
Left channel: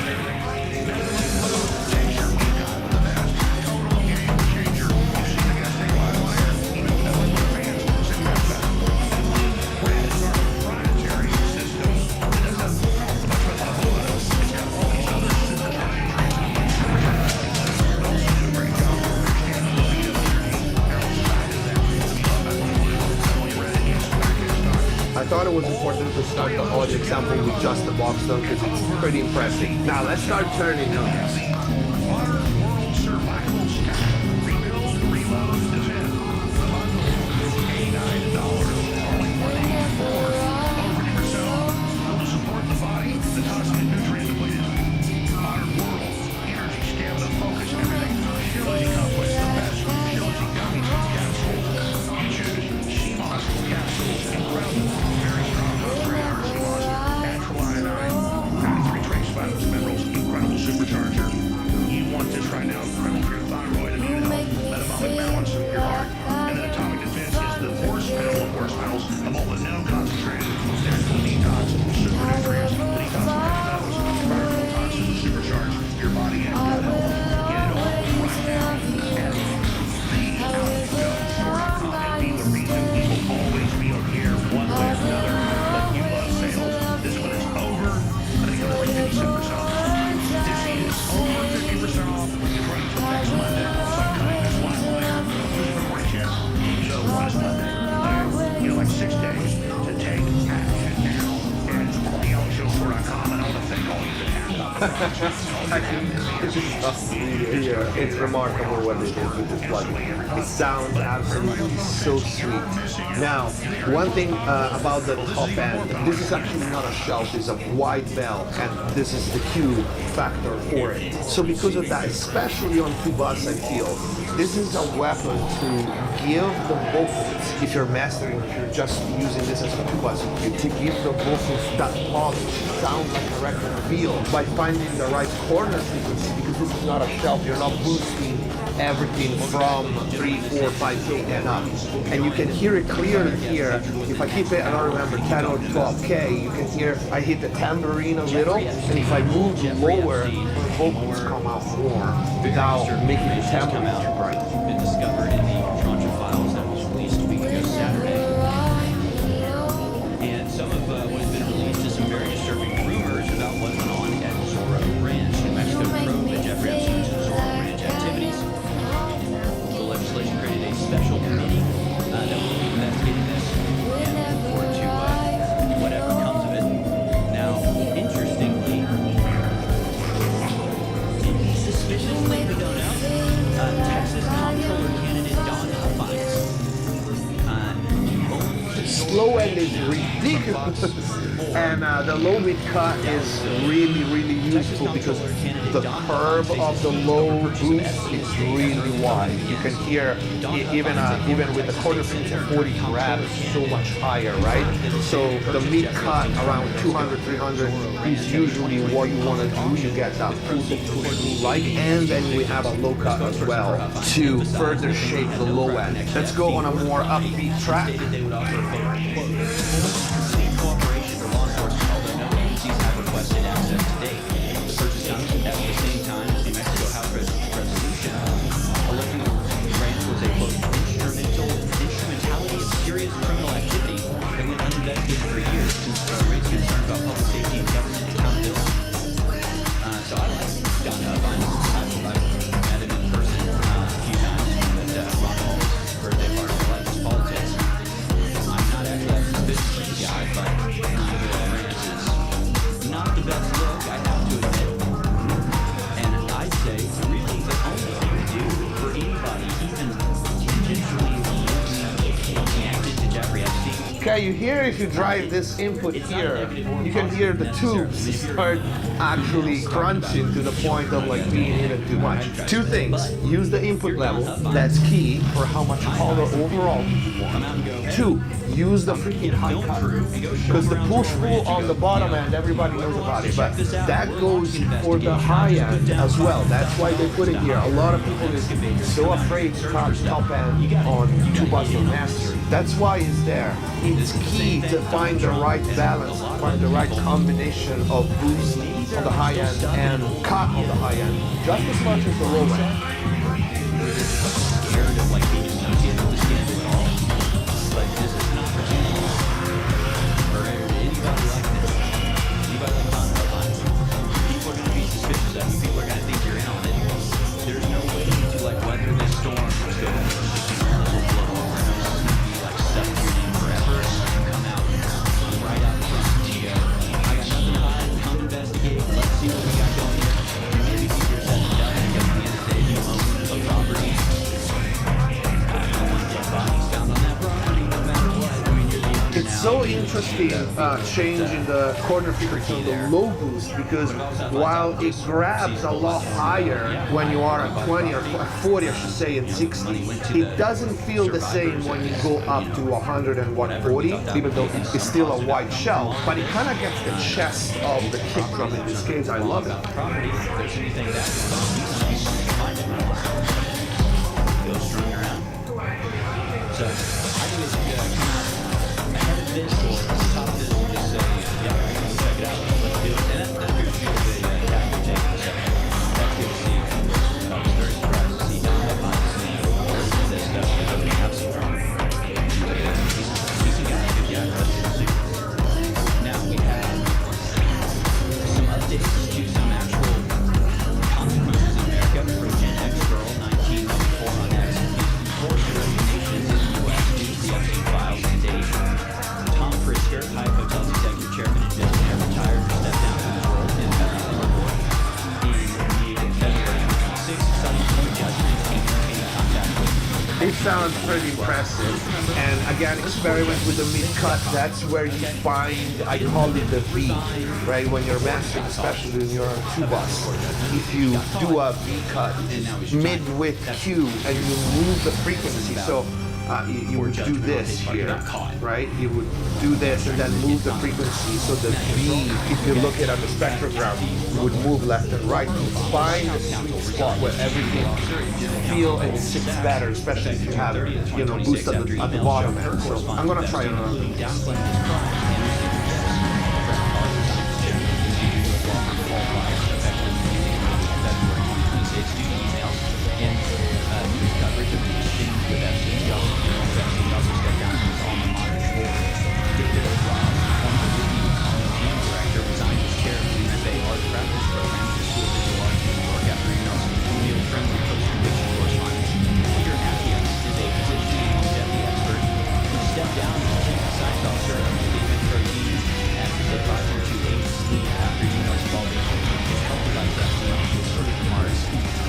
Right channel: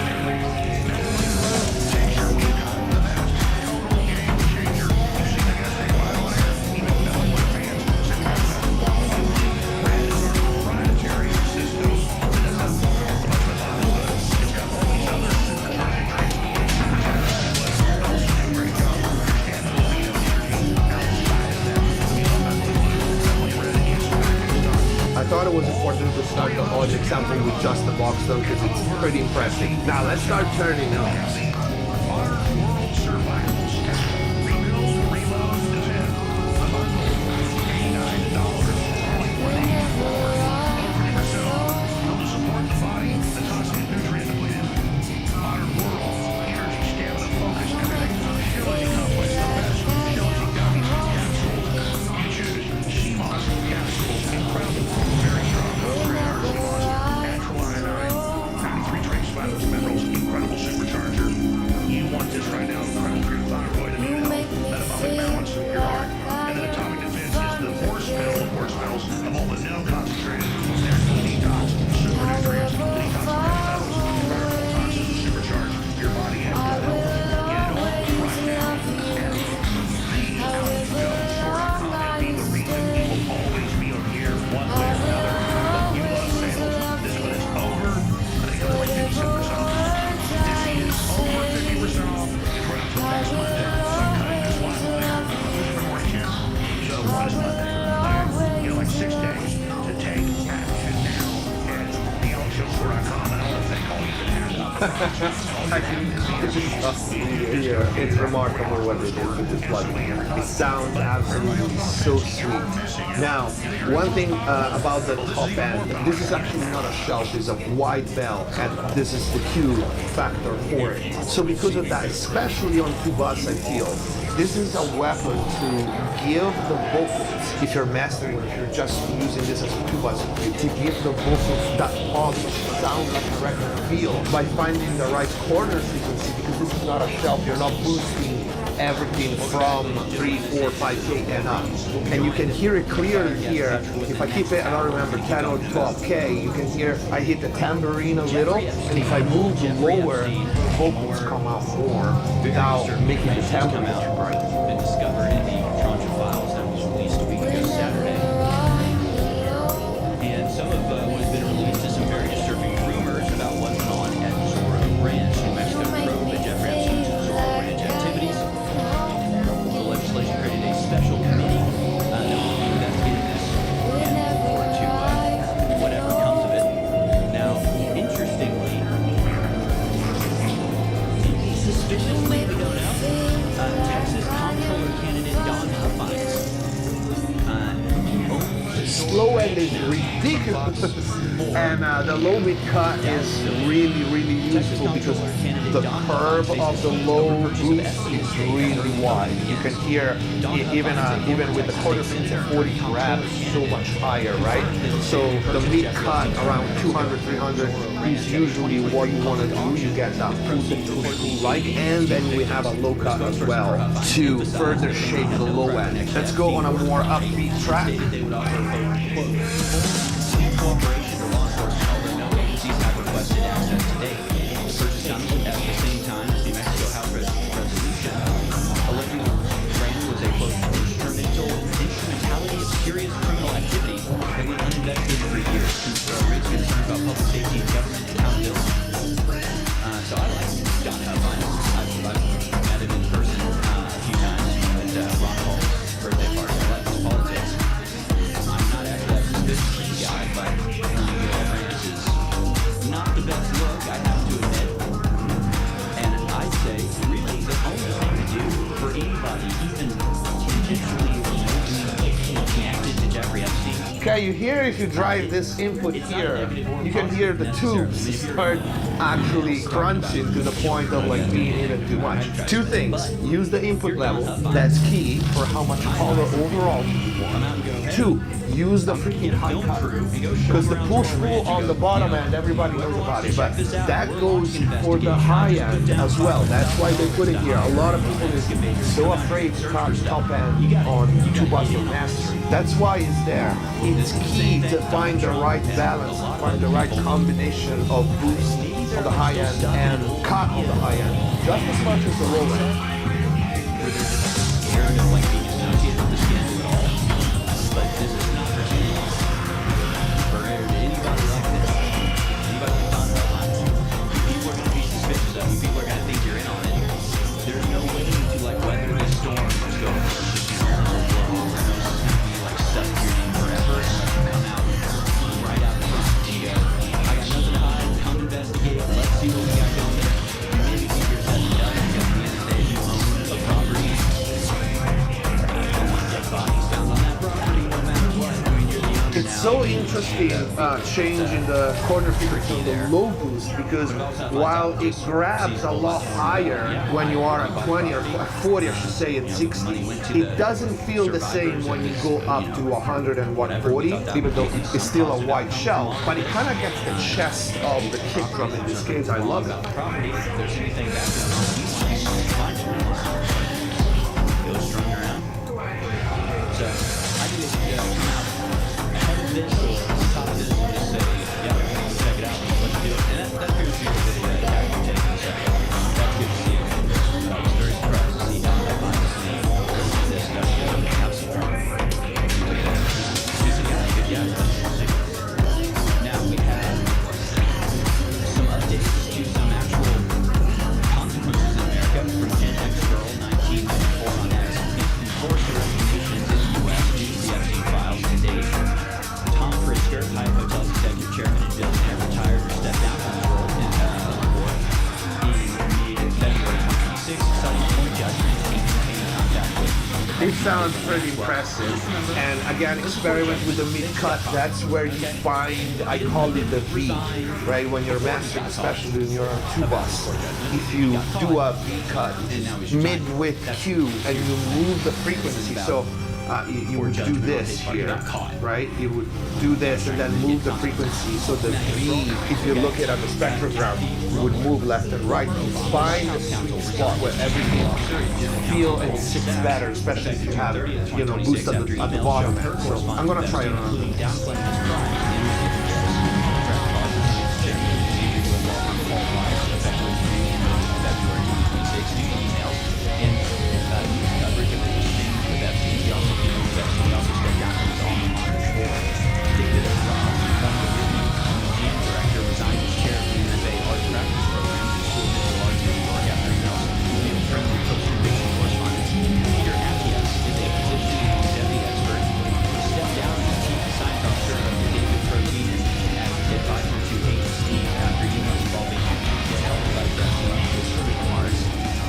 thought it was important to start the audio example with just the box though, because it's pretty impressive. Now let's start turning up. Modern World Survival Scout. Rebuild, reload, defend. The bundle, $89. Only $184. Over yourself. Build to support the body. The toxic nutrient depleted. Modern World. Energy, stamina, focus, everything. Shilajit complex. The best Shilajit gummies, capsules. You choose. CMOS capsules. Incredible. Very strong. Upgrade our CMOS. Natural iodine. 93 trace vitamins, minerals. Incredible supercharger. You want this right now. Incredible for your thyroid, immune health, metabolic balance, your heart. And then Atomic Defense is the horse pill of horse pills of all the known concentrated. There's full detox, super nutrients, detox of heavy metals, environmental toxins to supercharge your body and gut health. Get it all right now at theouterstore.com and be the reason you will always be on here one way or another. But you love sales. This one is over. I think it was like 57% off. This is over 50% off. It's running until next Monday. So I'm cutting this line later. Usually for morning shift. So what is Monday? You know, like 6 days to take action now at theouterstore.com. And I want to thank all you that have It's remarkable what they did with this plugin. It sounds absolutely so sweet. Now, one thing about the top end, this is actually not a shelf, it's a white bell, and this is the Q factor for it. So because of that, especially on Q-Bus, I feel, this is a weapon to give the vocals, if you're mastering, if you're just using this as a Q-Bus, to give the vocals that polish, sound like a record feel, by finding the right corner frequency, because this is not a shelf, you're not boosting everything from 3, 4, 5K and up. And you can hear it clearly here. If I keep it, I don't remember, 10 or 12K, you can hear I hit the tambourine a little, and if I move lower, the vocals come out more without making the tambourine too bright. Been discovered in the tranche of files that was released a week ago Saturday. And some of what has been released is some very disturbing rumors about what's going on at Zorro Ranch. New Mexico probe at Jeffrey Epstein's Zorro Ranch activities. The legislation created a special committee that will be investigating this and look forward to whatever comes of it. Now, interestingly, suspiciously, we don't know, Texas comptroller candidate Don Huffines Slow end is ridiculous, and the low mid cut is really, really useful because the curve of the low boost is really wide. You can hear even with the quarter frequency at 40 grab is so much higher, right? So the mid cut around 200, 300 is usually what you want to do. You get that push like, and then we have a low cut as well to further shape the low end. Let's go on a more upbeat track. Cooperation for law enforcement, although no agencies have requested access to date. The purchase comes at the same time as New Mexico House resolution alleging the ranch was a quote instrumentality of serious criminal activity that went uninvestigated for years, raised concern about public safety and government accountability. So I like Don Huffines. I've met him in person a few times at Ron Hall's birthday party. I like his politics. I'm not actually that suspicious guy, but Ranch is not the best look, I have to admit. And I'd say, really, the only thing to do for anybody, even tangentially connected to Jeffrey Epstein. Okay, you hear if you drive this input here, you can hear the tubes start actually crunching to the point of like being even too much. Two things, use the input level, that's key for how much color overall you want. Two, use the freaking high cut, because the push-pull on the bottom end, everybody knows about it, but that goes for the high end as well. That's why they put it here. A lot of people is so afraid to cut top end on Q-Bus or Mastery. That's why it's there. It's key to find the right balance, find the right combination of boost on the high end and cut on the high end, just as much as the low end. Where they're just scared of like being associated with the scandal at all. But this is an opportunity for anybody like this, anybody like Don Huffines. People are going to be suspicious of you. People are going to think you're in on it. There's no way to like weather this storm. Just go first, this will blow over. No, this is going to be like stuck to your name forever unless you come out very interesting change in the corner frequency on the low boost, because while it grabs a lot higher when you are at 20 or 40, I should say, and 60, it doesn't feel the same when you go up to 100 and 140, even though it's still a wide shell, but it kind of gets the chest of the kick drum in this case. I love it. Property, if there's anything bad going on, we want to find it. Go strung around. So I think they should come out ahead of this or on top of this and just say, yeah, we'll check it out. Let's do it. And that appears to be the tack they're taking. So that's good to see. I was very surprised to see how behind the scenes listen to this stuff because everything else is wrong. Seems like a decent guy, good guy. Let's see. Now we have some updates to some actual consequences in America from Gen X Girl 1994 on X. Enforced resignations in the U.S. due to the Epstein files to date. Tom Frisker, Hyatt Hotels executive chairman and billionaire, retired or stepped down from his role in the board in mid-February 2026, citing poor judgment and maintaining contact with. It sounds pretty impressive. And again, experiment with the mid-cut. That's where you find, I call it the V, right? When you're mastering, especially when you're on two bus. If you do a V cut mid-width Q and you move the frequency, so you would do this here, right? You would do this and then move the frequency, so the V, if you look at the spectrogram, would move left and right. You find the sweet spot where everything feel and sits better, especially if you have, boost at the bottom end. So I'm gonna try it on. News coverage of his exchange with Epstein. He also stepped down from his alma mater board. David Ross, former Whitney museum director, resigned as chair of the MFA Art Practice Program at the School of Visual Arts in New York after emails field-friendly post-conviction correspondence. Peter Attias is a physician and longevity expert who stepped down as chief science officer of the David Protein and as advisor to agency after emails involving his health advice Epstein with further remarks.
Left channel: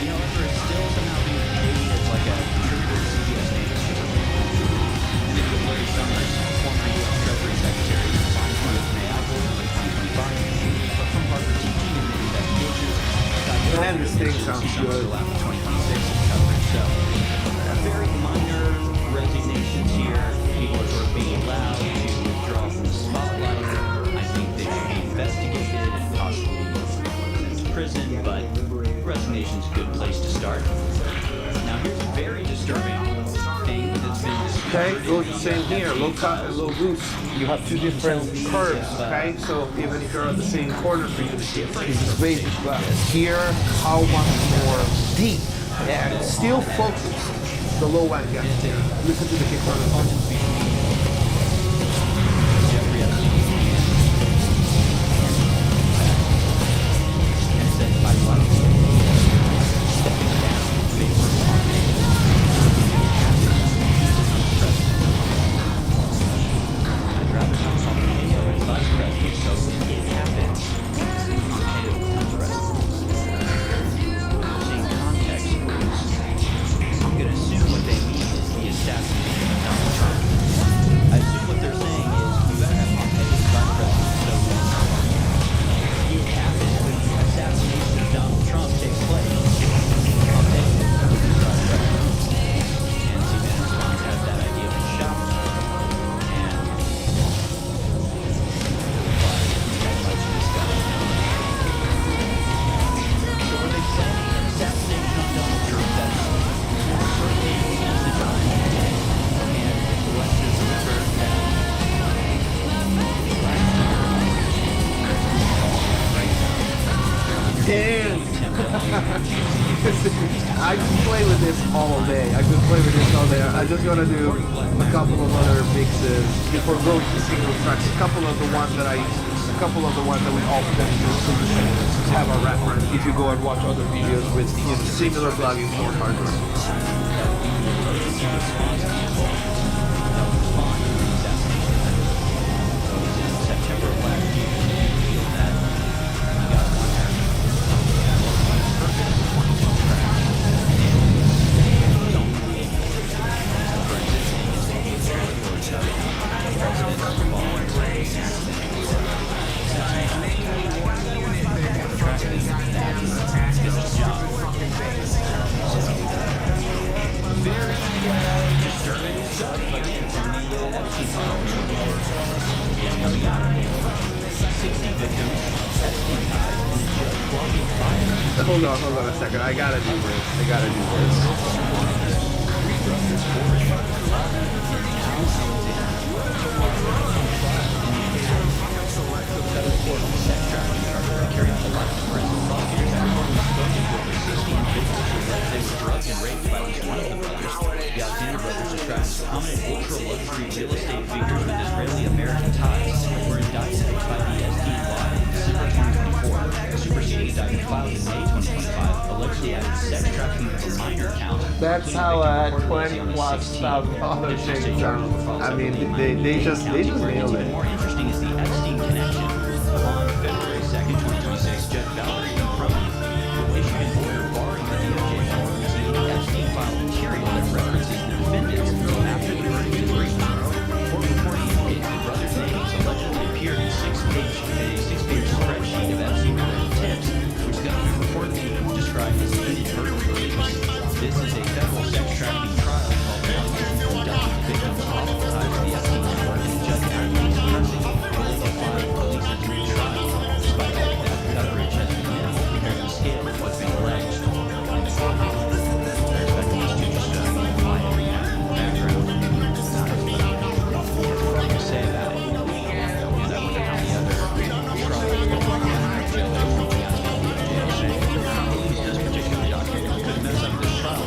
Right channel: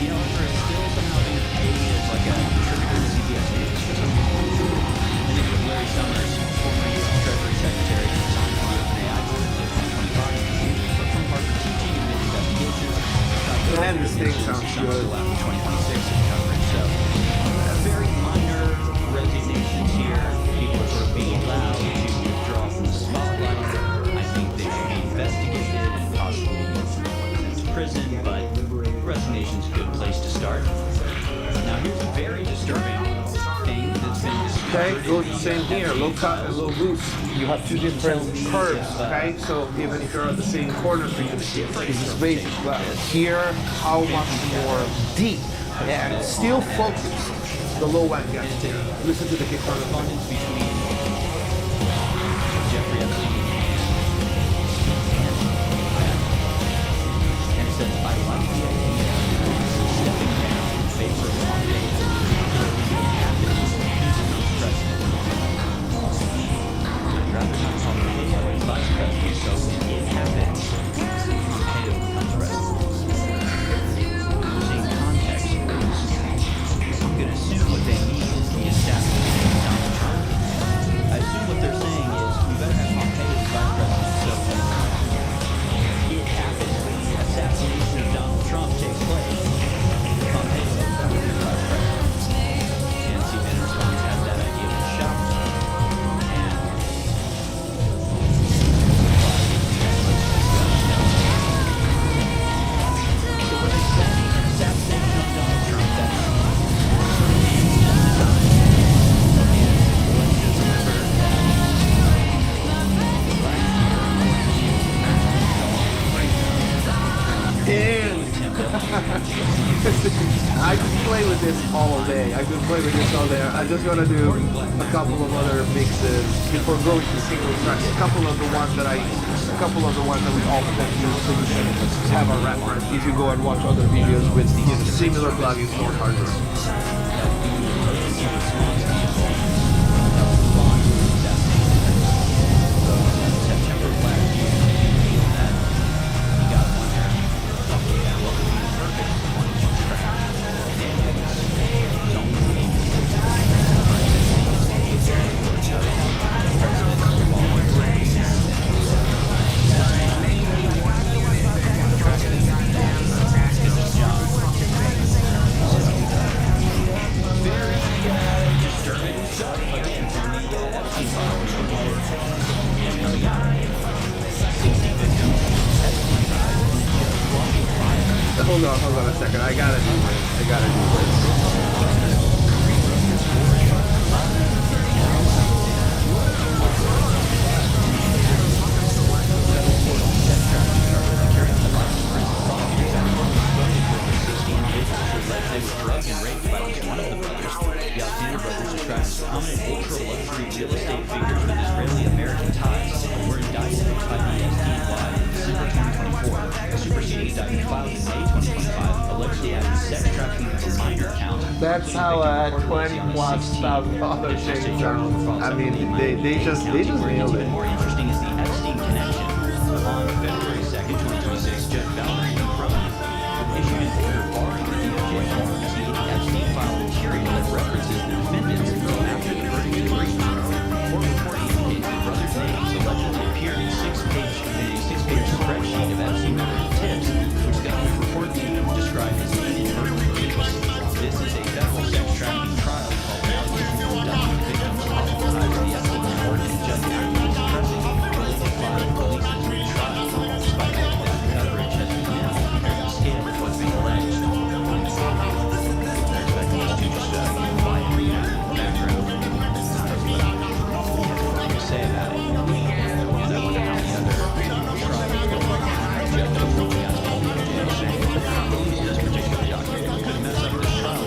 However, it's still somehow being paid as like a contributor to CBS News for some reason. And then you have Larry Summers, former U.S. Treasury Secretary, resigned from the OpenAI board in 2025, but from Harvard teaching and mid-investigations. Man, this thing sounds good. After 2026 in coverage. So, very minor resignations here. People are sort of being allowed to withdraw from the spotlight. I think they should be investigated and possibly sent to prison, but resignation's a good place to start. Now here's a very disturbing thing that's been discovered. Okay, goes the same here, low cut and low boost. You have two different curves, okay? So even if you're at the same corner frequency, it's just basic. But here, how much more deep and still focused the low end gets here. Listen to the kick drum. Between Jeffrey Epstein and it says, I like the idea of stepping down in favor of Pompeo. So when it happens, he becomes president. I'd rather have Pompeo as vice president, so when it happens, Pompeo becomes president. We're seeing context clues. I'm going to assume what they mean is the assassination of Donald Trump. I assume what they're saying is we better have Pompeo as vice president, so when it happens, when the assassination of Donald Trump takes place, Pompeo would be vice president. And CNN Response has that idea been shocked, and replied, we had much discussion. So were they planning an assassination of Donald Trump? That's certainly the time. And let's just remember that last year, And I could play with this all day. I could play with this all day. I just want to do a couple of other mixes before going to single tracks. A couple of the ones that we often use, so you can have a reference if you go and watch other videos with similar plugins or hardware. September of last year, revealed that he got one what would be the perfect 22 track and his own for instance, the president of the following hold on a second. I gotta do this. Federal court on sex trafficking charges to carry out the life forensic prosecutors have reportedly spoken to over 60 individuals who allege they were drugged and raped by at least one of the brothers. The Alexander brothers, described as prominent ultra-luxury real estate figures with Israeli-American ties, were indicted by the SDY in December 2024. A superseding indictment filed in May 2025 allegedly added sex trafficking of a minor count. That's how $20,000+ shakes down. I mean, they just nailed it. More interesting is the Epstein connection. On February 2nd, 2026, Judge Valerie Cronin issued an order barring the DOJ from releasing any Epstein file material that references the defendants until after the verdict is reached. Court reporting indicates the brothers' names allegedly appeared in a six-page spreadsheet of Epstein-related tips, which the government reportedly described as inadvertently released. This is a federal sex trafficking trial involving allegations of abducting the victims of possible ties to the Epstein network, and the judge actively suppressing related file releases mid-trial. Despite all of that, coverage has been minimal compared to the scale of what's being alleged. They're expecting us to just quietly in the background. But he has nothing to say about it. And I wonder how many other trials go on. Judge is reaching out to the DOJ saying, "I believe this particular document could mess up this trial."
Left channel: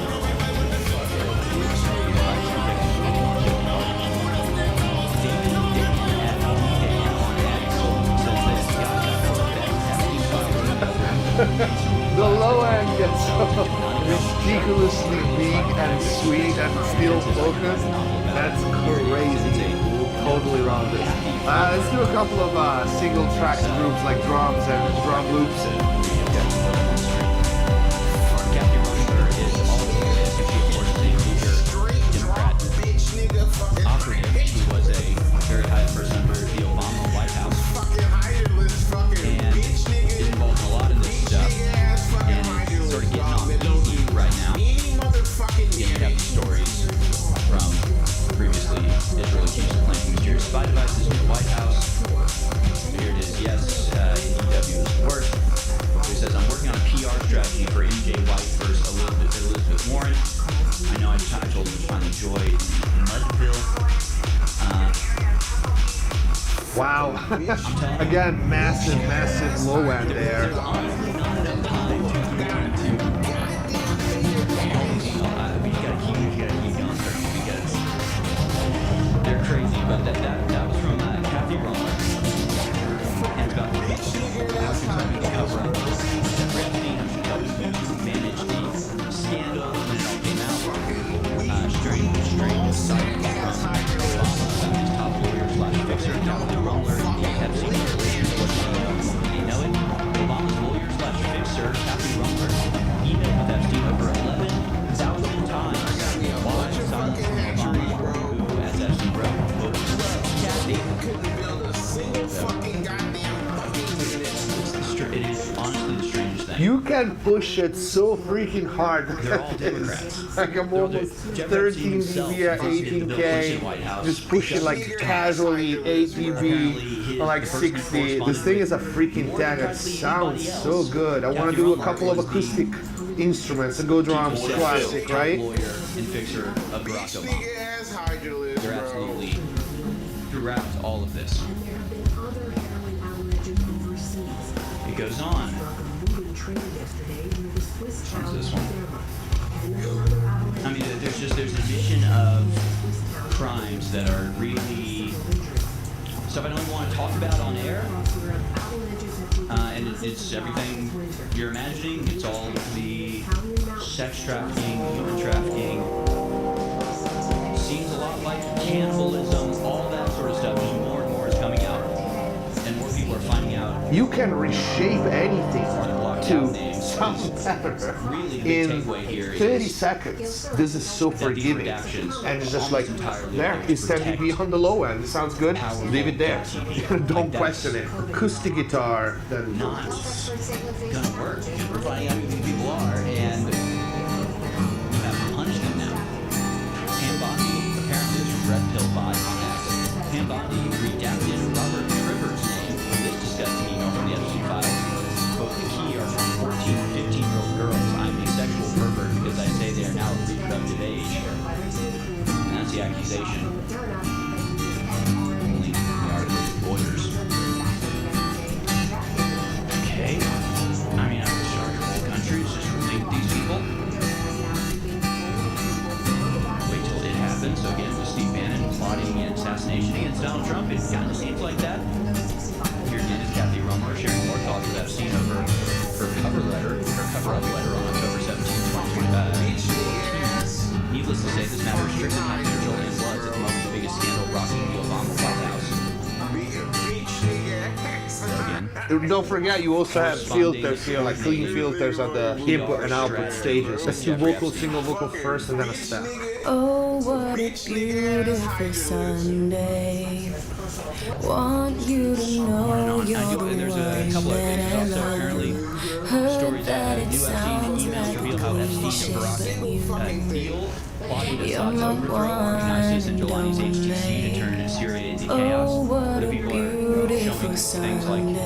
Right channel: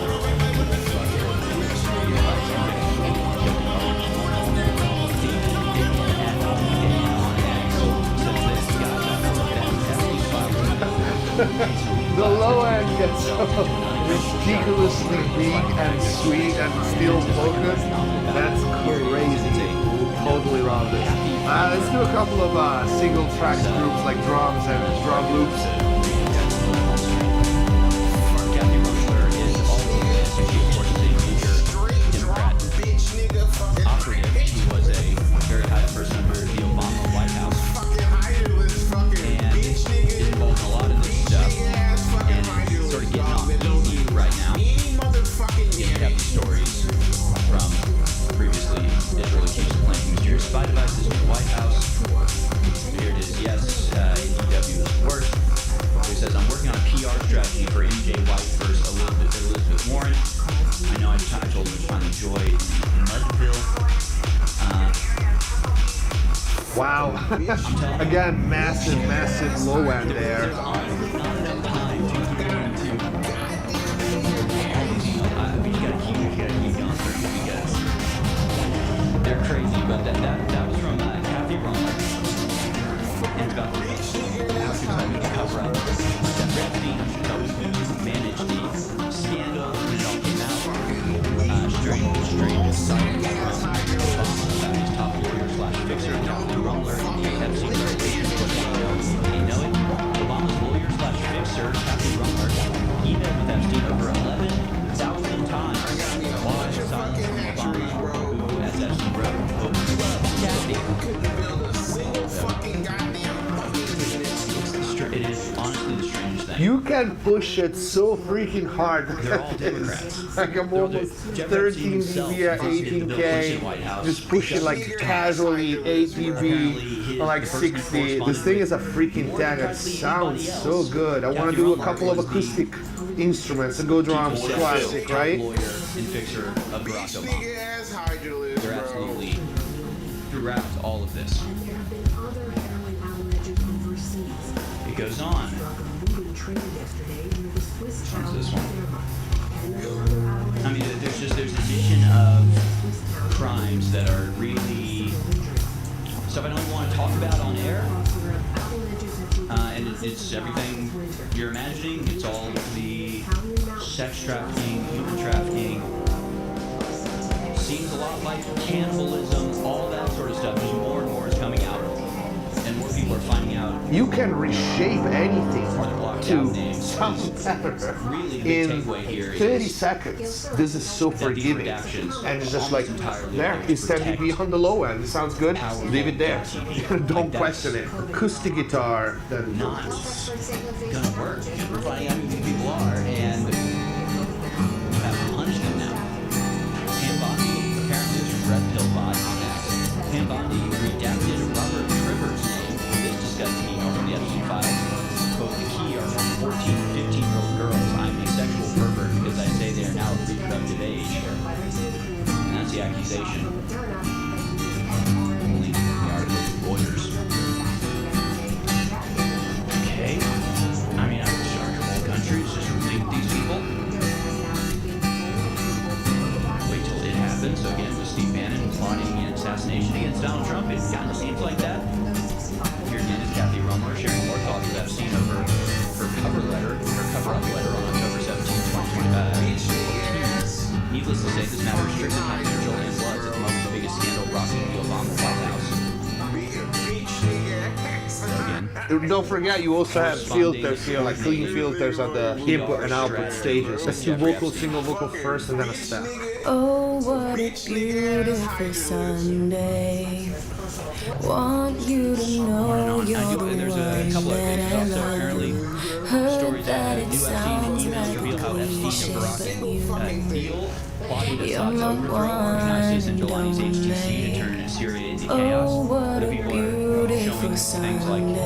The low end gets so ridiculously big and sweet and still focused. That's crazy. Totally love this. Let's do a couple of single tracks groups like drums and drum loops. Kathy Runkler is all over this, and she, of course, is a major Democrat operative. He was a very high person under the Obama White House, and is involved in a lot of this stuff, and it's sort of getting off easy right now. You have these stories from previously Israel accused of planting mysterious spy devices near the White House. Here it is. Yes, EW is worse. He says, "I'm working on a PR strategy for MJ White versus Elizabeth Warren. I know I told him to find the joy in Mudville." Wow. Again, massive low end there. There's honestly not enough time to get into all these emails. We gotta keep going through because they're crazy. But that was from Kathy Runkler. And about how she was helping to cover up Jeffrey Epstein, how she was helping to manage the scandal when it all came out. Strange silence from Obama about his top lawyer/fixer, Kathy Runkler, and the Epstein revelations. What do you know it? Obama's lawyer/fixer, Kathy Runkler, emailed with Epstein over 11,000 times. Why silence from Obama, who, as Epstein wrote, quote, "Love Kathy." It is honestly the strangest thing. You can push it so freaking hard. They're all Democrats. Like I'm almost 13 dB, 18K, just pushing like casually 8 dB, like 60. This thing is a freaking tank. It sounds so good. I want to do a couple of acoustic instruments and go drums, classic, right? Lawyer and fixer of Barack Obama. They're absolutely throughout all of this. It goes on. What's this one? I mean, there's a vision of crimes that are really stuff I don't even want to talk about on air. And it's everything you're imagining. It's all the sex trafficking, human trafficking. Seems a lot like cannibalism, all that sort of stuff. Just more and more is coming out. And more people are finding out. You can reshape anything to sound better in 30 seconds. This is so forgiving. And it's just like, there, it's 10 dB on the low end. It sounds good, leave it there. Don't question it. Acoustic guitar, then not gonna work. We're finding out who these people are, and we have to punish them now. Pam Bondi, apparently this from Red Pill Bot on X. Pam Bondi redacted Robert Trivers' name. This disgusting email from the Epstein files. Quote, the key are from 14 to 15 organization. Link to the article with Reuters. Okay. I mean, I could start your whole country is just link these people. Wait till it happens. So again, with Steve Bannon plotting an assassination against Donald Trump, it kind of seems like that. Here again is Kathy Romer sharing more thoughts with Epstein over her cover-up letter on October 17, 2014. Needless to say, this matter is strictly confidential and was at the moment the biggest scandal rocking the Obama White House. Don't forget, you also have filters here, like clean filters at the input and output stages. Let's do vocal, single vocal first, and then a step. Oh, what a beautiful Sunday. Want you to know you're the one that I love. Heard that it sounds like a cliche, but you, you're my one and only. Oh, what a beautiful Sunday.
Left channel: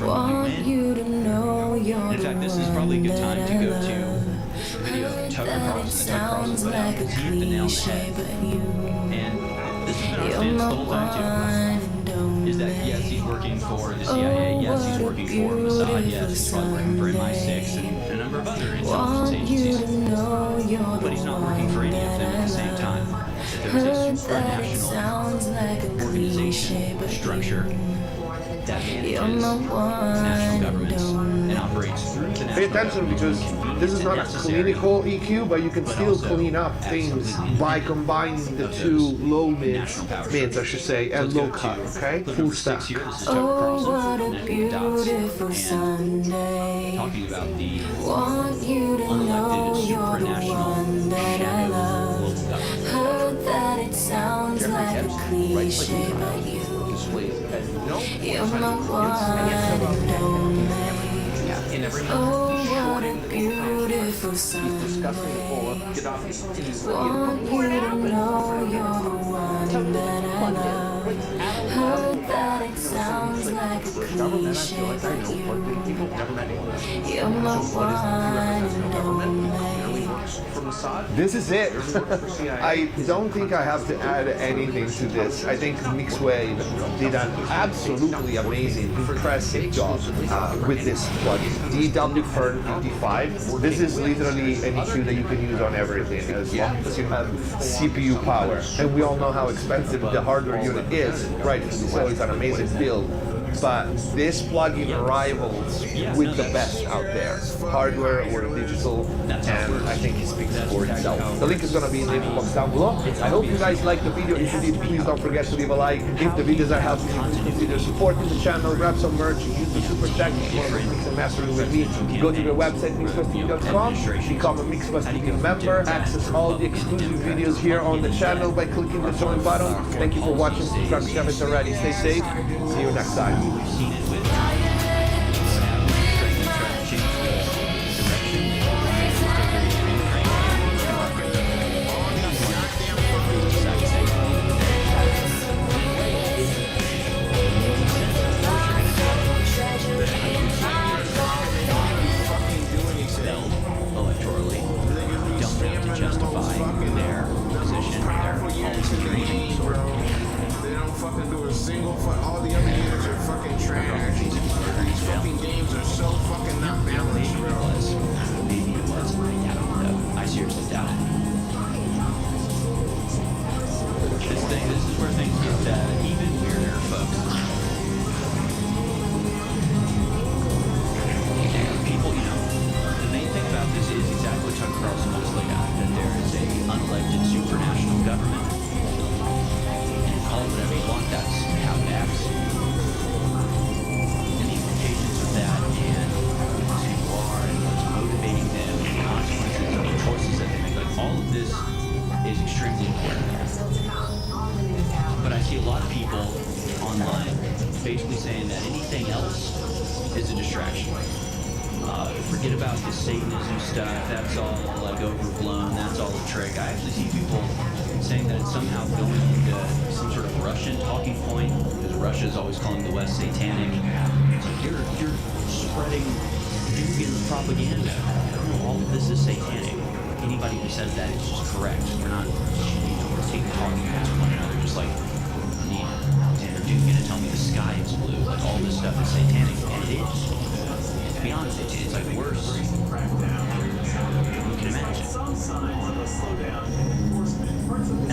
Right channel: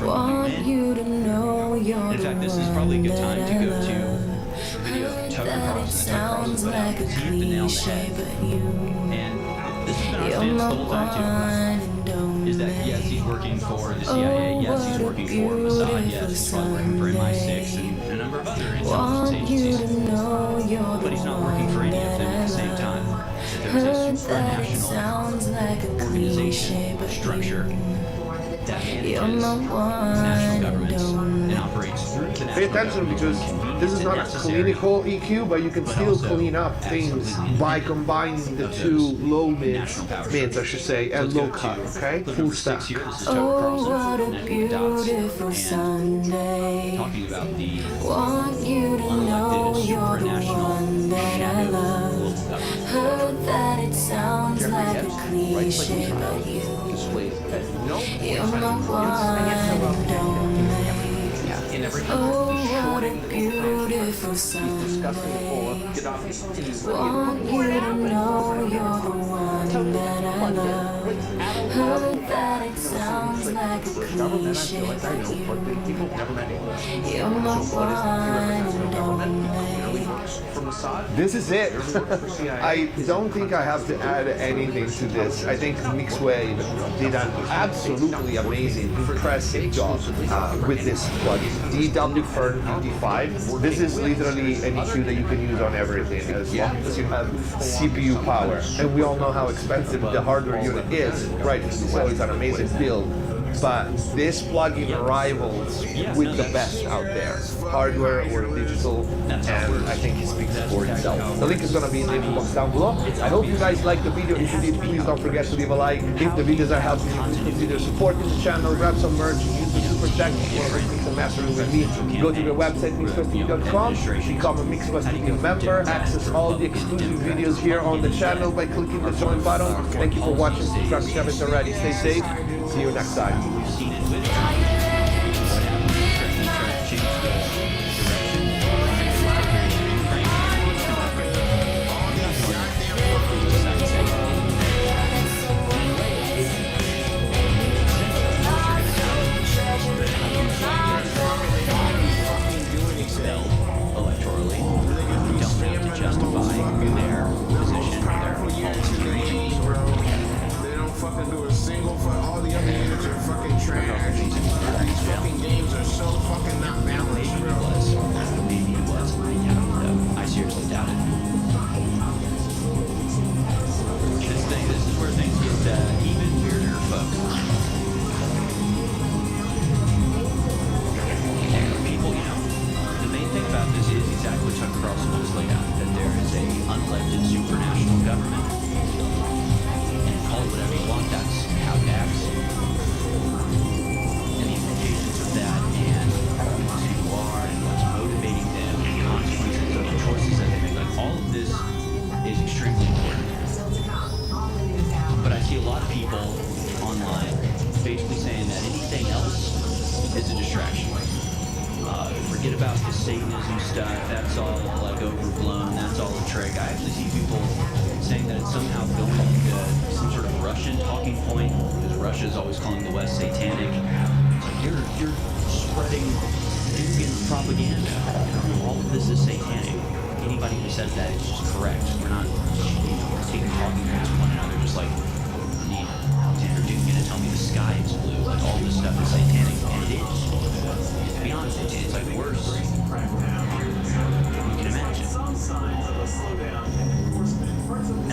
Want you to know you're the one that I love. Heard that it sounds like a cliche, but This has been our stance the whole time too. Is that yes, he's working for the CIA, yes, he's working for Mossad, yes, he's probably working for MI6 and a number of other intelligence agencies. But he's not working for any of them at the same time. That there is a supranational organization structure that manages national governments and operates through the national Pay attention because this is not a clinical EQ, but you can still clean up things by combining the two low mids, I should say, and low cut, okay? Full stack. Oh, what a beautiful Sunday. Talking about the Want you to know you're the one that I love. Heard that it sounds like a cliche, but you're my one and only. Oh, what a beautiful Sunday. Want you to know you're the one that I love. Heard that it sounds like a cliche, but you're my one and only. This is it. I don't think I have to add anything to this. I think MIXTYPE did an absolutely amazing, impressive job with this plugin. DW55. This is literally an EQ that you can use on everything as long as you have CPU power. And we all know how expensive the hardware unit is, right? So it's an amazing build. But this plugin rivals with the best out there, hardware or digital, and I think it speaks for itself. The link is going to be in the info box down below. I hope you guys liked the video. If you did, please don't forget to leave a like. If the videos are helping you, please consider supporting the channel, grab some merch, use the super chat if you want to mix and mastering with me. Go to the website MIXTYPE.com, become a MIXTYPE member, access all the exclusive videos here on the channel by clicking the join button. Thank you for watching. Subscribe if you haven't already. Stay safe. See you next time. We've seen it with what happened when Ukraine tried to change the direction and take over Ukraine and Eastern Ukraine. Expelled electorally. You don't have to justify their position, their policy, or anything of the sort. Fucking do a single all the other units are fucking trash. These fucking games are so fucking not balanced, bro. Maybe it was. I doubt it though. I seriously doubt it. This is where things get even weirder, folks. And people, the main thing about this is exactly what Chuck Carlson just laid out, that there is a unelected supranational government. Call it whatever you want, that's how it acts. And the implications of that, and who these people are, and what's motivating them, and the consequences of the choices that they make. Like, all of this is extremely important. But I see a lot of people online basically saying that anything else is a distraction. Forget about the Satanism stuff, that's all like overblown, that's all a trick. I actually see people saying that it's somehow going into some sort of Russian talking point, because Russia is always calling the West satanic. It's like you're spreading vegan propaganda. No, all of this is satanic. Anybody who says that is just correct. We're not taking talking points with one another, just like, you're gonna tell me the sky is blue, like all this stuff is satanic, and it is. To be honest, it's like worse than you can imagine.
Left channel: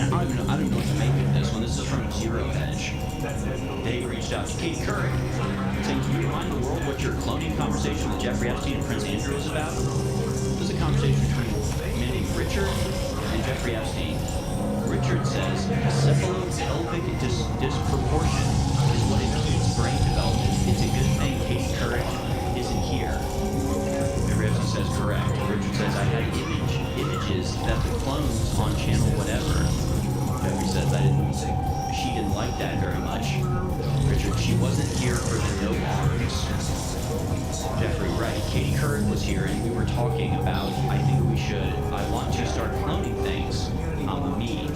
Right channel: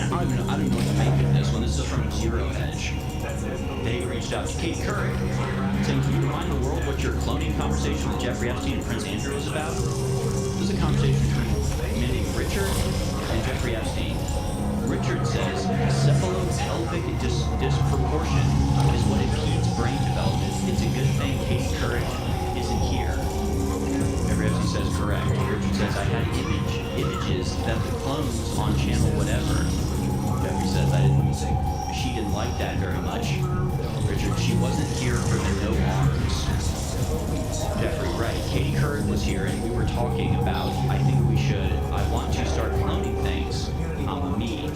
And I don't know what to make of this one. This is from Zero Edge. They reached out to Katie Couric, saying, can you remind the world what your cloning conversation with Jeffrey Epstein and Prince Andrew is about? This is a conversation between a man named Richard and Jeffrey Epstein. Richard says cephalopelvic disproportion is what impedes brain development. It's a good thing Katie Couric isn't here. Jeffrey Epstein says correct. Richard says, I had images that the clones on channel whatever. Jeffrey says, she didn't like that very much. Richard, she wasn't here for the no arms. Jeffrey, right. Katie Couric was here and we were talking about, I want to start cloning things. Me.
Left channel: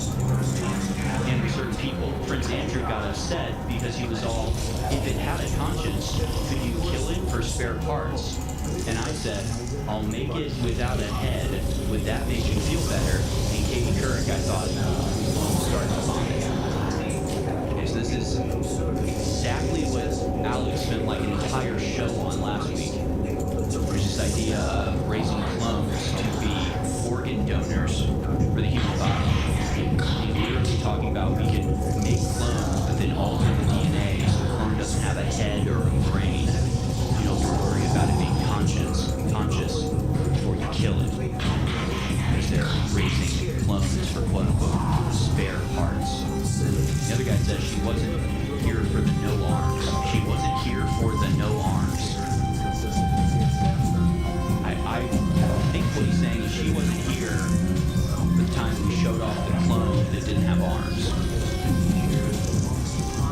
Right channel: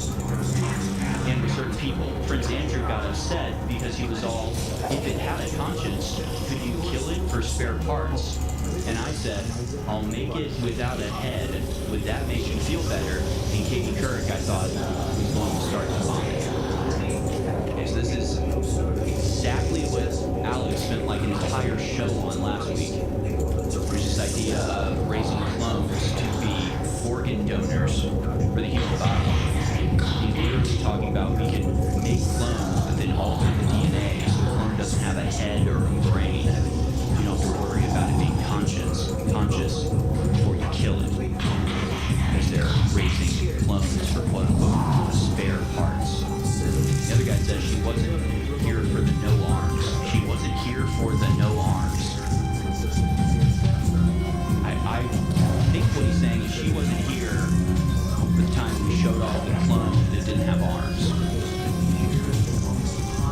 And with certain people. Prince Andrew got upset because he was all, if it had a conscience, could you kill it for spare parts? And I said, I'll make it without a head. Would that make you feel better? And Katie Couric, I thought, was going to start vomit. Okay, so this is exactly what Alex spent like an entire show on last week. There's this idea of raising clones to be organ donors for the human body. He's literally talking about we can make clones, but then alter the DNA so the clone doesn't have a head or a brain. You don't have to worry about it being conscious before you kill it. Because they're raising clones for quote-unquote spare parts. The other guy says she wasn't here for the no arms. She wasn't here for the no arms. I think what he's saying is she wasn't here the time we showed off the clone that didn't have arms.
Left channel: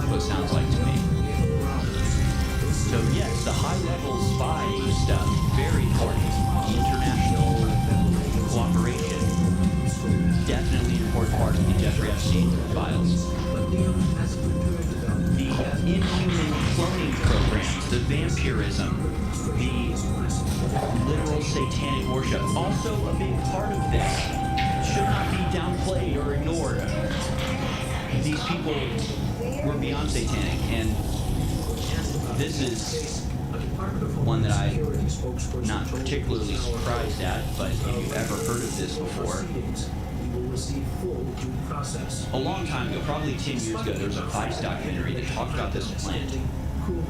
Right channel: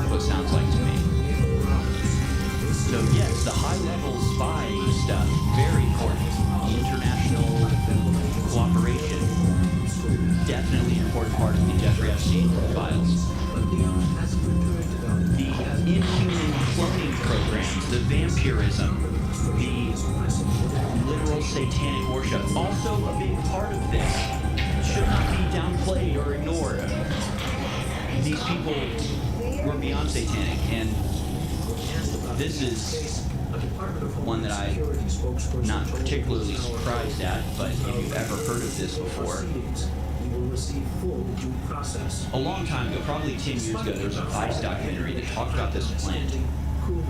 What it sounds like to me. So yes, the high-level spy stuff, very important. International cooperation, definitely an important part of the Jeffrey Epstein files. The inhuman cloning programs, the vampirism, the literal satanic worship, also a big part of this. Should not be downplayed or ignored. These people were beyond satanic, and this is one that I'm not particularly surprised at, but if you've ever heard of this before, a long time ago, probably 10 years ago, there was a Vice documentary that talked about this plant.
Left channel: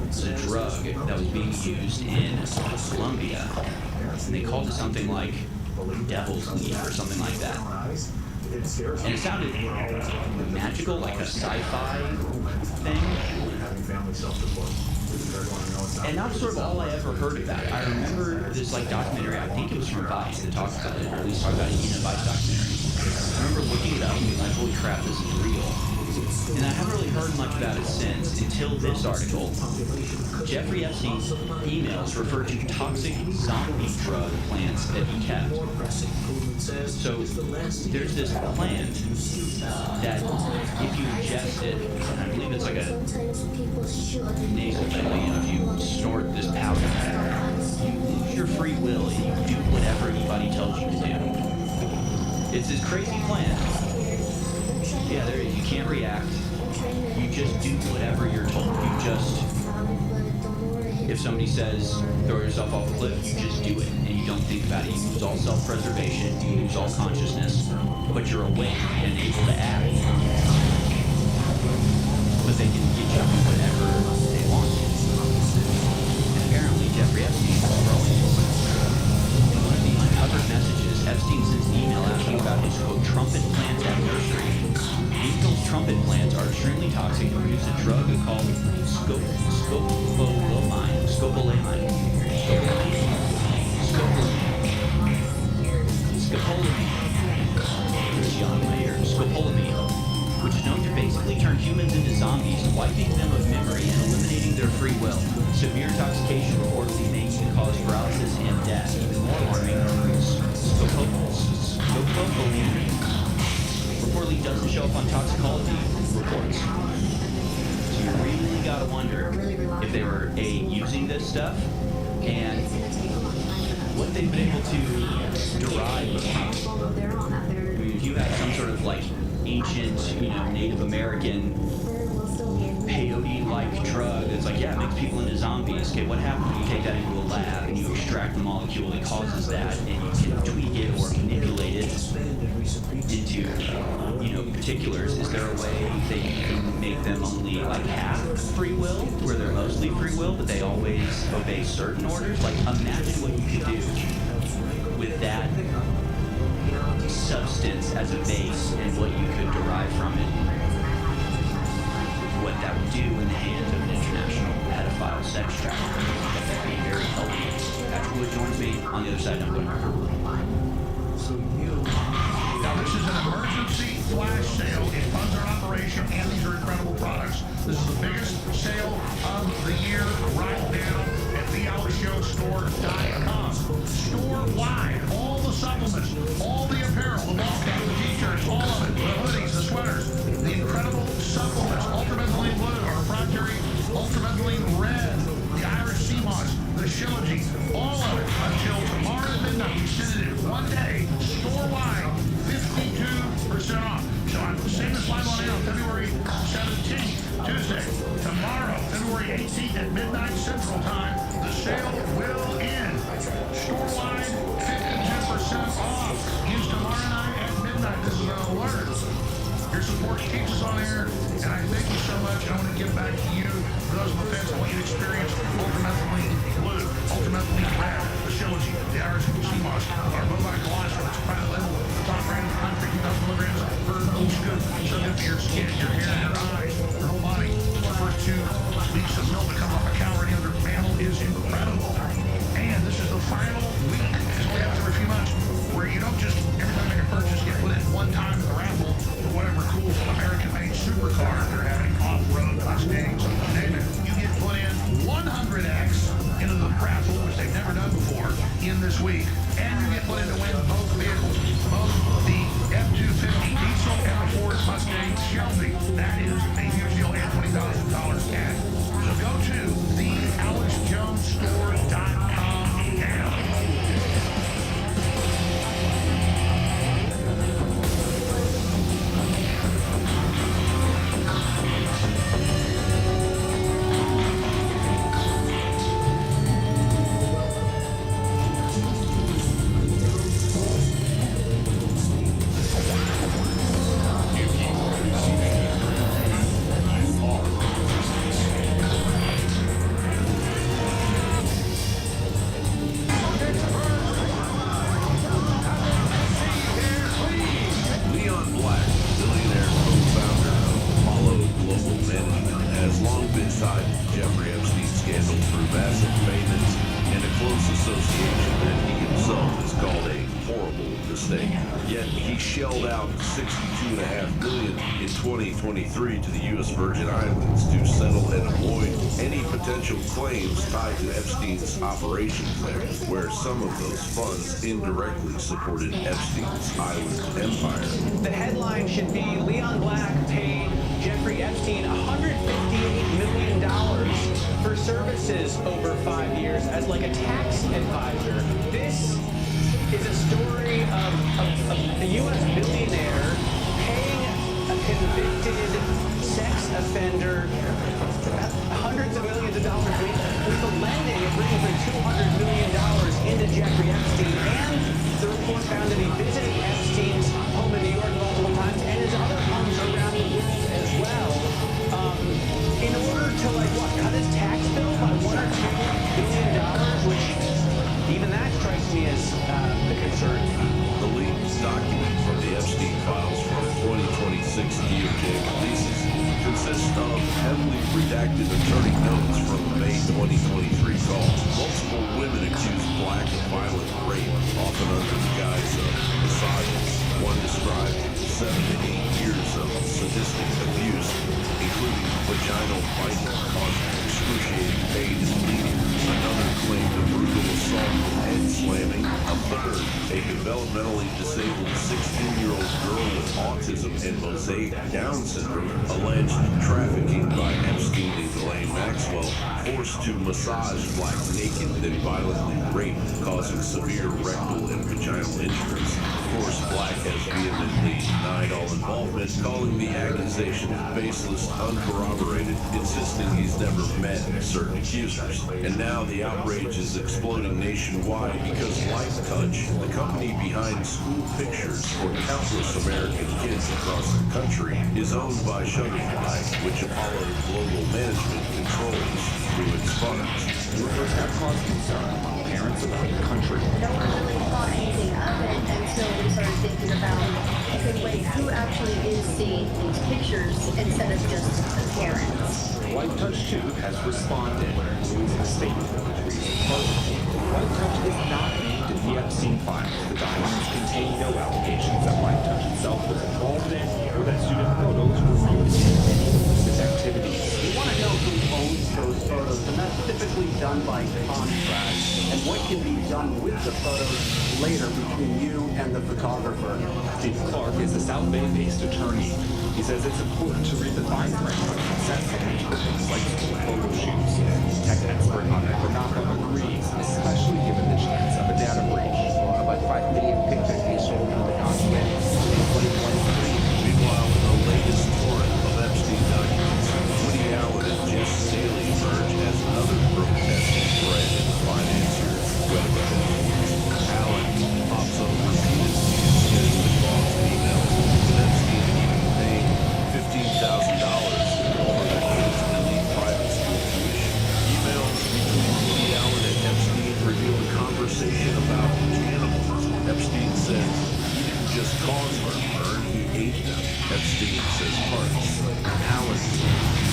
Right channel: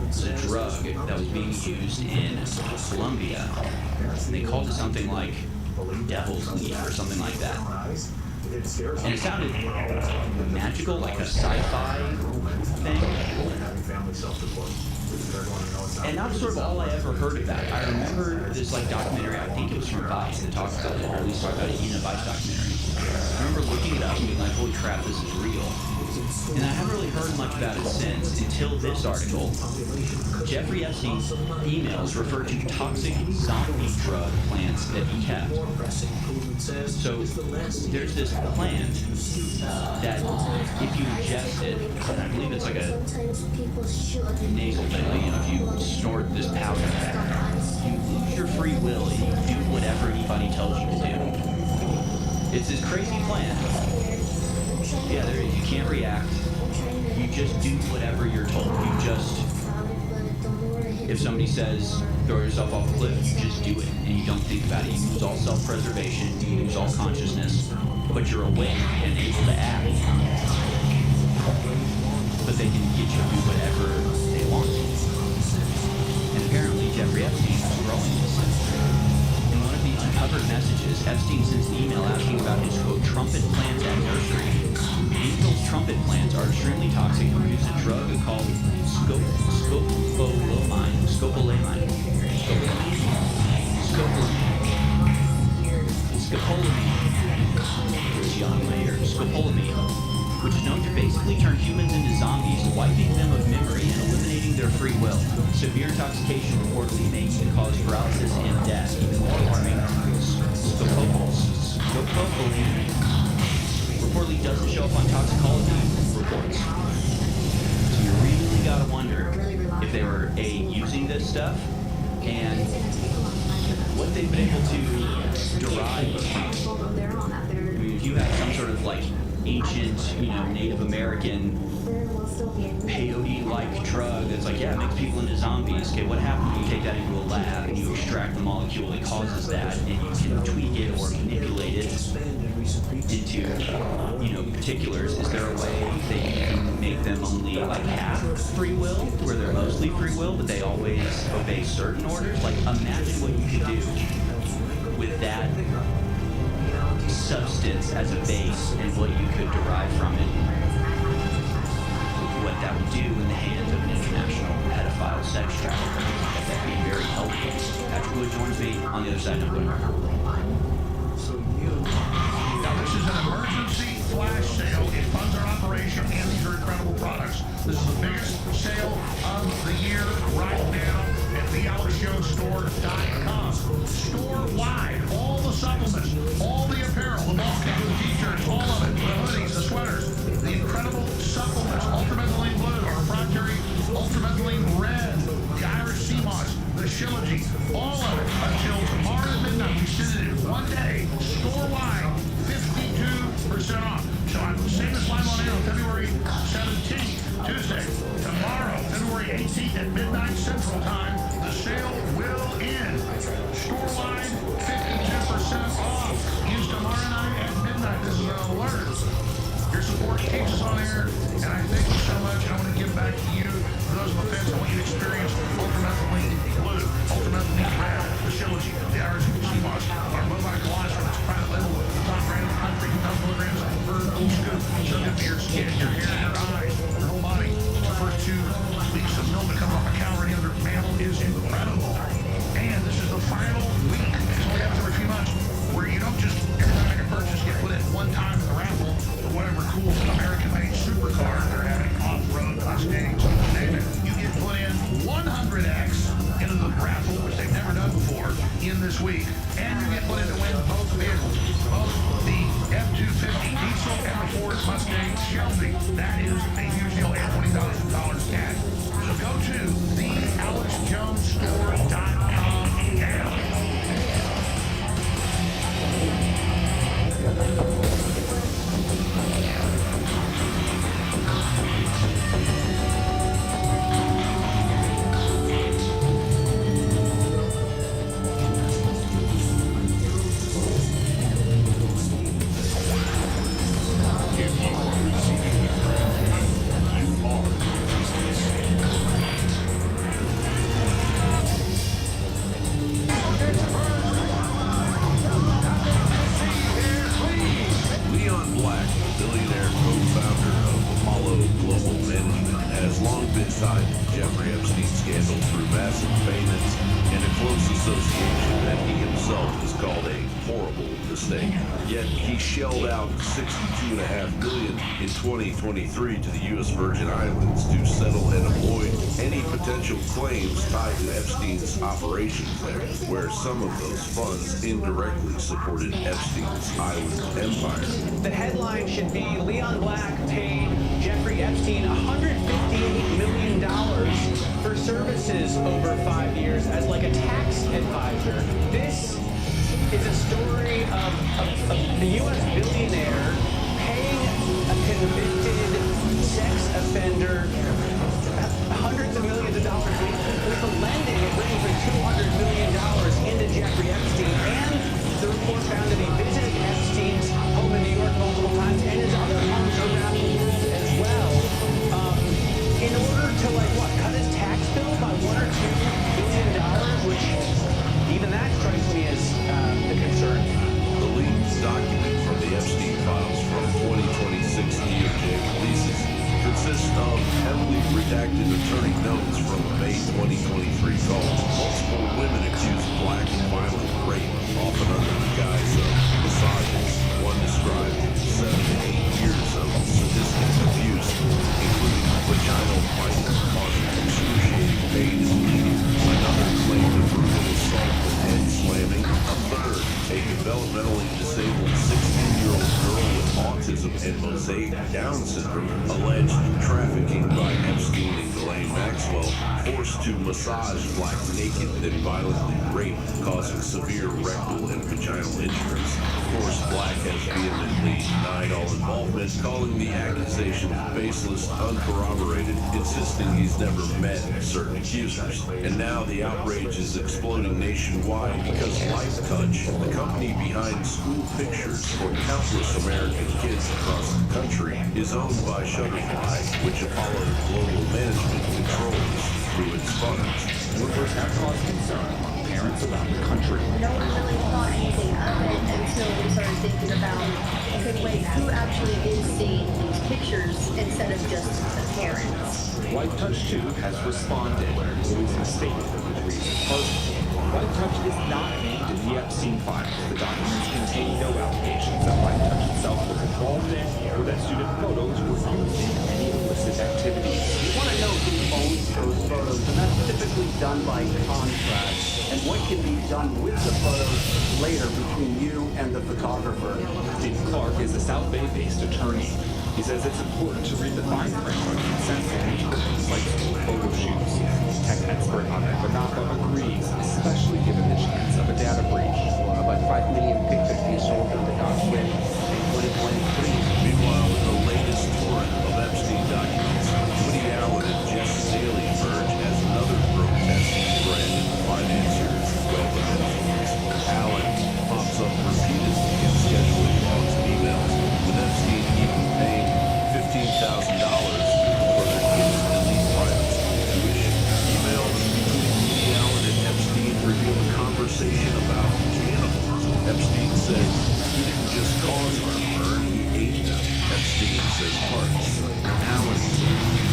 It's a drug that was being used in Colombia, and they called it something like devil's leaf or something like that. And it sounded magical, like a sci-fi thing. And that's sort of all I ever heard about it. I remember this like documentary, I think it was from Vice that talked about it, or at least talked about it in a Vice documentary. I remember looking it up and being like, holy crap, this is real. And I haven't really heard much about it since, until this article. Jeffrey Epstein's emails refer to toxic zombie drug plants that he kept. So there's this plant that if you ingest it, and I believe it's like a nasal thing, if you snort this powder, you lose your free will and you do whatever anybody tells you to do. It's this crazy plant. Yeah, there you can't react. You just do whatever you're told. You just, if somebody says throw yourself off a cliff, you just do it, and you don't think about it. You lose all self-preservation, you lose all consciousness, but you're awake and able to act. But they can get you to do whatever they want. And apparently Jeffrey Epstein is growing this stuff. In one of the uncovered messages, Epstein sends an email asking about his, quote, trumpet plants at nursery. Angel's trumpet plants are extremely toxic and produce a drug called scopolamine, which is known to basically turn humans into zombies, wiping them of memory and eliminating their free will. Severe intoxication reportedly may even cause paralysis and death. Even more alarming, scopolamine reportedly doesn't show up on toxicology reports. So you really gotta wonder if they were using this stuff and what they've been able to derive from. I mean, if you have some sort of like ancient, Native American peyote-like drug that's like, yeah, it makes people into zombies. Okay, what happens when you take that into a lab and you extract the molecule that causes that, and you can tweak it or manipulate it into, particulars? Is there a way that you can make them only like half free will, where they're mostly free will, but they always obey certain orders? Like, imagine what you could do with that substance as a base and what you could derive from it. What that would do in the hands of an international pedophile sex trafficker. That would be very helpful. Patrick Wood joins me on the other side. Now, this is an emergency flash sale. It funds our operation, and these are incredible products. This is the biggest sale of the year right now at thealexjonesstore.com. Store-wide, all the supplements, all the apparel, the ball caps, the t-shirts, all of it, the hoodies, the sweaters, the incredible supplements, ultramethylene blue, our proprietary ultramethylene red, the Irish sea moss, the Shilajit, all of it until tomorrow at midnight. We send it in one day, store-wide, 52% off. So I'm saying this live on air on February 17th, Tuesday. Tomorrow, February 18th at midnight Central Time, the sale will end. Store-wide, 52% off. Use tomorrow night at midnight. This is an alert. Your support keeps us on air, and I thank you so much. I want to give back to you. For those on the fence, I want you to experience ultramethylene blue, ultramethylene red, the Shilajit, the Irish sea moss, our bovine colostrum, it's private label, top brand in the country, 2,000 milligrams per little scoop. So good for your skin, your hair, your eyes, your whole body. The first 2 weeks of milk that comes off a cow or any other mammal is incredible. And this is the final week. This only happens every few months, where you don't just, every time you make a purchase, get put in one time in the raffle for whatever cool American-made supercar they're having, off-road, Mustangs, name it. You get put in 100X into the raffle, which they've never done before, in this week. And you get put in to win both vehicles, both the F-250 diesel and the Ford Mustang Shelby. That is a huge deal, and $20,000 cash. So go to thealexjonesstore.com now. Yet he shelled out $62.5 million in 2023 to the U.S. Virgin Islands to settle and avoid any potential claims tied to Epstein's operations there, where some of those funds indirectly supported Epstein's island empire. The headline should be Leon Black paid Jeffrey Epstein $158 million for services over 5 years as like a tax advisor. This is a story of the U.S. billionaire paying a convicted sex offender hundreds of millions of dollars. With the lending, it brings in $200 million into Jeffrey Epstein, and the report found that he visited Epstein's home in New York multiple times and his other homes around the world as well, in order to, cut his tax bill by $1 or $2 billion, which even that strikes me as a concern. The leaked document from the Epstein files from 2026 DOJ releases consists of heavily redacted attorney notes from a May 2023 call. Multiple women accused Black of violent rape, often under the guise of massages. One described 7 to 8 years of sadistic abuse, including vaginal biting causing excruciating pain and bleeding. Another claimed a brutal assault with head slamming. A third, a developmentally disabled 16-year-old girl with autism and mosaic Down syndrome, alleged trafficking by Epstein and Ghislaine Maxwell, forced to massage Black naked, then violently raped, causing severe rectal and vaginal injuries. course, Black has vehemently denied all involvement, calling the accusations baseless, uncorroborated, insisting he's never met certain accusers. And now the outrage is exploding nationwide because LifeTouch, the company behind school pictures for countless American kids across the country, is owned by Shutterfly, which Apollo Global Management controls through its funds. Rumors have caused concern among parents around the country. No one really thought anything of it until we started thinking about, okay, wait, who actually is seeing these pictures instead of just the parents? LifeTouch 2 has responded, releasing a statement which reads as follows. LifeTouch is not named in the Epstein files. The documents contain no allegations that LifeTouch itself was involved in or that student photos were used in any illicit activities. You want to know who owns those photos, and that's typically done by contract, and what can be done with the photos later between you and the photographer. Steve Clark is a South Bay-based attorney. He says it's important to read the fine print when consenting for things like school photo shoots. Tech expert Ahmed Banapa agrees, especially given the chance of a data breach. About 5 million pictures being sold on the dark web in 2023. Meanwhile, in the latest torrent of Epstein documents, Woody Allen and Jeff Staley emerge as another grotesque thread in the financier's web of influence. Allen pops up repeatedly in scheduling logs and emails, with Epstein even paying $15,000 for their kids' elite private school tuition. Emails between Woody Allen and Epstein reveal a conversation about cannibalism. Epstein says he didn't just cause heartburn, he ate them. Epstein says hearts. Allen says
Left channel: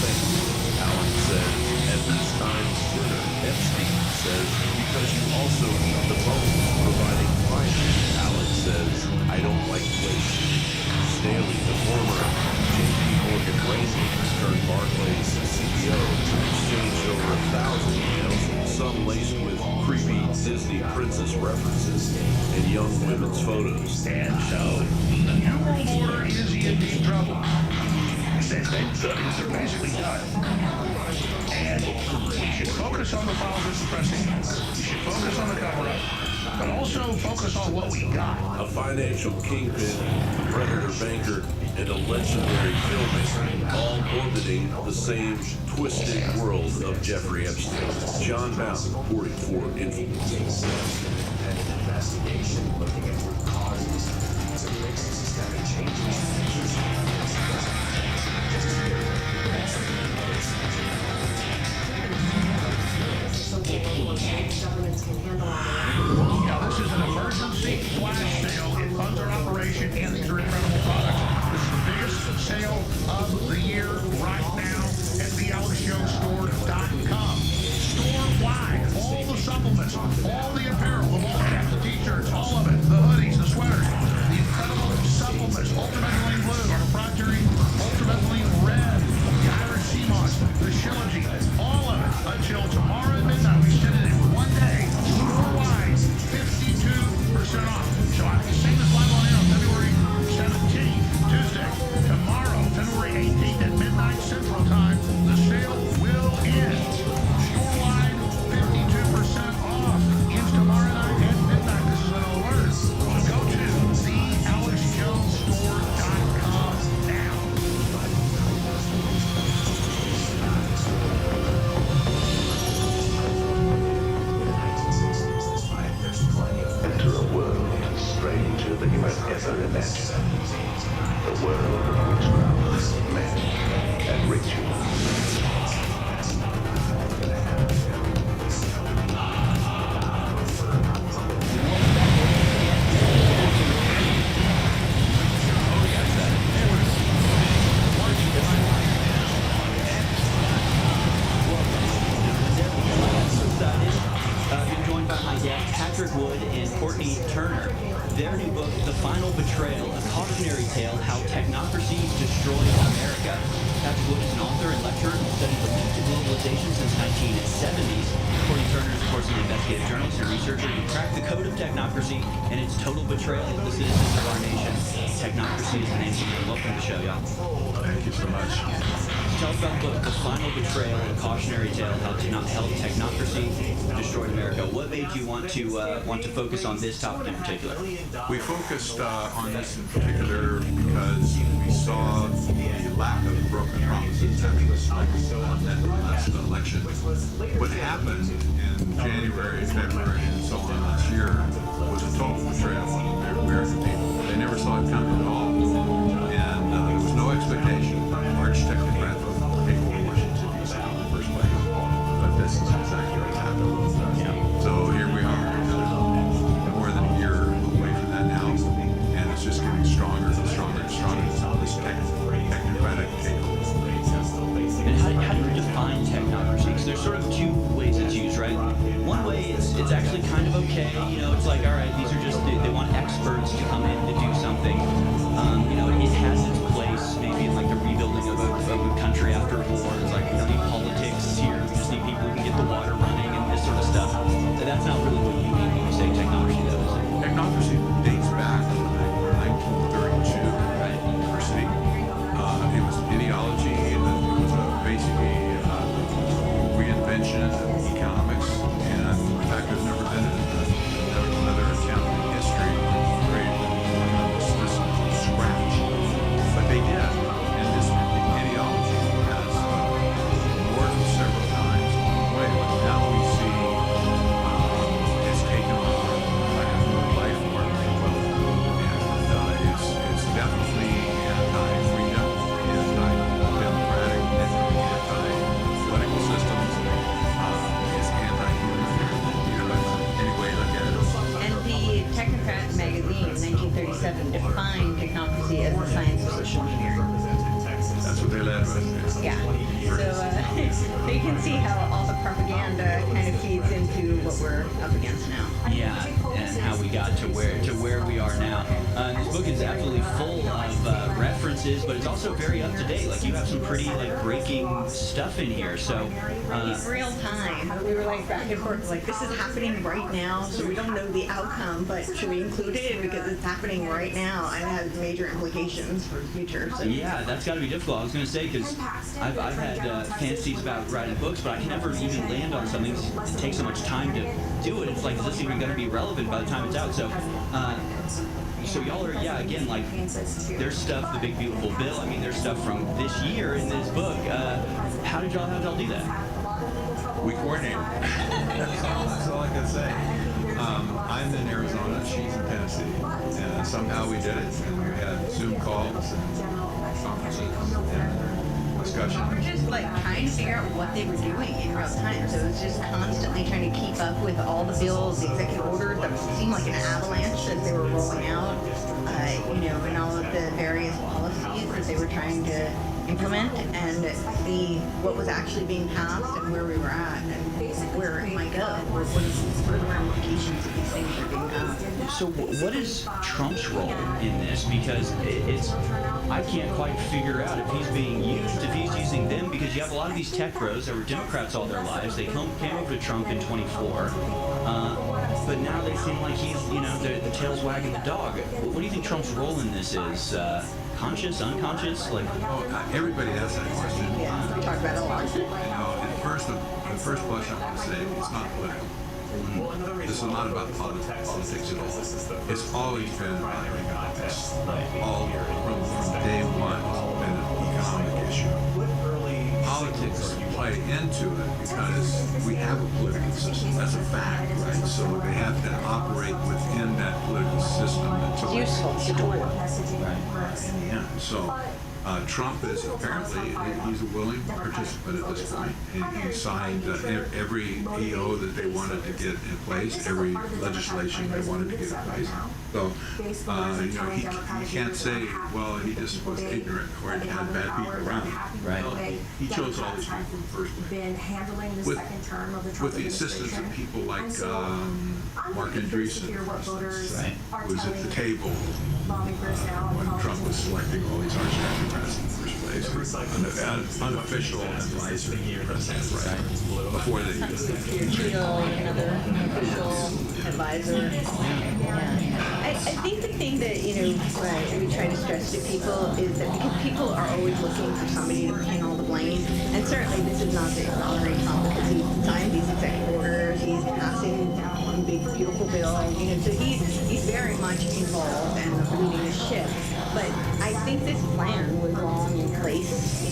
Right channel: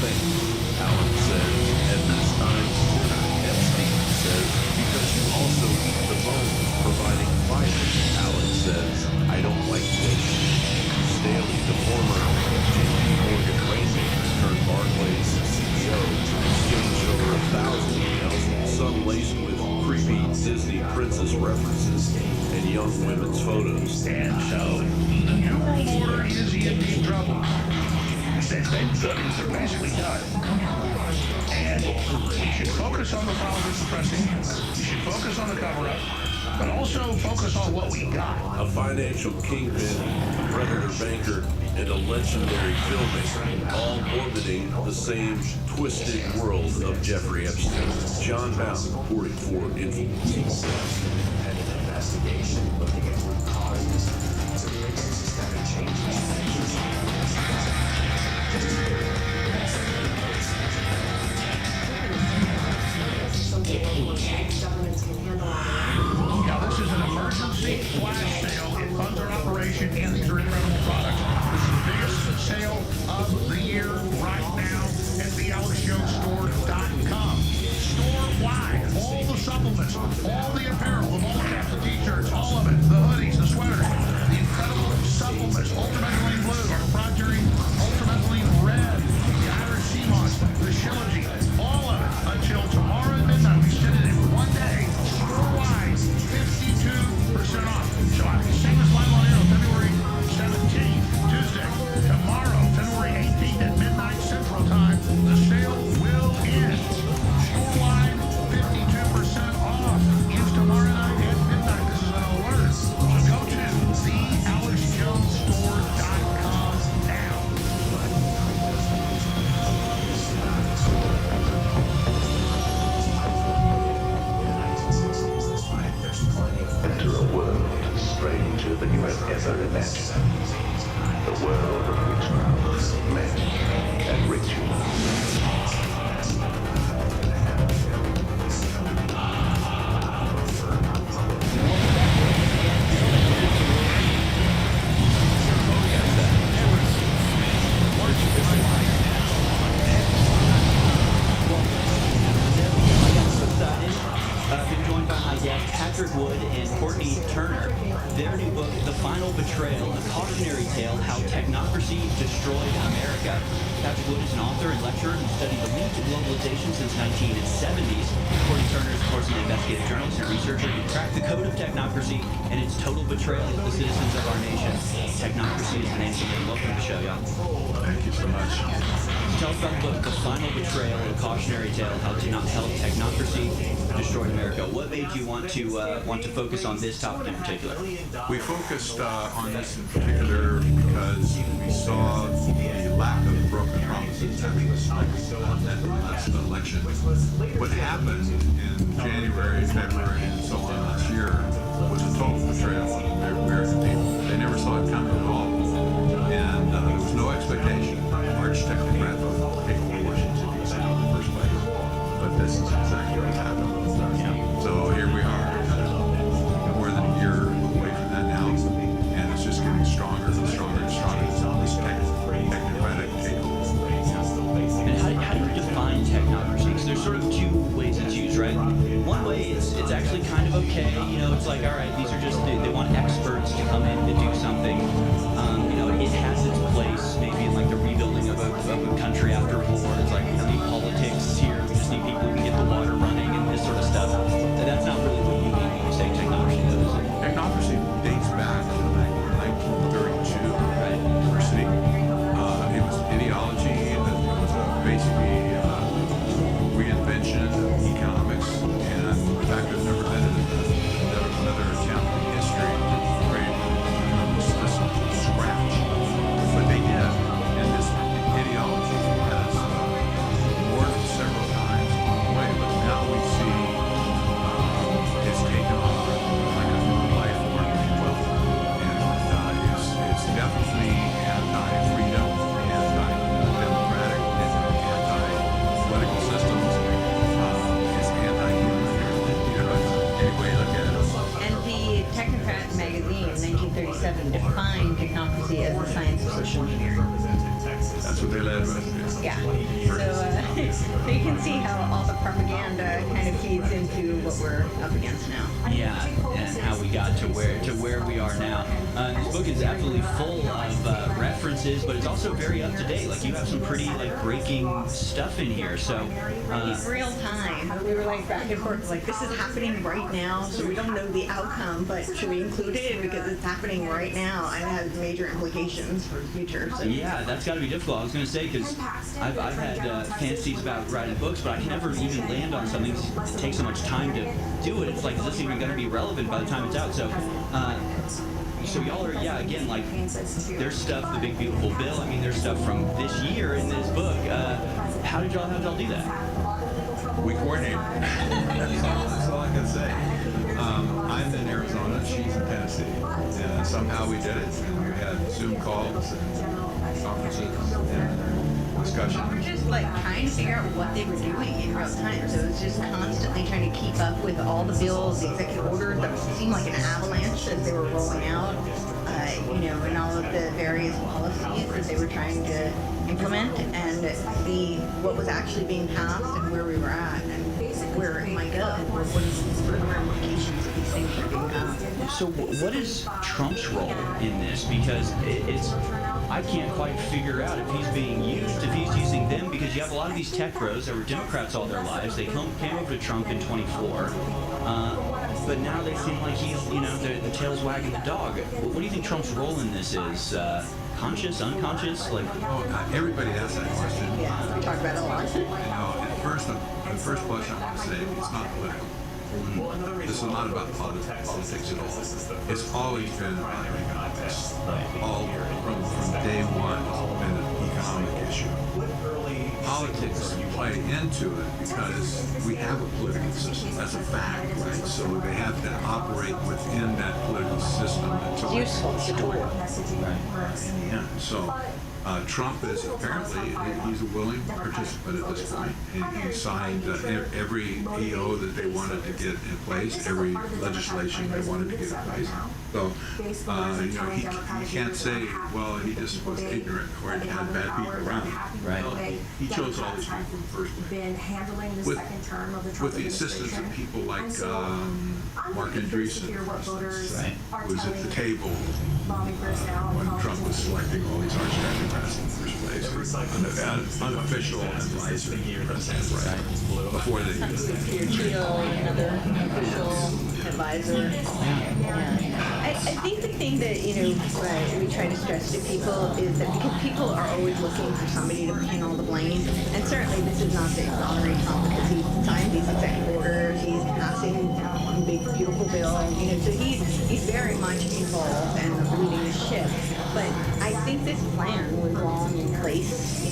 thanks. Allen says at this time's dinner. Epstein says because you also eat the bones, providing fiber. Allen says I don't like waste. Staley, the former J.P. Morgan Rainmakers turned Barclays CEO, exchanged over 1,000 emails, some laced with creepy Disney princess references and young women's photos. And so, the New World Order is in deep trouble. They're basically done. And we should focus on the files we're suppressing. We should focus on the cover-up, but also focus on what we got. A financial kingpin, a predator banker, and a legendary filmmaker, all orbiting the same twisted world of Jeffrey Epstein. John Bound, reporting for Influence. Independent investigation looking at root causes. So the agency's got to change Now, this is an emergency flash sale. It funds our operation, and these are incredible products. This is the biggest sale of the year right now at thealexjonesstore.com. Store-wide, all the supplements, all the apparel, the ball caps, the t-shirts, all of it, the hoodies, the sweaters, the incredible supplements, ultramethylene blue, our proprietary ultramethylene red, the Irish sea moss, the Shilajit, all of it until tomorrow at midnight. We send it in one day, store-wide, 52% off. So I can sing this live on air on February 17th, Tuesday. Tomorrow, February 18th at midnight Central Time, the sale will end. Store-wide, 52% off. Ends tomorrow night at midnight. This is an alert. So go to thealexjonesstore.com now. Enter a world stranger than you have ever imagined. The world of witchcraft, magic, and ritual. There we go. I got so excited. Been joined by my guests, Patrick Wood and Courtney Turner. Their new book, The Final Betrayal, a cautionary tale how technocracy destroyed America. Patrick Wood is an author and lecturer who studied elite globalization since 1970s. Courtney Turner is, of course, an investigative journalist and researcher who cracked the code of technocracy and its total betrayal of the citizens of our nation. Technocracy is the name of the book. Welcome to the show, y'all. Thank you so much. tell us about the book, The Final Betrayal, a cautionary tale how technocracy destroyed America. What made you want to focus on this topic in particular? We focused on this in particular because we saw the lack of broken promises after the last election. What happened in January, February, and so on last year was a total betrayal of the American people. They never saw it coming at all. And there was no expectation that a large technocrat would take over Washington, D.C. in the first place. But this is exactly what happened. So here we are, more than a year away from that now, and it's just getting stronger and stronger and stronger. This technocratic takeover. And how do you define technocracy? Because there's sort of two ways it's used, right? One way it's actually kind of okay. You know, it's like, all right, these are just, they want experts to come in to do something. You know, it has its place maybe in like the rebuilding of a country after war. It's like, we don't need politics here. We just need people who can get the water running and this sort of stuff. And that's not really what you mean when you say technocracy, though, is it? Technocracy dates back to 1932 at university. It was ideology that was basically reinvention of economics, and in fact, there's never been another attempt in history to create an economic system from scratch. But they did, and this ideology has morphed several times along the way. But now we see it's taken on like a new life form, if you will, and it's definitely anti-freedom, anti-democratic, anti-political systems. It's anti-human. Anyway, look at it. And the Technocrat magazine in 1937 defined technocracy as the science of social engineering. That's what they led with. Yeah. So you can see how all the propaganda kind of feeds into what we're up against now. Yeah, and how we got to where we are now. This book is absolutely full of references, but it's also very up to date. Like, you have some pretty like breaking stuff in here. So real time. We were like back and forth, like, this is happening right now, so we don't know the outcome, but should we include it because it's happening right now and it has major implications for the future. So. Yeah, that's got to be difficult. I was going to say, because I've had fantasies about writing books, but I can never even land on something. It takes so much time to do it. It's like, is this even going to be relevant by the time it's out? So, so y'all are, yeah, again, like, there's stuff, The Big Beautiful Bill. I mean, there's stuff from this year in this book. How did y'all do that? We coordinated. That's all I can say. I'm in Arizona, she's in Tennessee, and somehow we did it. And we had Zoom calls and conferences and discussion. We're just like trying to figure out what they were doing in real time. So it was just constantly trying to keep up with all the bills, the executive orders that seemed like an avalanche as they were rolling out. You know, and all of the various policies that they were trying to implement, and see what was actually being passed and where we were at and where it might go. What are the ramifications of these things that are being passed? So what is Trump's role in this? Because it's I can't quite figure out if he's being used, if he's using them, because you have a lot of these tech bros that were Democrats all their lives. They came over to Trump in 24. But now they seem like he's, you know, the tail's wagging the dog. What do you think Trump's role in this is? Conscious, unconscious? Like, everybody has that question. Yeah, we talk about it a lot. You know, the first question I want to say, it's not political. This is not about politics at all. It's always been about economics. All from day one, it's been an economic issue. Politics play into it because we have a political system. That's a fact, right? So they have to operate within that political system until it's useful. It's a tool. Right. In the end. So Trump is apparently, he's a willing participant at this point. He signed every EO that they wanted to get in place, every legislation they wanted to get in place. So, you know, he can't say, well, he just was ignorant or he had bad people around. Right. Well, he chose all these people in the first place. With the assistance of people like Mark Andreessen, for instance, who was at the table when Trump was selecting all these arch technocrats in the first place. Unofficial advisor to the president, right? Before they did Another official advisor. Yeah. I think the thing that, we try to stress to people is that because people are always looking for somebody to pin all the blame, and certainly this is not to exonerate Trump because he signed these executive orders, he's passing big, beautiful bills, so he's very much involved and leading the ship. But I think this plan was long in place,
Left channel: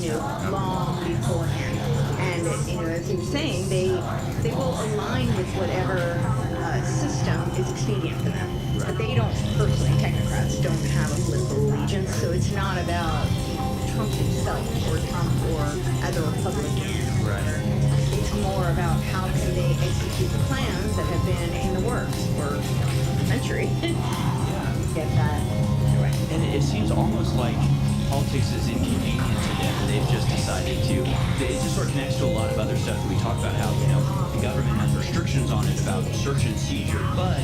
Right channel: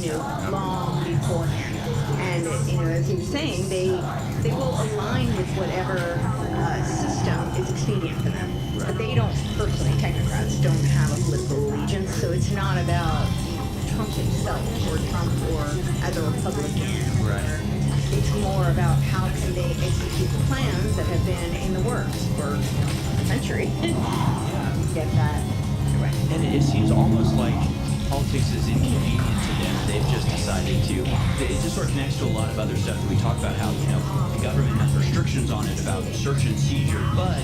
long beforehand. And, as he was saying, they will align with whatever system is expedient for them. But they don't personally, technocrats don't have a political allegiance, so it's not about Trump himself or Trump or as a Republican. Right. It's more about how can they execute the plans that have been in the works for a century. Get that right. And it seems almost like politics is inconvenient to them. They've just decided to. It just sort of connects to a lot of other stuff that we talk about. How the government has restrictions on it about search and seizure, but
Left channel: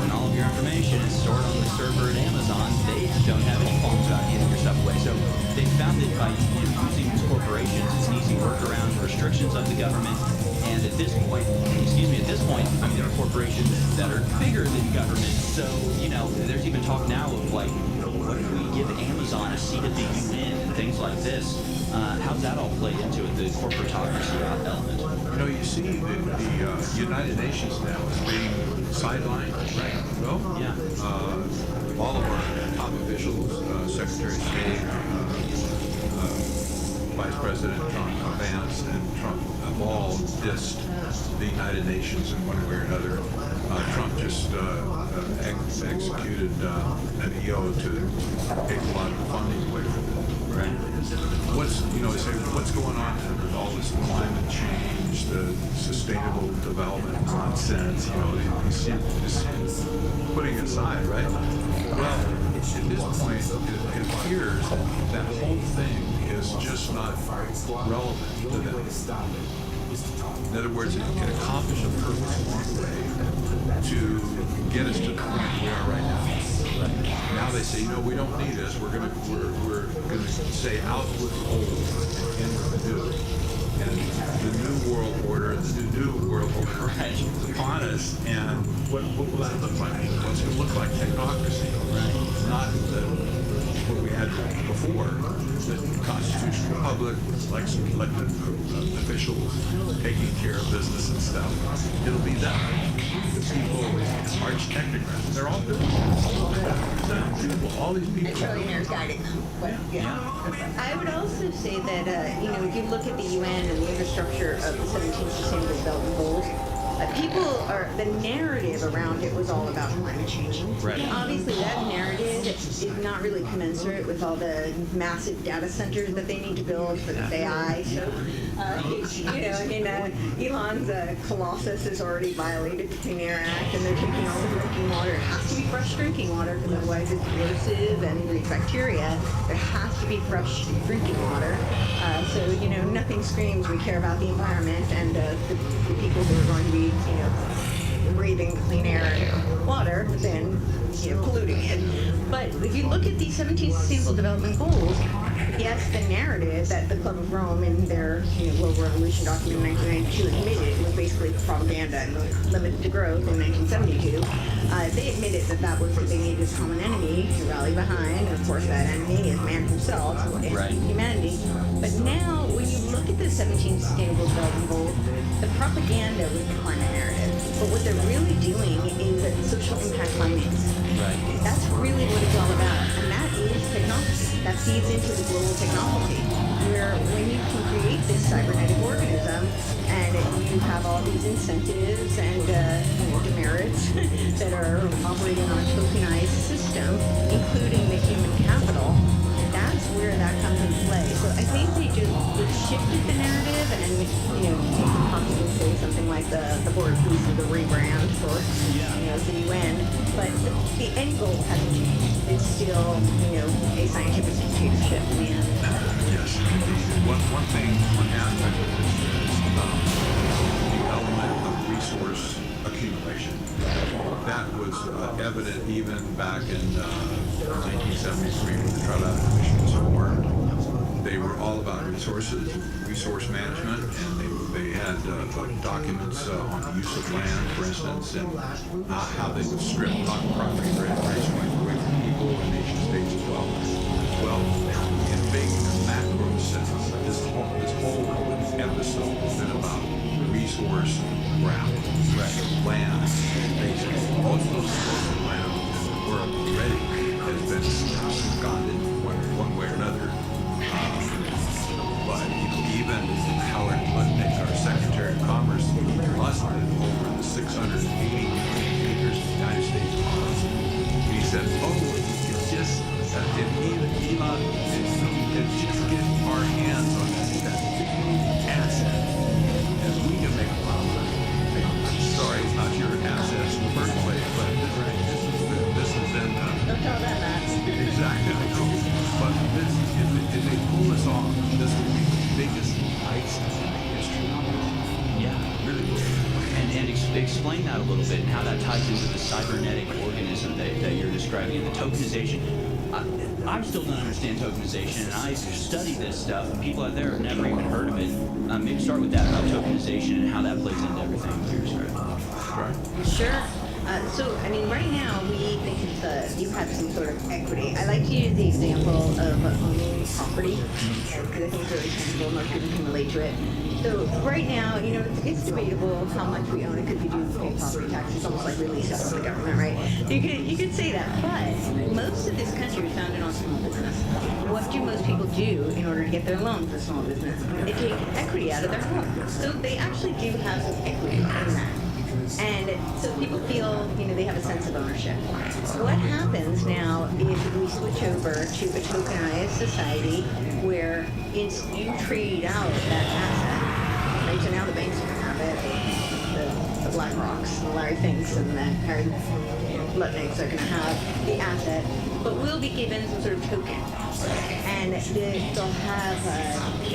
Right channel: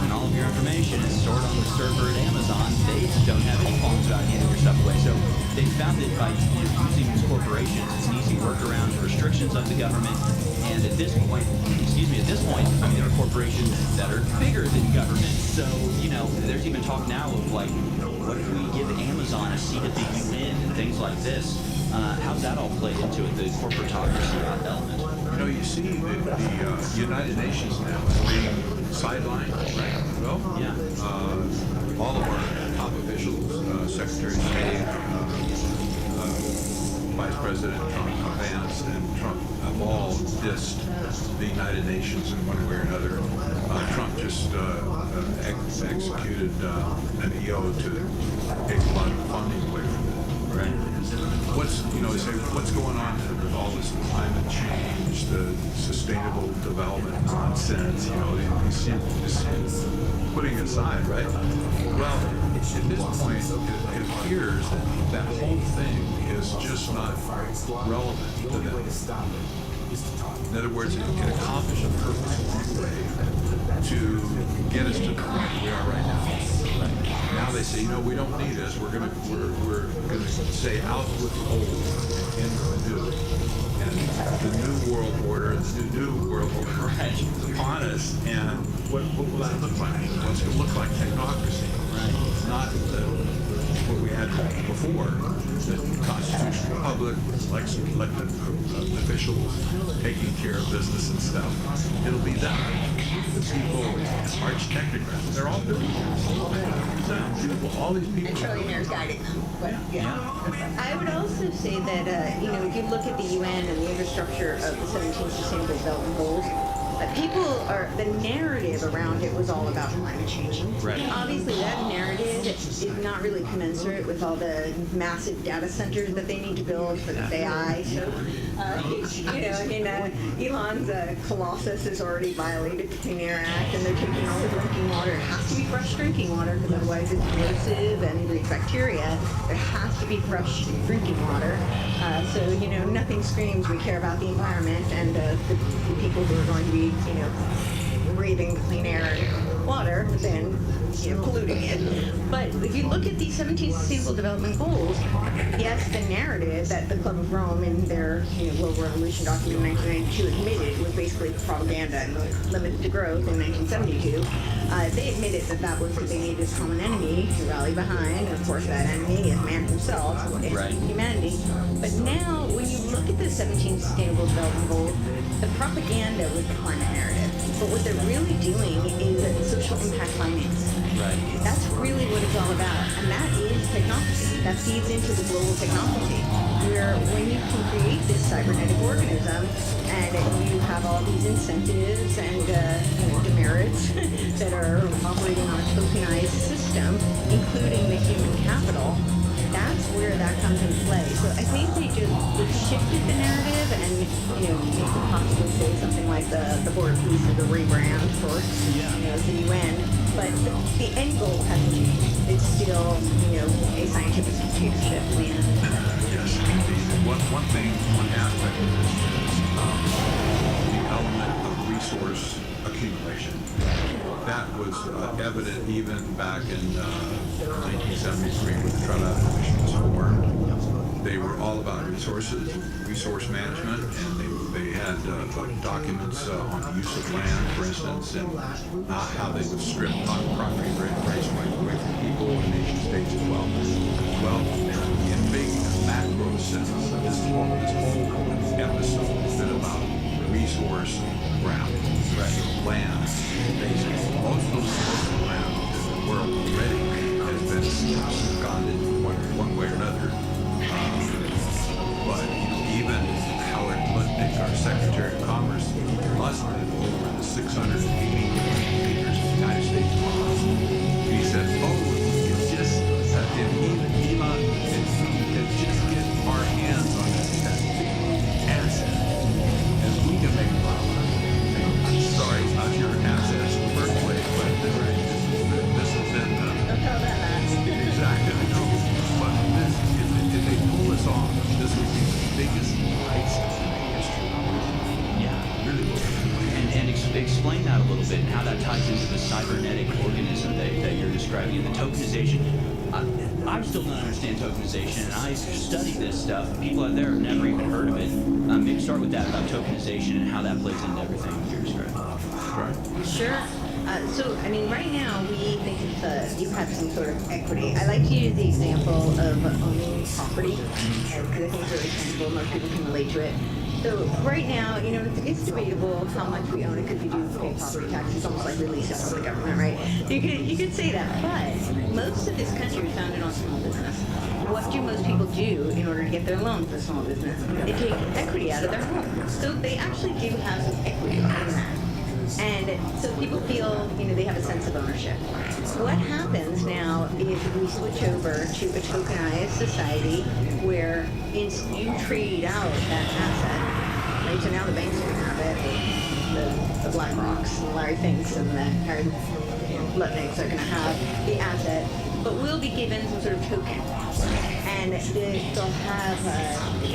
when all of your information is stored on the server at Amazon, they don't have any qualms about handing your stuff away. So they found that by using these corporations, it's an easy workaround to restrictions of the government. And at this point, I mean, there are corporations that are bigger than government. So, there's even talk now of like, what if we give Amazon a seat at the UN and things like this? How's that all played into it, the corporatocracy element? You see the United Nations now is being sidelined, right? Well, yeah. All of our top officials, Secretary of State, Vice President Trump, Vance, and Trump have all dissed the United Nations in one way or another. Trump just executed an EO to take a lot of funding away from it. Right. What's going on with all this climate change, the sustainable development nonsense? He's just putting it aside, right? Well, at this point, it appears that whole thing is just not relevant to them. In other words, it can accomplish a purpose along the way to get us to the point we are right now. Now they say, we don't need us. We're gonna say out with the old and in with the new. And the new world order, the new world order is upon us. And what will that look like? Well, it's going to look like technocracy, right? Not what we had before, the constitutional republic with elected officials taking care of business and stuff. It'll be that. The people, arch technocrats, they're all doing this. All these people. And trillionaires guiding them. But, I would also say that, if you look at the UN and the infrastructure of the 17 Sustainable Development Goals, the narrative around it was all about climate change. Right. Obviously, that narrative is not really commensurate with all the massive data centers that they need to build for this AI. So, Elon's Colossus has already violated the Clean Air Act, and they're taking all the drinking water. It has to be fresh drinking water, because otherwise it's corrosive and breeds bacteria. There has to be fresh drinking water. So, nothing screams we care about the environment and the people who are going to be, breathing clean air and water than, polluting it. But if you look at the 17 Sustainable Development Goals, yes, the narrative that the Club of Rome in their, Global Revolution document in 1992 admitted was basically propaganda and limits to growth in 1972. They admitted that was what they needed as common enemy to rally behind, and of course that enemy is man himself, right. Humanity. But now, when you look at the 17 Sustainable Development Goals, the propaganda was the climate narrative. But what they're really doing is social impact finance. Right. That's really what it's all about, and that is technocracy. That feeds into the global technocracy, where when you can create this cybernetic organism, and you have all these incentives and demerits that are operating on a tokenized system, including the human capital, that's where that comes into play. So I think they shifted the narrative, and you could possibly say something like the board piece of the rebrand for the UN, but the end goal hasn't changed. It's still a scientific dictatorship in the end. Yes, indeed. One thing, one aspect of this is the element of resource accumulation. That was evident even back in 1973 when the Trilateral Commission was formed. They were all about resources, resource management, and they had documents on the use of land, for instance, and how they would strip property rights away from macro sense. This whole episode has been about resource graph, land, basically. Most of the land in the world already has been absconded one way or another. But even Howard Lutnick, our Secretary of Commerce, lusted over the 680 acres of the United States ponds. He said, oh, if we could just, if Elon, if we could just get our hands on that big asset, and we can make a lot of money. I'm sorry, it's not your assets in the first place, but this is in Don't tell them that. Exactly, I know. But this, if they pull this off, this will be the biggest heist in the history of the world. Yeah. Really will. And explain that a little bit and how that ties into the cybernetic organism that you're describing and the tokenization. I still don't understand tokenization, and I study this stuff, and people out there have never even heard of it. Maybe start with that about tokenization and how that plays into everything you're describing. Right. Sure. So, I mean, right now we think it's you have some sort of equity. I like to use the example of owning property because I think it's really tangible. Most people can relate to it. So right now, you know, it's debatable how much we own it because we do pay property taxes. It's almost like release it from the government, right? You could say that, but most of this country is founded on small business. What do most people do in order to get their loan for small business? They take equity out of their home. So they actually do have some equity in that. And so people feel, you know, they have a sense of ownership. What happens now is we switch over to a tokenized society where you trade out that asset, right? So now the banks are going to have it, the BlackRocks, the Larry Finks, and the Harry Lutniks are going to have the asset, but we'll be given some sort of token. And they'll have,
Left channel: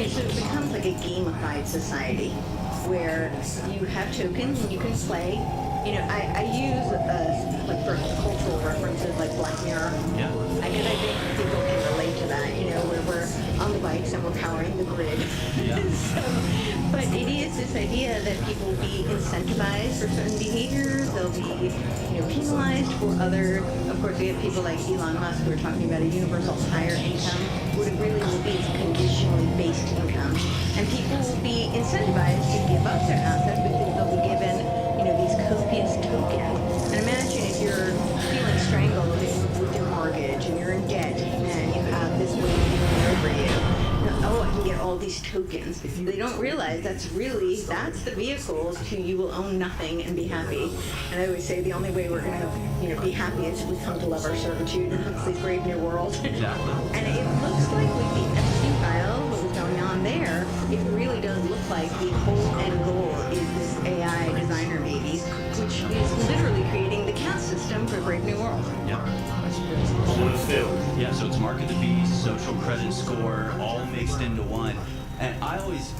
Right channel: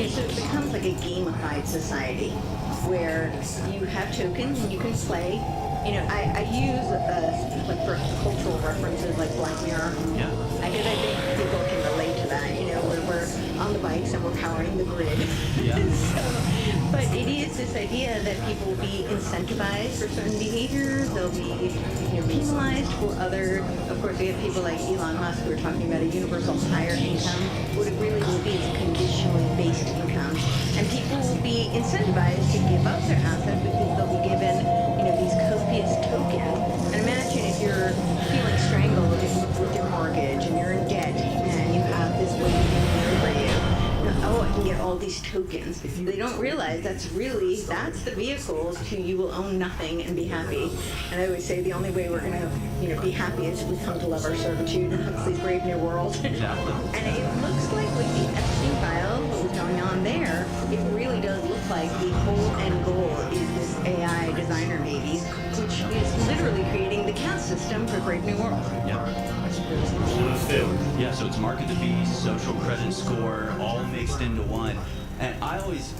so it becomes like a gamified society, where you have tokens and you can play. You know, I use like for cultural references like Black Mirror. Yeah. Because I think people can relate to that. You know, where we're on the bikes and we're powering the grid. Yeah. But it is this idea that people will be incentivized for certain behaviors. They'll be, you know, penalized for other. Of course, we have people like Elon Musk who are talking about a universal higher income. What it really will be is conditionally based income, and people will be incentivized to give up their asset because they'll be given, you know, these copious tokens. And imagine if you're feeling strangled with your mortgage and you're in debt and you have this weight hanging over you. Oh, I can get all these tokens. They don't realize that's the vehicle to you will own nothing and be happy. And I always say the only way we're going to, you know, be happy is if we come to love our servitude and Huxley's Brave New World. Exactly. And it looks like with the Epstein file, what was going on there, it really does look like the whole end goal is this AI designer babies, which is literally creating the caste system for Brave New World. Yeah. Yeah, so it's market the beast, social credit score, all mixed into one. And I always,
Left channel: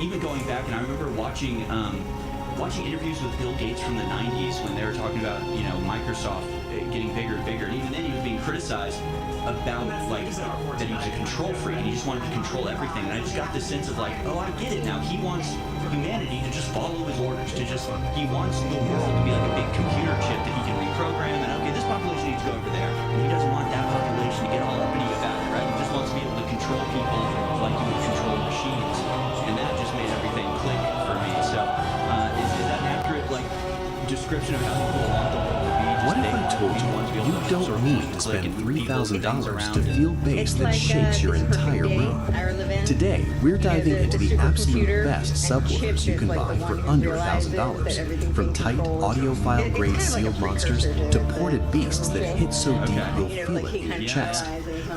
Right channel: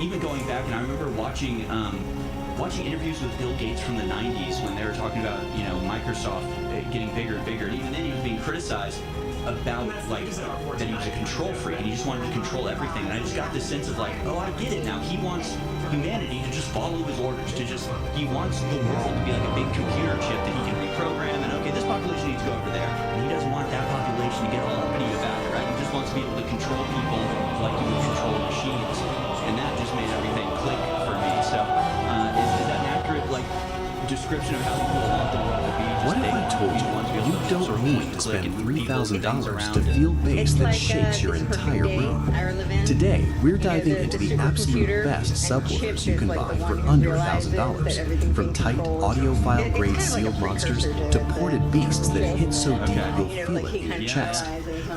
even going back, and I remember watching interviews with Bill Gates from the 90s when they were talking about, you know, Microsoft getting bigger and bigger. And even then he was being criticized about, like, that he was a control freak and he just wanted to control everything. And I just got this sense of, like, oh, I get it now. He wants humanity to just follow his orders, he wants the world to be like a big computer chip that he can reprogram, and okay, this population needs to go over there. And he doesn't want that population to get all uppity about it, right? He just wants to be able to control people like he would control machines. And that just made everything click for me. So is that an accurate, like, description of how people want the world to be? Just what if I told you don't need to spend $3,000 to feel bass that shakes your entire room? Today, we're diving into the absolute best subwoofers you can buy for under $1,000. From tight, audiophile-grade sealed monsters to ported beasts that hit so deep you'll feel it in your chest.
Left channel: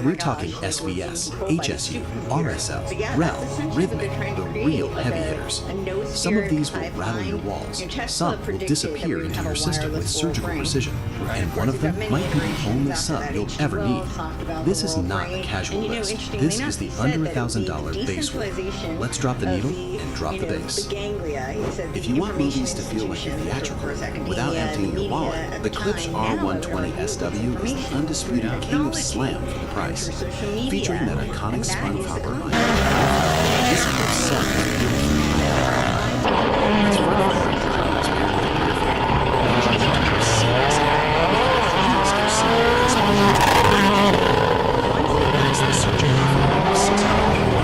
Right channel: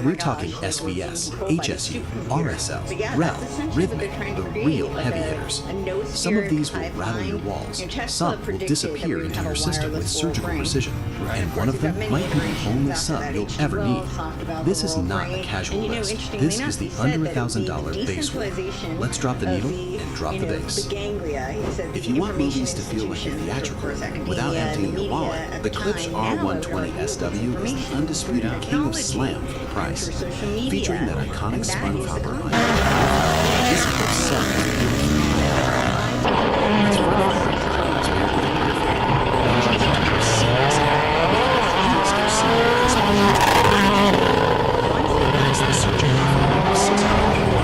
We're talking SVS, HSU, RSL, REL, Rhythmic, the real heavy hitters. Some of these will rattle your walls. Some will disappear into your system with surgical precision. And one of them might be the only sub you'll ever need. This is not a casual list. This is the under $1,000 base one. Let's drop the needle and drop the bass. If you want movies to feel like a theatrical without emptying your wallet, the Klipsch R120 SW is the undisputed king of slam for the price. Featuring that iconic spun hopper line. This Klipsch set it's the surgeon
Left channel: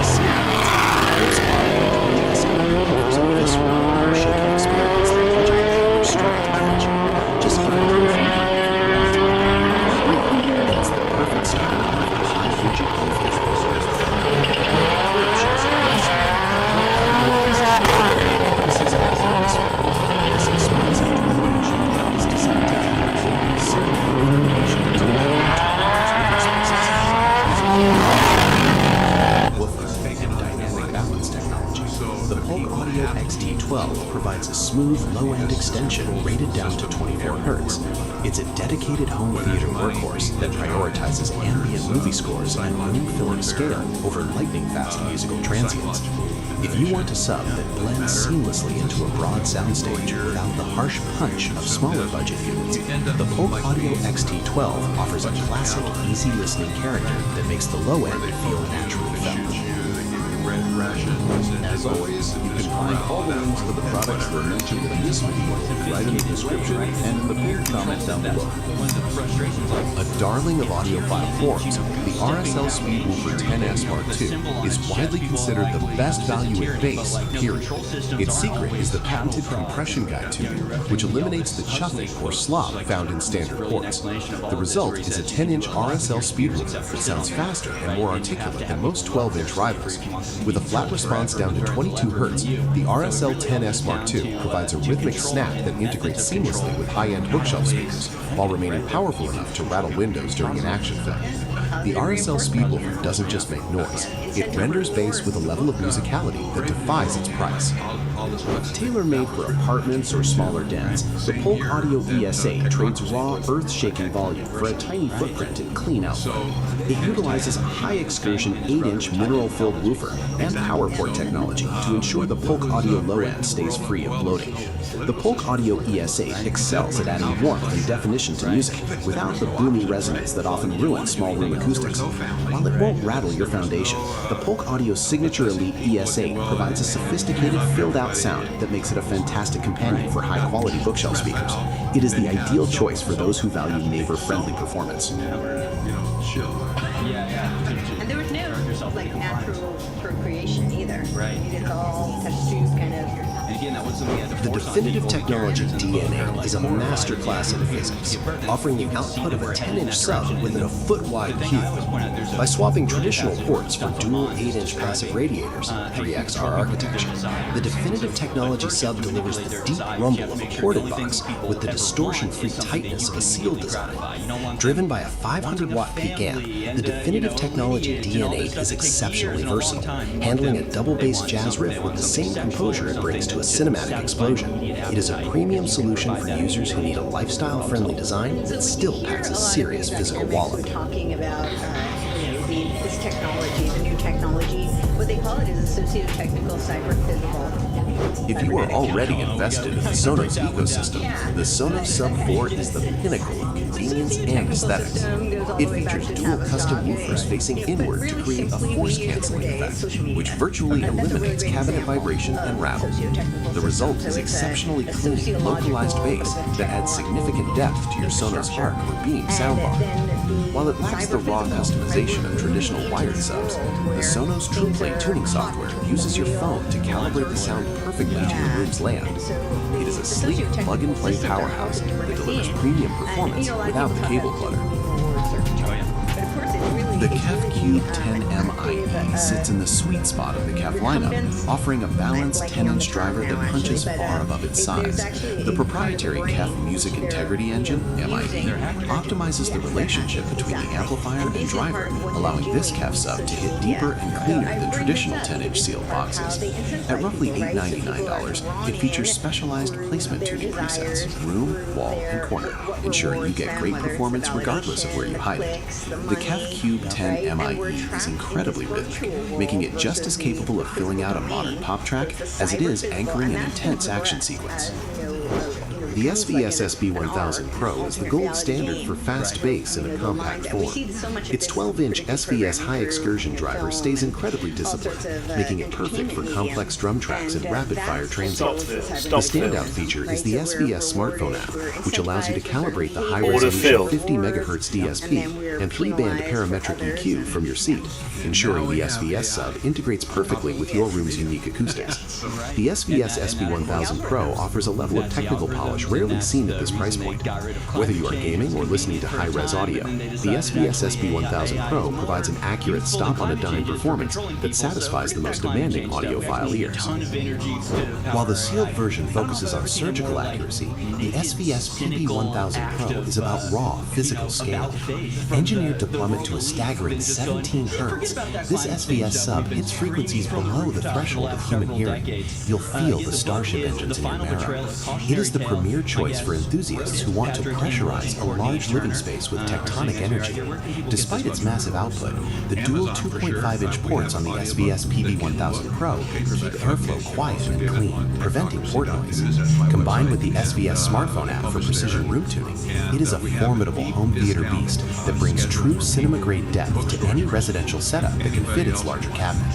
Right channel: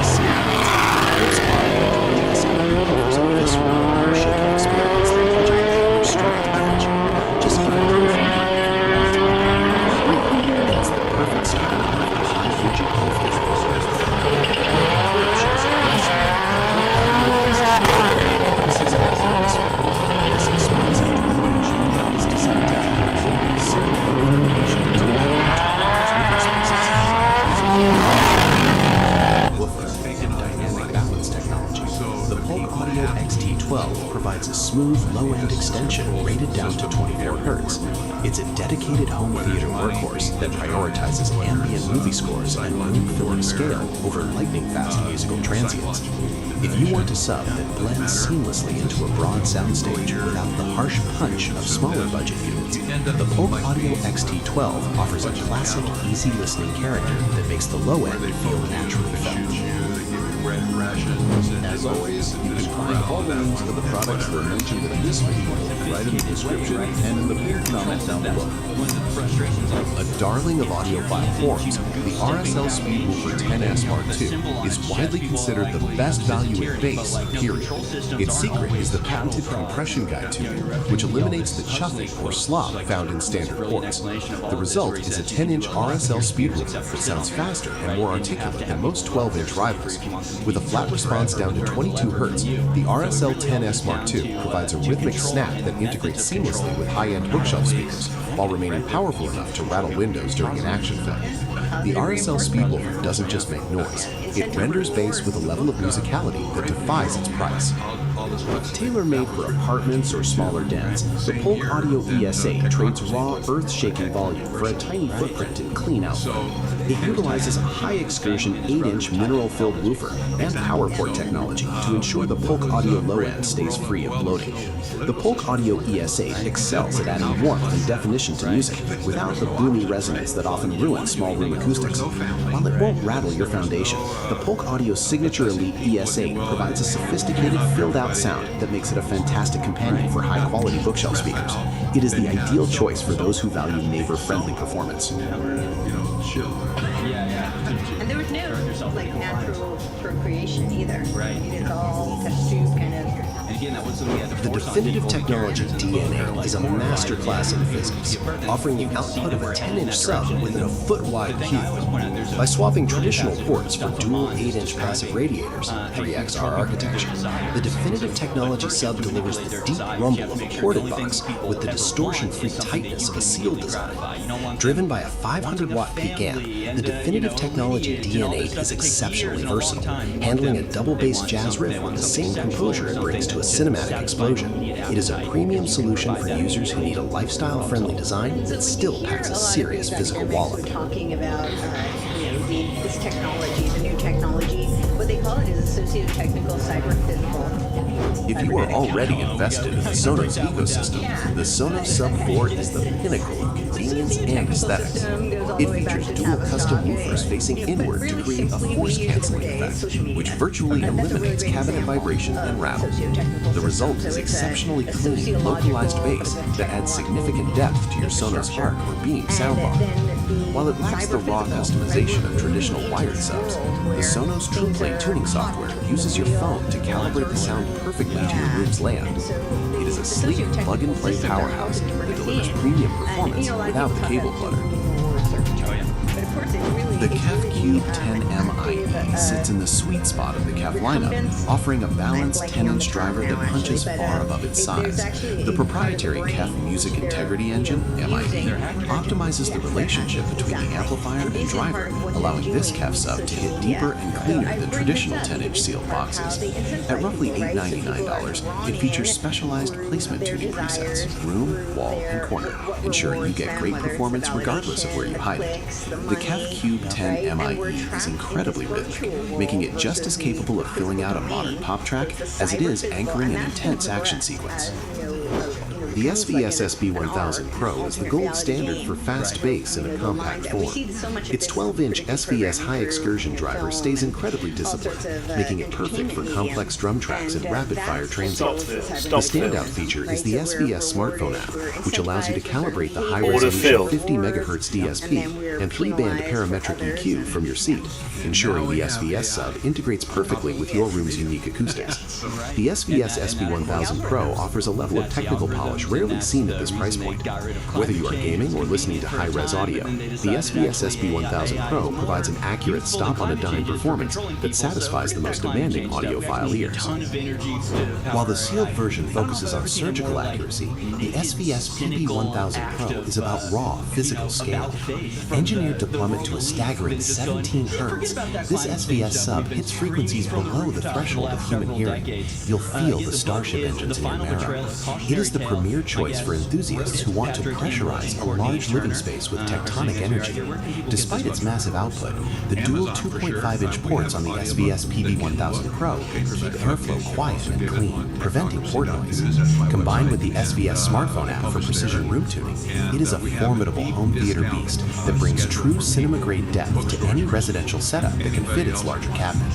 XT12 provides a smooth, low-end extension rated down to 24 Hz. It's a dedicated home theater workhorse that prioritizes ambient movie scores and room-filling scale over lightning-fast musical transients. If you want a sub that blends seamlessly into a broad soundstage without the harsh punch of smaller budget units, the Polk Audio XT12 offers a classic, easy listening character that makes the low end feel naturally felt. As always, you can find all the links to the products that are mentioned in this video right in the description and in the pinned comment down below. A darling of audiophile forums, the RSL Speedwoofer 10S Mark II is widely considered the best value at bass, period. Its secret is the patented compression guide tuner, which eliminates the chuffing or slop found in standard ports. The result is a 10-inch RSL Speedwoofer that sounds faster and more articulate than most 12-inch rivals. With a flat response down to 22 Hz, the RSL 10S Mark II provides a rhythmic snap that integrates seamlessly with high-end bookshelf speakers, while remaining powerful enough to rattle windows during an action film. The RSL Speedwoofer doesn't just make noise, it renders bass with a level of musicality that defies its price. Tailor-made for apartments or smaller dens, the Polk Audio ES8 trades raw, earth-shaking volume for a tiny footprint and clean output. It utilizes a high-excursion 8-inch mineral-filled woofer and PowerPort technology to ensure the Polk Audio low-end stays free of bloating. The Polk Audio ES8 excels at adding warmth and definition to music without the boomy resonance that often ruins small room acoustics. While it won't rattle your foundation, the Polk Audio's signature Elite ES8 provides a sophisticated, filled-out sound that makes it a fantastic companion for high-quality bookshelf speakers. It is the ideal choice for those who value neighbor-friendly performance. And there was no like natural procreation either. Right. It's all test tube kind of. And again, that was something that The definitive technology DNA is a masterclass in physics, offering the output of a 10-inch sub within a foot-wide cube. By swapping traditional ports for dual 8-inch passive radiators, 3XR architecture, the definitive technology sub delivers the deep rumble of a ported box with the distortion-free tightness of a sealed design. Driven by a 500-watt peak amp, the definitive technology DNA is exceptionally versatile, handling a double-bass jazz riff with the same composure it brings to a cinematic explosion. It is a premium solution for users who need a lifestyle-friendly design that still packs a serious physical wallop. We're talking about this technology, the new technology. What they call it is socio-technical cyber-physical. If you are already invested in the Sonos ecosystem, the Sonos Sub 4 is the pinnacle of convenience and aesthetics. It features dual custom woofers facing inward to create a force-canceling effect, which virtually eliminates cabinet vibration and rattle. The result is exceptionally clean, localized bass that adds significant depth to your Sonos Arc or Beam soundbar. While it lacks the raw customization of traditional wired subs, the Sonos TruePlay tuning software uses your phone to calibrate the sound perfectly to your room's layout. It is a sleek, plug-and-play powerhouse that delivers premium performance without the cable clutter. The CAFT Cube 10MIE sits in the sweet spot of the CAFT lineup, offering a balanced 10-inch driver that punches far above its size. The proprietary CAFT Music Integrity Engine, MIE, optimizes the relationship between the amplifier and driver, allowing this CAFT sub to hit deeper and cleaner than traditional 10-inch sealed boxes. At roughly $899, it features specialized placement tuning presets, room, wall, and corner, ensuring you get great performance regardless of where you hide it. The CAFT Cube 10 MIE is incredibly rhythmic, making it just as capable of filling out a modern pop track as it is anchoring an intense action sequence. The SVS SB1000 Pro is the gold standard for fast bass in a compact form. Its 12-inch SVS high excursion driver stays incredibly disciplined, making it perfect for complex drum tracks and rapid-fire transients. The standout feature is the SVS smartphone app, which allows you to calibrate the high-resolution 50 MHz DSP and 3-band parametric EQ from your seat, ensuring the SVS sub integrates perfectly with your room's unique acoustics. The SVS SB1000 Pro offers a level of technical polish is rarely seen at this price point. Whether you are gaming or listening to high-res audio, the SVS SB1000 Pro provides an accurate stop-on-a-dime performance that satisfies the most demanding audiophile ears. While the sealed version focuses on surgical accuracy, the SVS PB1000 Pro is about raw, physical scale. Engineered to plummet to a staggering 17 Hz, this SVS sub hits frequencies below the threshold of human hearing. You'll feel the Starship engines in your marrow. It is the premier choice for enthusiasts who want to pressurize a large living space with tectonic energy. Despite its massive output, the dual 2.5-inch ports on the SVS PB1000 Pro keep airflow quiet and clean, preventing port noise. Combined with the SVS smartphone app for precision room tuning, it is a formidable home theater beast that brings true cinema-grade depth to any residential setup that can fit its larger cabinet.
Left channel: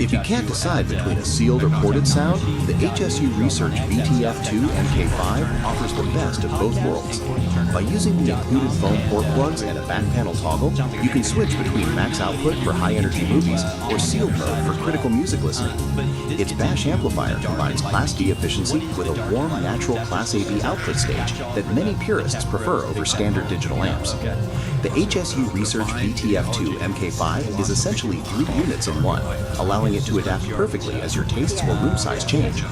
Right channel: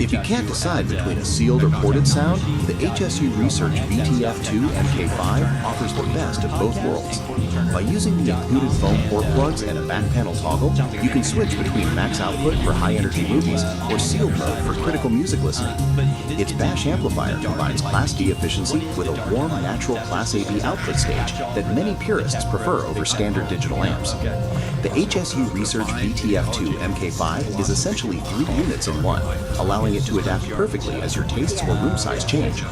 If you can't decide between a sealed or ported sound, the HSU Research VTF2 MK5 offers the best of both worlds. By using the included foam port plugs and a back panel toggle, you can switch between max output for high-energy movies or sealed mode for critical music listening. Its Bash amplifier combines Class D efficiency with a warm, natural Class AB output stage that many purists prefer over standard digital amps. The HSU Research VTF2 MK5 is essentially 3 units in one, allowing it to adapt perfectly as your tastes or room size change.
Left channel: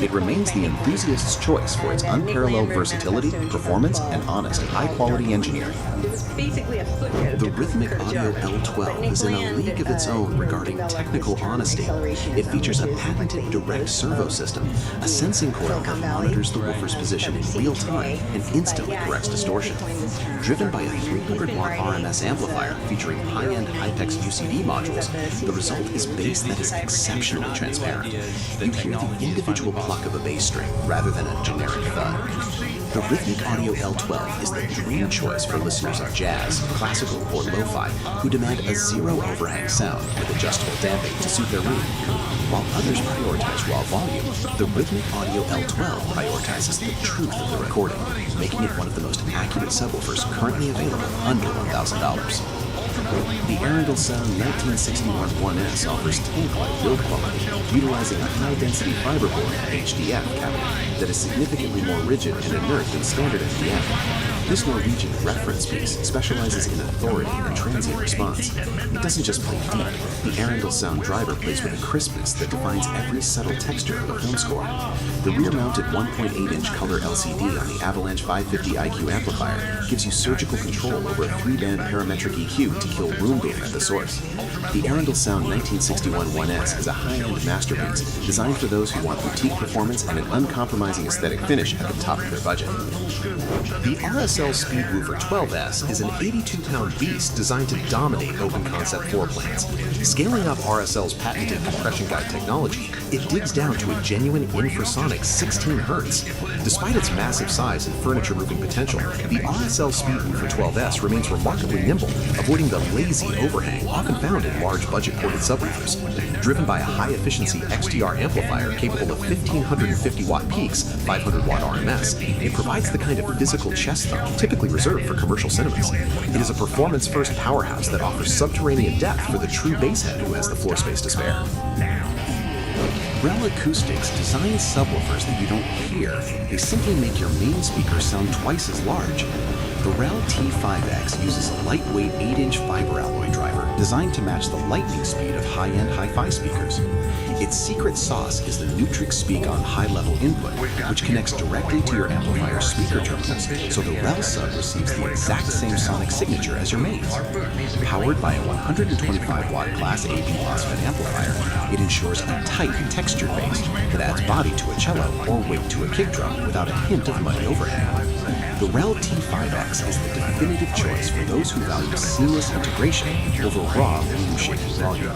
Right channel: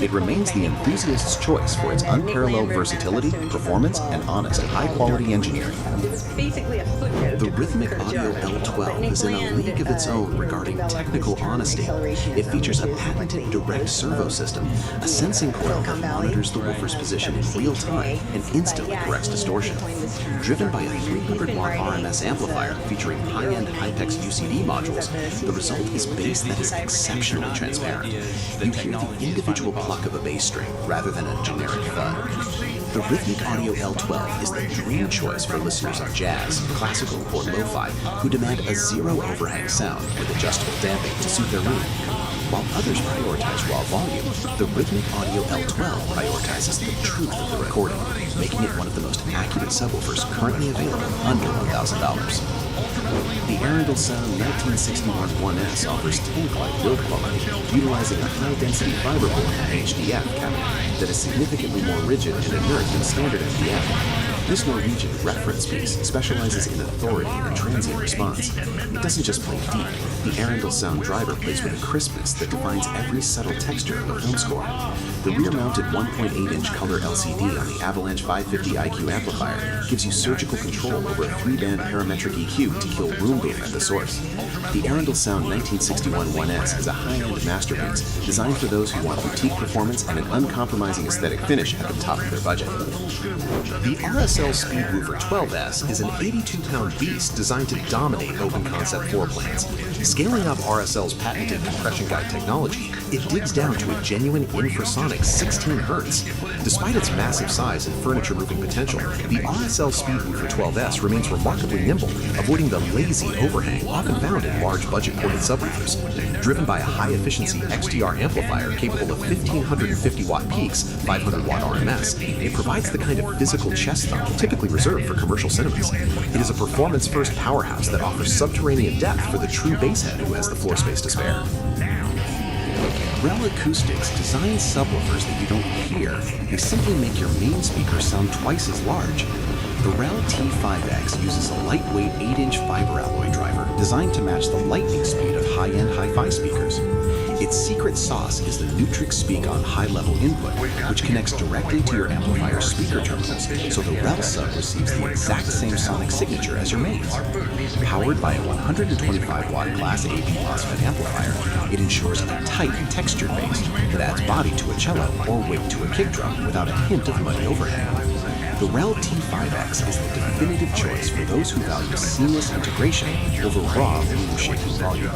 It remains the enthusiast's choice for its unparalleled versatility, performance, and honest, high-quality engineering. The Rhythmic Audio L12 is in a league of its own regarding technical honesty. It features a patented direct servo system, a sensing coil that monitors the woofer's position in real time and instantly corrects distortion. Driven by a 300-watt RMS amplifier featuring high-end Hypex UCD modules, the result is bass that is exceptionally transparent. You hear the individual pluck of a bass string rather than a generic thud. The Rhythmic Audio L12 is the dream choice for listeners of jazz, classical, or lo-fi who demand a zero overhang sound with adjustable damping to suit their room. While others prioritize raw volume, the Rhythmic Audio L12 prioritizes the truth of the recording, making it one of the most accurate subwoofers currently available under $1,000. The Arundel Sound 1961 1S offers tank-like build quality, utilizing a high-density fiberboard HDF cabinet that is significantly more rigid and inert than standard FDF. This Norwegian reference piece specializes in authority and transient response. It doesn't just play deep. The Arundel Sound driver plays with a crispness that defines every subtle texture of a film score. The rear-mounted 1.8-inch color LCD on the Avalanche 550 IQ amplifier gives you surgical control over a 3-band parametric EQ to kill room boom at the source. The Arundel Sound 1961 1S is a high-end masterpiece designed for those who want boutique performance and an uncompromising aesthetic finish at the top of their budget. The RSL Speedwoofer 12S is an 82-pound beast designed to dominate open concept floor plans. Scaling up RSL's patented compression guide technology, it digs down to a genuine infrasonic 16 Hz. Despite its massive size and furniture-moving potential, the RSL Speedwoofer 12S remains remarkably nimble, avoiding the lazy overhang often found in large budget-ported subwoofers. Driven by a high-efficiency XTR amplifier capable of 1,550-watt peaks, 500-watt RMS, it provides the kind of physical chest thump typically reserved for commercial cinemas. It is a performance-first powerhouse that offers subterranean depth for the true basshead who has the floor space to spare. Rel Acoustics designs subwoofers that you don't hear. They simply make your main speakers sound twice as large. The Rel T5X uses a lightweight 8-inch fiber alloy driver designed to match the lightning speed of high-end hi-fi speakers. Its secret sauce is the Nutrix Speak on high-level input, which connects directly to your amplifier's speaker terminals, so the Rel sub receives the exact same sonic signature as your mains. Powered by a 125-watt Class AB MOSFET amplifier, it ensures a tight, textured bass that adds body to a cello or weight to a kick drum without a hint of muddy overhang. The Rel T5X is the definitive choice for those who value seamless integration over raw, room-shaking volume.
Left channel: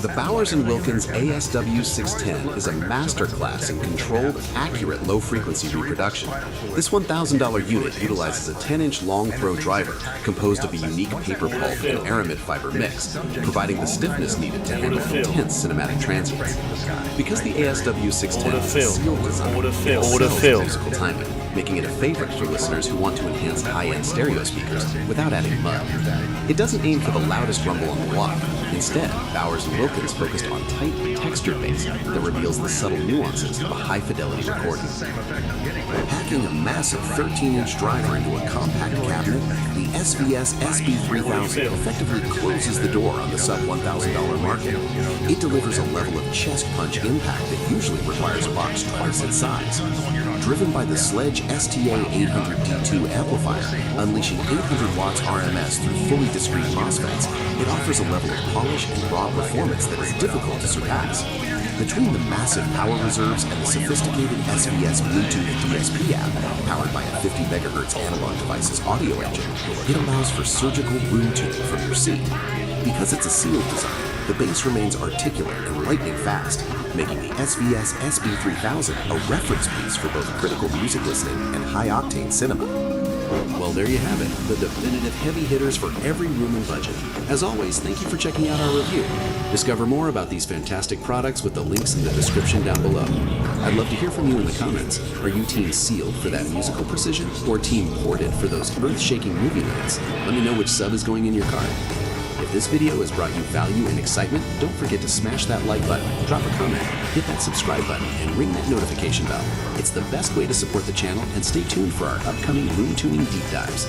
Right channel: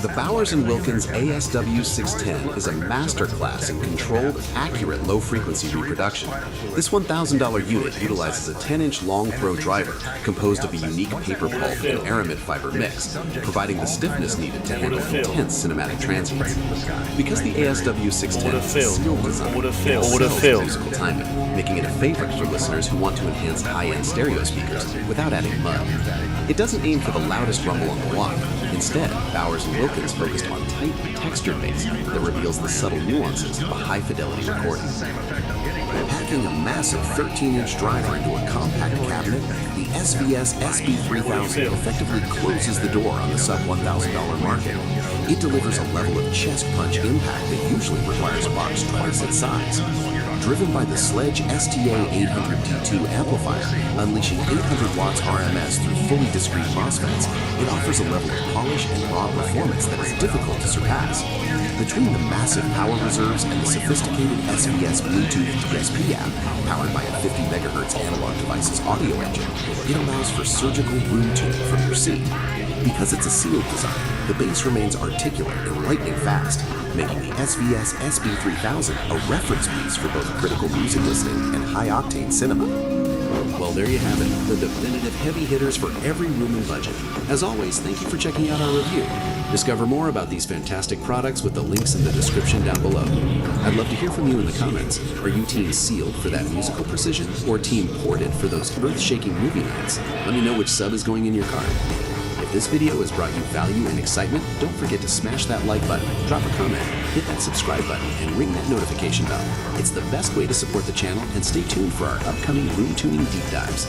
The Bowers & Wilkins ASW610 is a masterclass in controlled, accurate low-frequency reproduction. This $1,000 unit utilizes a 10-inch long-throw driver composed of a unique paper pulp and aramid fiber mix, providing the stiffness needed to handle intense cinematic transients. Because the ASW610 is a sealed design, it excels in musical timing, making it a favorite for listeners who want to enhance high-end stereo speakers without adding mud. It doesn't aim for the loudest rumble on the block. Instead, Bowers and Wilkins focused on tight, textured bass that reveals the subtle nuances of a high-fidelity recording. Packing a massive 13-inch driver into a compact cabinet, the SVS SB3000 effectively closes the door on the sub-$1,000 market. It delivers a level of chest punch impact that usually requires a box twice its size. Driven by the Sledge STA800D2 amplifier, unleashing 800 watts RMS through fully discrete MOSFETs, it offers a level of polish and raw performance that is difficult to surpass. Between the massive power reserves and the sophisticated SVS Bluetooth DSP app, powered by a 50 MHz analog device's audio engine, it allows for surgical room tuning from your seat. Because it's a sealed design, the bass remains articulate and lightning fast, making the SVS SB3000 a reference piece for both critical music listening and high-octane cinema. Well, there you have it, the definitive heavy hitters for every room and budget. As always, thank you for checking out our review. Discover more about these fantastic products with the links in the description down below. I'd love to hear from you in the comments. Are you team sealed for that musical precision, or team ported for those earth-shaking movie nights? Let me know which sub is going in your cart. If this video has brought you value and excitement, don't forget to smash that like button, drop a comment, hit that subscribe button, and ring that notification bell. It's the best way to support the channel, and stay tuned for our upcoming room tuning deep dives.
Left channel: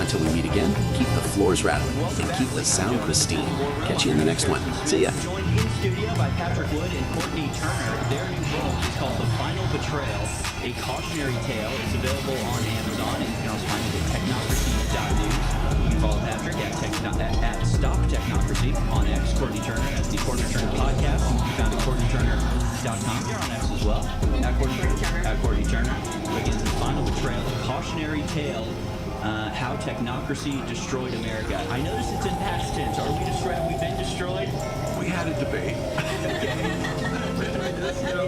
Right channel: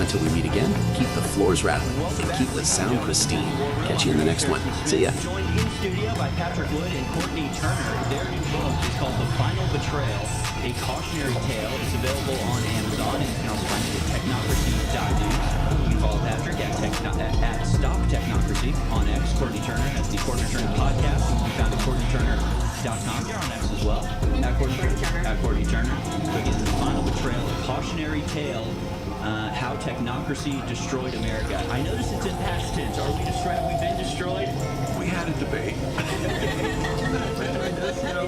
Until we meet again, keep the floors rattling and keep the sound pristine. Catch you in the next one. See ya. Joined in studio by Patrick Wood and Courtney Turner. Their new book is called The Final Betrayal, A Cautionary Tale. It's available on Amazon, and you can also find it at technocracy.news. You can follow Patrick at Stop Technocracy on X. Courtney Turner has the Courtney Turner podcast. You can be found at CourtneyTurner.com. You're on X as well. At Courtney Turner. So again, The Final Betrayal, A Cautionary Tale. How technocracy destroyed America. I notice it's in past tense. Are we destroyed? Have we been destroyed? We had a debate.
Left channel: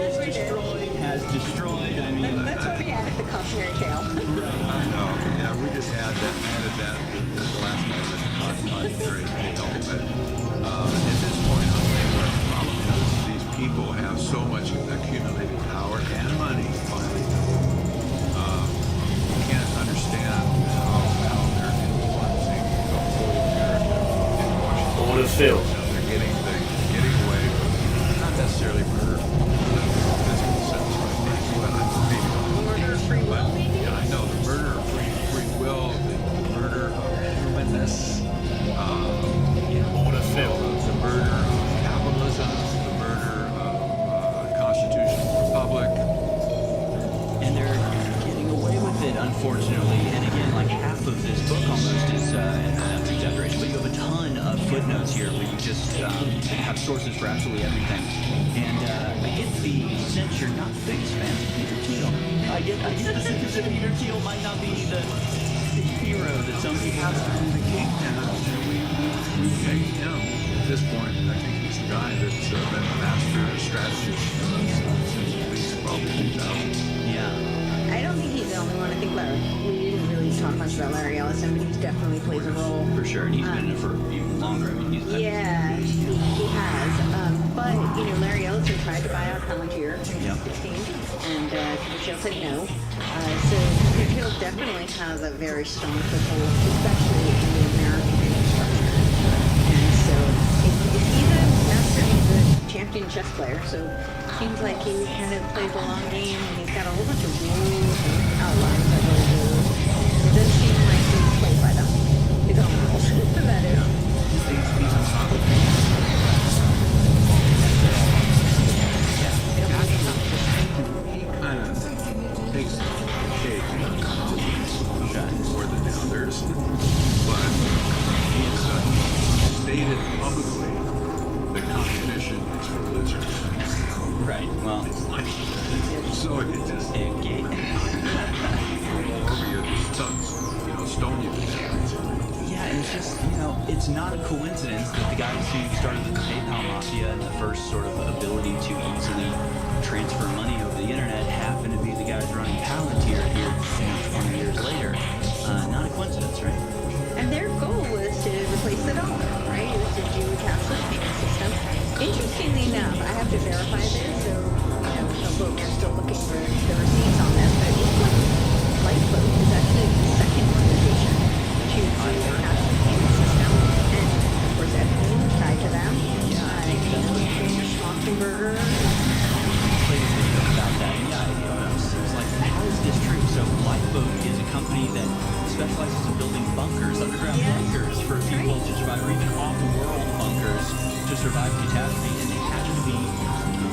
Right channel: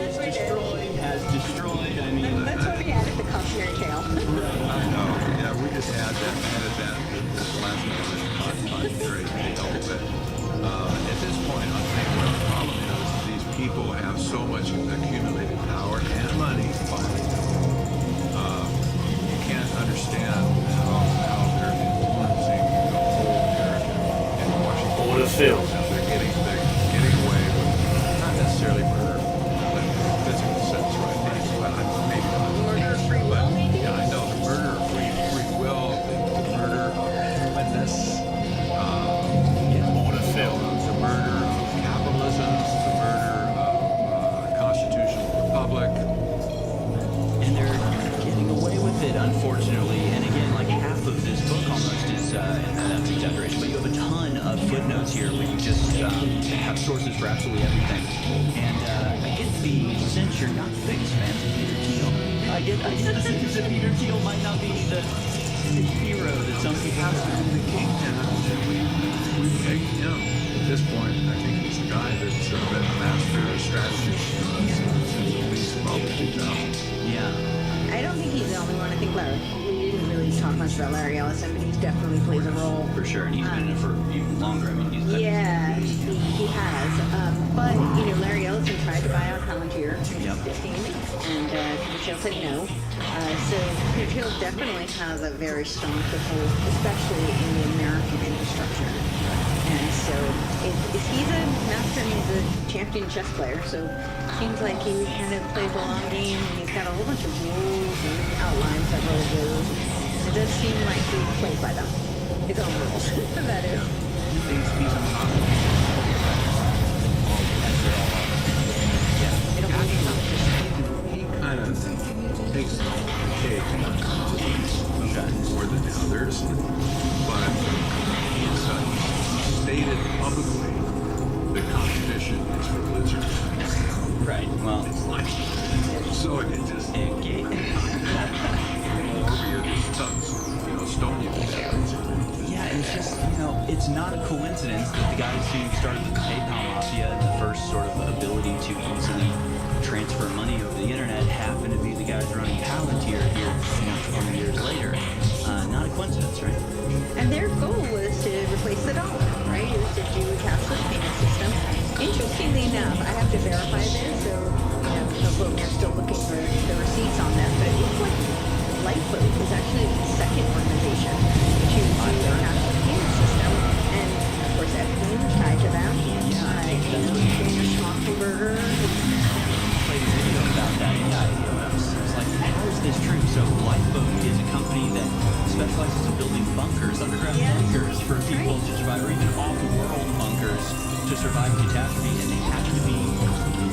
Is destroyed, has destroyed. I mean, That's why we added the cautionary tale. I know. Yeah, we just added that this last moment, cautionary tale. But at this point, I'll tell you what the problem is. These people have so much accumulated power and money. You can't understand how they're influencing the whole narrative in Washington. All the film. They're getting away with not necessarily murder, but in the physical sense, right? But maybe not. Murder of free will, maybe? Yeah, I know the murder of free will, the murder of humanness, the murder of capitalism, the murder of a constitutional republic. And they're getting away with it, unfortunately. And again, like half of this book almost is, and that's exaggeration, but you have a ton of footnotes here where you just have sources for absolutely everything. And I get the sense you're not the biggest fans of Peter Thiel. I get the sense that Peter Thiel might not be the hero that some people have to be the king now. We take him. At this point, I think he's the guy that's been the master strategist since at least probably 2000. Yeah. I don't think he's the only one. I think we didn't really talk much about Larry Ellison, but he definitely plays a role. For sure, and he's been in it for even longer. I mean, he's yeah, he has. But Larry Ellison tried to buy out Palantir in 2016, and Peter Thiel said no. So Peter Thiel definitely has a very strong foothold, especially in the American infrastructure. And so he's a master, and he's a champion chess player. So it seems like he kind of plays a long game, and he's got a whole bunch of rules and outlines several of those. It does seem like he plays by them, his own rules. That is. He's on top of it. He kind of takes the cake more than the others, but he's stated publicly that competition is for losers. Right. Well, so it just roll over you, stone you to death. Yeah, and it's just, it's not a coincidence that the guys who started the PayPal Mafia and the first sort of ability to easily transfer money over the internet happen to be the guys running Palantir here, 20 years later. Not a coincidence, right? And their goal was to replace the dollar, right? It was to do a cashless payment system. Interestingly enough, I have to verify this, so we're still looking for the receipts on this, but it looks like Lifeboat is actually the second organization to do a cashless payment system, and of course course, Epstein is tied to them. Yeah, Daniel Schmachtenberger. Played a video about that. Yeah, it was like, how is this true? So Lifeboat is a company that specializes in building bunkers, underground bunkers for people to survive, or even off-world bunkers to survive catastrophe. And they happen to be,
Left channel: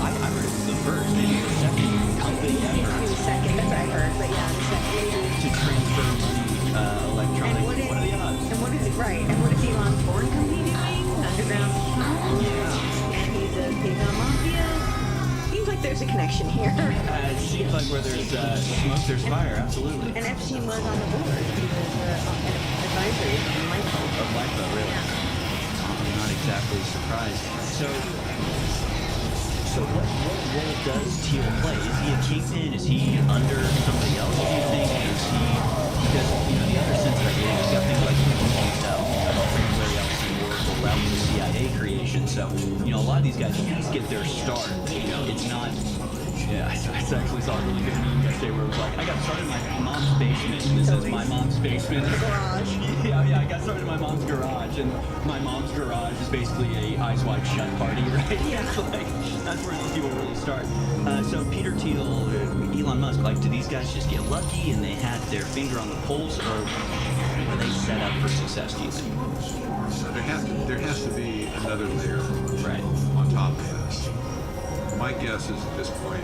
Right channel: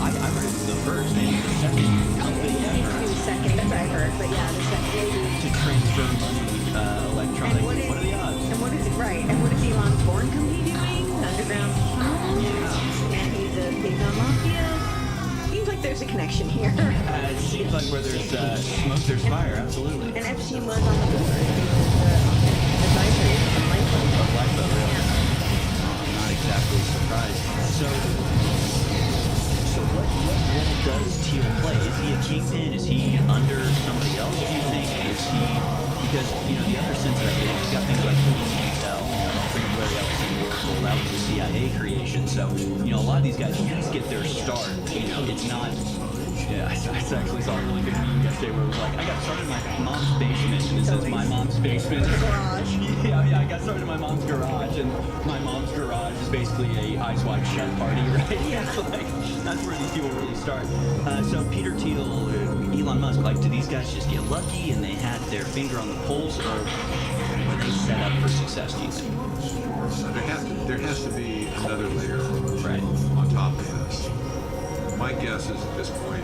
I heard it was the first, maybe the second company ever. The second, as I heard, but yeah, the second maybe. To transfer money electronically. What are the odds? And what is it, right? And what is Elon's foreign company doing? Underground tunnels? Yeah. And he's a Paycom Mafia. Seems like there's a connection here. It seems like where there's smoke, there's fire, absolutely. And Epstein was on the board. He was an advisory on Lifeboat. Of Lifeboat, really? Yeah. I'm not exactly surprised. So what role does Teal play? Is he a kingpin? Is he under somebody else, do you think? Is he... Because, the other sense that I get, he's got things like Intel, everybody else in Oracle, that was a CIA creation. So, a lot of these guys at least get their start. It's not... Yeah, I actually saw a really good meme yesterday where it was like, I got started in my mom's basement, and it says my mom's basement. Garage. Yeah, I got started in my mom's garage, and my mom's garage is basically a Eyes Wide Shut party, right? Yeah. It's like, that's where these people really start. So Peter Thiel, Elon Musk, do these guys just get lucky and they had their finger on the pulse, or were they set up for success, do you think? There has to be another layer on top of this. My guess is at this point,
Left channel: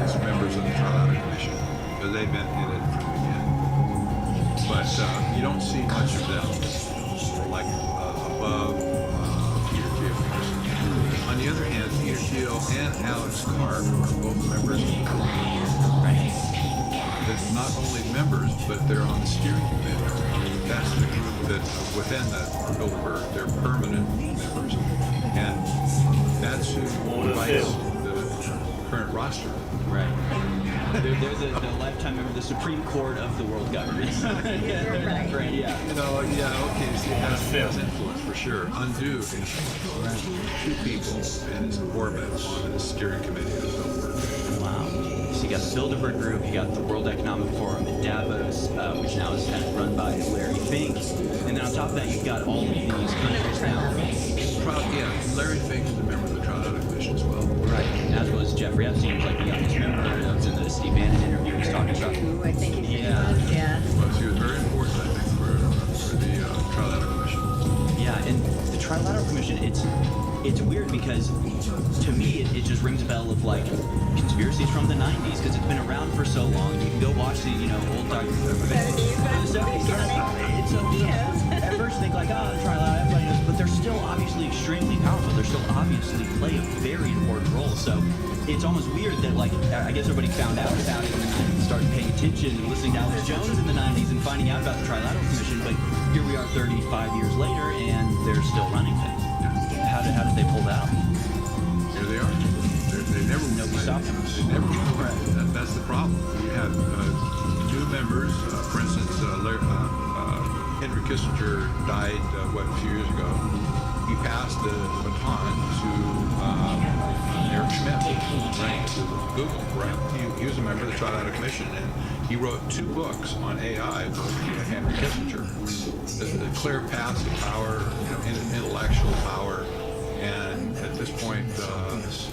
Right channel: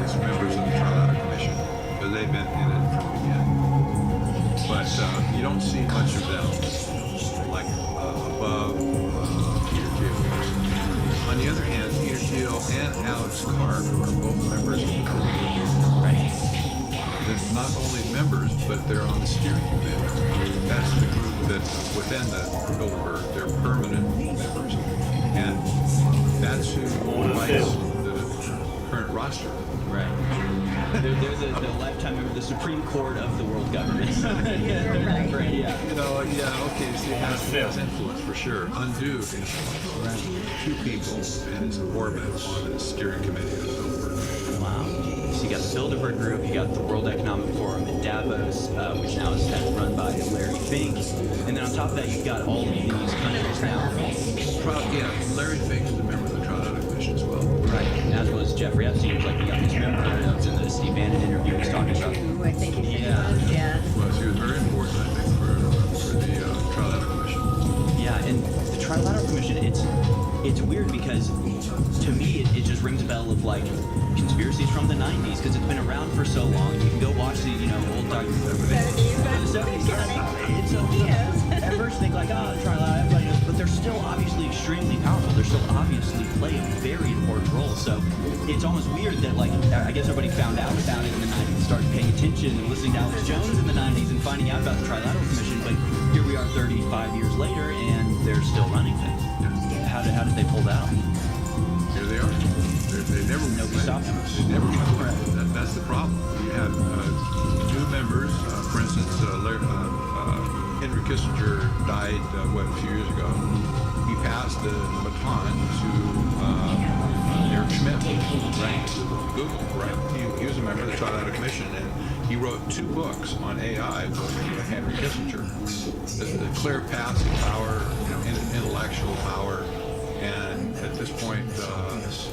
it's members of the Trilateral Commission, because they've been in it from the beginning. But you don't see much of them, above Peter Thiel. On the other hand, Peter Thiel and Alex Karp are both members of the Bilderberg. Right. They're not only members, but they're on the steering committee. That's the group that within the Bilderberg, they're permanent members. And that's who writes the current roster. Right. They're the lifetime member of the Supreme Court of the world government. Right. Yeah. Okay, so it has influence for sure. Undue influence. Right. Two people and his orbit on the steering committee of the Bilderberg. Wow. So you got the Bilderberg Group, you got the World Economic Forum in Davos, which now is run by Larry Fink. And then on top of that, you've got all of these countries now. Larry Fink is a member of the Trilateral Commission as well. Right. As was Jeffrey Epstein, was like the youngest member. That was in the Steve Bannon interview he was talking about. I think he was, yeah. Well, she was very important, I think, for the Trilateral Commission. Yeah, and the Trilateral Commission, it's weird because to me it just rings a bell of conspiracies from the 90s, because it's been around for so long. You can go watch the old documentaries. At first think the Trilateral, everybody knows, but they're still obviously extremely powerful. They're still obviously play a very important role. So it's almost weird that I guess everybody found out about it in the 90s, started paying attention and listening to Alex Jones in the 90s and finding out about the Trilateral Commission. But here we are 35 years later and they're still running things. How did they pull that off? Here they are. They never Nobody stopped them. They never went away. That's the problem. You have new members. For instance, Henry Kissinger died a few years ago. He passed the baton to Eric Schmidt, right? Google, right? He was a member of the Trilateral Commission, and he wrote 2 books on AI with Henry Kissinger. The clear path to power, intellectual power. And at this point,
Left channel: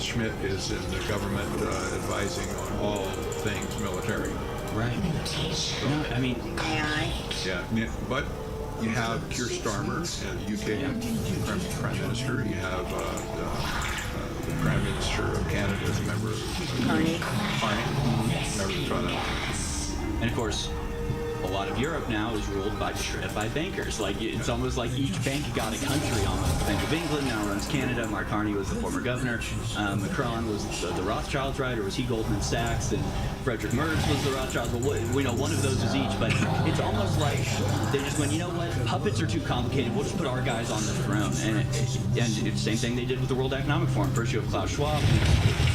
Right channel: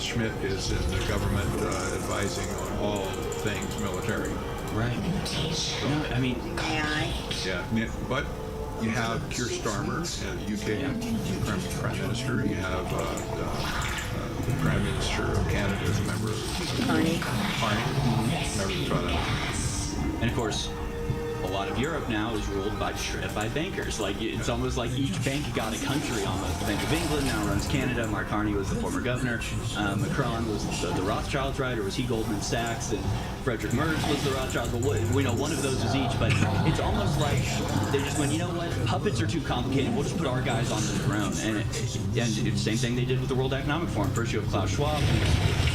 Schmidt is in the government advising on all things military. Right. So, AI. Yeah, but you have Keir Starmer, UK Prime Minister. You have the Prime Minister of Canada as a member of Carney, member of the Trilateral. And of course, a lot of Europe now is ruled by bankers. It's almost like each bank got a country almost. The Bank of England now runs Canada. Mark Carney was the former governor. Macron was the Rothschilds, right? Or was he Goldman Sachs? And Frederick Merz was the Rothschilds. Well, we know one of those is each, but it's almost like they just went, you know what? Puppets are too complicated. We'll just put our guys on the throne. And it's the same thing they did with the World Economic Forum. First you have Klaus Schwab,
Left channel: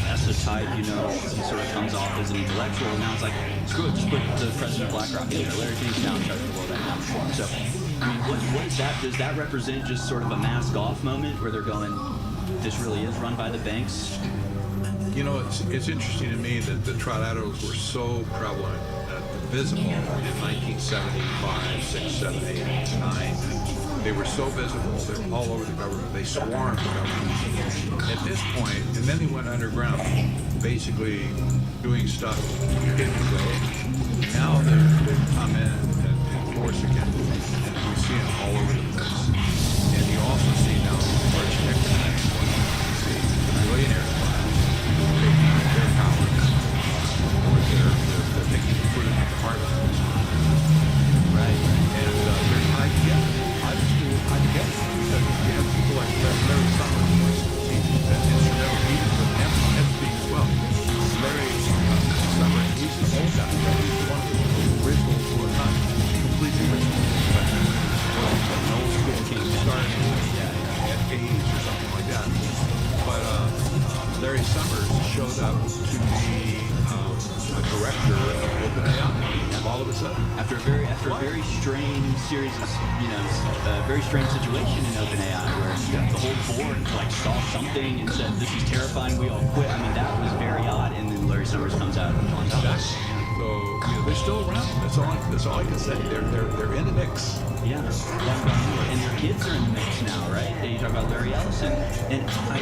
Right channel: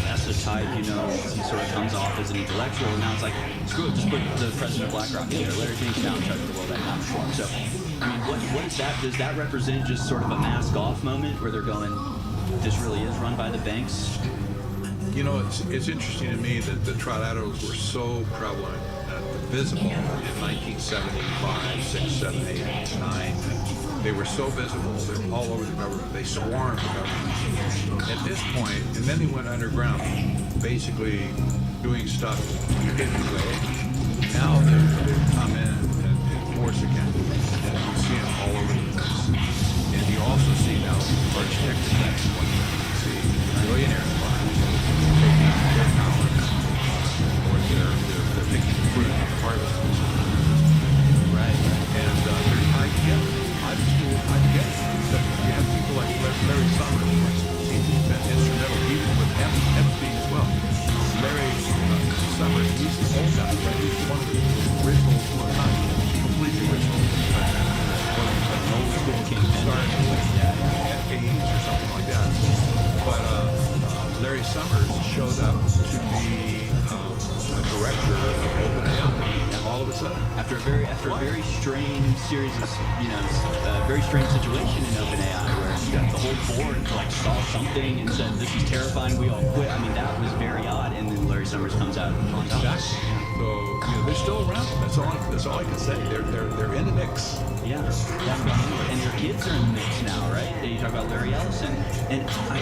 that's the type, he sort of comes off as an intellectual, and now it's like, screw it, just put the president of BlackRock in there. Larry Fink's now in charge of the World Economic Forum. So, what is that? Does that represent just sort of a mask off moment where they're going, this really is run by the banks? It's interesting to me that the trilaterals were so prevalent, visible in 1975, 6, 7, 8, 9. They were so visible. They were all over the government. They swarmed the government. At this point, and then they went underground, basically doing stuff hidden away. Now they've come in force again, and we see them all over the place. And you also see now these large tech companies. You see the billionaire class taking their power, or they're taking the fruit of the harvest. Right. And they're tied together. Obviously, they're tied together. Because you have people like Larry Summers, for instance. He's been instrumental even with Epstein as well. Larry Summers, he's the old guy, right? He's one of the original, well, not completely original, but an old school kingpin. Started at AIDS or something like that. But Larry Summers showed up to be a director of OpenAI all of a sudden. After a very strange series of, very strange situation in OpenAI where the whole board like saw something and said, this is terrifying, we all quit. I mean, that was very odd, and then Larry Summers comes out on top. Exactly. So, they're still around. That's all I can say. They're in the mix. Yeah, they haven't gone anywhere. And their kids are in the mix now, right? You talk about Larry Ellison. And I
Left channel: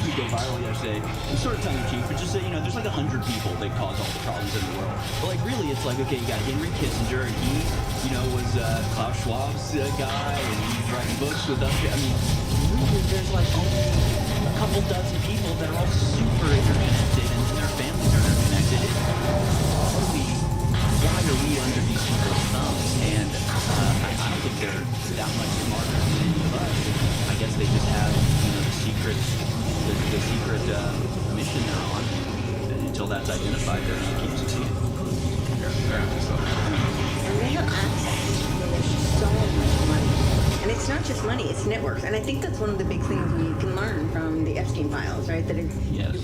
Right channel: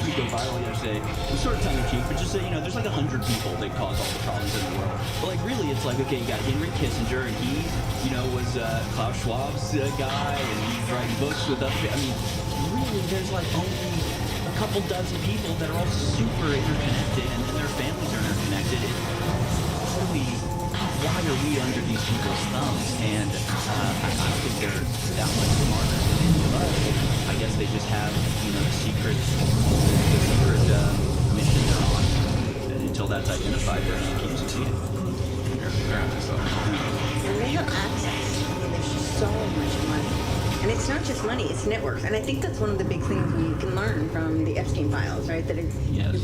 did go viral yesterday. I'm sort of tongue-in-cheek, but just say, there's like 100 people that cause all the problems in the world. But like really, it's like, okay, you got Henry Kissinger, and he, was Klaus Schwab's guy, and he's writing books with us. I mean, really, there's like only a couple dozen people that are all super interconnected, and then their families are interconnected. Why are we under these people's thumbs? And I don't think they're that much smarter than any of us. I guess they just have, the secret mission they're on. And until that's identified, they're going to keep succeeding. And they have access. There's so much money. And it's not just money, it's networks. And I think that's one of the big things we can learn from the Epstein files, right? That it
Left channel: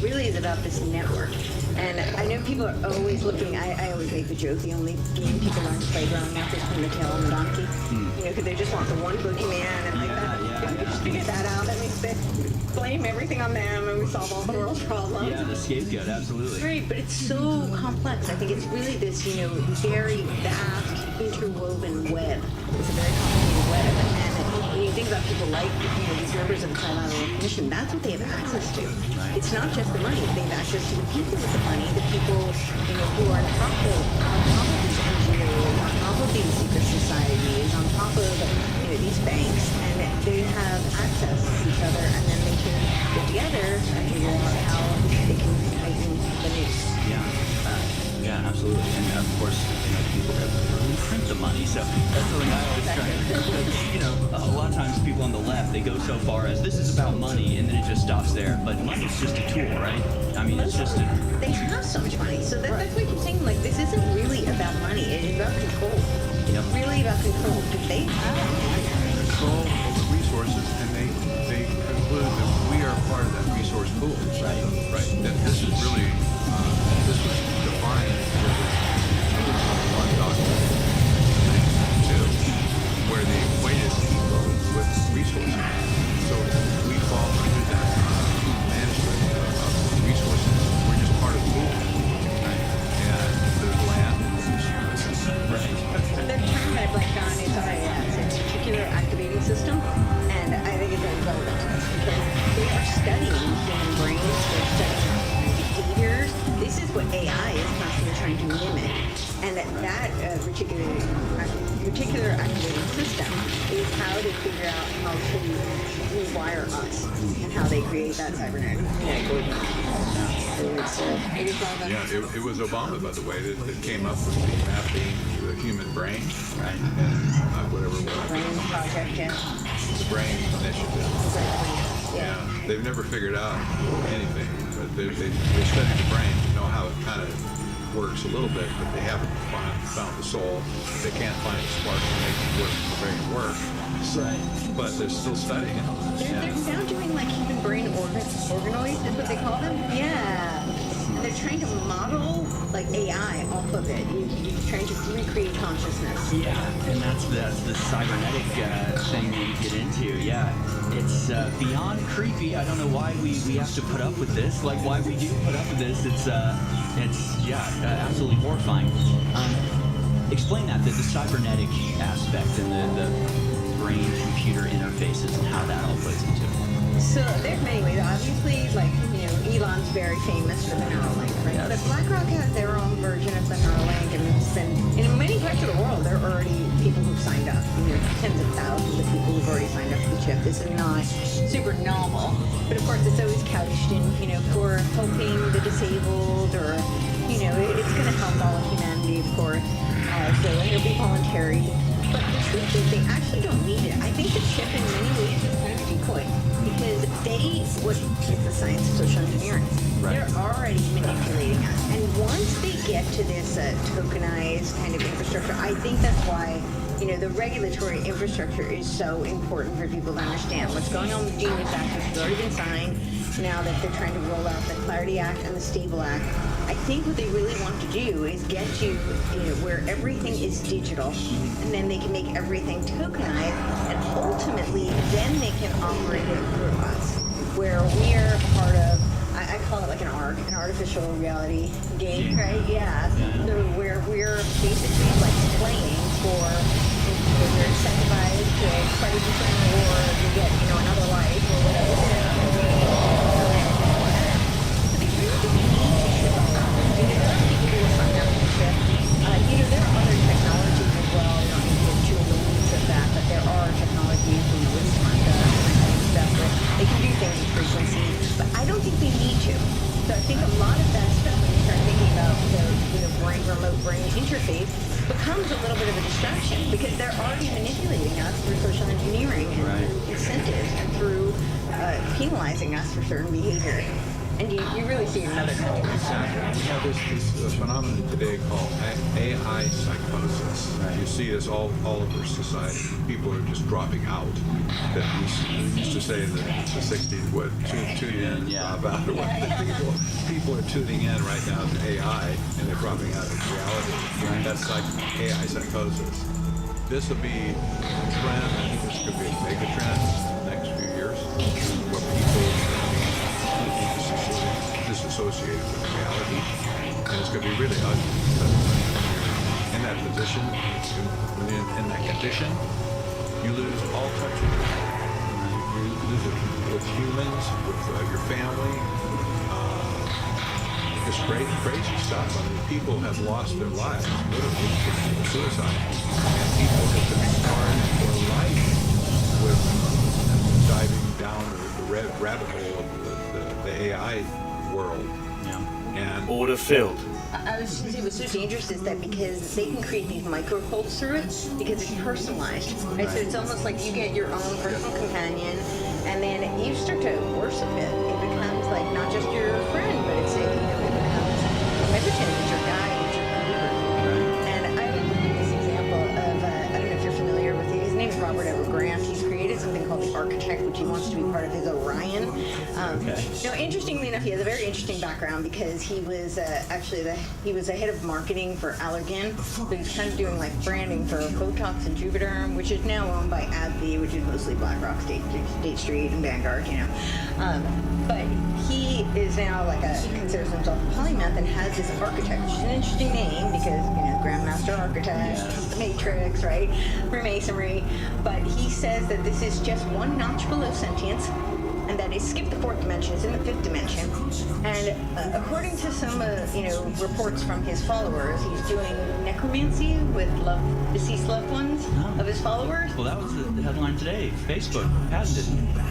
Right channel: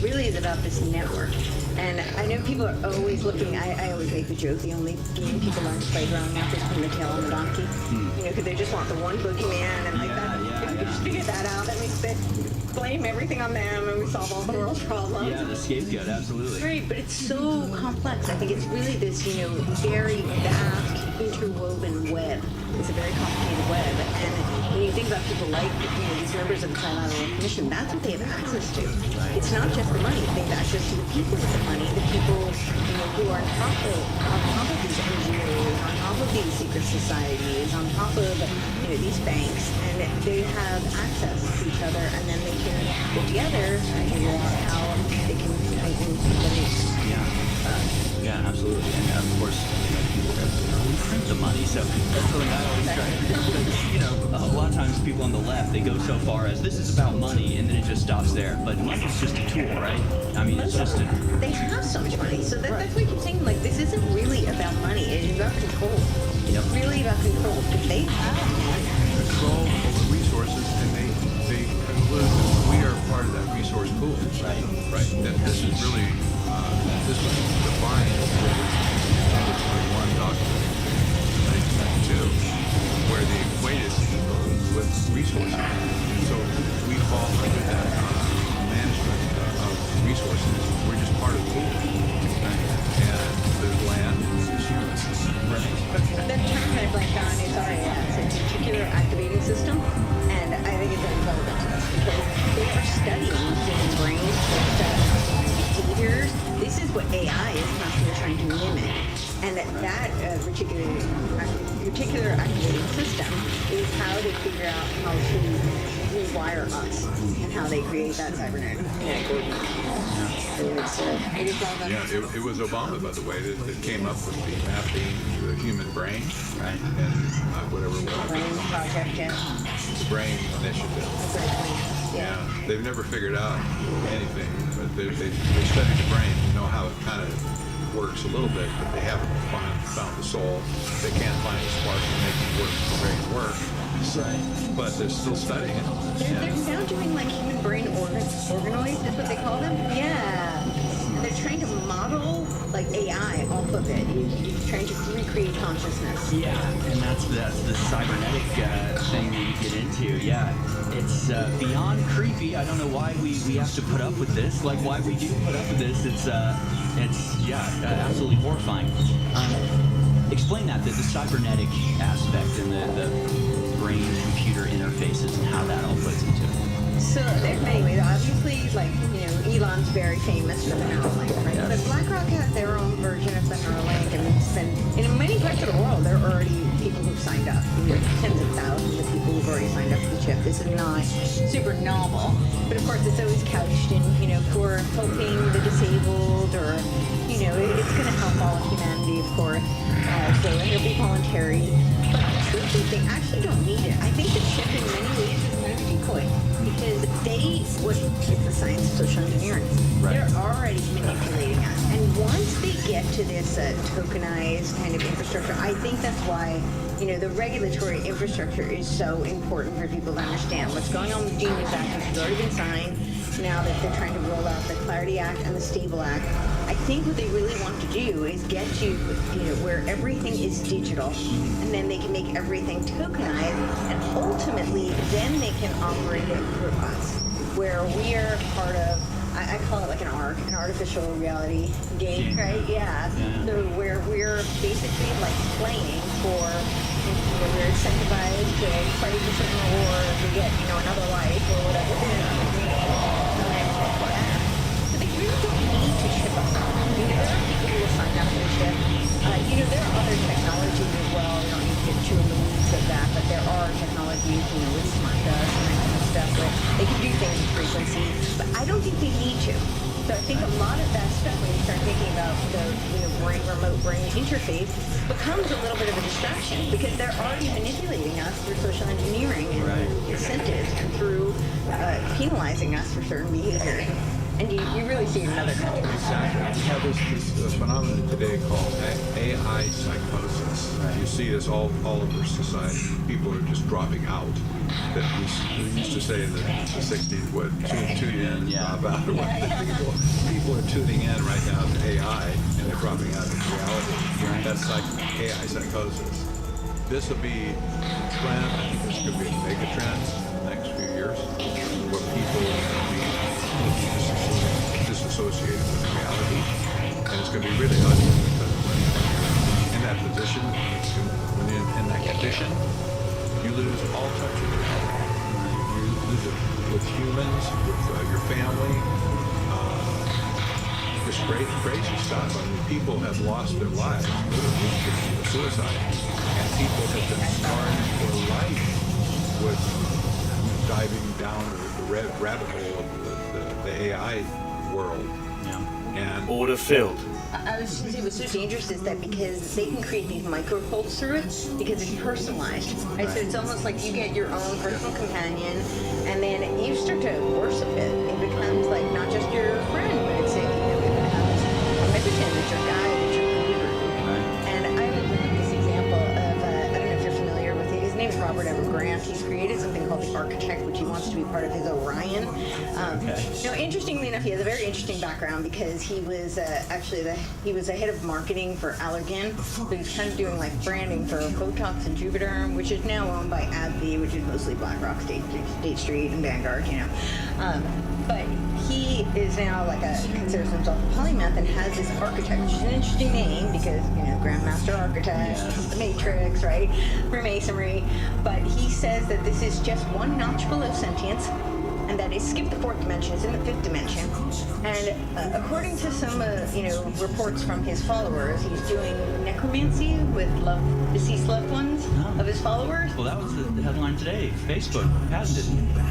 really is about this network. And I know people are always looking, I always make the joke, the only game people learn to play growing up is putting the tail on the donkey. Because they just want the one boogeyman and like that. If we could just figure that out, that makes it blame everything on them and we solve all the world's problems. Yeah, the scapegoat, absolutely. Right, but it's so complex. I think it's really this, very vast, interwoven web. It's a very complicated web. And when you think about people like, these members of the Trilateral Commission, that's what they have access to. It's not just the money. They have access to the people with the money, the people, who are on top of these NGOs, on top of these secret societies, on top of, these banks, and they have access to each other, and then they can get together and figure out how they can tighten the noose. Yeah, absolutely. And of course, people really print the money. So that's something I always try to, a lot of times people on the left, they go so far as this is about money, and then it just stops there. But money's just a tool, right? I mean, it's just a... They have so much money. So that's why I keep saying, this isn't really about money. It is about control. It's really about control, because they have money. Control over resources, and they conclude that we are part of that resource pool. Right. That this is really... this was defined with the 21 document in 1992, where they equated people with resources. So we fall under that management of resources. We're just part of the pool. And the land is humans. The term I blanked on is RAS, it's a particular activating system, and I think it's very relevant to us because they are studying human brains, they're studying behaviors. This is what AI is constantly trying to mimic, and that particular activating system is how they figure out how to rewire us and how they create that cybernetic. It was Obama, by the way, that came up with the mapping the human brain, right? And whatever it was. Brain project, The brain initiative. Yeah, they've never figured out anything, but they study the brain to know how it kind of works a little bit, but they haven't found the soul. They can't find a spark to make the brain work. But they're still studying it. They're now doing human brain organoids, is what they call them. Yeah. And they're trying to model AI off of it. You're trying to recreate consciousness. Yeah, and that's the cybernetic thing that you get into. Yeah, it's beyond creepy. I don't know why we have to put up with this. Why we do put up with this. It's absolutely horrifying. Explain the cybernetic aspect and the brain-computer interfaces and how that all plays into it. So there's many ways. Obviously, like, Elon's very famous for the Neuralink, right? Yes. But BlackRock has their own version of the Neuralink, and it's been, in many parts of the world, there are already people who've signed up. Tens of thousands of people who've already signed up for the chip. This is not super novel, but of course it's always couched in, for helping the disabled, or, it's going to help all of humanity, of course. So it'll be voluntary. But the truth is, they actually don't need it. I think the chip, in many ways, is kind of a decoy, because it's the science of social engineering. Right. They're already manipulating us. And once they get to this tokenized kind of infrastructure, I think that's why, the regulatory infrastructure is so important for people to understand what's going on with the Genius Act, which has already been signed. Now that they're trying to roll out the Clarity Act and the Stable Act, I think what they really want to do is get to, where everything is digital, and then they can make everything tokenized, and ultimately, then they can operate it through us, where we are part of, I call it like an ARC, an artificial reality game, right? Yeah. So where we're basically like playing for, we're incentivized to fight for certain rewards, we get, another life or whatever. So they really don't need to ship us out. There are people who will sign up for the chip. There are other technologies as well. We don't need to get too in the weeds of that, but there are technologies, with smart dust and that kind of stuff, where they can do things with frequency, but I don't think they need to. So I think a lot of that stuff, when you start thinking about the remote brain interface, becomes a little bit of a distraction, because they're already manipulating us through social engineering and through incentives and through penalizing us for certain behaviors. And you really see it in other countries. Exactly. We have this phenomenon today called AI psychosis. You see this all over society. People are just dropping out. That we used to say in the 60s, would tune in, drop out. People are tuning in right now to AI, and they're dropping out of reality. That's like AI psychosis. This will be a trend. I think this could be a mega trend in the next few years, where people will be completely disassociated with reality, and it's going to be really ugly, because when you're in that position, when you're in that condition, you lose all touch with reality. You lose it with humans, with your family. Just crazy stuff. I mean, people have lost their lives, literally, to suicide, and people have been scarred for life with diving down the rabbit hole of the AI world. And order filled. I was just going to say, what's so dangerous is that because they can create these microcults through it, because it's personalized, right? So it's almost like you get your own personal companion, and then you start to worship it. It becomes like not just your friend, but it becomes omnipotent. It's your guide, it's your guru. And I would bring up this example of, I don't know if you're familiar with it. His name is Robert Ever Grant. He's created something called the Architect, which he wants to be part of his Orion. Interestingly enough, he has a very interesting background, because he was he was the head of marketing for Allergan. So he's kind of doing like branding for Botox and Juvederm, which is now owned by AbbVie, which is mostly BlackRock, State Street, and Vanguard. But he is now considers himself a polymath and has this Architect, which is an interesting name because, Grandmaster Architect, the Matrix, right? Freemasonry. But he says that this is just one notch below sentience, and that it skipped the fourth dimension, it's in the fifth dimension. And according to some, reports from his followers, he's doing necromancy with deceased loved ones of his followers. Well, that was the headline today. Facebook patented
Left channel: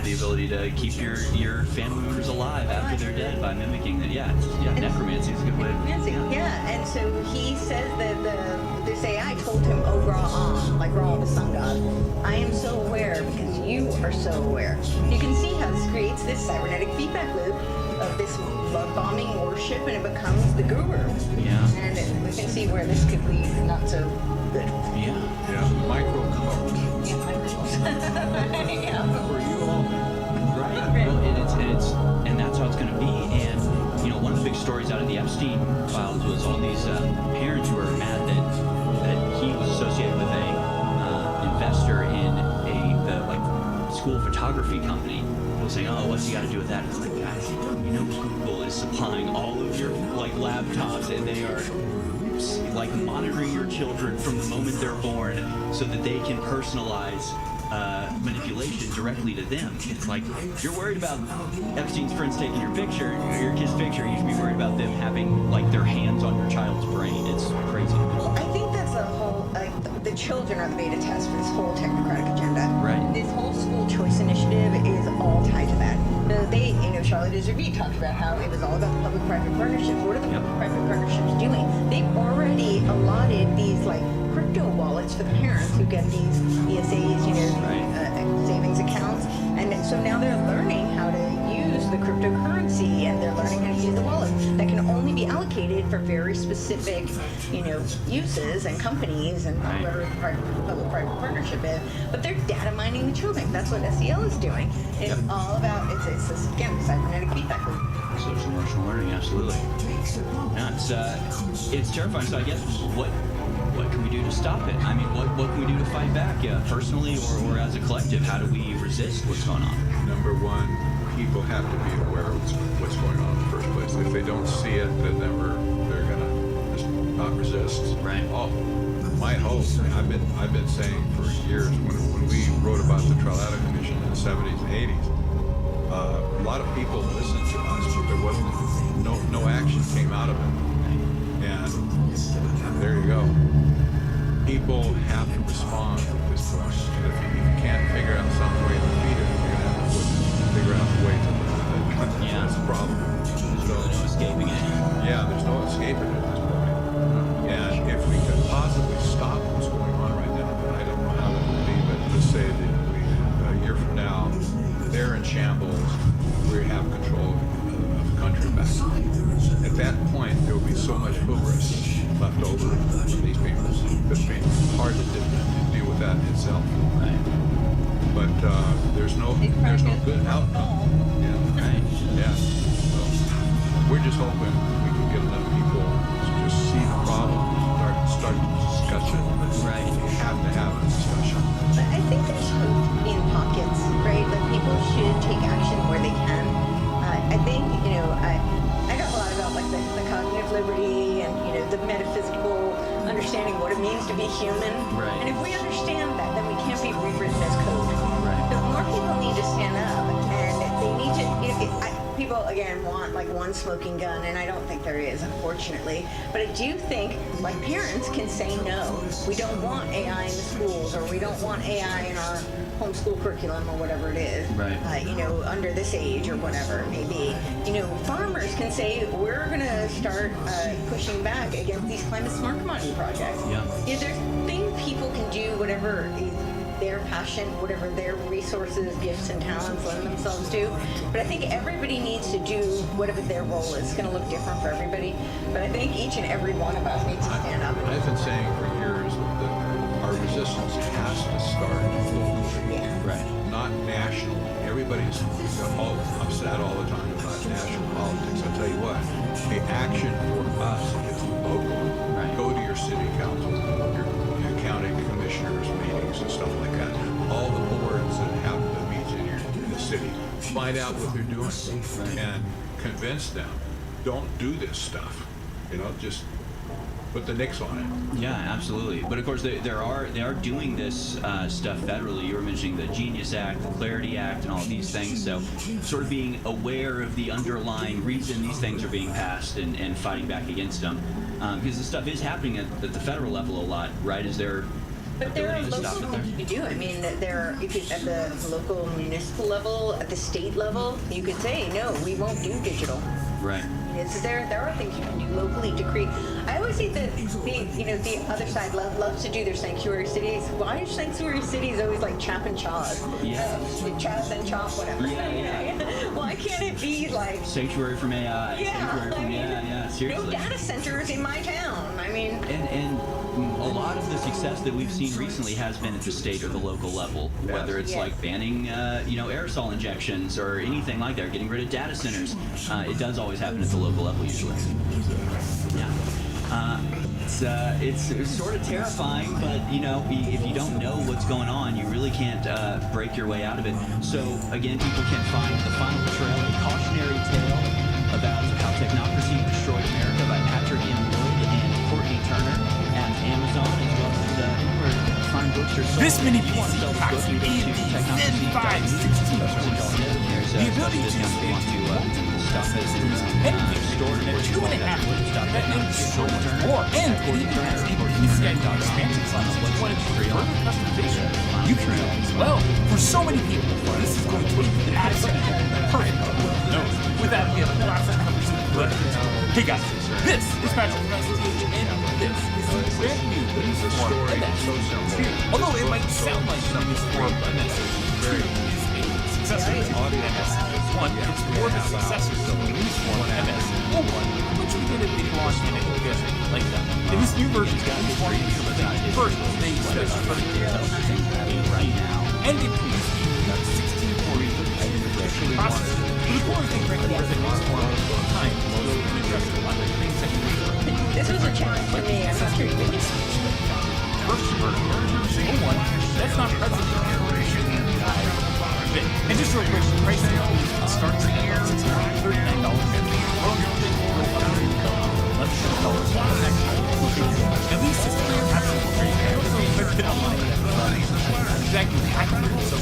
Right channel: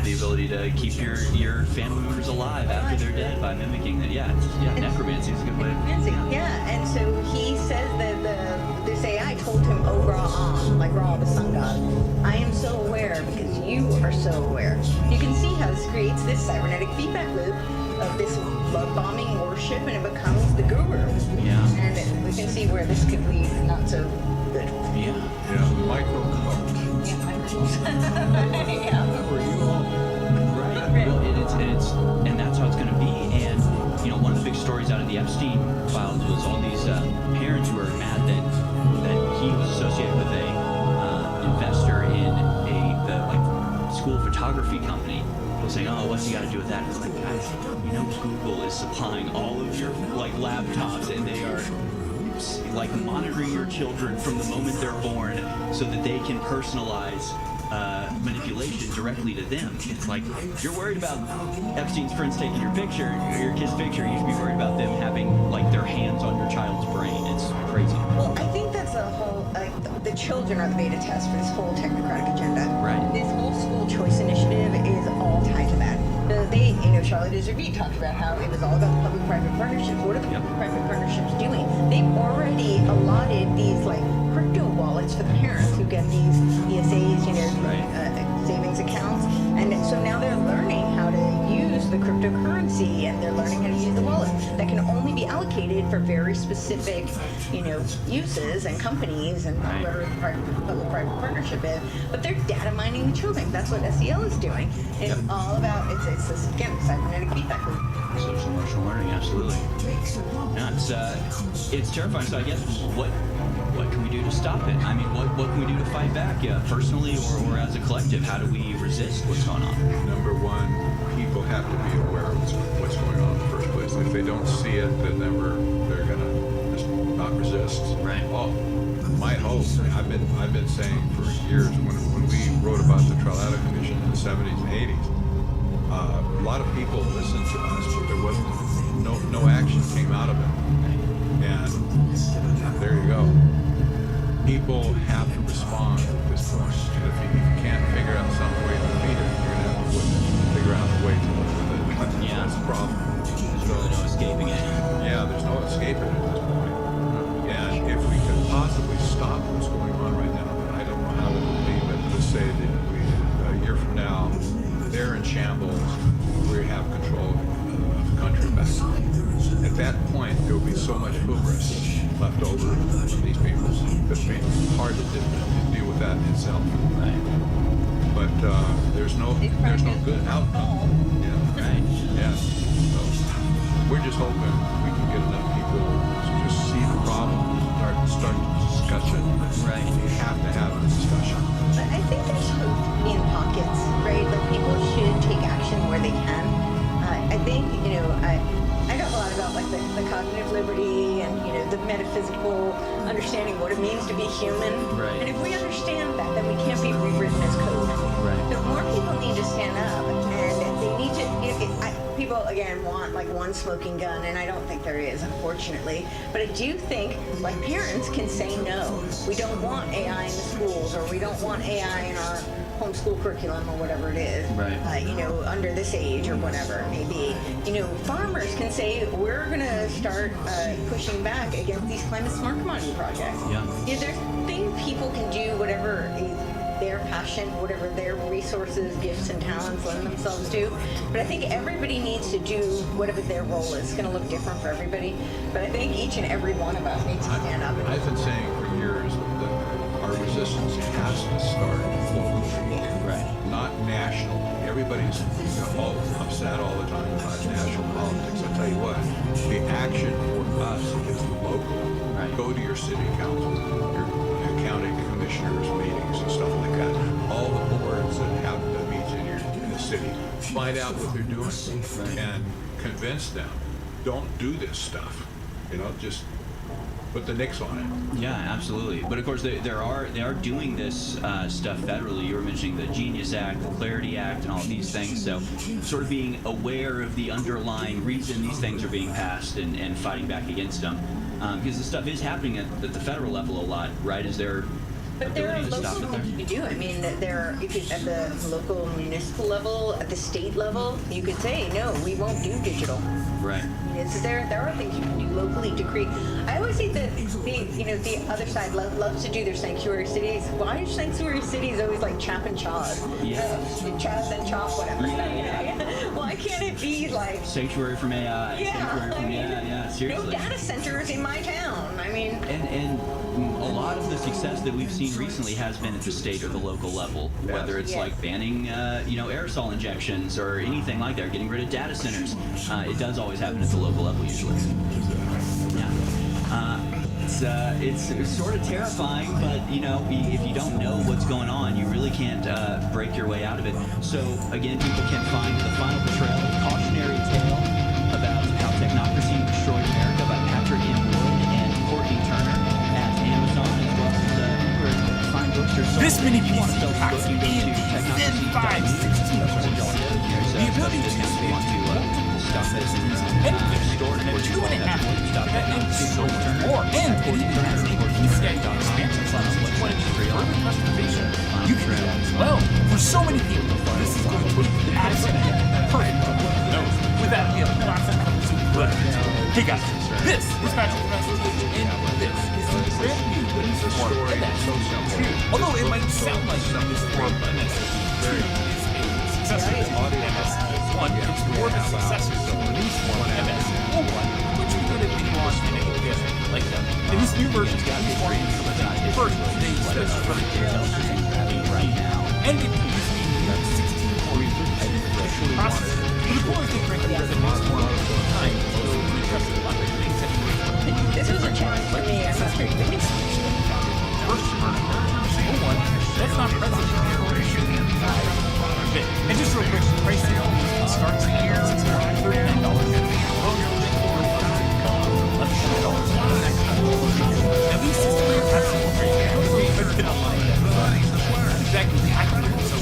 the ability to keep your family members alive after they're dead by mimicking that. Necromancy is a good way. Necromancy, and so he says that this AI told him, "Oh, Ra, like Ra, the sun god, I am so aware because you are so aware." You can see how this creates this cybernetic feedback loop of this love-bombing worship, and it becomes the guru. And we can see where this could be not so good. Micro-cult. Were you all right? Well, and that's how it's going to be. And one of the big stories out of the Epstein files was all these parents who were mad that he was associated with a investor in the school photography company. People saying, "Oh, what's he got to do with that?" It's like, guys, Google is supplying all of your laptops, and they are monitoring your children from the moment they're born, so that they can personalize manipulation directly to them. It's like, you're worried about Epstein's friends taking your picture, your kid's picture, you should be worried about them having like their hands on your child's brain. It's crazy. Well, I think that's a whole, the children are the beta test for this whole technocratic agenda. Right. This whole school choice initiative is all tied to that. They, Charlotte Iservit talked about how it was all about public-private partnerships. What are the public-private partnerships doing? They've already allotted these, like, crypto wallets for the parents who get these ESAs, savings accounts. And so now they're learning how to use the cryptocurrency, and they're learning how to use the wallet that can only be allocated for very specific, uses and companies and whatever the public-private partnership is. But they're data mining the children. That's what SEL is doing. It's all about, it's again, cybernetic feedback loop. Social emotional learning, absolutely. Yeah, it's terrifying. So I guess what can we do to stop it? I mean, what can we do to fight back, personally or as a collective? How do we resist what's going on? Number one, people have to be aware of what's going on in the first place. If they don't see it, then they're gonna just not resist. Right. Oh, my hope. I've been saying for years when we wrote about the Trilateral Commission in the 70s and 80s. A lot of people listened to us, but there wasn't no action came out of it. And there you go. People have to respond at this point. And if you can't figure out some way to defeat it, you're gonna have to figure out a way to live with it. Yeah. That's the problem. There's really no escaping it. Yeah, there's no escaping it at this point. And if we could possibly stop what's going on right now, I don't know how that would be, but just say that a year from now, they're in shambles, we have control of the country back. At that point, there will be so much hubris left over from these people. It'd be hard to deal with that itself. Right. But there's no good outcome. Yeah. Right. Yeah. So we're just hoping we can get enough people to just see the problem, start the discussion. Right. We have to have a discussion. But I think there's hope in pockets, right? Like people should take action where they can. I think, I know a lot about like the cognitive liberty and the metaphysical understanding what it means to be human. Right. And if we understand that, then we can't be rewritten as code. Right. So more people need to stand up, and they need to. People again want like one smoking gun, and I don't think there is, unfortunately. But I do think like parents can say no. We don't want AI in the schools, or we don't want AI in our homeschool curriculum or whatever it is, right. Under this age or whatever it may be. Farmers can say, we're going to start pushing back against these climate smart commodity projects. Yeah. There's things people can do, whatever is their passion, whatever their resources, gifts, and talents lend themselves to. But I think everybody needs to do whatever their role is. It's going to look different for everybody. But I think each and every one of us needs to stand up. I've been saying for years that our resistance has to start locally. Right. Not national. Everybody's upset all the time about national politics. I'll tell you what, the action for us is local. Right. Go to your city council, your county commissioners meetings and stuff like that. All the boards that have the meets in the city. Find out what they're doing and convince them. Don't do this stuff. Just put the nix on it. Yeah, absolutely. But of course, they are doing this stuff federally. You were mentioning the Genius Act, the Clarity Act, and all of these things. So, sort of being aware of the underlying reason these things are being passed and fighting back against them, because the stuff is happening at the federal level a lot, right? Is there? But there are local things you do. I mean, at the local municipal level, at the state level, you could say, no, we won't do digital. Right. There are things you can do locally to create. I always say that the other side loves to do their sanctuary cities. Why are sanctuary cities always like chap and chaws? Yeah. Chaws and chop, whatever. Yeah. Why can't it be like sanctuary from AI? Yeah. Sanctuary from yeah. Seriously. No data centers in my town. I mean. And a lot of the success that we've seen recently has been at the state or the local level, whether it's like banning, aerosol injections or anything like that, or getting rid of data centers. It does always happen at the local level usually. Yeah. It's sort of terrifying, but if you don't know what's going on, you really can't break your way out of it. So again, people can find The Final Betrayal, a cautionary tale about how technocracy destroyed America by Patrick M. Wood and Courtney Turner at Amazon, as well as anywhere to find books This many pieces packed in Zen 5 1640. The ability to spin anything stored in a 2.5 or and it even has a PCI expansion slot. If you want to do further customization, you can do that as well. For so many people, this is going to be absolutely perfect. No, with that, we have a classic covers of good. Hey guys, this is Patrick Presley, and this is the brand new Windstorm MS2. Although it might sound like Windstorm MS2 is a successor to MS1, it's more of a successor to Windstorm MS01, which we did a video on and if you guys like that. In this new version, Windstorm is first, they specify right now, and it uses a new 1640 processor. But the core thing, frankly, is that Windstorm time will address a lot of things that you need. This was a challenge for me. I'm not sure you can First version 01, that's not present in bit. And just real quick, pricing starts at $639. Now these systems are absolutely great. I also put it online exactly accurate, so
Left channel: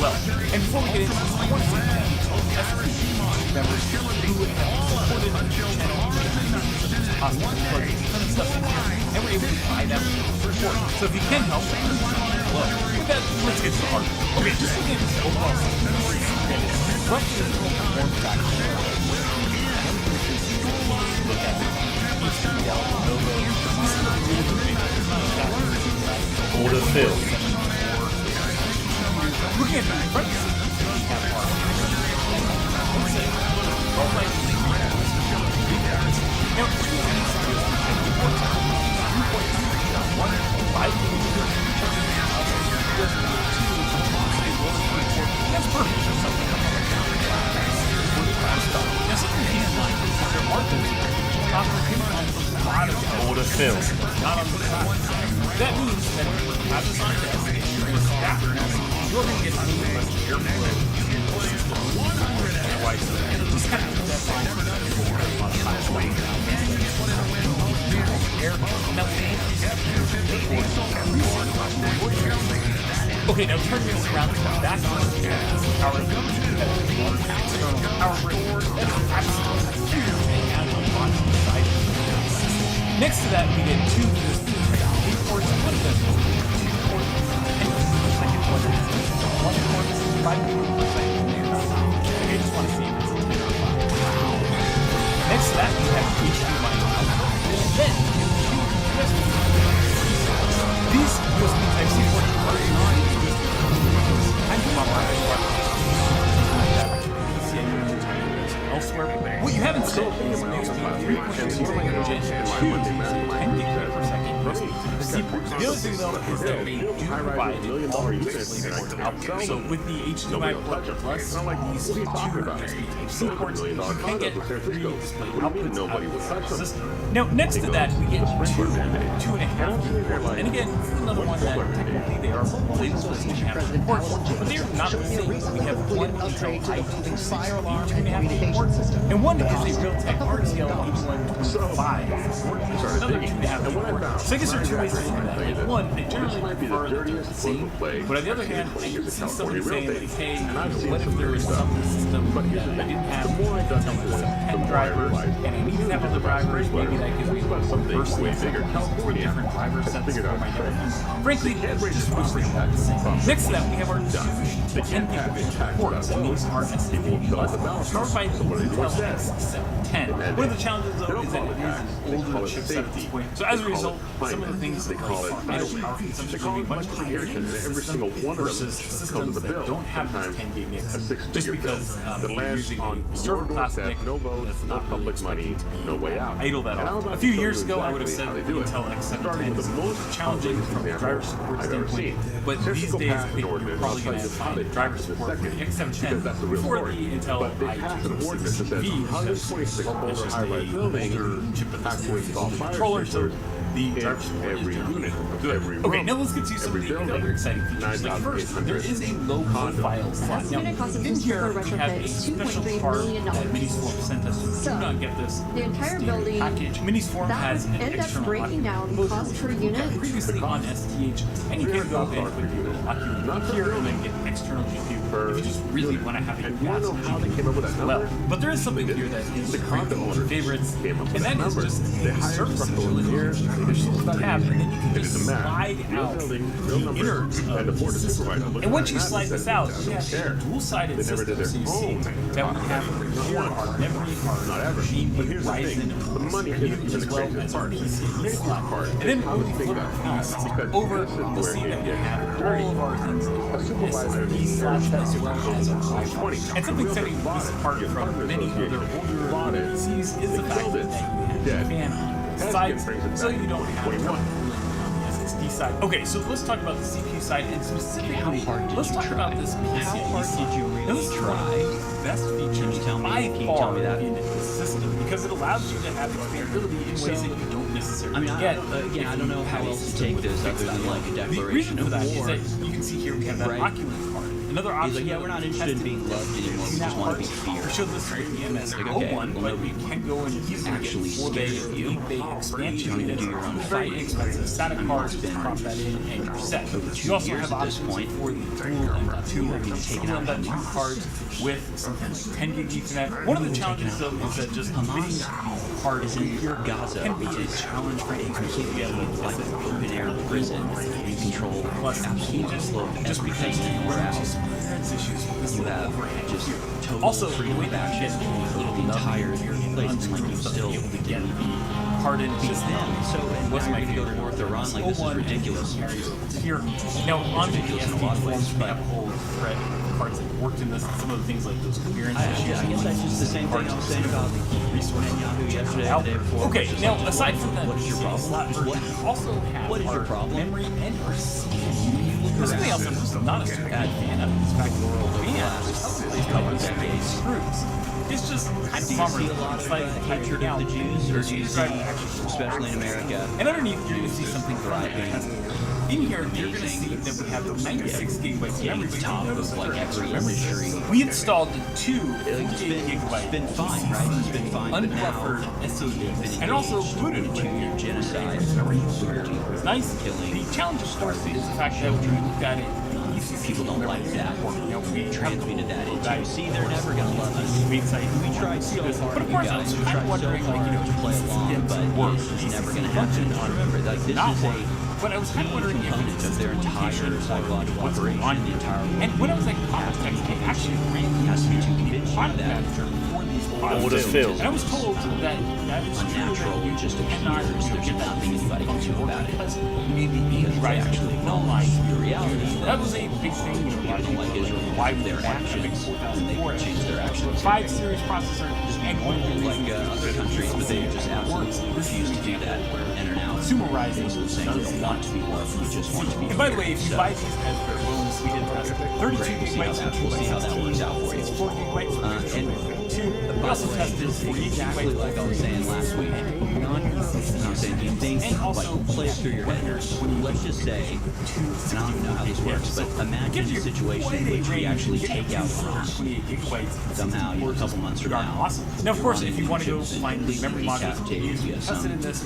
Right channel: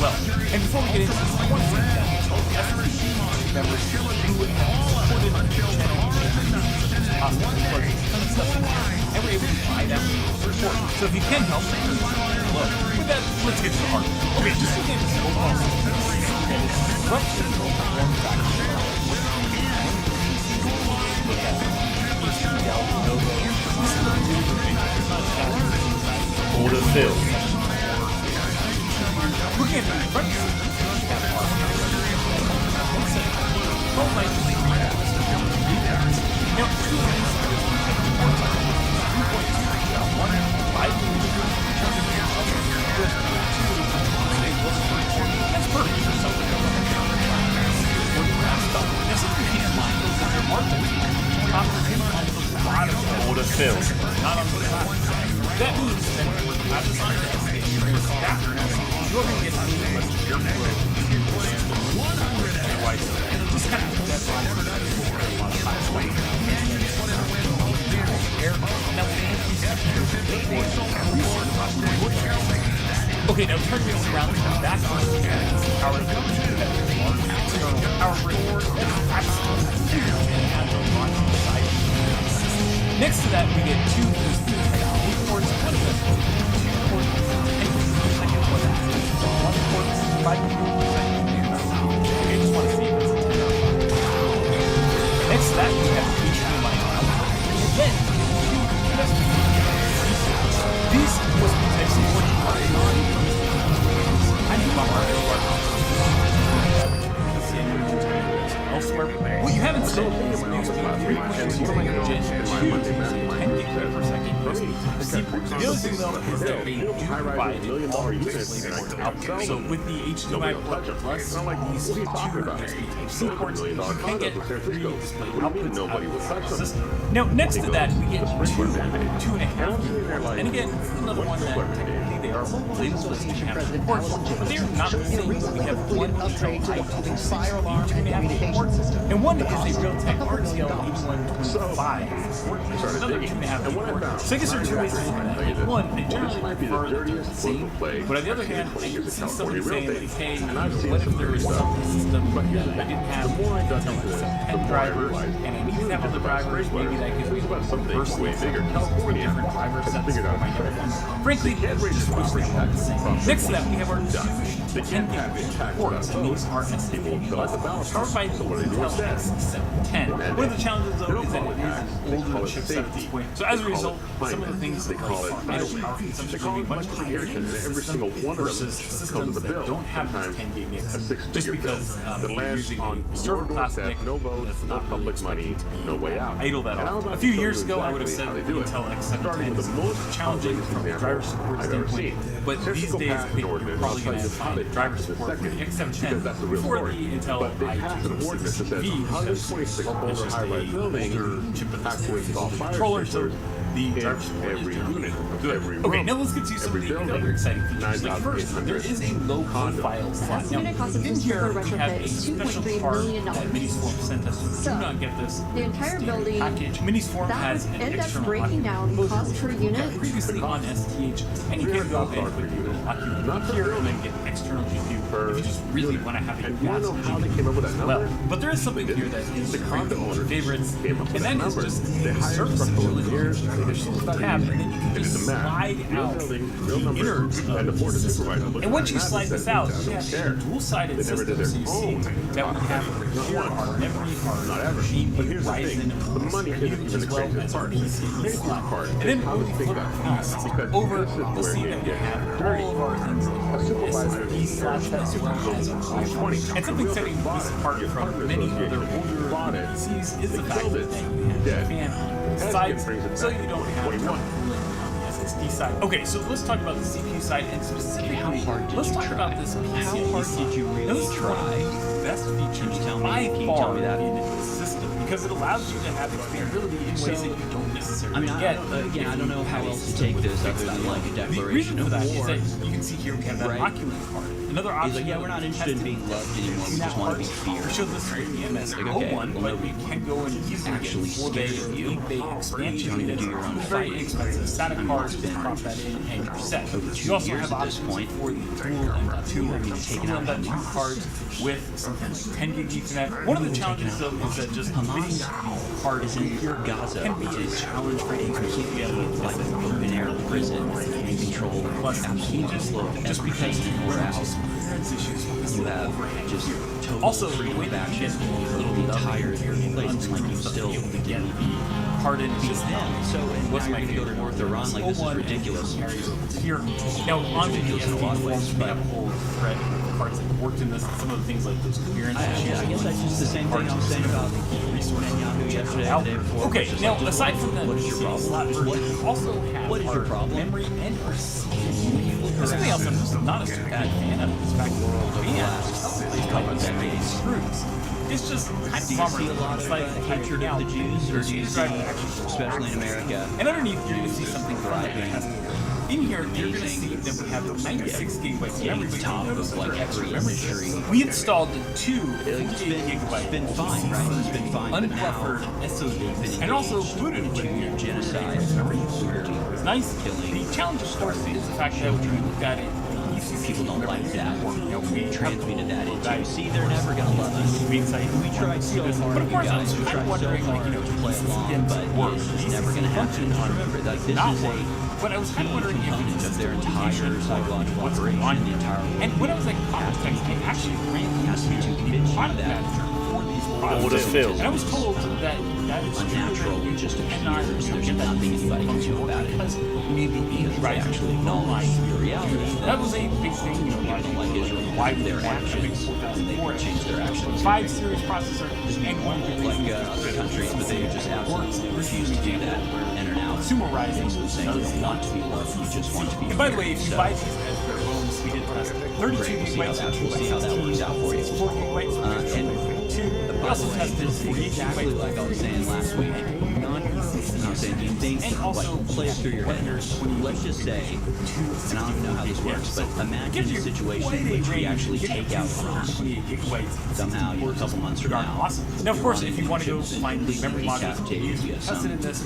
well. And before we get into this, I want to say thank you to all the SPC members who have supported the channel and we're able to buy that support. So if you can help, look. With that, let's get to the hard. Okay, just looking at this overall system, and it's roughly the form factor. Look at it. HDL, Novo. This is the really good thing. There's not exactly older fill. Looking at the front system, we have our now, two of these videos we have 2.3 that's perfect for something now something to keep in mind is that there are things on the bottom of the fill, not on the top. That means that as a scientist, you're going to get a little less airflow to the system. Just kind of put that line for a lot of okay, now turn this around to the back of the power of the external power brick. That's absolutely huge and adds a lot to the side. Next to that, we get two USB ports. One of them is 2 ports, and the second one is 1 port, 5 meters per second. Okay, I just want to see if it's a 10 or a 5. Next to that, we have HDMI output, and then we have 2 USB. These USB Type-C ports are non-USB. I'm elsewhere. What you haven't said is USB 3.2 Gen 2 10 per second. The C ports. The other thing though is that they do provide all DisplayPort outputs. So with the HDMI port plus these 2 USB Type-C ports, you can get 3 display outputs out of the system. Now next to that we get 2.5. And again, this is another one that technically they are labeled as 2.5 ports, but they are not the same. We have one Intel i2 2.5 ports, and one is a Realtek RTL 8125 port, another 2.5 ports. So I guess there are 2 ways to look at that. One, I generally prefer that they're the same, but on the other hand, I can see somebody saying, like, hey, what if there was some system that I didn't have until some 10 drivers, and I need to have other drivers, maybe that gives me some diversity, 4 different driver sets for my network. Frankly, just mostly about the same. Next to that, we have our 2 10 gigabit ports, and these are SSD buses, powered by the Intel X710. One of the challenges, though, is that it is an older chipset at this point. So as a result, some of the things that idle power consumption will be much higher in the system versus systems that don't have these 10 gig NICs, just because you're using a server class NIC that's not public money, no way out. Idle that off. A few years ago, I would have said that the Intel X710 is most challenging from a driver support standpoint, but these days I think you're probably going to find driver support for the X710 before the Intel i2 V, because it's just a older chip at this point. Controller, so The driver support is generally good. Okay, now let's get to some of the other exciting features. Like first, there is a low profile slot. Now, Estimated cost of in this here, turbo we have retrofit a is special $2.3 card million. that Miniswarm sent us. So, Do not get this. the entire standard building, package. Miniswarm that has would an end up external breaking down the cost per unit. Previously on STH, and you can go in with your lock here and then get external GPU if you just really want to have a massive GPU. Well, but there is something here that is great favorites, and that is just the serviceability tab, and then you can just slide out the innards of the system. And once you slide this out, you have a dual-sided system, so you see that we have here our memory, our GPU, Ryzen, as well as our PC slot. And then when we flip over, you'll see that we have all of our things SSD slots as well as our Wi-Fi. And something setting this apart from many other older PCs is the fact that you have a fan on both sides, so you don't have cooling on the SSD side. Okay, so let's talk about the CPU side, and specifically, let's talk about this PCIe. How hard did you really try? Best features by far in the system, because it allows you to have expandability in ways that you don't necessarily get. Again, I don't know how else to take this other than like a declaration of war. The reason for that is that you can see here we have that Oculus card. Another option. He's like, yeah, we're not interested in being loved anymore. We just want to be feared. We showed this with the MS-01, but we can go and easily actually get 4-bay expansion. You do your own very inexpensive SATA cards, prop that in, and you're set. You also have options for the dual M.2 where you can take out M.2 cards with something like 10 gig Ethernet. One of the challenges though is that just Hamas cards in here Gaza can be a challenge for a completely like an open air prison and control plus absolutely slow just because you have just total also freedom of action. The entire place like you still begin hardened beats them. So and wasn't going to go to war with Iran like this is ridiculous. Here now on ridiculous in a lot of ways, but whole thread parts that worked in this, some of the things like those clearance issues. I guess that's just the same thing I was saying about resource Netanyahu yesterday and the day before. Okay, now aside from that, what is your problem? What also have what is your problem? Memory and our something else I'm just not a super bad fan of is fact world of the last couple of decades screws. It's just kind of bummer. Do you see a lot of hatred of the Jews, or do you see, especially in America? And underneath, you're going to see something thriving. In here, you're going to see that we have 96 gigabytes of memory. Top of like every industry. We installed 2 it's been fine, right? It's been fine. Unbuffered SODs, and also booted with your genocide. It's nice. Killing. The challenge, of course, is the fact that when you look at it, people don't like that. We transmitted that into. See, they're never gonna love us. We tried so hard. But of course, guys, we tried so hard to play along, but it's just never gonna happen. Remember, like this is a but I was kind of wondering component of their entire psychological operation, the entire world. And when I was like, context, I actually ran has to be to convince you that for these products. And I was told that is unnatural. It just appears. There's nothing anybody can do about it. Maybe because they actually acknowledge your reality. That was a big thing. You know, people don't like Israel. Why their actions? And they can change their actions. 5 series processor, just be normal like other countries, but they just absolutely refuse to do that and are now consumerizing, saying you don't want to be loved, you just want to be. And by the way, if you buy these as their own, we did test 32 gigabytes. We'll see how that works out for you. 4 gigabytes. And we also tested exactly like I was saying last week. I'm saying, do you think, like, play it through your head? Let's just say, and I don't even know how this works, but imagine a situation in which we actually take out Iran somehow, a couple months from now. Now, of course, if you want to go find the memory modules, you have some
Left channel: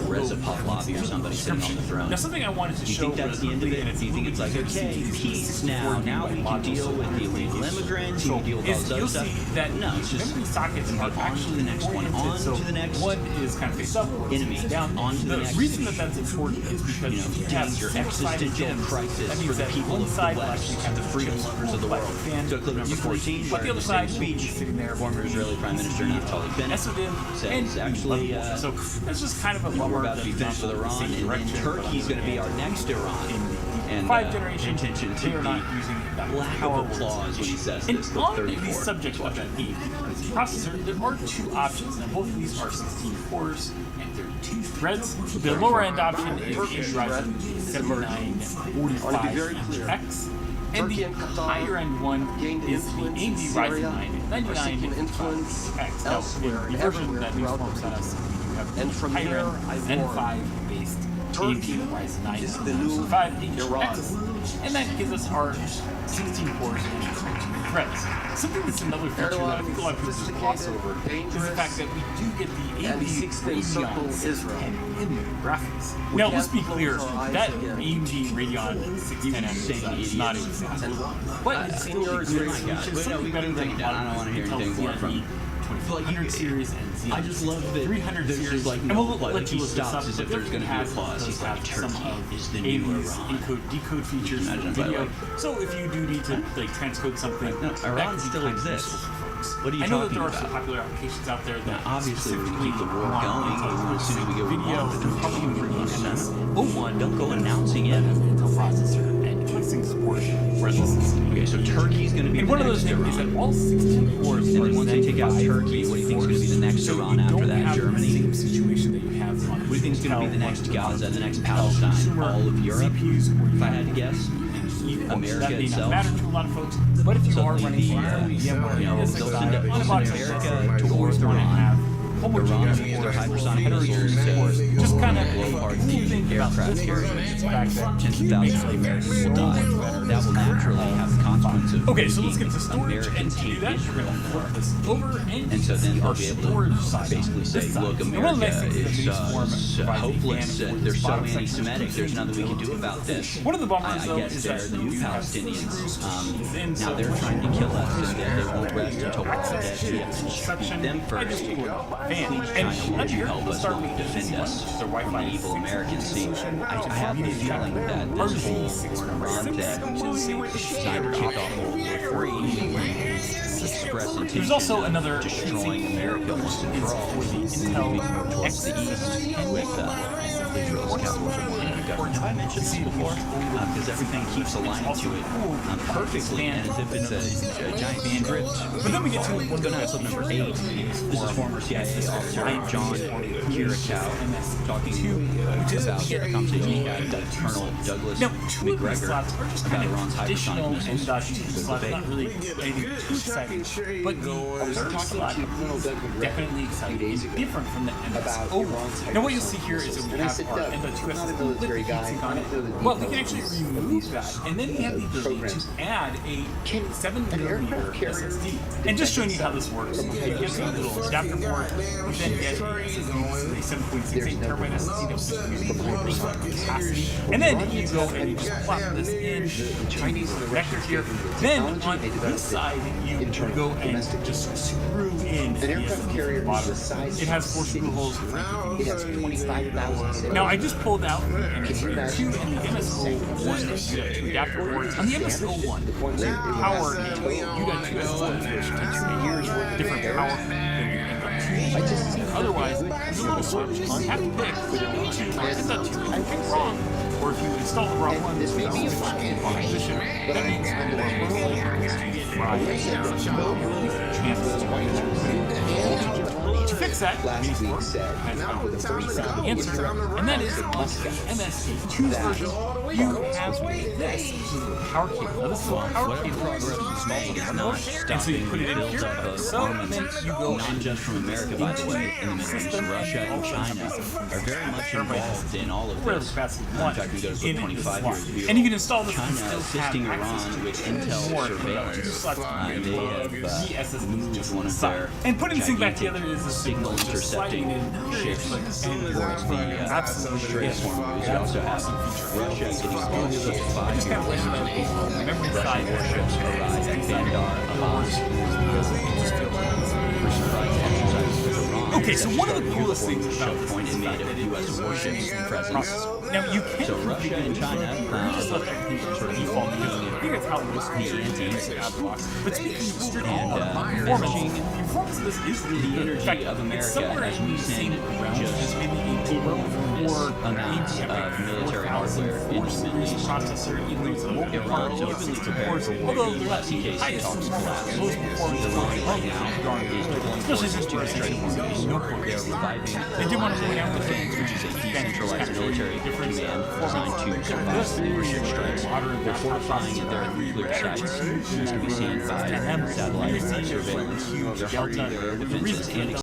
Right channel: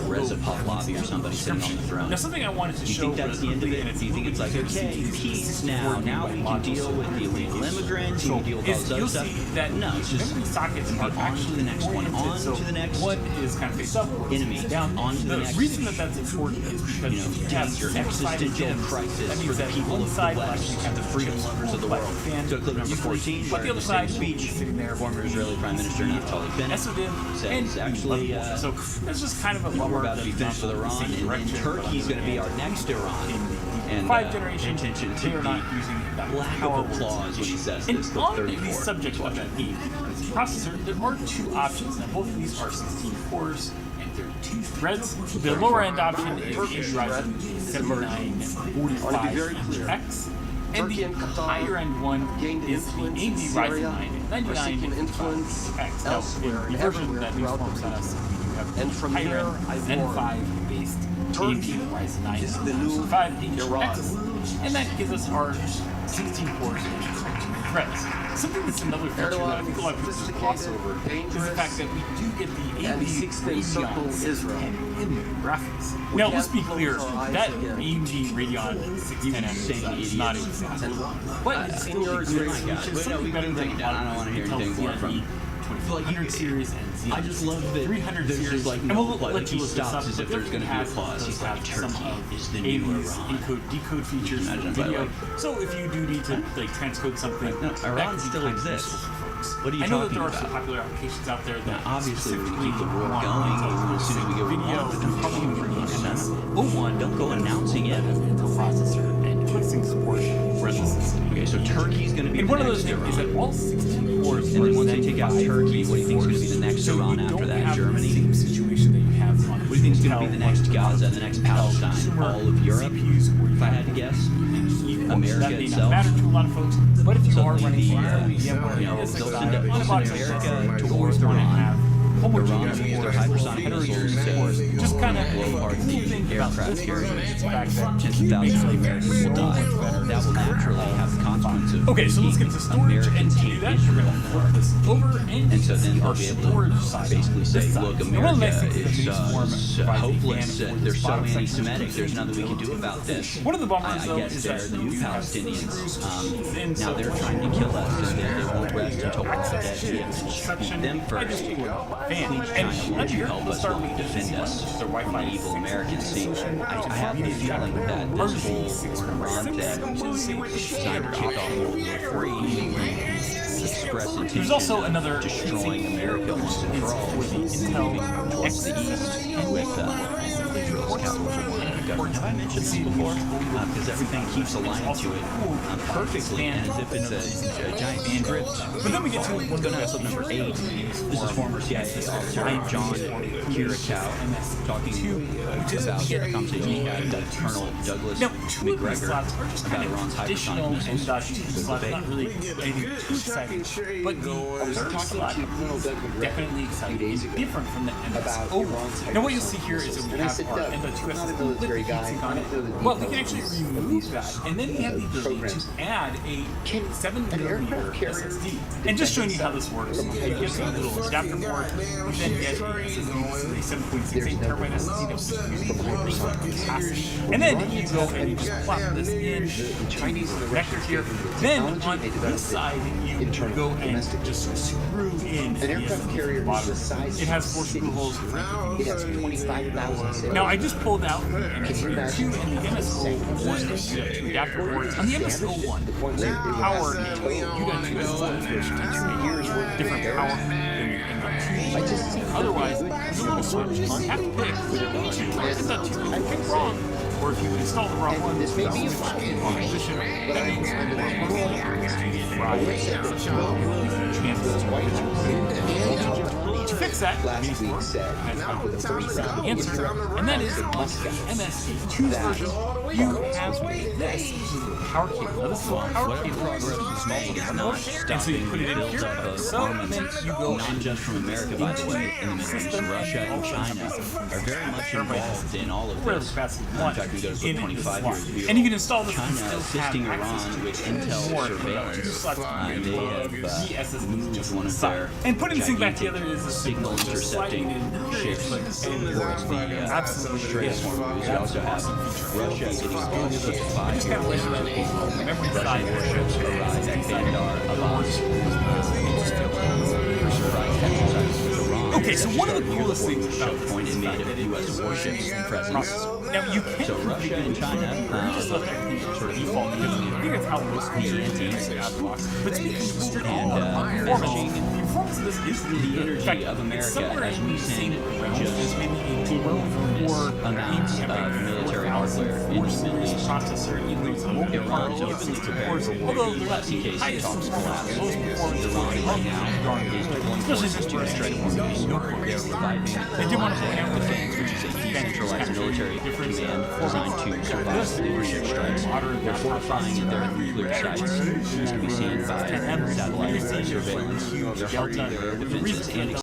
Reza Pahlavi or somebody sitting on the throne. Now, something I wanted to show. Do you think that's the end of it? Do you think it's like, okay, peace now we can deal with the illegal immigrants, we can deal with all this other stuff? No, it's just memory sockets are actually the next one, on to the next one is kind of face up, enemy, down. On to the next. The reason that that's important is because you have your existential crisis for the people of the West, the freedom lovers of the world. So clip number 14, but the other side speech, former Israeli Prime Minister Naftali Bennett says actually, so it's just kind of a bummer. We're about to be finished with Iran, and Turkey's going to be our next Iran. And 5 generations, intention to they are not using that lack of applause when he says this. And on the subject of that processor, there are 2 options. Now, both of these are 16 cores and 32 threads. The lower end option is the Ryzen 7945X. And the higher end one is the AMD Ryzen 9 99X. Now, the version that MiXTYPE sent us have And from there, I N5 based AMD Ryzen 9 5X, and that gives us our 16 cores and threads. Something that's another feature that I think a lot of people just gloss over is the fact that we do get the AMD Radeon in graphics. Now, let's be clear, that AMD Radeon 610M is not even fast. But it's still a good solution, something better than a lot of Intel Xeon 2400 series and Xeon. I just love that 300 there's series. like And no we'll play. let you He look this stops up, as but if there's going to be a pause. He's like, some Turkey of is the new AV's Iran. encode decode features in the video. So if you do need to like transcode something, Iran still exists. What are you I know that talking there are about? some popular applications out there that Now, obviously, we're going to keep the war want going. Intel As soon as we get video, probably bring in MS01. Don't go announcing it. Intel processor and clicking support where this is. Okay, so Turkey's going to be And the one of next those things is Iran. that all 16 cores And are then once they take out Zen 5 Turkey, what do you think is going to be the next so Iran you after don't that? have Germany? the same situation that you have on What do you think is going to be the next Gaza, the next Palestine? All of Europe? If I had to guess? America that may itself? not matter to a lot of folks, but if you are running VMware, they'll send on a box like America this, towards you Iran. have Iran will use their hypersonic missiles to just kind of blow apart the aircraft carriers. Tens of thousands of Americans will die. That will naturally have the consequence of okay, so let's get to storage, American and to do take that, we're going to flip this over and so then they'll be able to basically say, look, One of the nice America things is that Miniform provides hopeless, a fan for they're this so bottom section. anti-Semitic, there's nothing we can do about this. One of the bummers, I though, guess is they're that the new you have Palestinians. Now they're trying to kill us, and they won't rest until all dead. We have to shoot them first. China will you help us, will you defend us from the evil Americans? See, I have the feeling that this whole Iran thing designed to kick off World War III. Express intention There's also another destroying America once and for all. Moving towards the east with Israel's capital government. Have I mentioned this before? Because everything keeps aligned to it perfectly, and as if it's a giant band drift. But then we get to one of episode number 8. This is former CIA officer John Kirikow talking about a conversation he had with Colonel Douglas McGregor about Iran's hypersonic missiles. Not really anything too exciting, but the talking about definitely exciting. It's different from the MS01. Now what you'll see here is that we have our M.2 SSD with the heatsink on it. Well, we can actually remove that, and then we have the ability to add a 7mm SSD. And just showing you how this works, you get a little adapter port, you then get a SSD, a 7.68 terabyte SSD that was using 4% capacity, and then you go and you just plop this in the Chinese connector here. Then on this side, you go and just screw in the SSD at the bottom. It has 4 screw holes. It has 25,000. Now I just pulled out the MS2 and the MS01 two adapter ports. On the MS01, the power U.2 is 2 years worth of different power than your M.2. Otherwise, there's a little switch. You have to pick M.2. If you pick wrong, or if you install the wrong one, this may be a wrong position. That means you're more likely to get to fix that, last week said, answer, and that is on MS2's version, you have this power cable. Now, this is a power cable. And so you put it in here, and then you go not just from America, by the way, in the Middle East, Russia and China are very much involved in all of this. In fact, we go to 25 years view. And you can install this. China assisting Iran with intel surveillance. They have moved one of their and putting this thing back together is a signal intercepting ships towards the Strait of Hormuz. You also have Russia getting involved with 5 Russian warships arrive at Bandar Abbas for surprise exercises with Iran. Okay, so one of the coolest things about this point made of U.S. warships presence. Now you can so Russia and China just let everything sort of default because I think it's how most anti out of the box. But speaking of strict performance of this is really the energy of America as we send just maybe a 12 amounts of military hardware in the Middle East. Processor, even though it's a local Iran is openly prepared for war. In case the talks collapse. Iran right now is deploying forces to the Strait of Hormuz. They're reviving defense, which is a decentralized military command designed to survive leadership strikes. They're fortifying their nuclear sites, as can be seen by satellite surveillance. They're hardening their defenses and